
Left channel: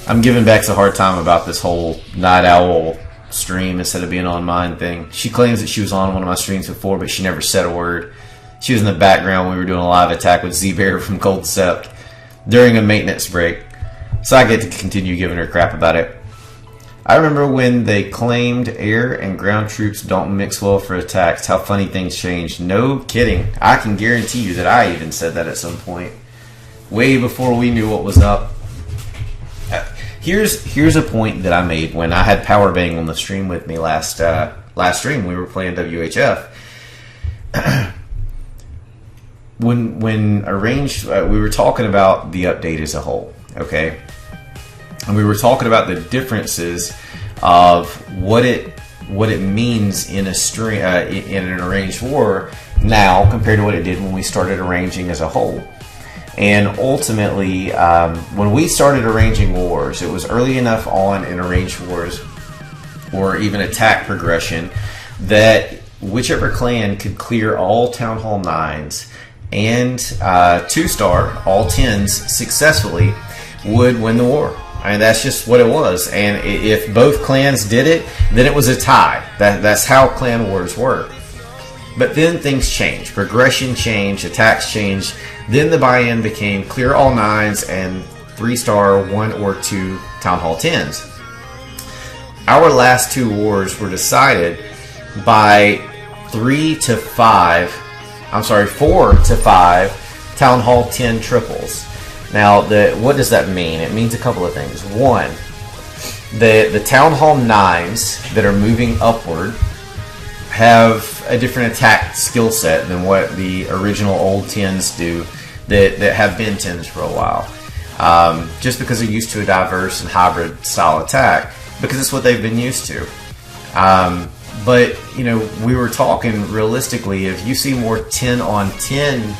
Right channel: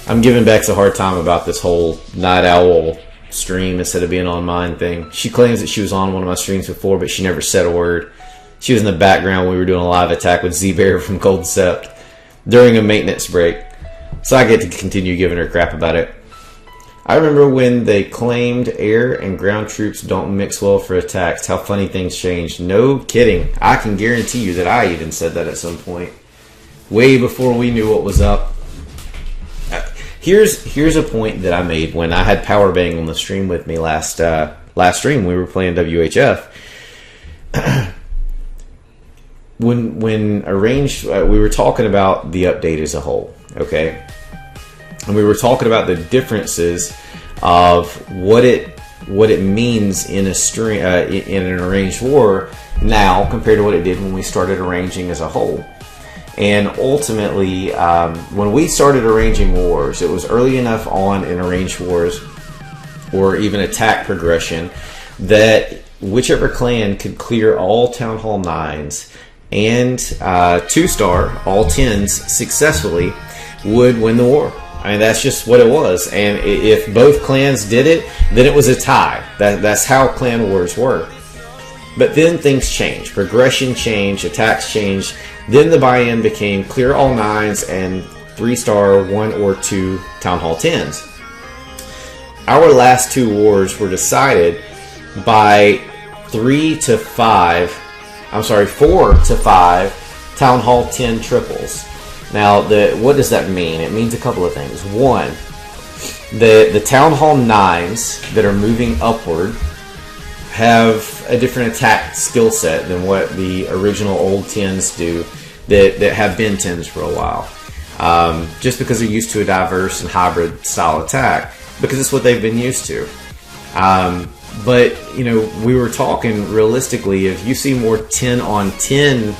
I'm giving Bex a hard time about this whole Night Owl stream instead of being on mine thing. She claims that she was on one of my streams before, but she never said a word. She was in the background when we were doing a live attack with Z-Bear from Cold Sept during a maintenance break. So I get to continue giving her crap about it. I remember when they claimed air and ground troops don't mix well for attacks. How funny things changed. No kidding. I can guarantee you that I even said that at some point. Way before we knew what was up. Here's a point that I made when I had Power Bang on the stream with me last last stream we were playing WHF. when arranged, we were talking about the update as a whole, okay, and we were talking about the differences of what it means in a stream in an arranged war now compared to what it did when we started arranging as a whole. And ultimately, when we started arranging wars, it was early enough on in arranged wars or even attack progression that whichever clan could clear all Town Hall 9s and 2-star, all 10s successfully would win the war. I mean, that's just what it was. And if both clans did it, then it was a tie. That's how clan wars work. But then things changed. Progression changed, attacks changed. Then the buy-in became clear all 9s and 3-star 1 or 2 Town Hall 10s. Our last 2 wars were decided by 4 to 5 Town Hall 10 triples. Now, what does that mean? It means a couple of things. One, the Town Hall 9s that are moving upward have a different attack skill set than what the original old 10s do that have been 10s for a while. Just because they're used to a diverse and hybrid style attack, because it's what they've been used to. But, you know, we were talking realistically, if you see more 10 on 10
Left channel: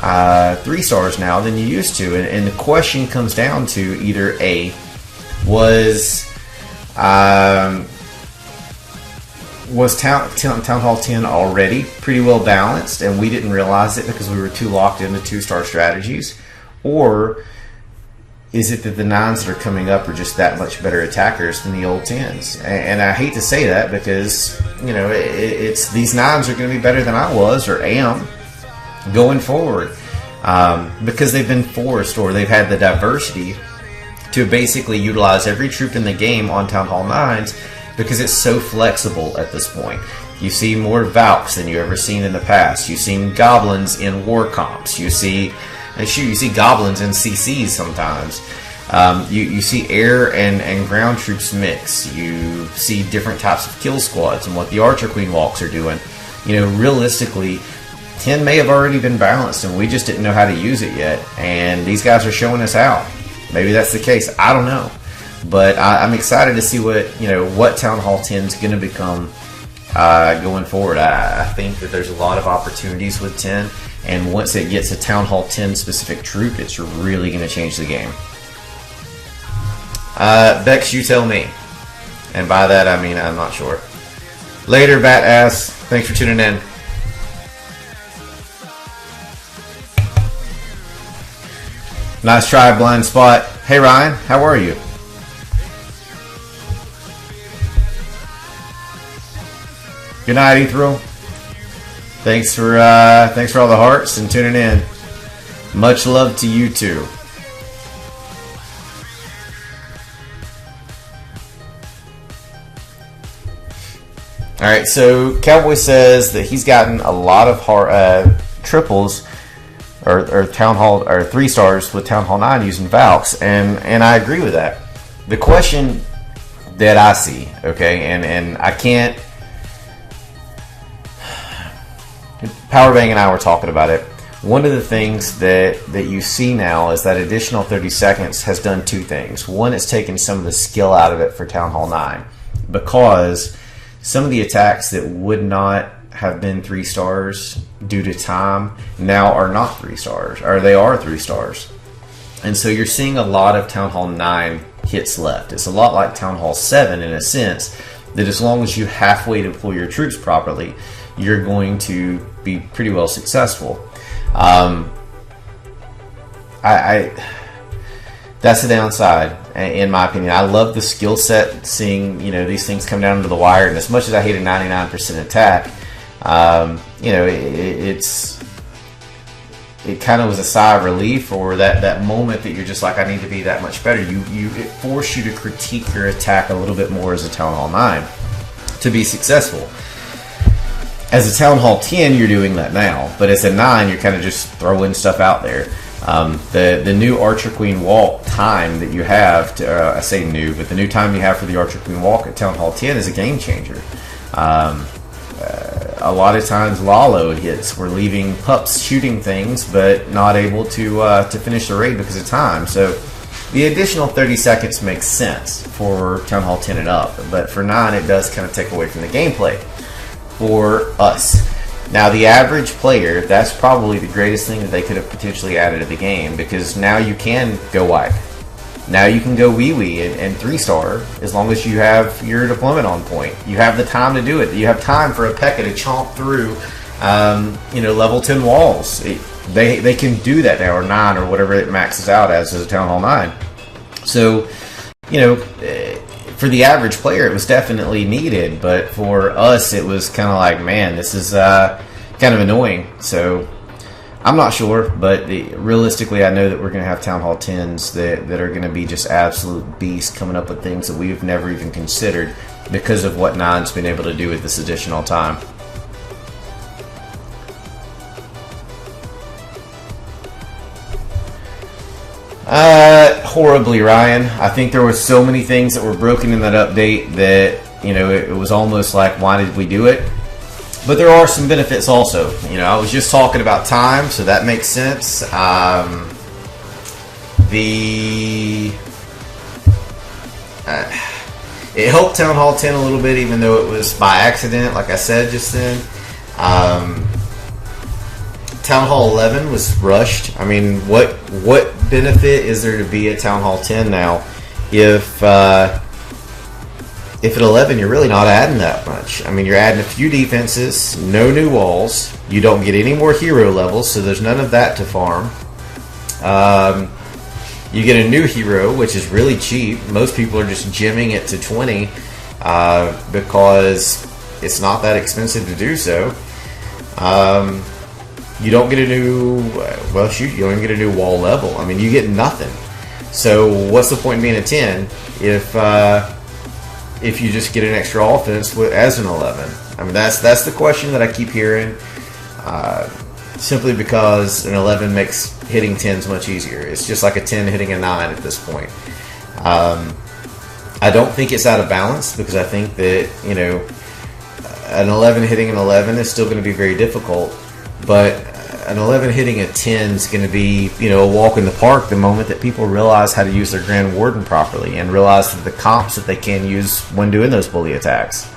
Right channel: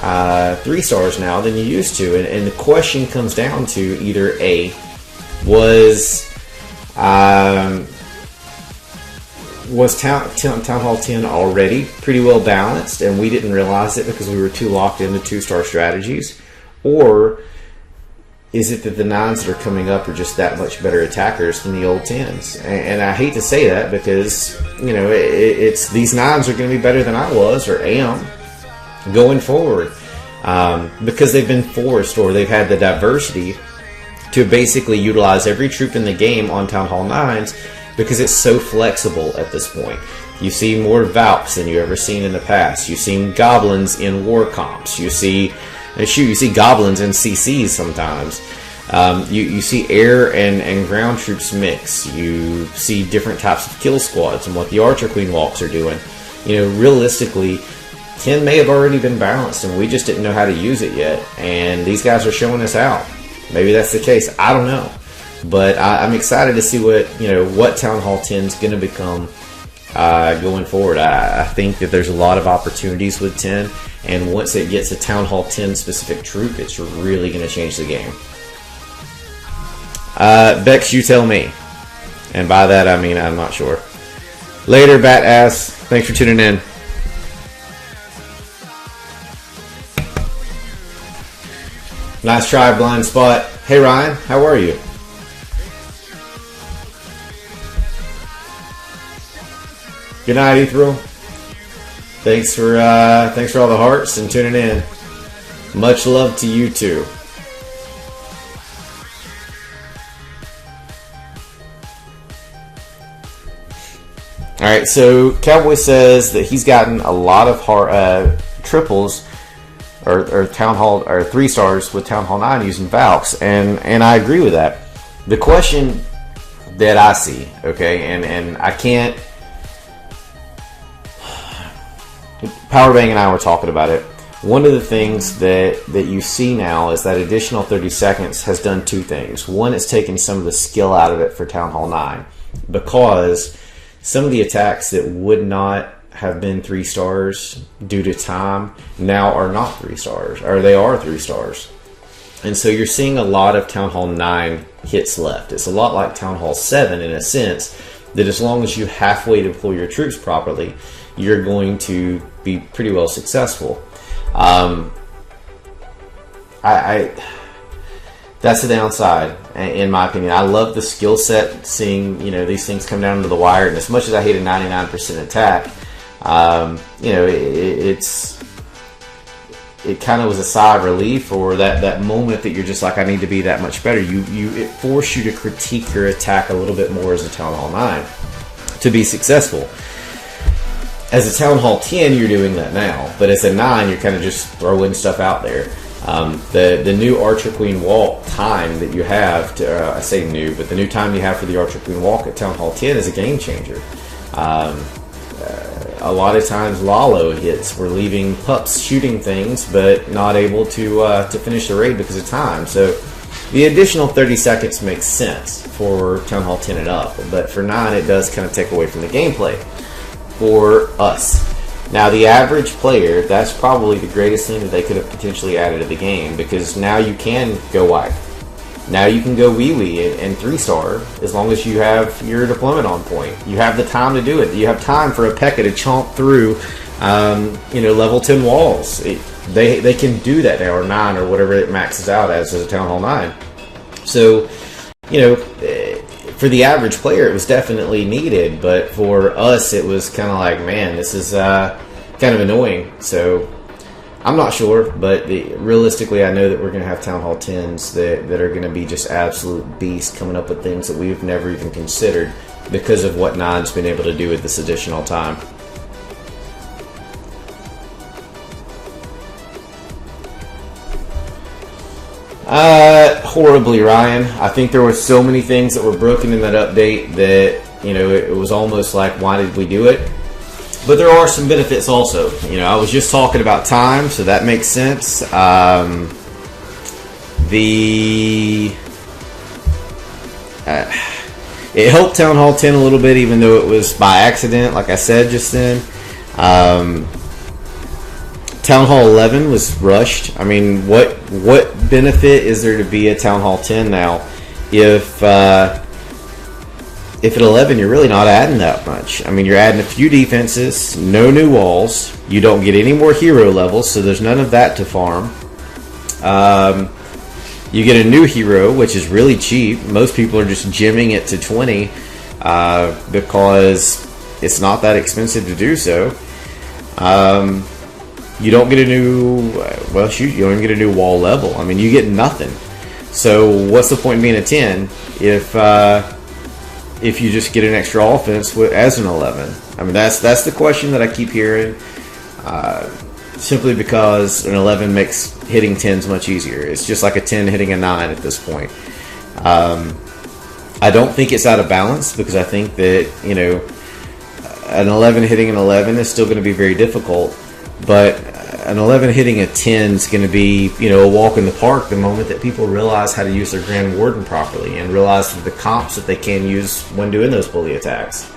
3-stars now than you used to, and the question comes down to either A, was Town Hall 10 already pretty well balanced and we didn't realize it because we were too locked into 2-star strategies, or is it that the 9s that are coming up are just that much better attackers than the old 10s? And I hate to say that because, you know, it's these 9s are going to be better than I was or am going forward, because they've been forced, or they've had the diversity to basically utilize every troop in the game on Town Hall 9s because it's so flexible at this point. You see more Valks than you've ever seen in the past. You've seen goblins in war comps. You see goblins in CCs sometimes. You see air and ground troops mix. You see different types of kill squads and what the Archer Queen walks are doing. You know, realistically, 10 may have already been balanced and we just didn't know how to use it yet. And these guys are showing us how. Maybe that's the case. I don't know. But I'm excited to see what Town Hall 10 is going to become going forward. I think that there's a lot of opportunities with 10. And once it gets a Town Hall 10 specific troop, it's really going to change the game. Bex, you tell me. And by that, I mean, I'm not sure. Later, Bat Ass. Thanks for tuning in. Nice try, Blind Spot. Hey, Ryan. How are you? Good night, Ethereal. Thanks for all the hearts and tuning in. Much love to you too. All right, so Cowboy says that he's gotten a lot of triples or Town Hall or 3-stars with Town Hall 9 using Valks, and I agree with that. The question that I see, okay, and I can't. Powerbang and I were talking about it. One of the things that you see now is that additional 30 seconds has done 2 things. One, it's taken some of the skill out of it for Town Hall 9, because some of the attacks that would not have been 3-stars due to time now are not 3-stars, or they are 3-stars. And so you're seeing a lot of Town Hall 9 hits left. It's a lot like Town Hall 7 in a sense, that as long as you halfway deploy your troops properly, you're going to be pretty well successful. That's the downside, in my opinion. I love the skill set, seeing these things come down to the wire. And as much as I hate a 99% attack, it kind of was a sigh of relief, or that moment that you're just like, I need to be that much better. It forced you to critique your attack a little bit more as a Town Hall 9 to be successful. As a Town Hall 10, you're doing that now, but as a 9, you're kind of just throwing stuff out there. The new Archer Queen walk time that you have, I say new, but the new time you have for the Archer Queen walk at Town Hall 10 is a game changer. A lot of times Lalo hits. We're leaving pups shooting things, but not able to finish the raid because of time. So the additional 30 seconds makes sense for Town Hall 10 and up, but for 9 it does kind of take away from the gameplay for us. Now the average player, that's probably the greatest thing that they could have potentially added to the game, because now you can go wide. Now you can go wee-wee and 3-star as long as you have your deployment on point. You have the time to do it. You have time for a P.E.K.K.A to chomp through, level 10 walls. They can do that now, or 9, or whatever it maxes out as a Town Hall 9. So, for the average player, it was definitely needed, but for us, it was kind of like, man, this is kind of annoying. So, I'm not sure, but realistically, I know that we're going to have Town Hall 10s that are going to be just absolute beasts, coming up with things that we've never even considered because of what 9's been able to do with this additional time. Horribly, Ryan. I think there were so many things that were broken in that update that, it was almost like, why did we do it? But there are some benefits also. I was just talking about time, so that makes sense. It helped Town Hall 10 a little bit, even though it was by accident, like I said just then. Town Hall 11 was rushed. I mean, what benefit is there to be at Town Hall 10 now if at 11 you're really not adding that much? I mean, you're adding a few defenses, no new walls, you don't get any more hero levels, so there's none of that to farm. You get a new hero, which is really cheap. Most people are just gymming it to 20 because it's not that expensive to do so. You don't get a new, you don't even get a new wall level. I mean, you get nothing. So what's the point in being a 10 if you just get an extra offense as an 11? I mean, that's the question that I keep hearing, simply because an 11 makes hitting 10s much easier. It's just like a 10 hitting a 9 at this point. I don't think it's out of balance, because I think that, an 11 hitting an 11 is still going to be very difficult, but an 11 hitting a 10 is going to be, a walk in the park the moment that people realize how to use their Grand Warden properly and realize the comps that they can use when doing those bully attacks.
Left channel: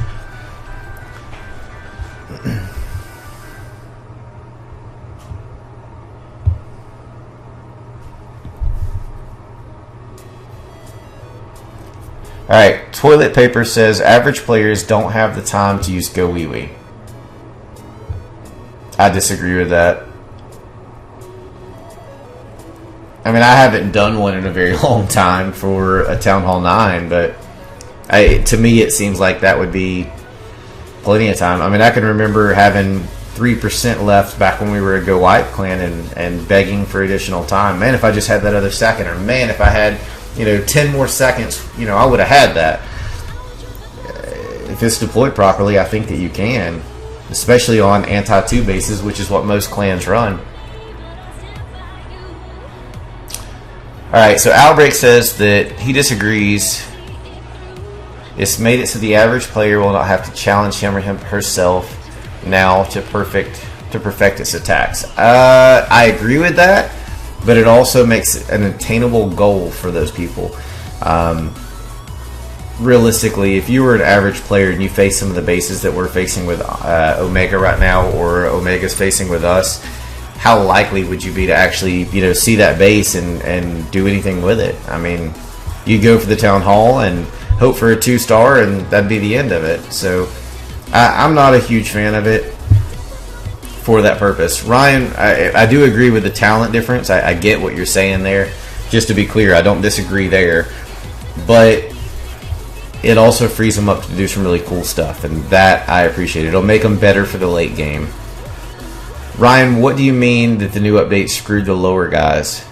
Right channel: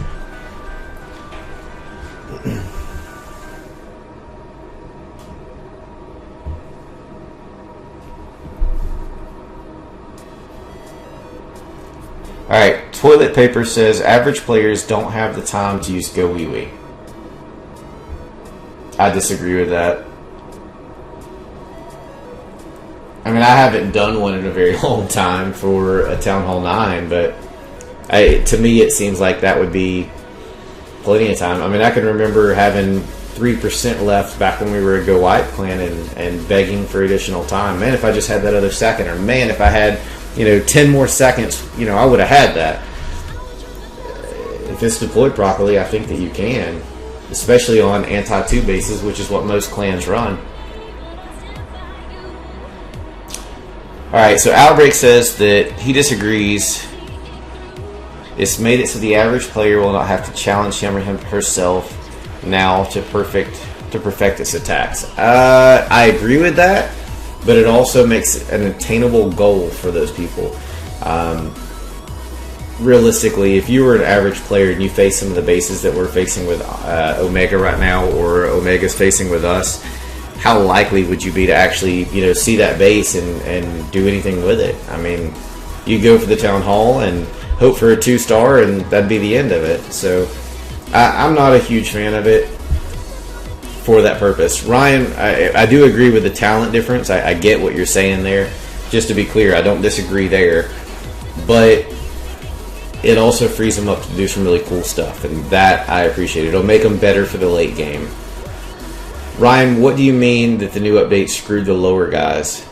Alright, Toilet Paper says average players don't have the time to use Go Wee Wee. I disagree with that. I mean, I haven't done one in a very long time for a Town Hall 9, but to me it seems like that would be plenty of time. I mean, I can remember having 3% left back when we were a Go White clan and begging for additional time. Man, if I just had that other second, or man, if I had 10 more seconds, I would have had that. If it's deployed properly, I think that you can, especially on anti-2 bases, which is what most clans run. Alright, so Albrecht says that he disagrees. It's made it so the average player will not have to challenge him or herself now to perfect its attacks. I agree with that, but it also makes it an attainable goal for those people. Realistically, if you were an average player and you face some of the bases that we're facing with Omega right now, or Omega's facing with us, how likely would you be to actually, see that base and do anything with it? I mean, you go for the Town Hall and hope for a 2-star, and that'd be the end of it. So, I'm not a huge fan of it for that purpose. Ryan, I do agree with the talent difference. I get what you're saying there. Just to be clear, I don't disagree there. But it also frees them up to do some really cool stuff, and that I appreciate. It'll make them better for the late game. Ryan, what do you mean that the new update screwed the lower guys?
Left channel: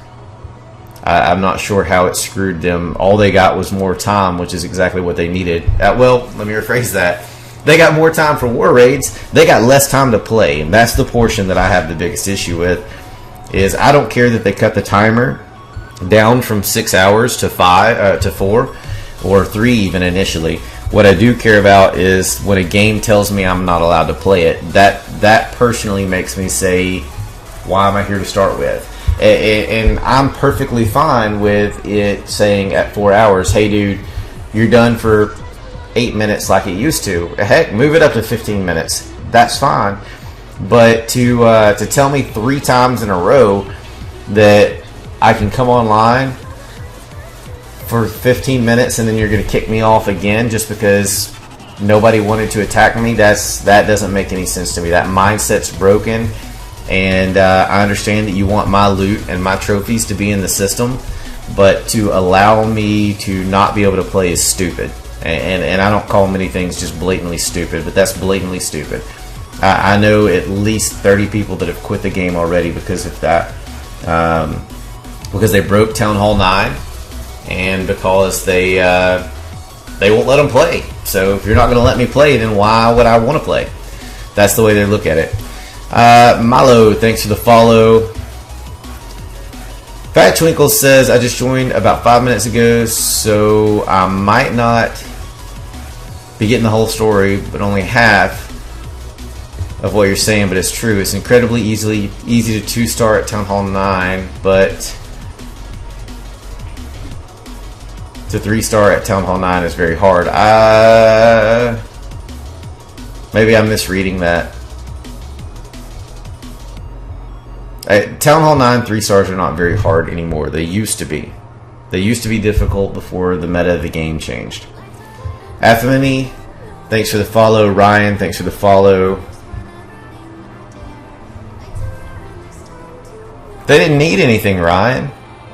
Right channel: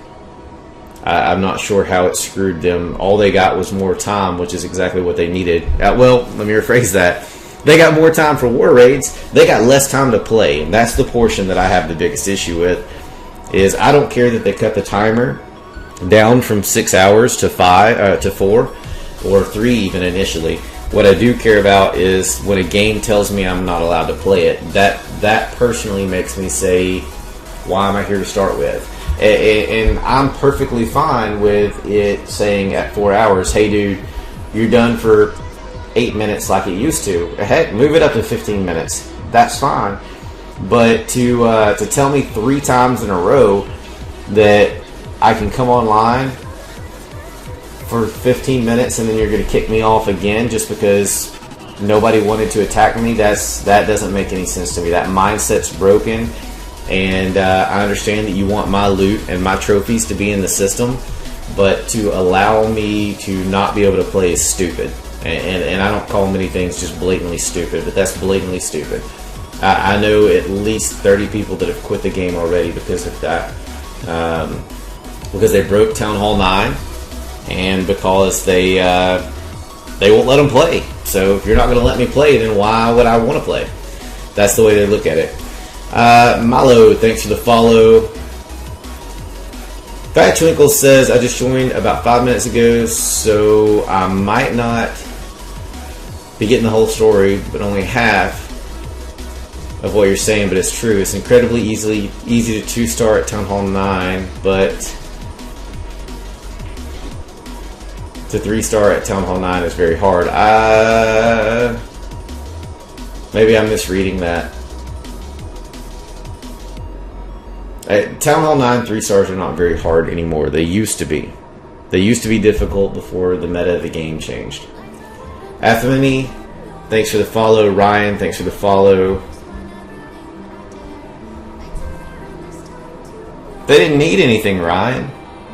I'm not sure how it screwed them. All they got was more time, which is exactly what they needed. Well, let me rephrase that. They got more time for war raids. They got less time to play, and that's the portion that I have the biggest issue with. Is I don't care that they cut the timer down from 6 hours to 4 or 3 even initially. What I do care about is when a game tells me I'm not allowed to play it. That personally makes me say, why am I here to start with? And I'm perfectly fine with it saying at 4 hours, hey dude, you're done for 8 minutes like it used to. Heck, move it up to 15 minutes. That's fine. But to tell me 3 times in a row that I can come online for 15 minutes and then you're going to kick me off again just because nobody wanted to attack me, that doesn't make any sense to me. That mindset's broken, and I understand that you want my loot and my trophies to be in the system, but to allow me to not be able to play is stupid. And I don't call many things just blatantly stupid, but that's blatantly stupid. I know at least 30 people that have quit the game already because of that. Because they broke Town Hall 9 and because they won't let them play. So if you're not going to let me play, then why would I want to play? That's the way they look at it. Milo, thanks for the follow. Fat Twinkle says, I just joined about 5 minutes ago, so I might not be getting the whole story, but only half of what you're saying, but it's true. It's incredibly easy to 2-star at Town Hall 9, but to 3-star at Town Hall 9 is very hard. Maybe I'm misreading that. Town Hall 9 3-stars are not very hard anymore. They used to be. They used to be difficult before the meta of the game changed. Athmini, thanks for the follow. Ryan, thanks for the follow. They didn't need anything, Ryan.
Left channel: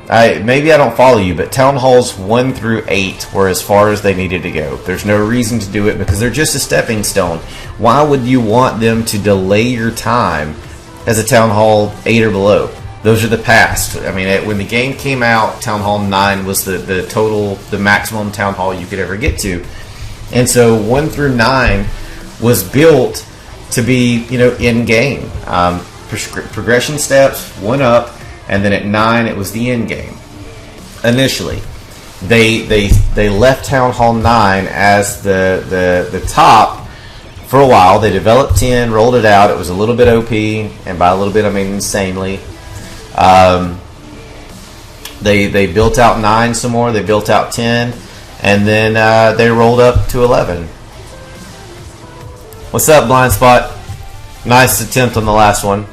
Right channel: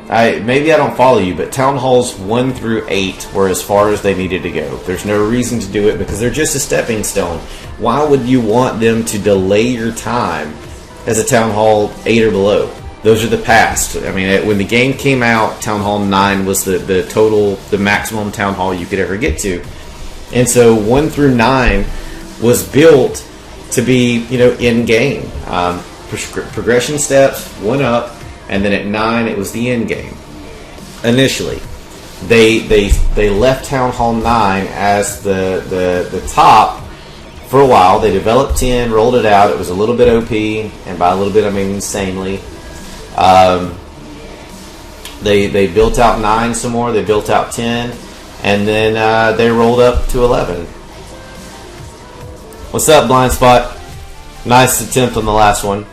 Maybe I don't follow you, but Town Halls 1 through 8 were as far as they needed to go. There's no reason to do it because they're just a stepping stone. Why would you want them to delay your time as a Town Hall 8 or below? Those are the past. I mean, when the game came out, Town Hall 9 was the maximum Town Hall you could ever get to. And so 1 through 9 was built to be, in-game. Progression steps, 1 up, and then at 9 it was the end game. Initially, they left Town Hall 9 as the top for a while. They developed 10, rolled it out. It was a little bit OP, and by a little bit I mean insanely. They built out 9 some more. They built out 10, and then they rolled up to 11. What's up, Blind Spot? Nice attempt on the last one.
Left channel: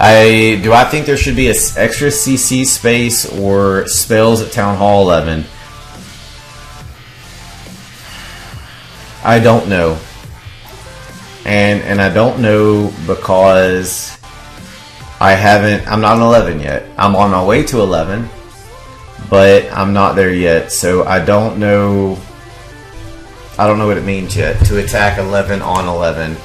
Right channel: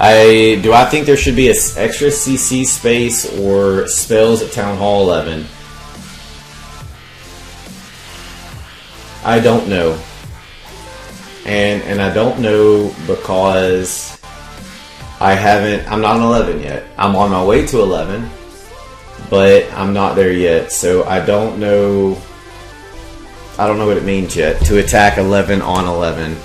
Do I think there should be an extra CC space or spells at Town Hall 11? I don't know. And I don't know because I'm not on 11 yet. I'm on my way to 11, but I'm not there yet. So I don't know what it means yet to attack 11 on 11.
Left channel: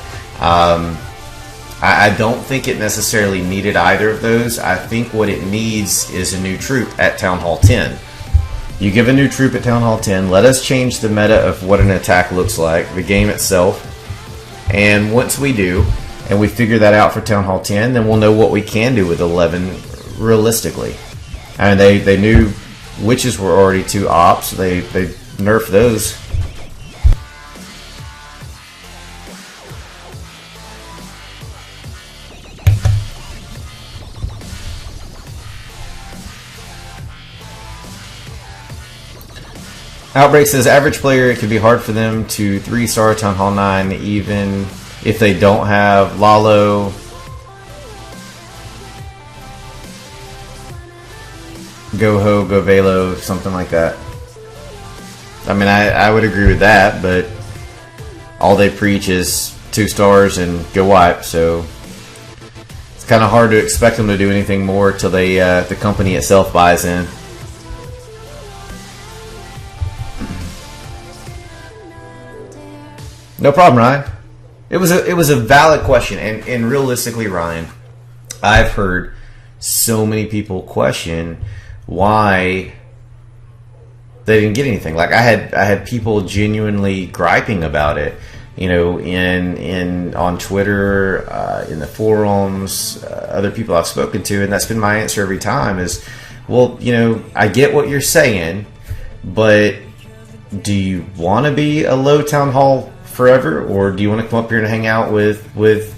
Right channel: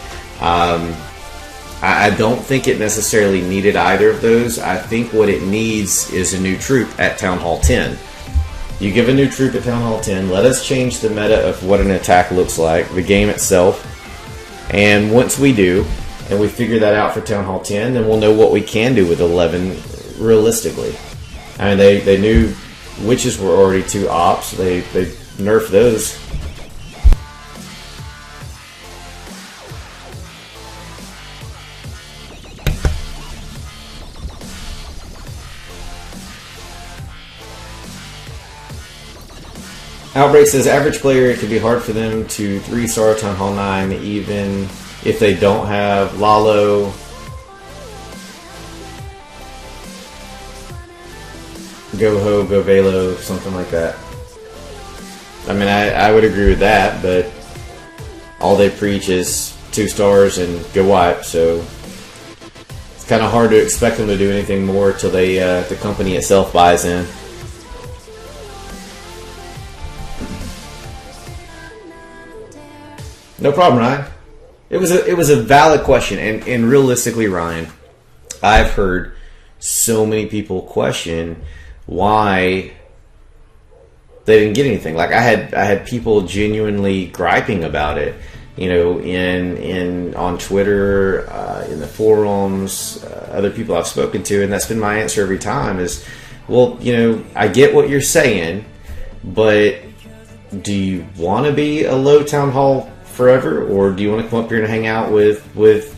I don't think it necessarily needed either of those. I think what it needs is a new troop at Town Hall 10. You give a new troop at Town Hall 10, let us change the meta of what an attack looks like, the game itself. And once we do, and we figure that out for Town Hall 10, then we'll know what we can do with 11 realistically. And they knew witches were already 2 ops. They nerfed those. Outbreak says, average player, it can be hard for them to 3-star Town Hall 9 even if they don't have Lalo. Go Ho, Go Velo, something like that. I mean, I would agree with that, but all they preach is 2 stars and go wipe, so it's kind of hard to expect them to do anything more till the company itself buys in. No problem, Ryan. It was a valid question, and realistically, Ryan, I've heard so many people question why they didn't get anything. Like I had people genuinely griping about it, you know, on Twitter, in the forums, other people I've spoken to, and that's been my answer every time is, well, you know, I get what you're saying, but do you want to be a low town hall forever, or do you want to come up here and hang out with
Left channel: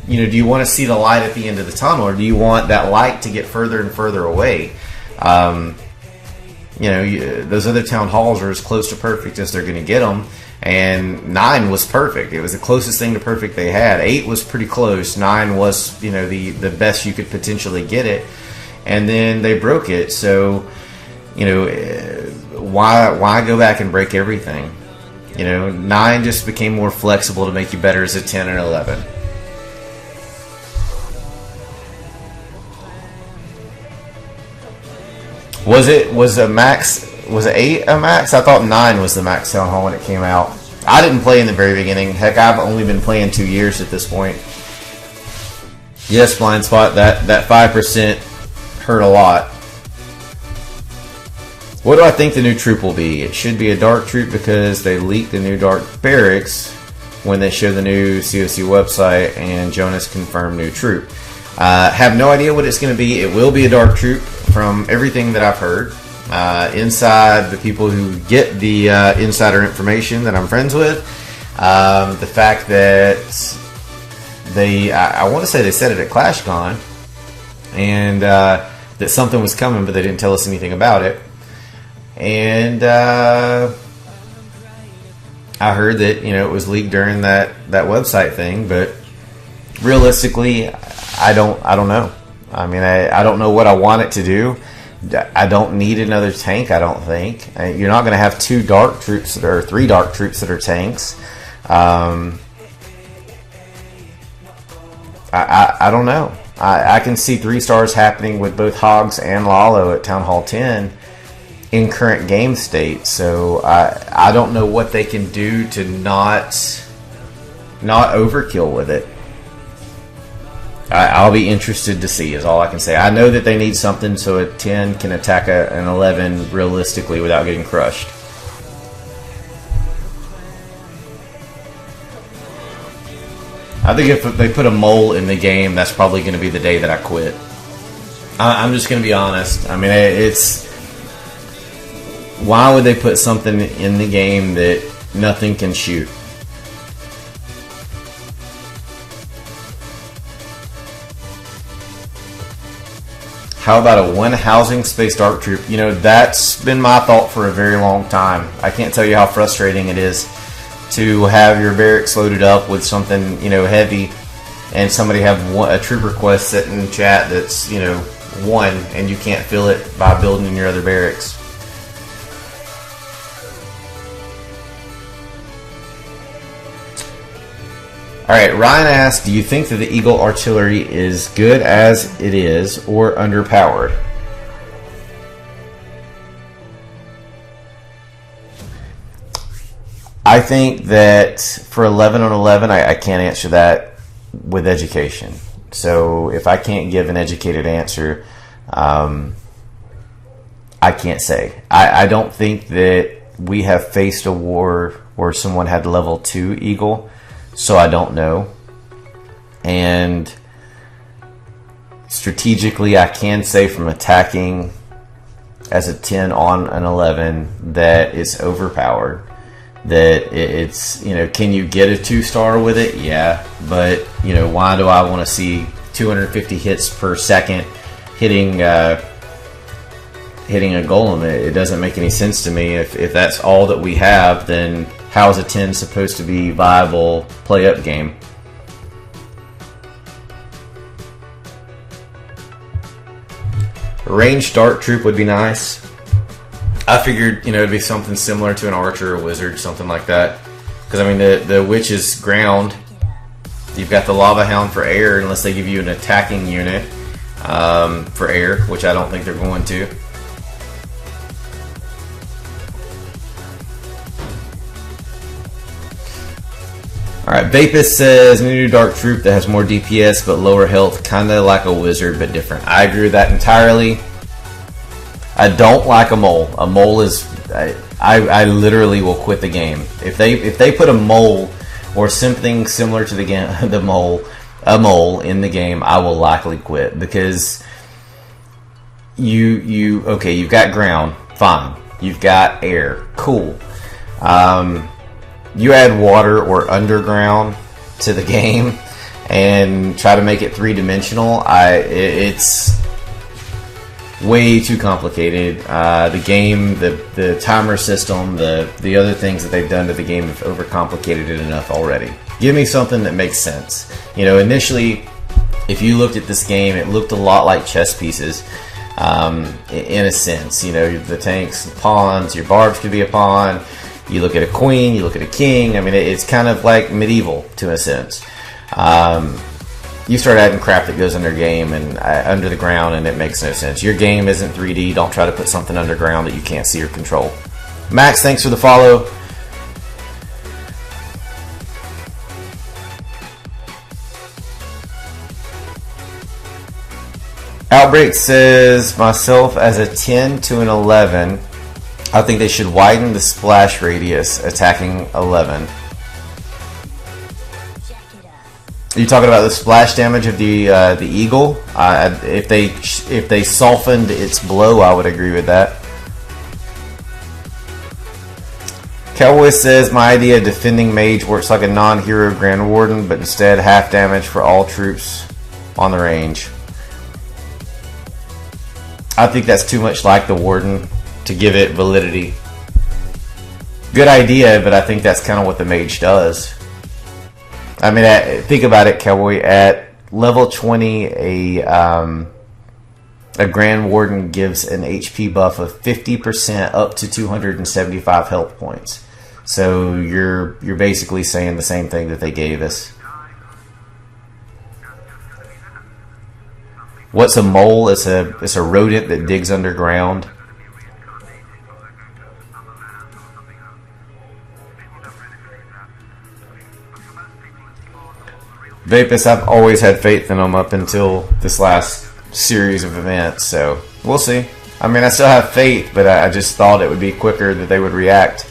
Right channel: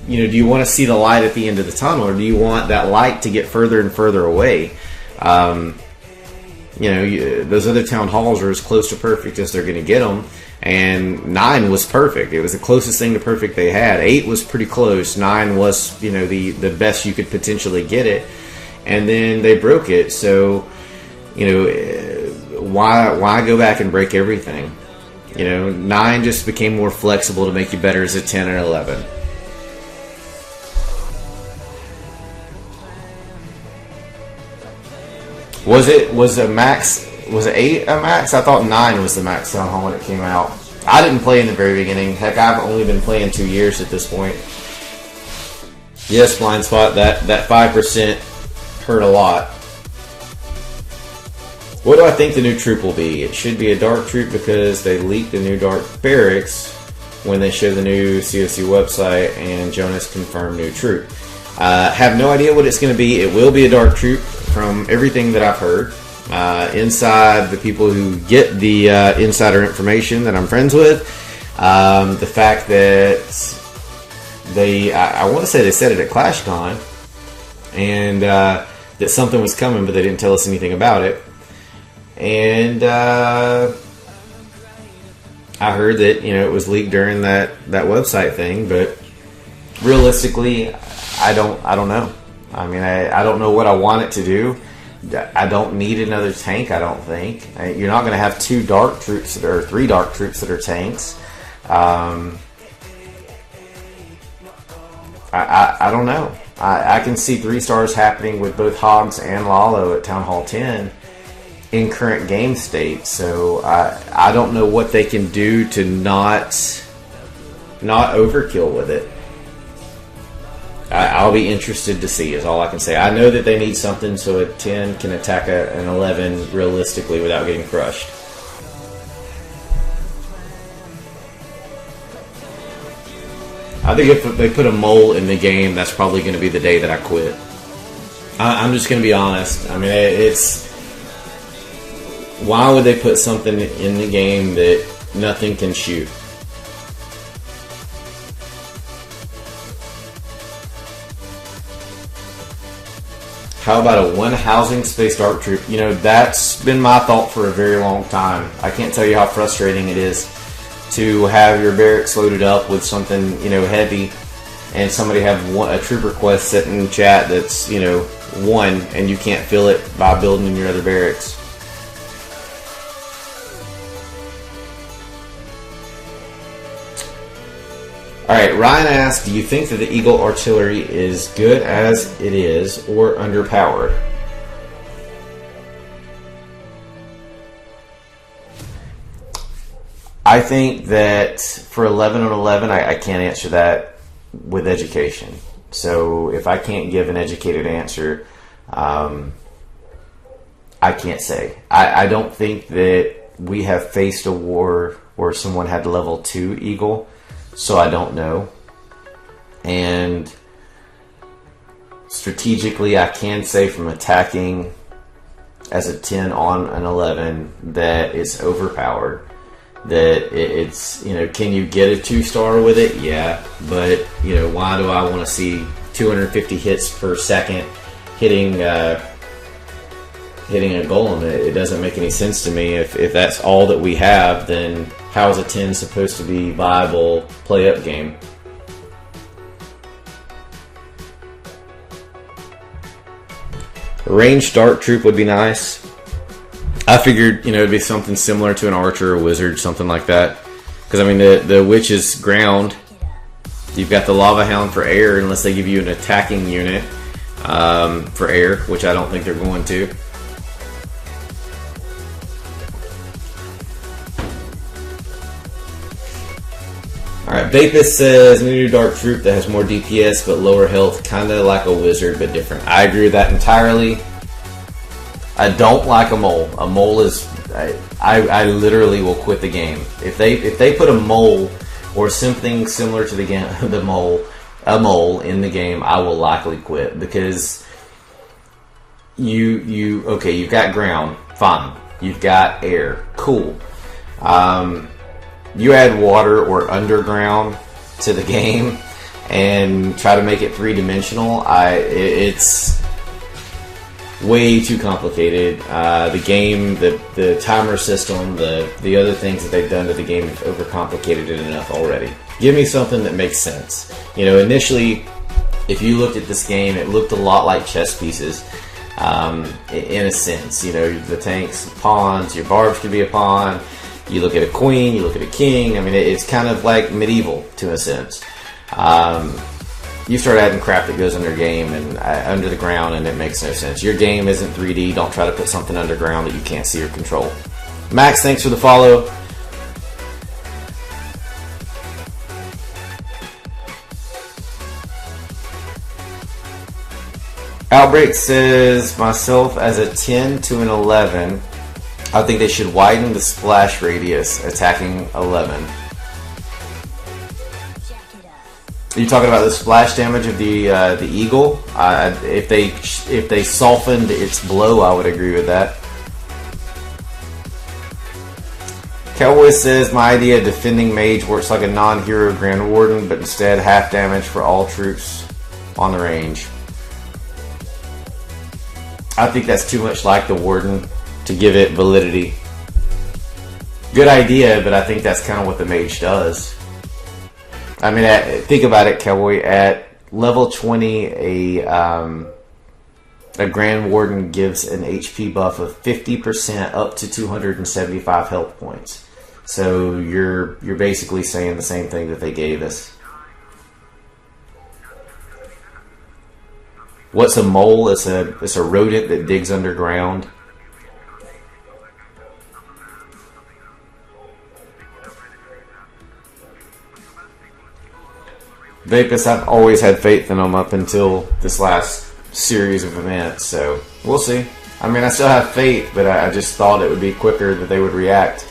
you know, do you want to see the light at the end of the tunnel, or do you want that light to get further and further away? You know, those other town halls are as close to perfect as they're going to get them. And 9 was perfect. It was the closest thing to perfect they had. 8 was pretty close. 9 was, you know, the best you could potentially get it. And then they broke it. So, you know, why go back and break everything? You know, 9 just became more flexible to make you better as a 10 and 11. Was it 8 a max? I thought 9 was the max town hall when it came out. I didn't play in the very beginning. Heck, I've only been playing 2 years at this point. Yes, blind spot. That 5% hurt a lot. What do I think the new troop will be? It should be a dark troop because they leaked the new dark barracks when they showed the new COC website, and Jonas confirmed new troop. Have no idea what it's going to be. It will be a dark troop from everything that I've heard. Inside the people who get the insider information that I'm friends with, the fact that I want to say they said it at ClashCon, and that something was coming, but they didn't tell us anything about it. And I heard that, you know, it was leaked during that website thing, but realistically, I don't know. I mean, I don't know what I want it to do. I don't need another tank, I don't think. You're not going to have 2 dark troops or 3 dark troops that are tanks. I don't know. I can see 3 stars happening with both Hogs and Lalo at Town Hall 10 in current game state. So I don't know what they can do to not overkill with it. I'll be interested to see, is all I can say. I know that they need something so a 10 can attack an 11 realistically without getting crushed. I think if they put a mole in the game, that's probably going to be the day that I quit. I'm just going to be honest. I mean, it's... Why would they put something in the game that nothing can shoot? How about a 1 housing space dark troop? You know, that's been my thought for a very long time. I can't tell you how frustrating it is to have your barracks loaded up with something, you know, heavy, and somebody have a troop request sitting in chat that's, you know, 1, and you can't fill it by building in your other barracks. Alright, Ryan asked, do you think that the Eagle artillery is good as it is or underpowered? I think that for 11 on 11, I can't answer that with education. So if I can't give an educated answer, I can't say. I don't think that we have faced a war where someone had level 2 Eagle. So I don't know. And strategically, I can say from attacking as a 10 on an 11 that it's overpowered. That it's, you know, can you get a 2-star with it? Yeah. But, you know, why do I want to see 250 hits per second hitting a golem? It doesn't make any sense to me. If that's all that we have, then how is a 10 supposed to be viable play-up game? A ranged dark troop would be nice. I figured, you know, it'd be something similar to an archer or wizard, something like that. Because, I mean, the witch is ground. You've got the lava hound for air, unless they give you an attacking unit for air, which I don't think they're going to. Alright, Vapus says, new dark troop that has more DPS but lower health, kinda like a wizard but different. I agree with that entirely. I don't like a mole. A mole is... I literally will quit the game. If they put a mole or something similar to the mole in the game, I will likely quit, because you've got ground, fine. You've got air, cool. You add water or underground to the game and try to make it three-dimensional, it's way too complicated. The game, the timer system, the other things that they've done to the game have overcomplicated it enough already. Give me something that makes sense. Initially, if you looked at this game, it looked a lot like chess pieces, in a sense. The tanks, the pawns, your barbs could be a pawn. You look at a queen, you look at a king. I mean, it's kind of like medieval to a sense. You start adding crap that goes under game and under the ground, and it makes no sense. Your game isn't 3D. Don't try to put something underground that you can't see or control. Max, thanks for the follow. Outbreak says, myself as a 10 to an 11, I think they should widen the splash radius attacking 11. Are you talking about the splash damage of the eagle? If they softened its blow, I would agree with that. Cowboy says, my idea of defending mage works like a non-hero Grand Warden, but instead half damage for all troops on the range. I think that's too much like the Warden to give it validity. Good idea, but I think that's kind of what the mage does. I mean, think about it, Cowboy. At level 20, a Grand Warden gives an HP buff of 50% up to 275 health points. So you're basically saying the same thing that they gave us. What's a mole? It's a rodent that digs underground. Vapus, I've always had faith in them up until this last series of events, so we'll see. I mean, I still have faith, but I just thought it would be quicker that they would react.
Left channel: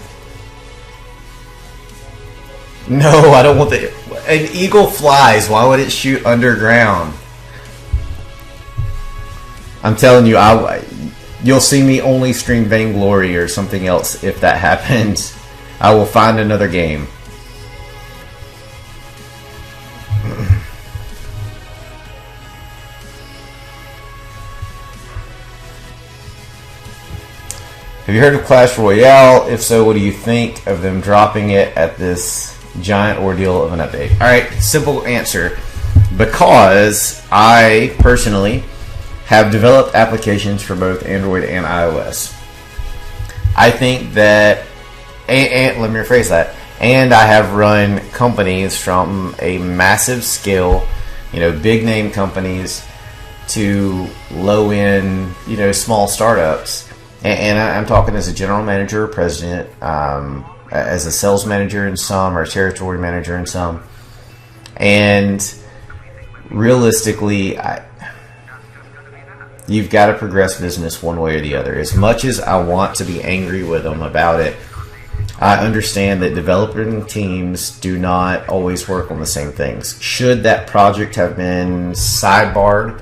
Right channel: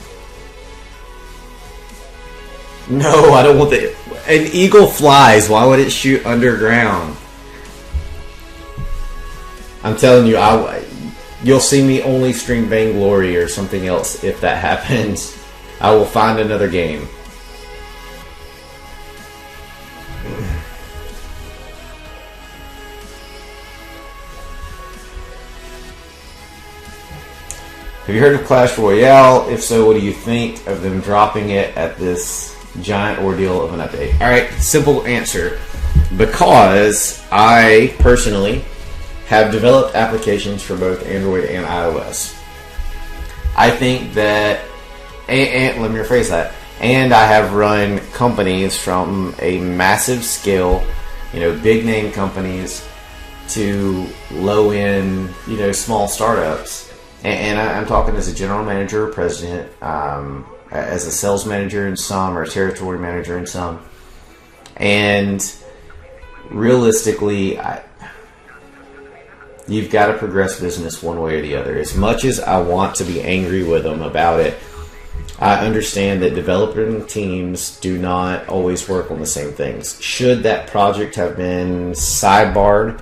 No, I don't want an eagle flies. Why would it shoot underground? I'm telling you, you'll see me only stream Vainglory or something else if that happens. I will find another game. Have you heard of Clash Royale? If so, what do you think of them dropping it at this giant ordeal of an update? Alright, simple answer. Because I personally have developed applications for both Android and iOS. I think that, and let me rephrase that, and I have run companies from a massive scale, big name companies, to low end, small startups. And I'm talking as a general manager or president, as a sales manager in some, or a territory manager in some. And realistically, you've got to progress business one way or the other. As much as I want to be angry with them about it, I understand that developing teams do not always work on the same things. Should that project have been sidebarred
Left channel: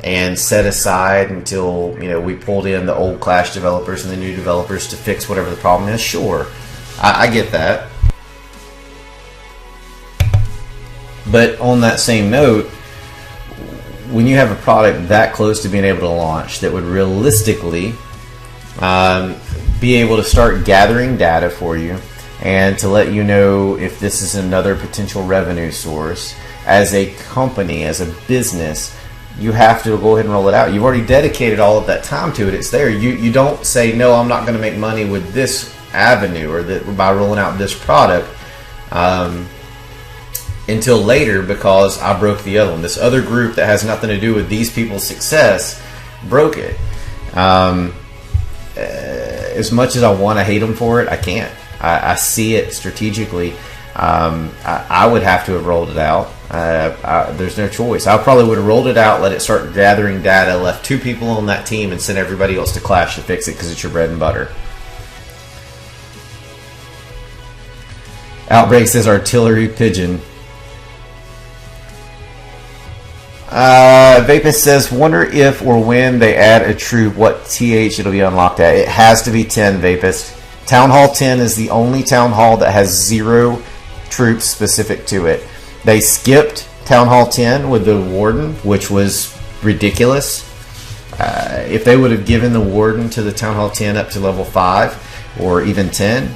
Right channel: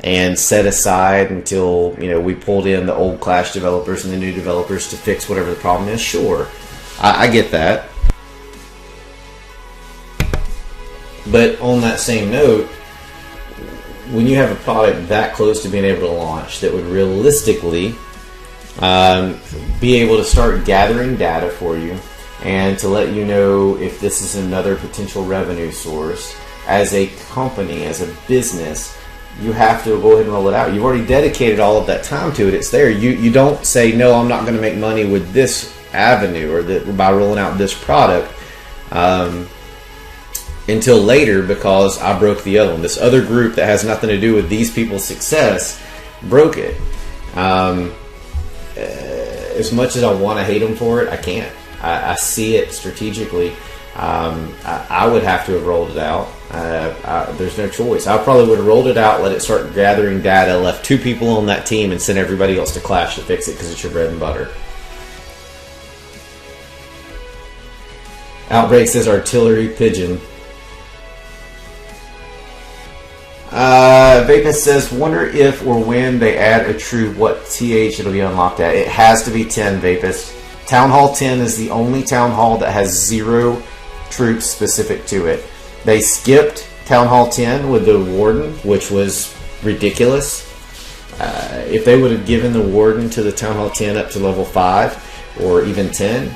and set aside until we pulled in the old Clash developers and the new developers to fix whatever the problem is? Sure, I get that. But on that same note, when you have a product that close to being able to launch that would realistically be able to start gathering data for you and to let you know if this is another potential revenue source, as a company, as a business, you have to go ahead and roll it out. You've already dedicated all of that time to it. It's there. You don't say, no, I'm not going to make money with this avenue or by rolling out this product until later because I broke the other one. This other group that has nothing to do with these people's success broke it. As much as I want to hate them for it, I can't. I see it strategically. I would have to have rolled it out. There's no choice. I probably would have rolled it out, let it start gathering data, left 2 people on that team, and sent everybody else to Clash to fix it because it's your bread and butter. Outbreak says artillery pigeon. Vapus says, wonder if or when they add a troop, what TH it'll be unlocked at. It has to be 10, Vapus. Town Hall 10 is the only Town Hall that has 0 troops specific to it. They skipped Town Hall 10 with the Warden, which was ridiculous. If they would have given the Warden to the Town Hall 10 up to level 5 or even 10,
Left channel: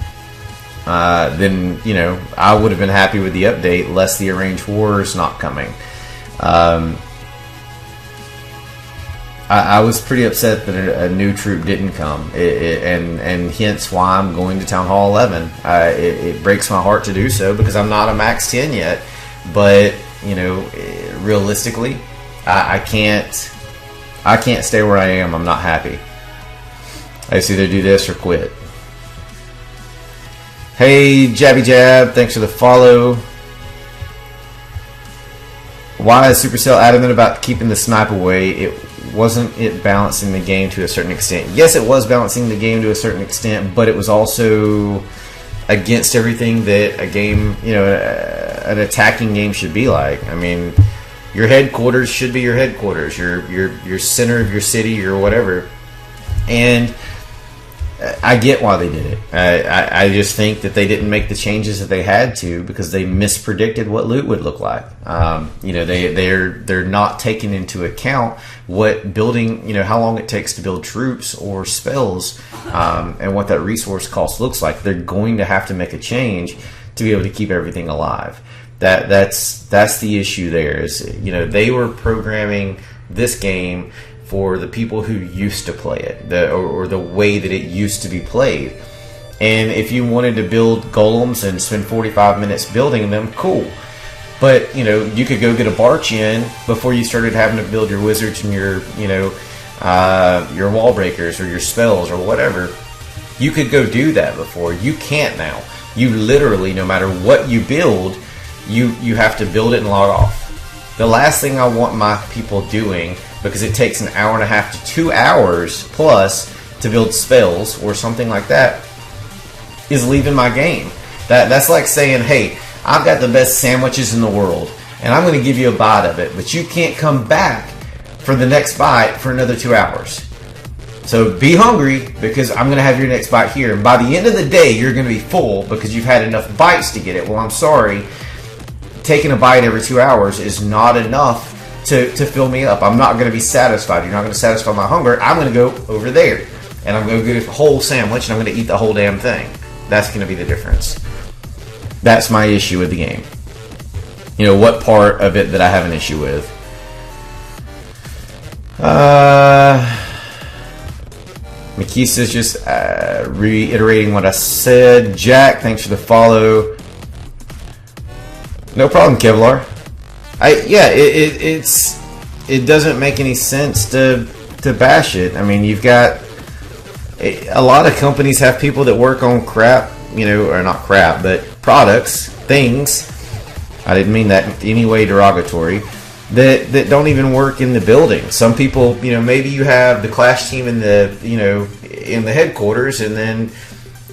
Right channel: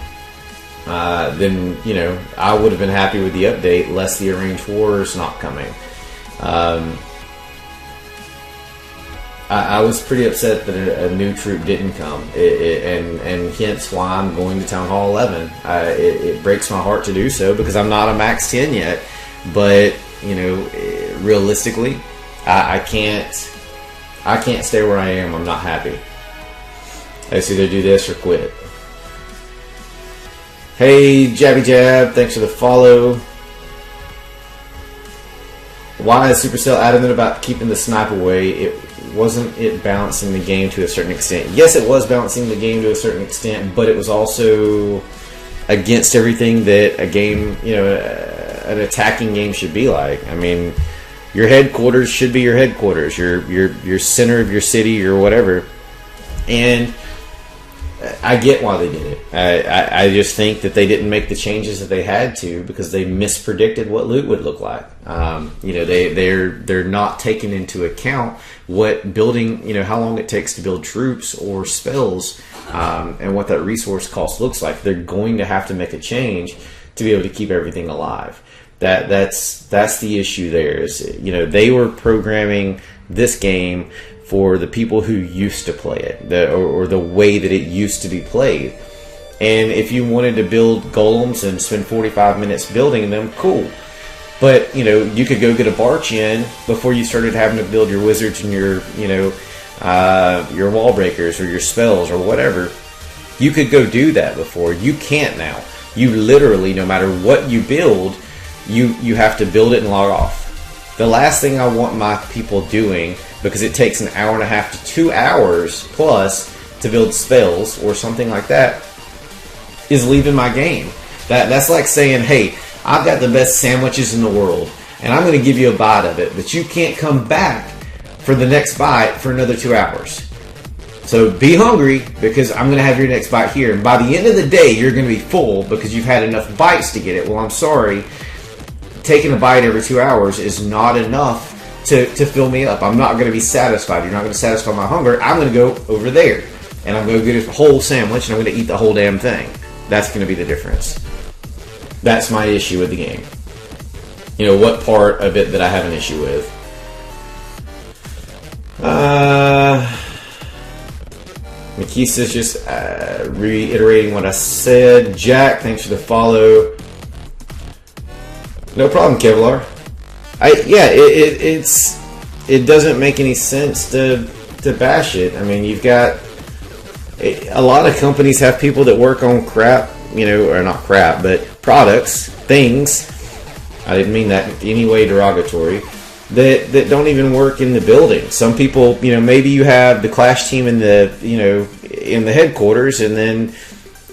then, you know, I would have been happy with the update, less the arranged wars not coming. I was pretty upset that a new troop didn't come, and hence why I'm going to Town Hall 11. It breaks my heart to do so because I'm not a max 10 yet, but you know, realistically, I can't stay where I am. I'm not happy. I just either do this or quit. Hey, Jabby Jab, thanks for the follow. Why is Supercell adamant about keeping the snipe away? Wasn't it balancing the game to a certain extent? Yes, it was balancing the game to a certain extent, but it was also against everything that a game, you know, an attacking game should be like. I mean, your headquarters should be your headquarters, your center of your city or whatever. And I get why they did it. I just think that they didn't make the changes that they had to because they mispredicted what loot would look like. You know, they're not taking into account what building, you know, how long it takes to build troops or spells, and what that resource cost looks like. They're going to have to make a change to be able to keep everything alive. That's the issue there. Is, you know, they were programming this game for the people who used to play it, or the way that it used to be played. And if you wanted to build golems and spend 45 minutes building them, cool. But, you know, you could go get a barch in before you started having to build your wizards and your, you know, your wall breakers or your spells or whatever. You could go do that before. You can't now. You literally, no matter what you build, you have to build it and log off. The last thing I want my people doing, because it takes an hour and a half to 2 hours plus to build spells or something like that, is leaving my game. That's like saying, hey, I've got the best sandwiches in the world, and I'm going to give you a bite of it, but you can't come back for the next bite for another 2 hours. So be hungry, because I'm going to have your next bite here, and by the end of the day, you're going to be full because you've had enough bites to get it. Well, I'm sorry, taking a bite every 2 hours is not enough to fill me up. I'm not going to be satisfied. You're not going to satisfy my hunger. I'm going to go over there, and I'm going to get a whole sandwich, and I'm going to eat the whole damn thing. That's going to be the difference. That's my issue with the game. You know, what part of it that I have an issue with? Makisa's just reiterating what I said. Jack, thanks for the follow. No problem, Kevlar. It doesn't make any sense to bash it. I mean, you've got a lot of companies have people that work on crap, you know, or not crap, but products, things. I didn't mean that in any way derogatory. That don't even work in the building. Some people, you know, maybe you have the Clash team in the, you know, in the headquarters, and then,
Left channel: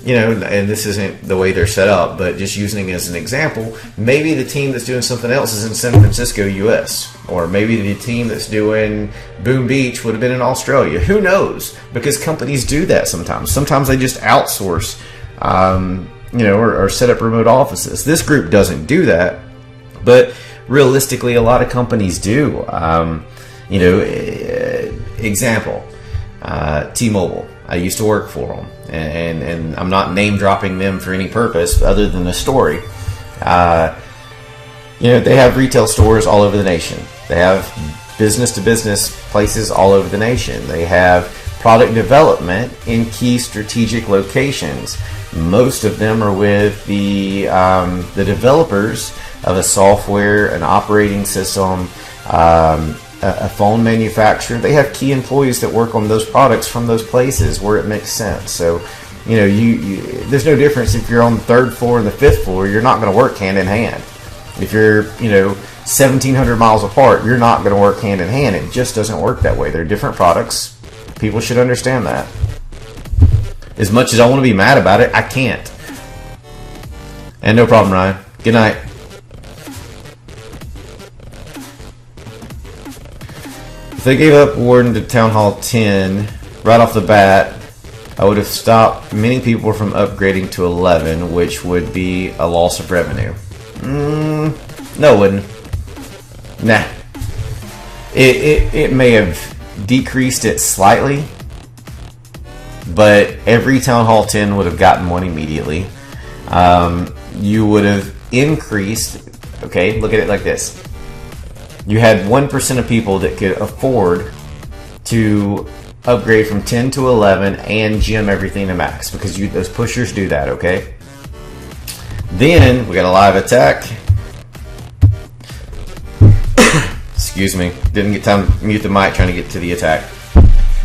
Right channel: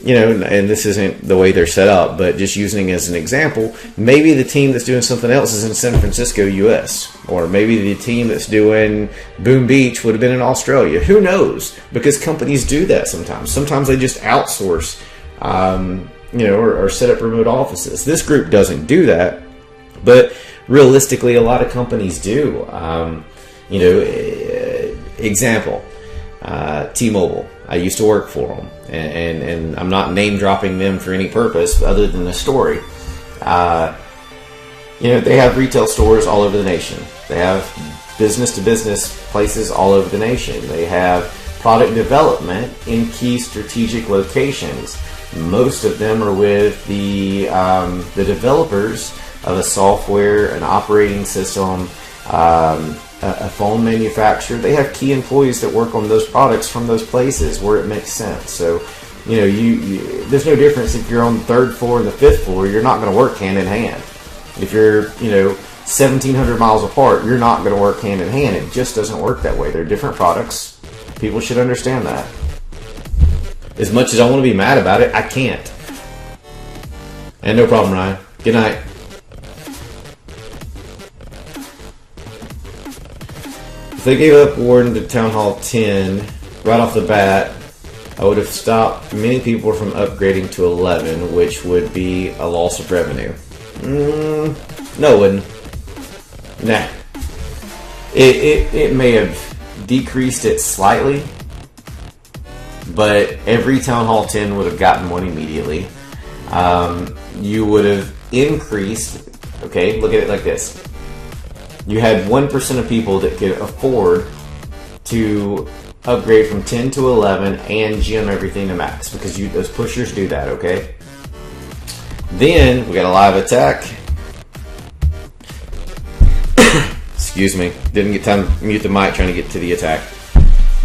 you know, and this isn't the way they're set up, but just using it as an example, maybe the team that's doing something else is in San Francisco, US, or maybe the team that's doing Boom Beach would have been in Australia. Who knows? Because companies do that sometimes. Sometimes they just outsource, you know, or set up remote offices. This group doesn't do that, but realistically, a lot of companies do. You know, example, T-Mobile. I used to work for them, and I'm not name dropping them for any purpose other than the story. You know, they have retail stores all over the nation. They have business-to-business places all over the nation. They have product development in key strategic locations. Most of them are with the developers of a software, an operating system, a phone manufacturer. They have key employees that work on those products from those places where it makes sense. So, you know, there's no difference if you're on the 3rd floor and the 5th floor. You're not going to work hand in hand. If you're, you know, 1,700 miles apart, you're not going to work hand in hand. It just doesn't work that way. They're different products. People should understand that. As much as I want to be mad about it, I can't. And no problem, Ryan. Good night. If they gave up Warden to Town Hall 10 right off the bat, I would have stopped many people from upgrading to 11, which would be a loss of revenue. No, it wouldn't. Nah. It may have decreased it slightly, but every Town Hall 10 would have gotten one immediately. You would have increased, okay, look at it like this. You had 1% of people that could afford to upgrade from 10 to 11 and gem everything to max, because those pushers do that, okay? Then we got a live attack. Excuse me, didn't get time to mute the mic trying to get to the attack.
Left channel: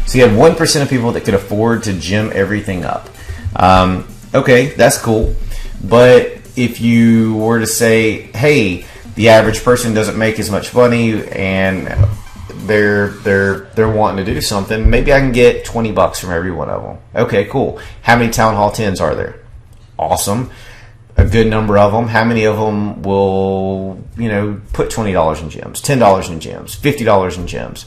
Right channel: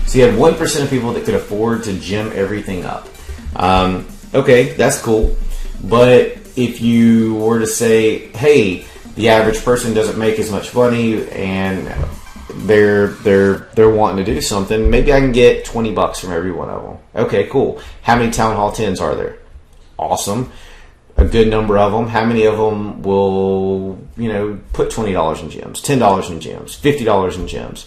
So you had 1% of people that could afford to gem everything up. Okay, that's cool. But if you were to say, hey, the average person doesn't make as much money and they're wanting to do something, maybe I can get $20 from every one of them. Okay, cool. How many Town Hall 10s are there? Awesome. A good number of them. How many of them will, put $20 in gems, $10 in gems, $50 in gems,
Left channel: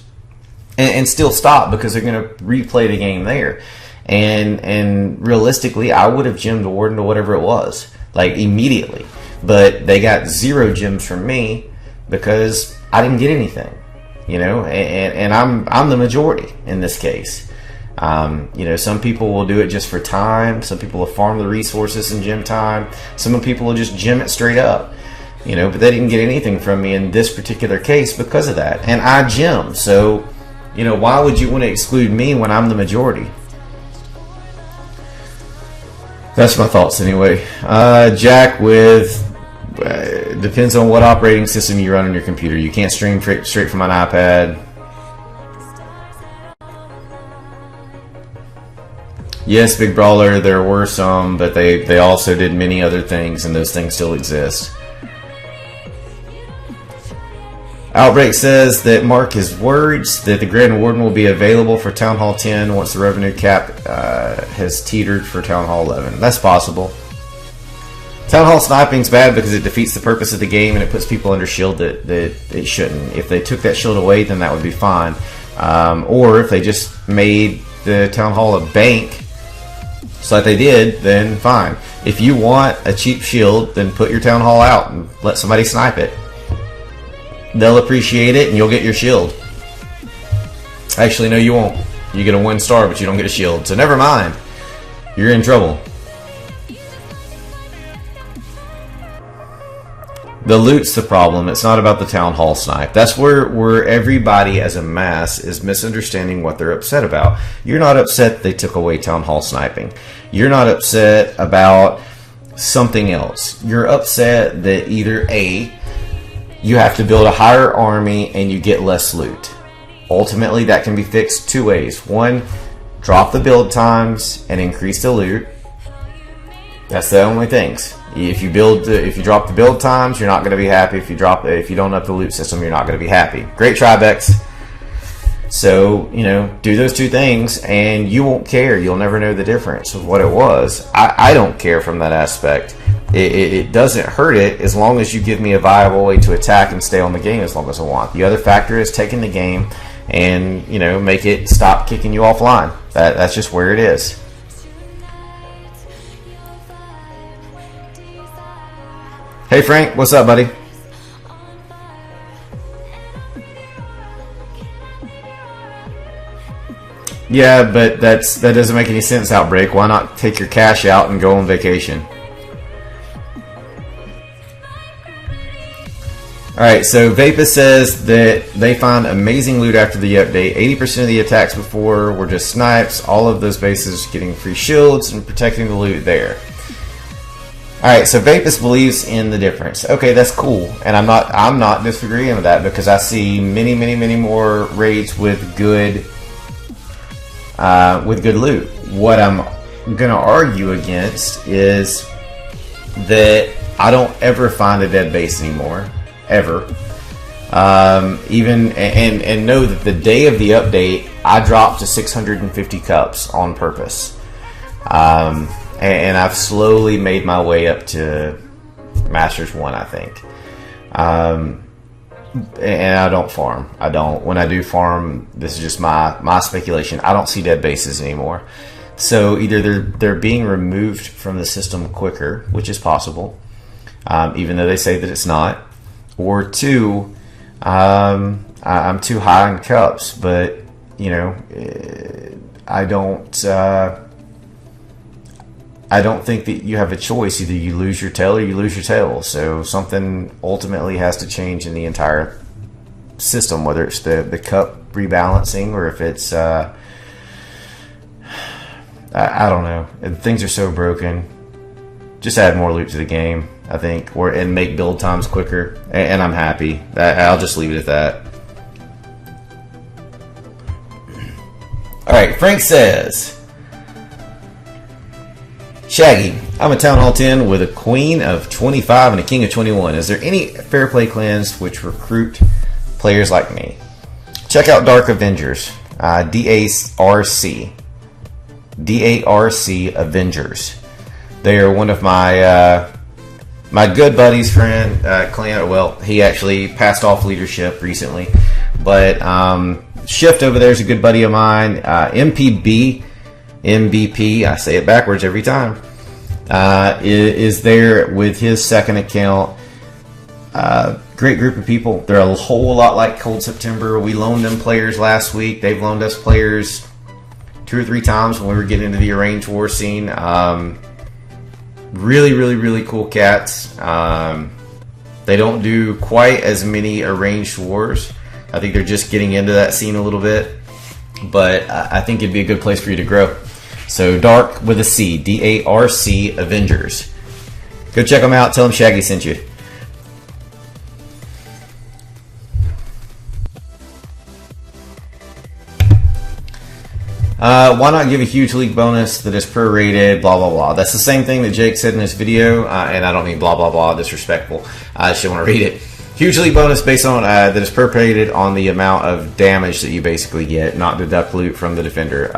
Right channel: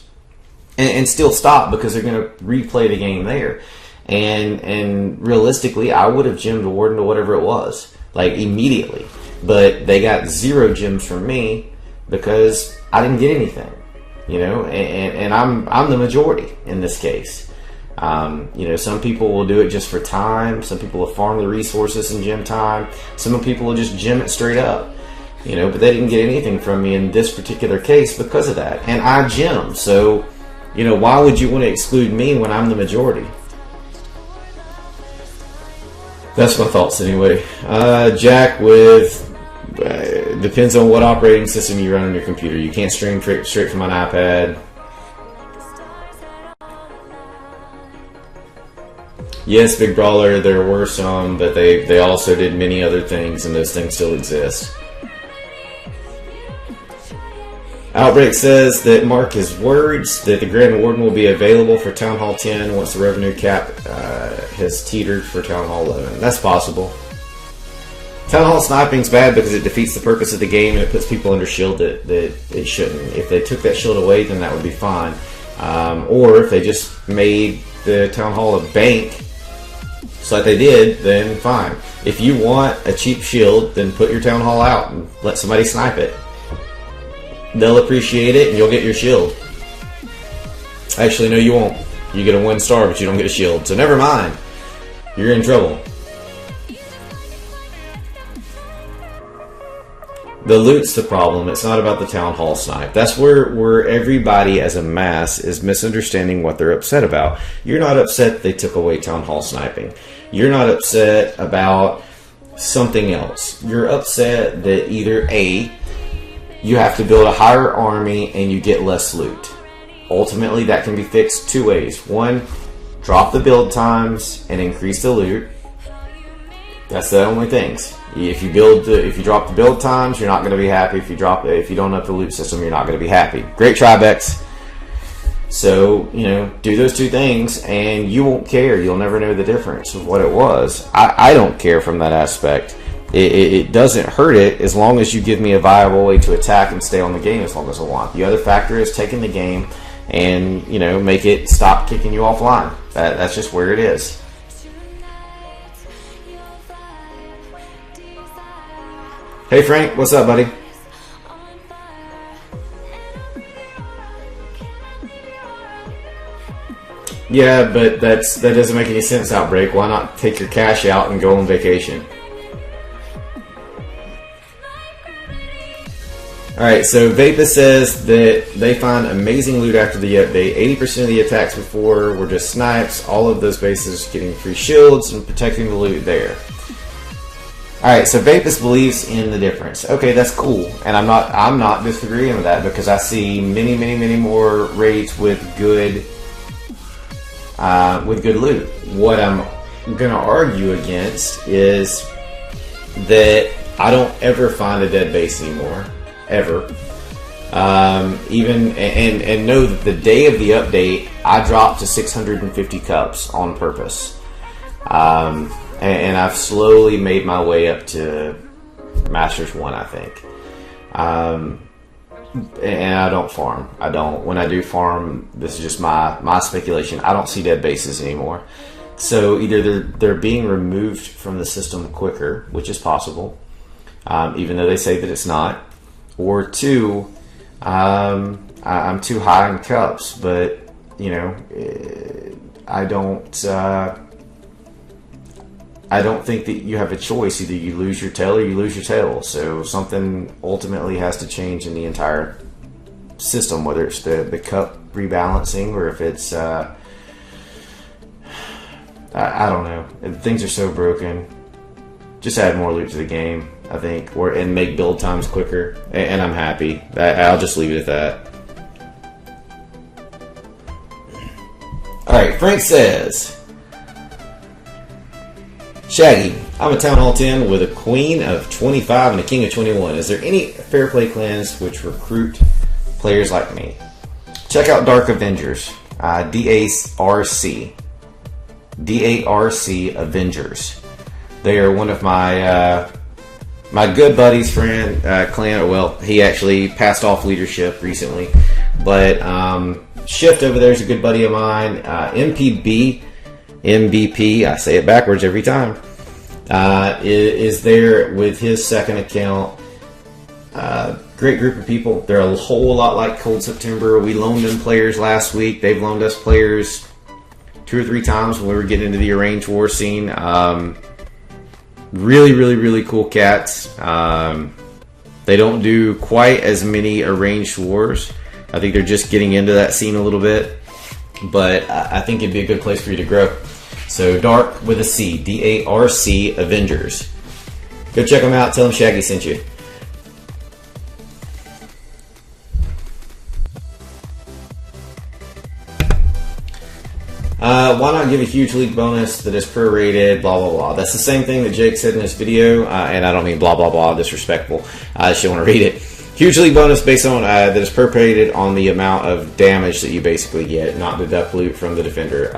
and still stop because they're going to replay the game there? And realistically, I would have gemmed the Warden to whatever it was, like immediately. But they got 0 gems from me because I didn't get anything, and I'm the majority in this case. Some people will do it just for time. Some people will farm the resources in gem time. Some people will just gem it straight up, but they didn't get anything from me in this particular case because of that. And I gem. So, why would you want to exclude me when I'm the majority? That's my thoughts anyway. Jack with, depends on what operating system you run on your computer. You can't stream straight from an iPad. Yes, Big Brawler, there were some, but they also did many other things, and those things still exist. Outbreak says that Mark is worried that the Grand Warden will be available for Town Hall 10 once the revenue cap has teetered for Town Hall 11. That's possible. Town Hall sniping's bad because it defeats the purpose of the game and it puts people under shield that it shouldn't. If they took that shield away, then that would be fine. Or if they just made the Town Hall a bank, just like they did, then fine. If you want a cheap shield, then put your Town Hall out and let somebody snipe it. They'll appreciate it and you'll get your shield. Actually, no, you won't. You get a 1 star, but you don't get a shield. So never mind. You're in trouble. The loot's the problem. It's not about the Town Hall snipe. That's where everybody as a mass is misunderstanding what they're upset about. You're not upset they took away Town Hall sniping. You're not upset about something else. You're upset that either A, you have to build a higher army and you get less loot. Ultimately, that can be fixed 2 ways. 1, drop the build times and increase the loot. That's the only things. If you drop the build times, you're not going to be happy. If you don't up the loot system, you're not going to be happy. Great Tribex. So, do those 2 things and you won't care. You'll never know the difference of what it was. I don't care from that aspect. It doesn't hurt it as long as you give me a viable way to attack and stay on the game as long as I want. The other factor is taking the game and, make it stop kicking you offline. That's just where it is. Hey Frank, what's up, buddy? Yeah, but that doesn't make any sense, Outbreak. Why not take your cash out and go on vacation? Alright, so Vapus says that they find amazing loot after the update. 80% of the attacks before were just snipes. All of those bases getting free shields and protecting the loot there. Alright, so Vapus believes in the difference. Okay, that's cool. And I'm not disagreeing with that because I see many more raids with good loot. What I'm gonna argue against is that I don't ever find a dead base anymore. Ever. And know that the day of the update I dropped to 650 cups on purpose. And I've slowly made my way up to Masters 1, I think. And I don't farm. I don't. When I do farm, this is just my speculation. I don't see dead bases anymore. So either they're being removed from the system quicker, which is possible, even though they say that it's not, or two, I'm too high in cups. But you know, I don't think that you have a choice. Either you lose your tail or you lose your tail. So something ultimately has to change in the entire system, whether it's the cup rebalancing or if it's I don't know. Things are so broken. Just add more loot to the game, I think, and make build times quicker. And I'm happy. I'll just leave it at that. All right, Frank says, Shaggy, I'm a Town Hall 10 with a Queen of 25 and a King of 21. Is there any Fair Play clans which recruit players like me? Check out Dark Avengers, DARC Avengers. They are one of my good buddy's clan. Well, he actually passed off leadership recently, but Shift over there is a good buddy of mine. MVP, I say it backwards every time, is there with his second account. Great group of people. They're a whole lot like Cold September. We loaned them players last week. They've loaned us players 2 or 3 times when we were getting into the arranged war scene. Really cool cats. They don't do quite as many arranged wars. I think they're just getting into that scene a little bit, but I think it'd be a good place for you to grow. So Dark with a C, DARC Avengers. Go check them out. Tell them Shaggy sent you. Why not give a huge league bonus that is prorated, blah, blah, blah. That's the same thing that Jake said in this video, and I don't mean blah, blah, blah, disrespectful. I just want to read it. Huge league bonus based on that is prorated on the amount of damage that you basically get, not deduct loot from the defender.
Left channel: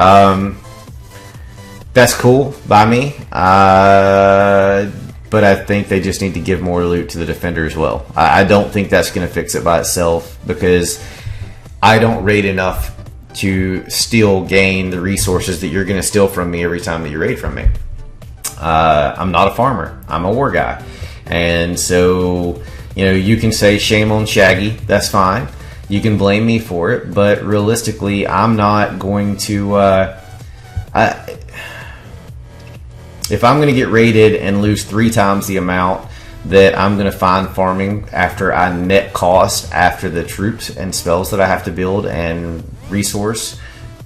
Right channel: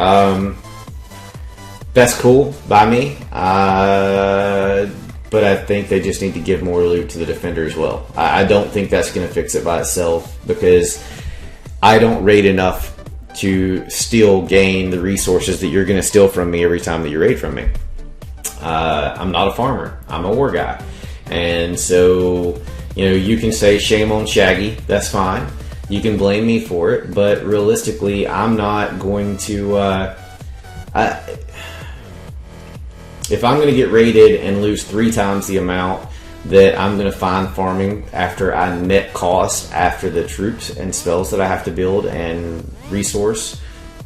That's cool by me, but I think they just need to give more loot to the defender as well. I don't think that's going to fix it by itself, because I don't raid enough to still gain the resources that you're going to steal from me every time that you raid from me. I'm not a farmer. I'm a war guy. And so, you know, you can say shame on Shaggy. That's fine. You can blame me for it. But realistically, I'm not going to... if I'm going to get raided and lose 3 times the amount that I'm going to find farming after I net cost after the troops and spells that I have to build and resource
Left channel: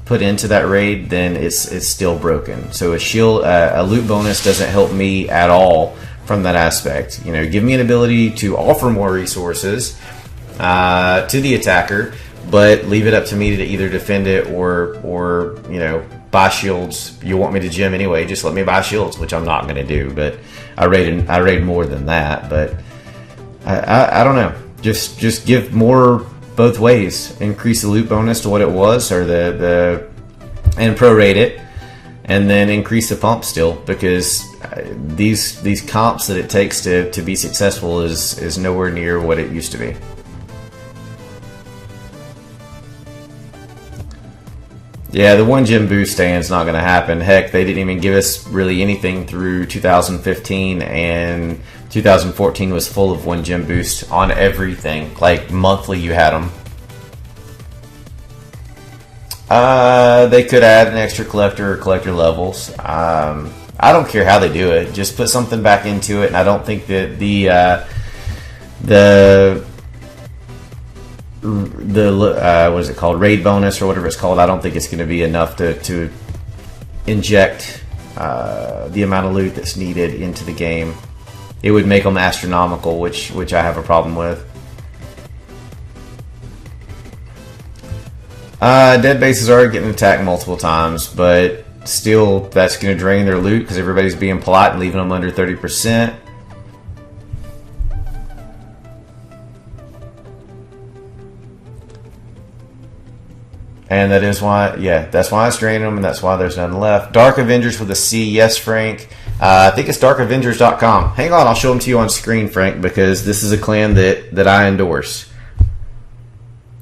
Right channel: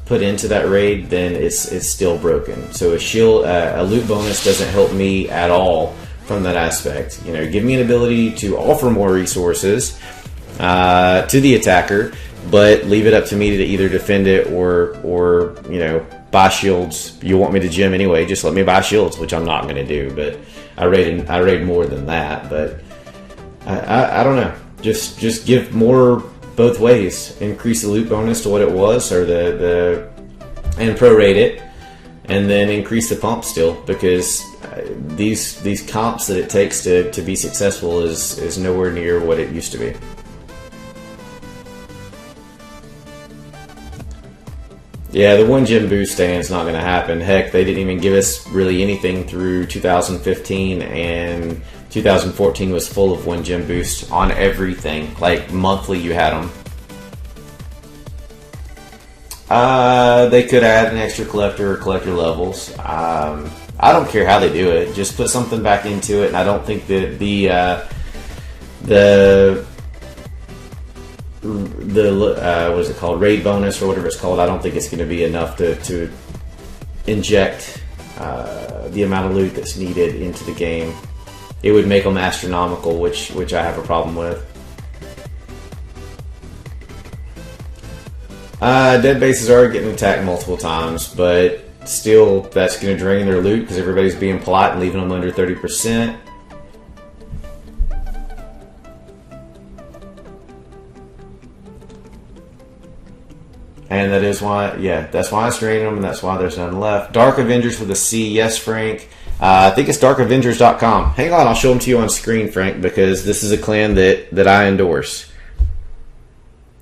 put into that raid, then it's still broken. So a loot bonus doesn't help me at all from that aspect. You know, give me an ability to offer more resources to the attacker, but leave it up to me to either defend it or you know, buy shields. You want me to gym anyway, just let me buy shields, which I'm not going to do, but I raid more than that. But I don't know. Just give more both ways. Increase the loot bonus to what it was, or and prorate it, and then increase the pump still, because these comps that it takes to be successful is nowhere near what it used to be. Yeah, the 1 gem boost stand's not going to happen. Heck, they didn't even give us really anything through 2015, and 2014 was full of 1 gem boost on everything. Like, monthly you had them. They could add an extra collector or collector levels. I don't care how they do it. Just put something back into it, and I don't think that the what is it called, raid bonus or whatever it's called, I don't think it's going to be enough to inject the amount of loot that's needed into the game. It would make them astronomical, which I have a problem with. Dead bases are getting attacked multiple times, but still that's going to drain their loot because everybody's being polite and leaving them under 30%. And that is why, yeah, that's why it's draining them, and that's why there's none left. Dark Avengers with a C, yes, Frank. I think it's darkavengers.com. Hang on, I'll show them to you on screen, Frank, because this is a clan that I endorse.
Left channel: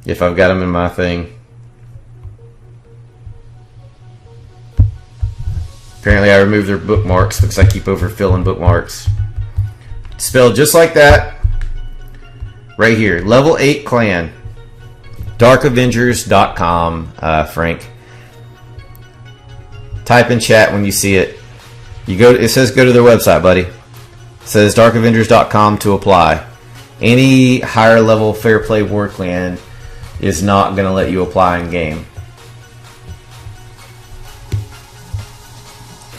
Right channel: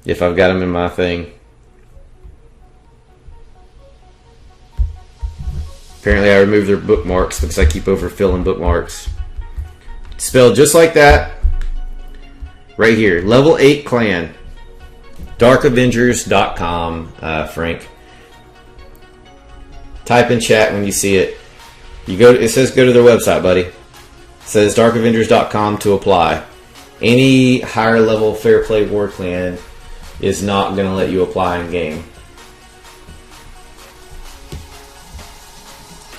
If I've got them in my thing. Apparently I removed their bookmarks because I keep overfilling bookmarks. Spelled just like that. Right here. Level 8 clan. Darkavengers.com, Frank. Type in chat when you see it. You go. It says go to their website, buddy. It says darkavengers.com to apply. Any higher level Fair Play War clan is not going to let you apply in game.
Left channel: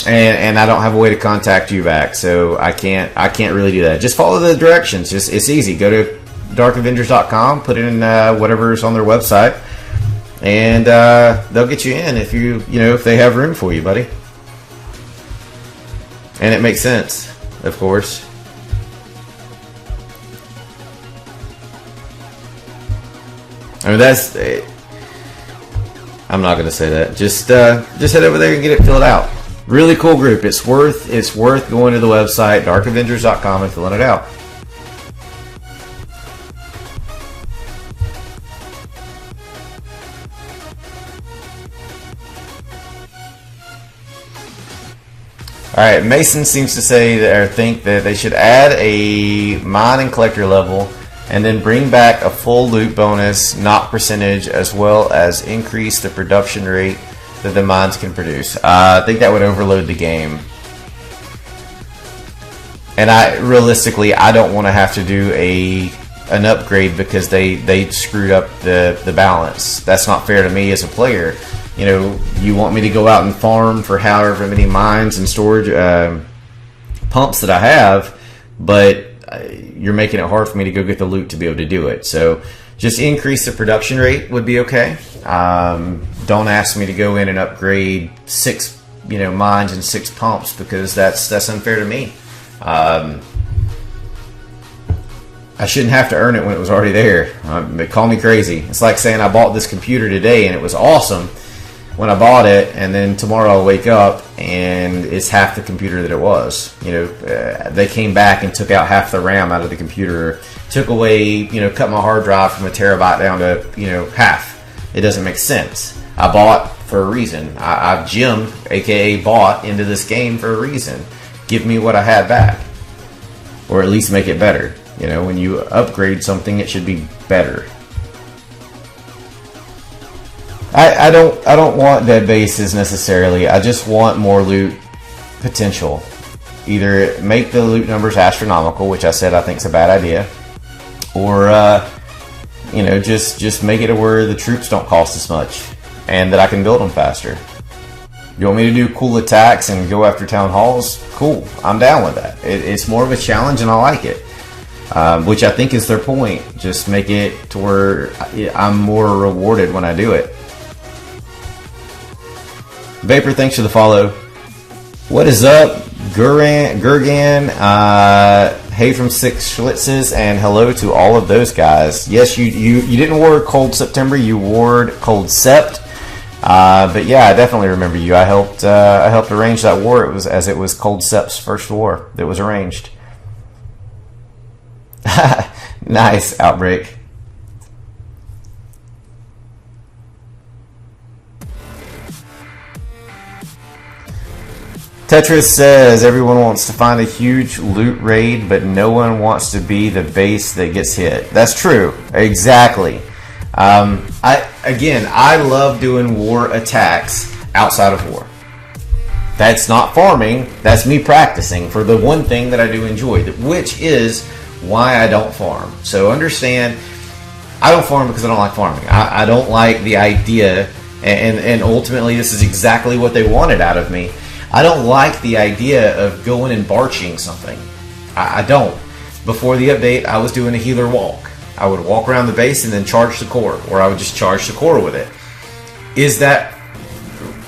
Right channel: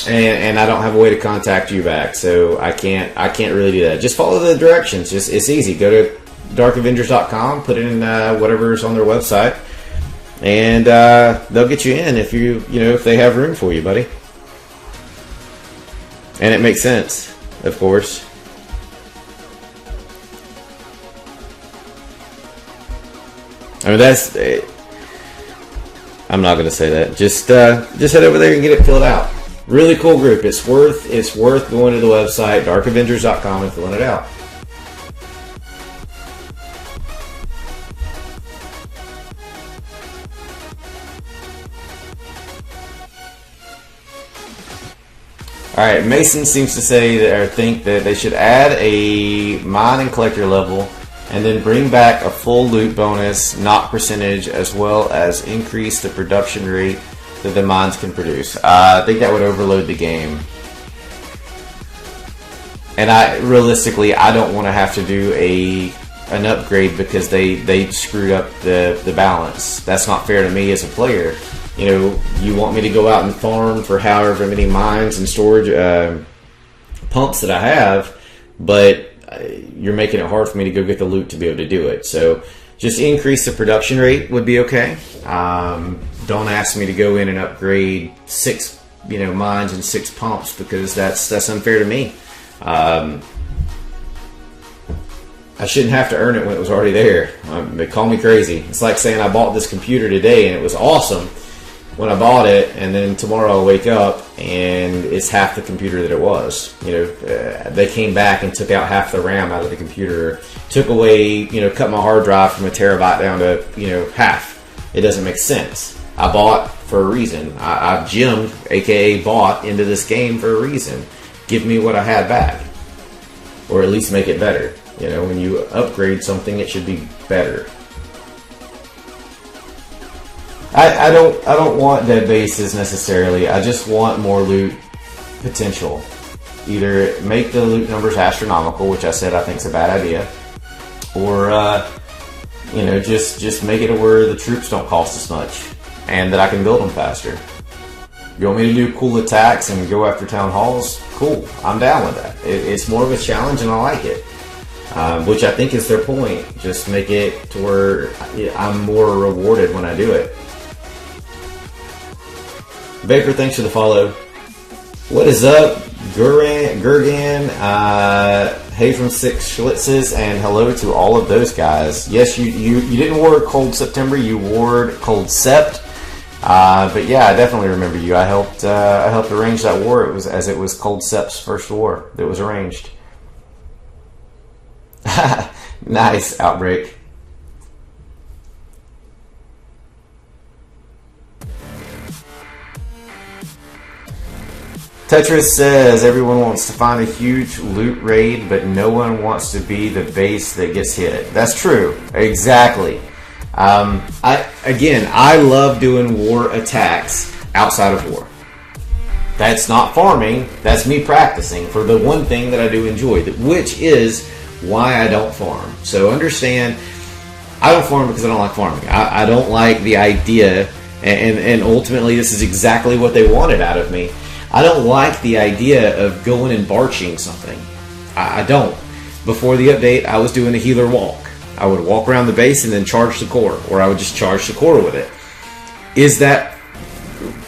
And I don't have a way to contact you back, so I can't really do that. Just follow the directions. It's easy. Go to darkavengers.com, put in whatever's on their website, and they'll get you in if if they have room for you, buddy. And it makes sense, of course. I mean, I'm not going to say that. Just head over there and get it filled out. Really cool group. It's worth going to the website darkavengers.com and filling it out. All right, Mason seems to say that, or think that they should add a mine and collector level, and then bring back a full loot bonus, not percentage, as well as increase the production rate that the mines can produce. I think that would overload the game. And realistically, I don't want to have to do an upgrade because they screwed up the balance. That's not fair to me as a player. You want me to go out and farm for however many mines and storage pumps that I have, but you're making it hard for me to go get the loot to be able to do it. So just increase the production rate would be okay. Don't ask me to go in and upgrade 6 mines and 6 pumps, because that's unfair to me. I shouldn't have to earn it when it was already there. Call me crazy. It's like saying I bought this computer today and it was awesome when I bought it, and then tomorrow I'll wake up and it's half the computer that it was. They came back and took out half the RAM out of the computer, took away, cut my hard drive from a terabyte down to, half. It doesn't make sense. I bought for a reason. I've gemmed, aka bought, into this game for a reason. Give me what I had back, or at least make it better. When you upgrade something, it should be better. I don't want dead bases necessarily. I just want more loot potential. Either make the loot numbers astronomical, which I said I think is a bad idea, or just make it to where the troops don't cost as much and that I can build them faster. You want me to do cool attacks and go after town halls? Cool, I'm down with that. It's more of a challenge and I like it, which I think is their point. Just make it to where I'm more rewarded when I do it. Vapor, thanks for the follow. What is up, Gurgan? Hey from Six Schlitzes, and hello to all of those guys. Yes, you didn't ward Cold September, you ward Cold Sept. But yeah, I definitely remember you. I helped arrange that war. It was Cold Sept's first war that was arranged. Nice, Outbreak. Tetris says everyone wants to find a huge loot raid, but no one wants to be the base that gets hit. That's true. Exactly. I love doing war attacks outside of war. That's not farming. That's me practicing for the one thing that I do enjoy, which is why I don't farm. So understand, I don't farm because I don't like farming. I don't like the idea, and ultimately this is exactly what they wanted out of me. I don't like the idea of going and barching something. I don't. Before the update, I was doing a healer walk. I would walk around the base and then charge the core, or I would just charge the core with it. Is that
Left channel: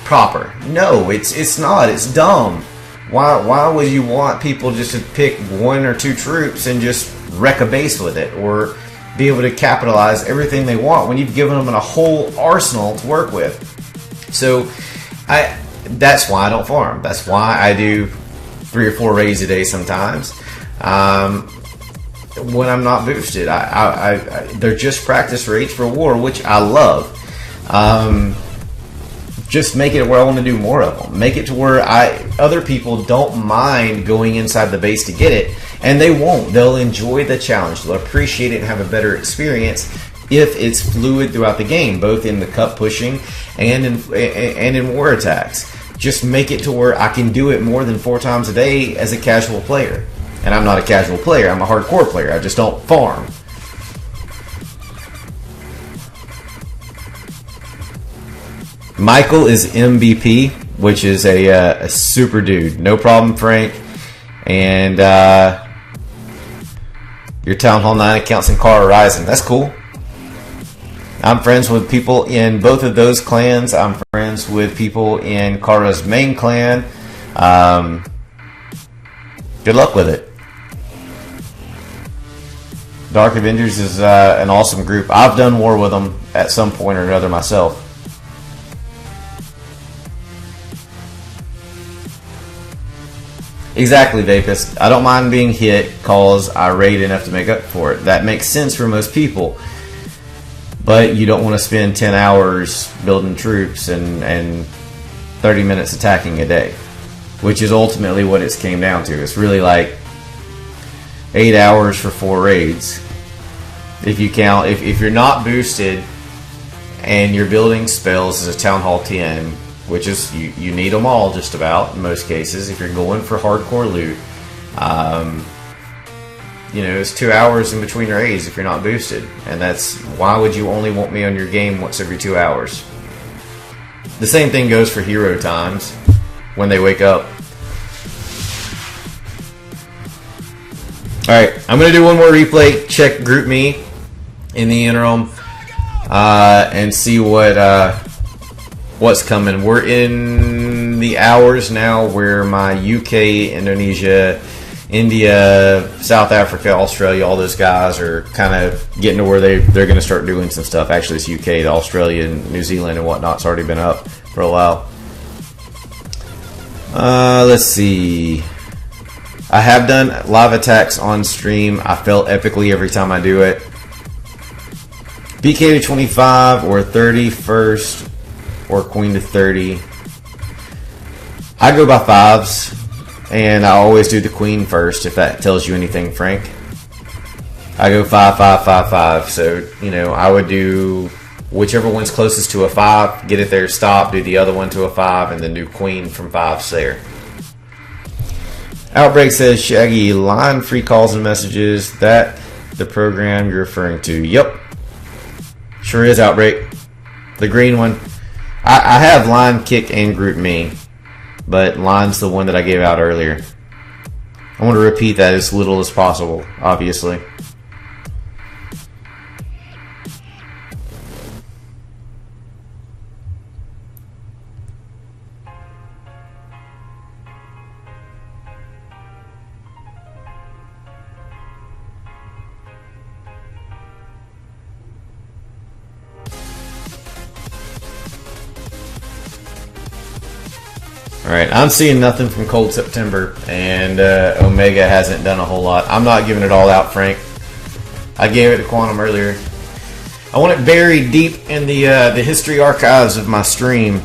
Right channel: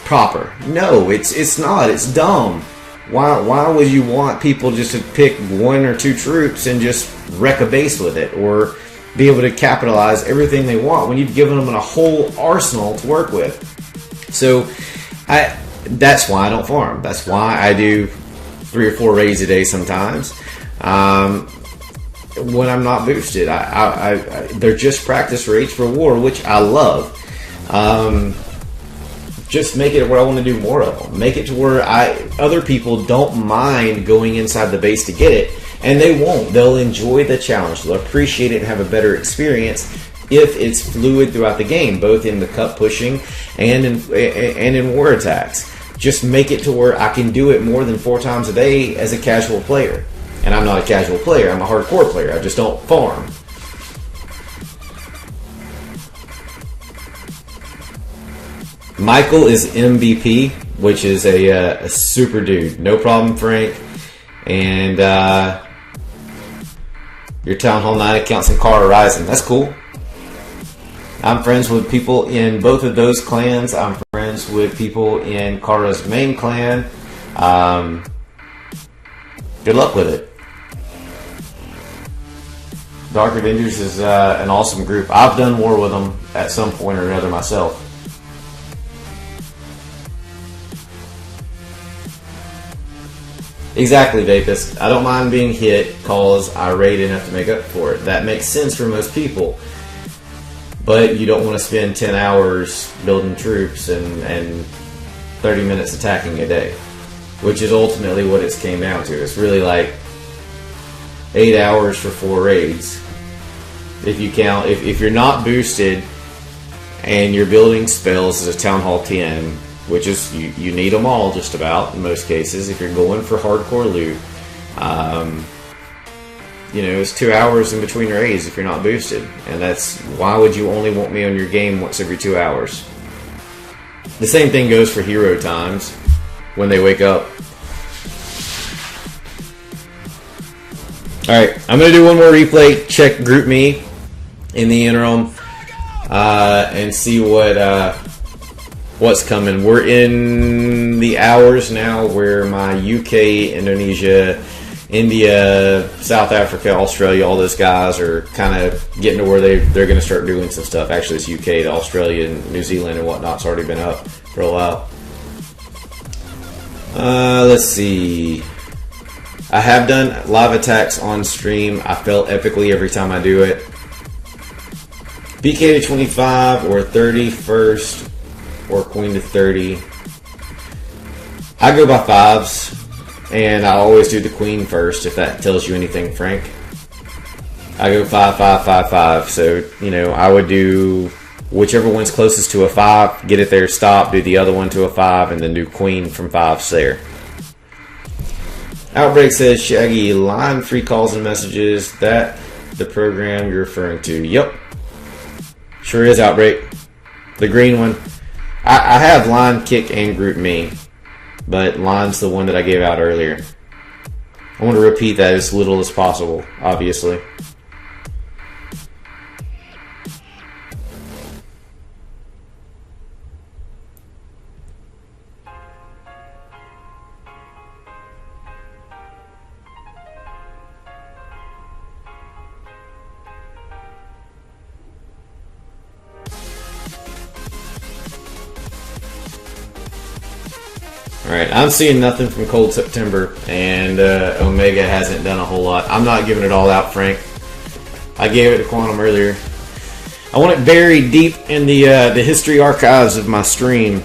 proper? No, it's not. It's dumb. Why would you want people just to pick 1 or 2 troops and just wreck a base with it, or be able to capitalize everything they want when you've given them a whole arsenal to work with? So that's why I don't farm. That's why I do 3 or 4 raids a day sometimes. When I'm not boosted, they're just practice raids for war, which I love. Just make it where I want to do more of them. Make it to where other people don't mind going inside the base to get it, and they won't. They'll enjoy the challenge. They'll appreciate it and have a better experience if it's fluid throughout the game, both in the cup pushing and in war attacks. Just make it to where I can do it more than 4 times a day as a casual player. And I'm not a casual player. I'm a hardcore player. I just don't farm. Michael is MVP, which is a super dude. No problem, Frank. And your Town Hall 9 accounts in Car Horizon. That's cool. I'm friends with people in both of those clans. I'm friends with people in Kara's main clan. Good luck with it. Dark Avengers is an awesome group. I've done war with them at some point or another myself. Exactly, Vapus. I don't mind being hit cause I raid enough to make up for it. That makes sense for most people. But you don't want to spend 10 hours building troops and 30 minutes attacking a day, which is ultimately what it's came down to. It's really like 8 hours for 4 raids. If you count, if you're not boosted and you're building spells as a Town Hall 10, which is, you need them all just about in most cases. If you're going for hardcore loot, it's 2 hours in between raids if you're not boosted. And that's, why would you only want me on your game once every 2 hours? The same thing goes for hero times when they wake up. Alright, I'm going to do one more replay, check Group Me in the interim, and see what's coming. We're in the hours now where my UK, Indonesia, India, South Africa, Australia, all those guys are kind of getting to where they're going to start doing some stuff. Actually, it's UK to Australia and New Zealand and whatnot. It's already been up for a while. Let's see. I have done live attacks on stream. I fail epically every time I do it. BK to 25 or 30 first or Queen to 30. I go by 5s. And I always do the Queen first, if that tells you anything, Frank. I go 5, 5, 5, 5. So, I would do whichever one's closest to a 5, get it there, stop, do the other one to a 5, and then do Queen from 5s there. Outbreak says, Shaggy, line free calls and messages. That the program you're referring to. Yep. Sure is, Outbreak. The green one. I have line, kick, and group me. But line's the one that I gave out earlier. I want to repeat that as little as possible, obviously. Alright, I'm seeing nothing from Cold September, and Omega hasn't done a whole lot. I'm not giving it all out, Frank. I gave it to Quantum earlier. I want it buried deep in the history archives of my stream.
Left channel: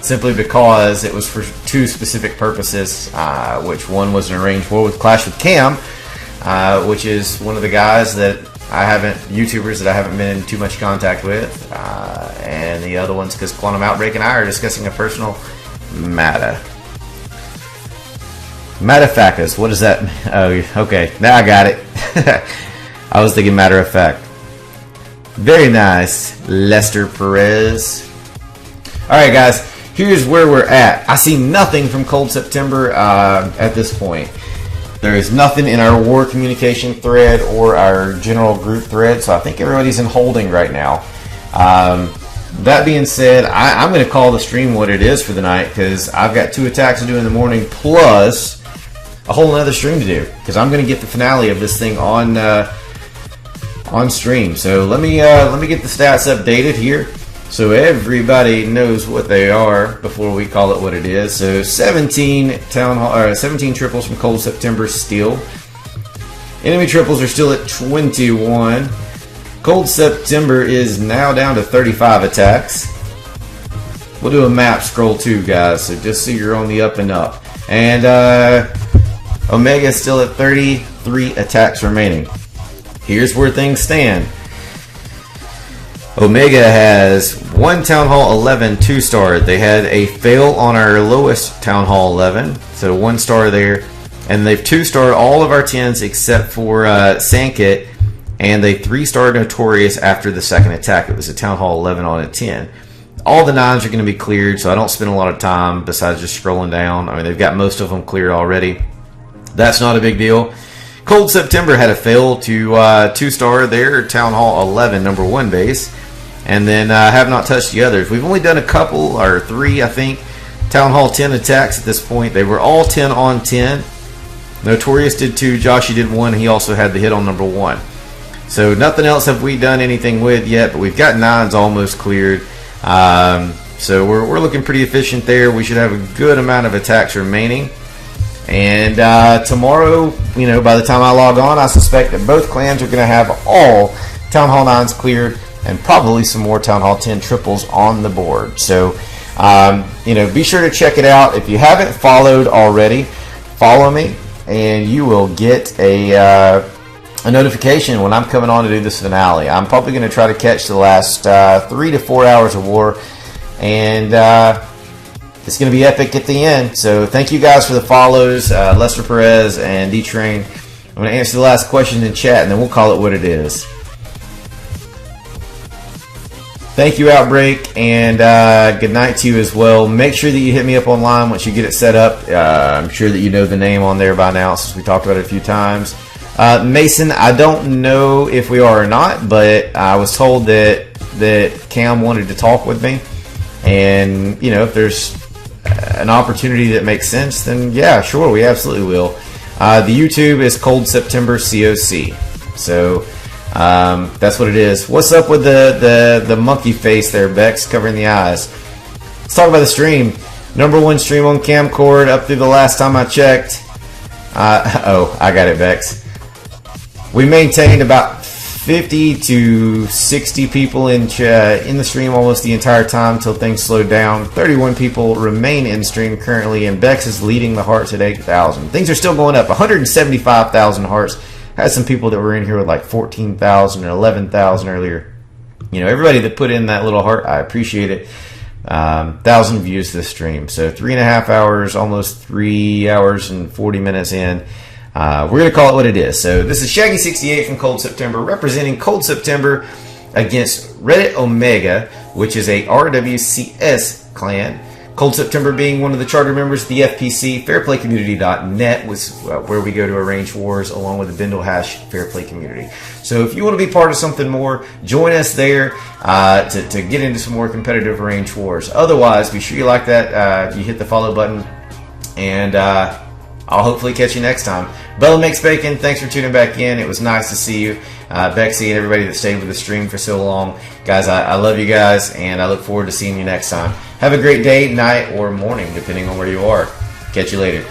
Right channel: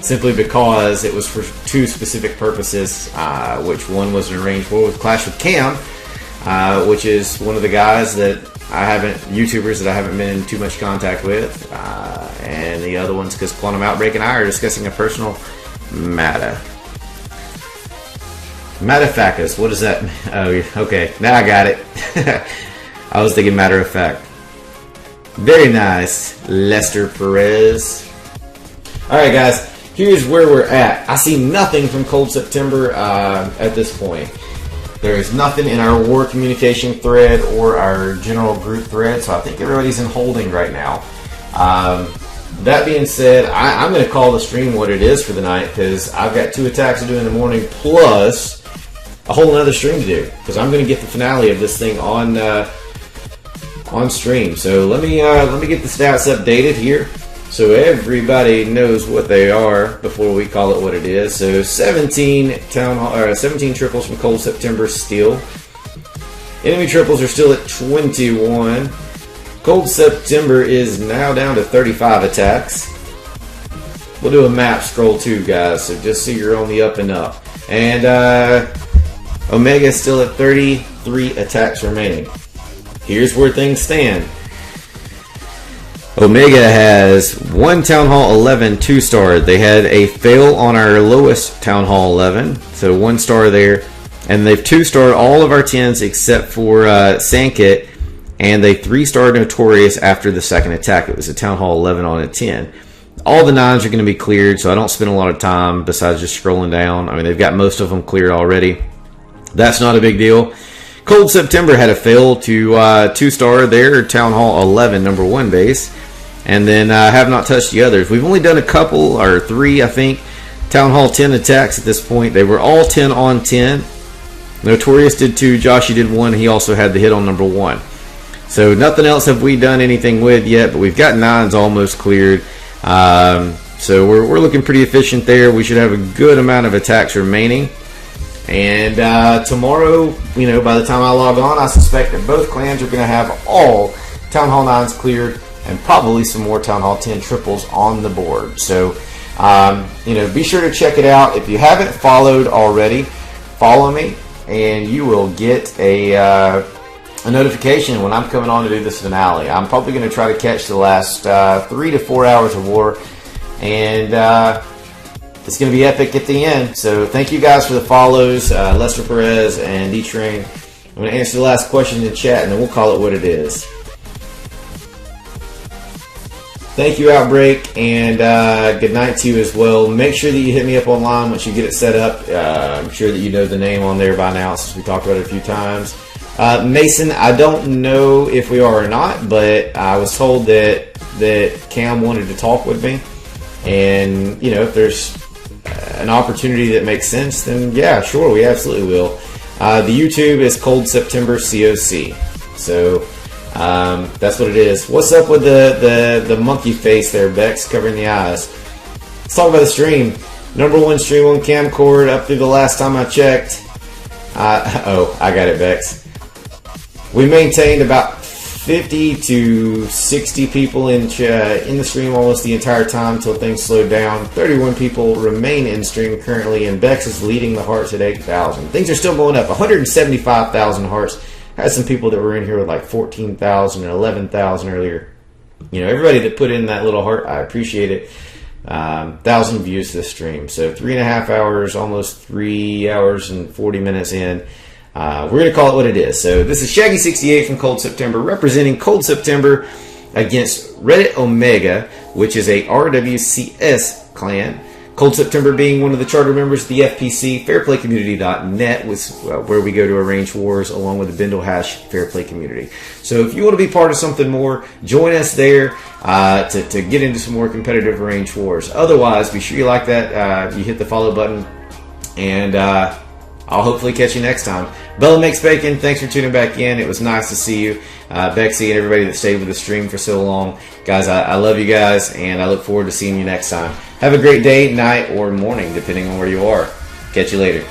Simply because it was for 2 specific purposes, which one was an arranged war with Clash with Cam, which is one of the guys that YouTubers that I haven't been in too much contact with, and the other one's because Quantum Outbreak and I are discussing a personal matter. Matafacus, what is that? Oh, okay, now I got it. I was thinking matter of fact. Very nice, Lester Perez. Alright guys, here's where we're at. I see nothing from Cold September at this point. There is nothing in our war communication thread or our general group thread, so I think everybody's in holding right now. That being said, I'm going to call the stream what it is for the night, because I've got 2 attacks to do in the morning, plus a whole another stream to do, because I'm going to get the finale of this thing on stream. So let me get the stats updated here. so everybody knows what they are before we call it what it is. So 17 17 triples from Cold September still. Enemy triples are still at 21. Cold September is now down to 35 attacks. We'll do a map scroll too, guys, so just so you're on the up and up. And Omega is still at 33 attacks remaining. Here's where things stand. Omega has one Town Hall 11 2-star. They had a fail on our lowest Town Hall 11, so 1 star there. And they've 2-starred all of our 10s except for Sankit, and they 3-starred Notorious after the second attack. It was a Town Hall 11 on a 10. All the 9s are going to be cleared, so I don't spend a lot of time besides just scrolling down. I mean, they've got most of them cleared already. That's not a big deal. Cold September had a fail to 2-star their Town Hall 11 number 1 base, and then have not touched the others. We've only done a couple, or 3, I think, Town Hall 10 attacks at this point. They were all 10 on 10. Notorious did 2, Joshy did 1. He also had the hit on number 1. So nothing else have we done anything with yet, but we've got 9s almost cleared. So we're looking pretty efficient there. We should have a good amount of attacks remaining. And tomorrow, you know, by the time I log on, I suspect that both clans are going to have all Town Hall 9s cleared and probably some more Town Hall 10 triples on the board. So, you know, be sure to check it out. If you haven't followed already, follow me, and you will get a notification when I'm coming on to do this finale. I'm probably going to try to catch the last 3 to 4 hours of war, and it's going to be epic at the end. So thank you guys for the follows, Lester Perez and D-Train. I'm going to answer the last question in chat, and then we'll call it what it is. Thank you, Outbreak, and good night to you as well. Make sure that you hit me up online once you get it set up. I'm sure that you know the name on there by now since we talked about it a few times. Mason, I don't know if we are or not, but I was told that Cam wanted to talk with me. And, you know, if there's an opportunity that makes sense, then yeah, sure, we absolutely will. The YouTube is Cold September COC. So that's what it is. What's up with the monkey face there, Bex, covering the eyes? Let's talk about the stream. Number 1 stream on Camcord up through the last time I checked. Oh, I got it, Bex. We maintained about 50 to 60 people in the stream almost the entire time until things slowed down. 31 people remain in stream currently, and Bex is leading the hearts at 8,000. Things are still going up. 175,000 hearts. Had some people that were in here with like 14,000 or 11,000 earlier. You know, everybody that put in that little heart, I appreciate it. 1,000 views this stream. So 3.5 hours, almost 3 hours and 40 minutes in. We're going to call it what it is. So this is Shaggy68 from Cold September, representing Cold September against Reddit Omega, which is a RWCS clan. Cold September being one of the charter members of the FPC, fairplaycommunity.net, where we go to arrange wars along with the Bindle Hash Fairplay Community. So if you want to be part of something more, join us there to get into some more competitive arranged wars. Otherwise, be sure you like that, you hit the follow button, and I'll hopefully catch you next time. Bella Makes Bacon, thanks for tuning back in. It was nice to see you. Bexy and everybody that stayed with the stream for so long. Guys, I love you guys, and I look forward to seeing you next time. Have a great day, night, or morning, depending on where you are. Catch you later.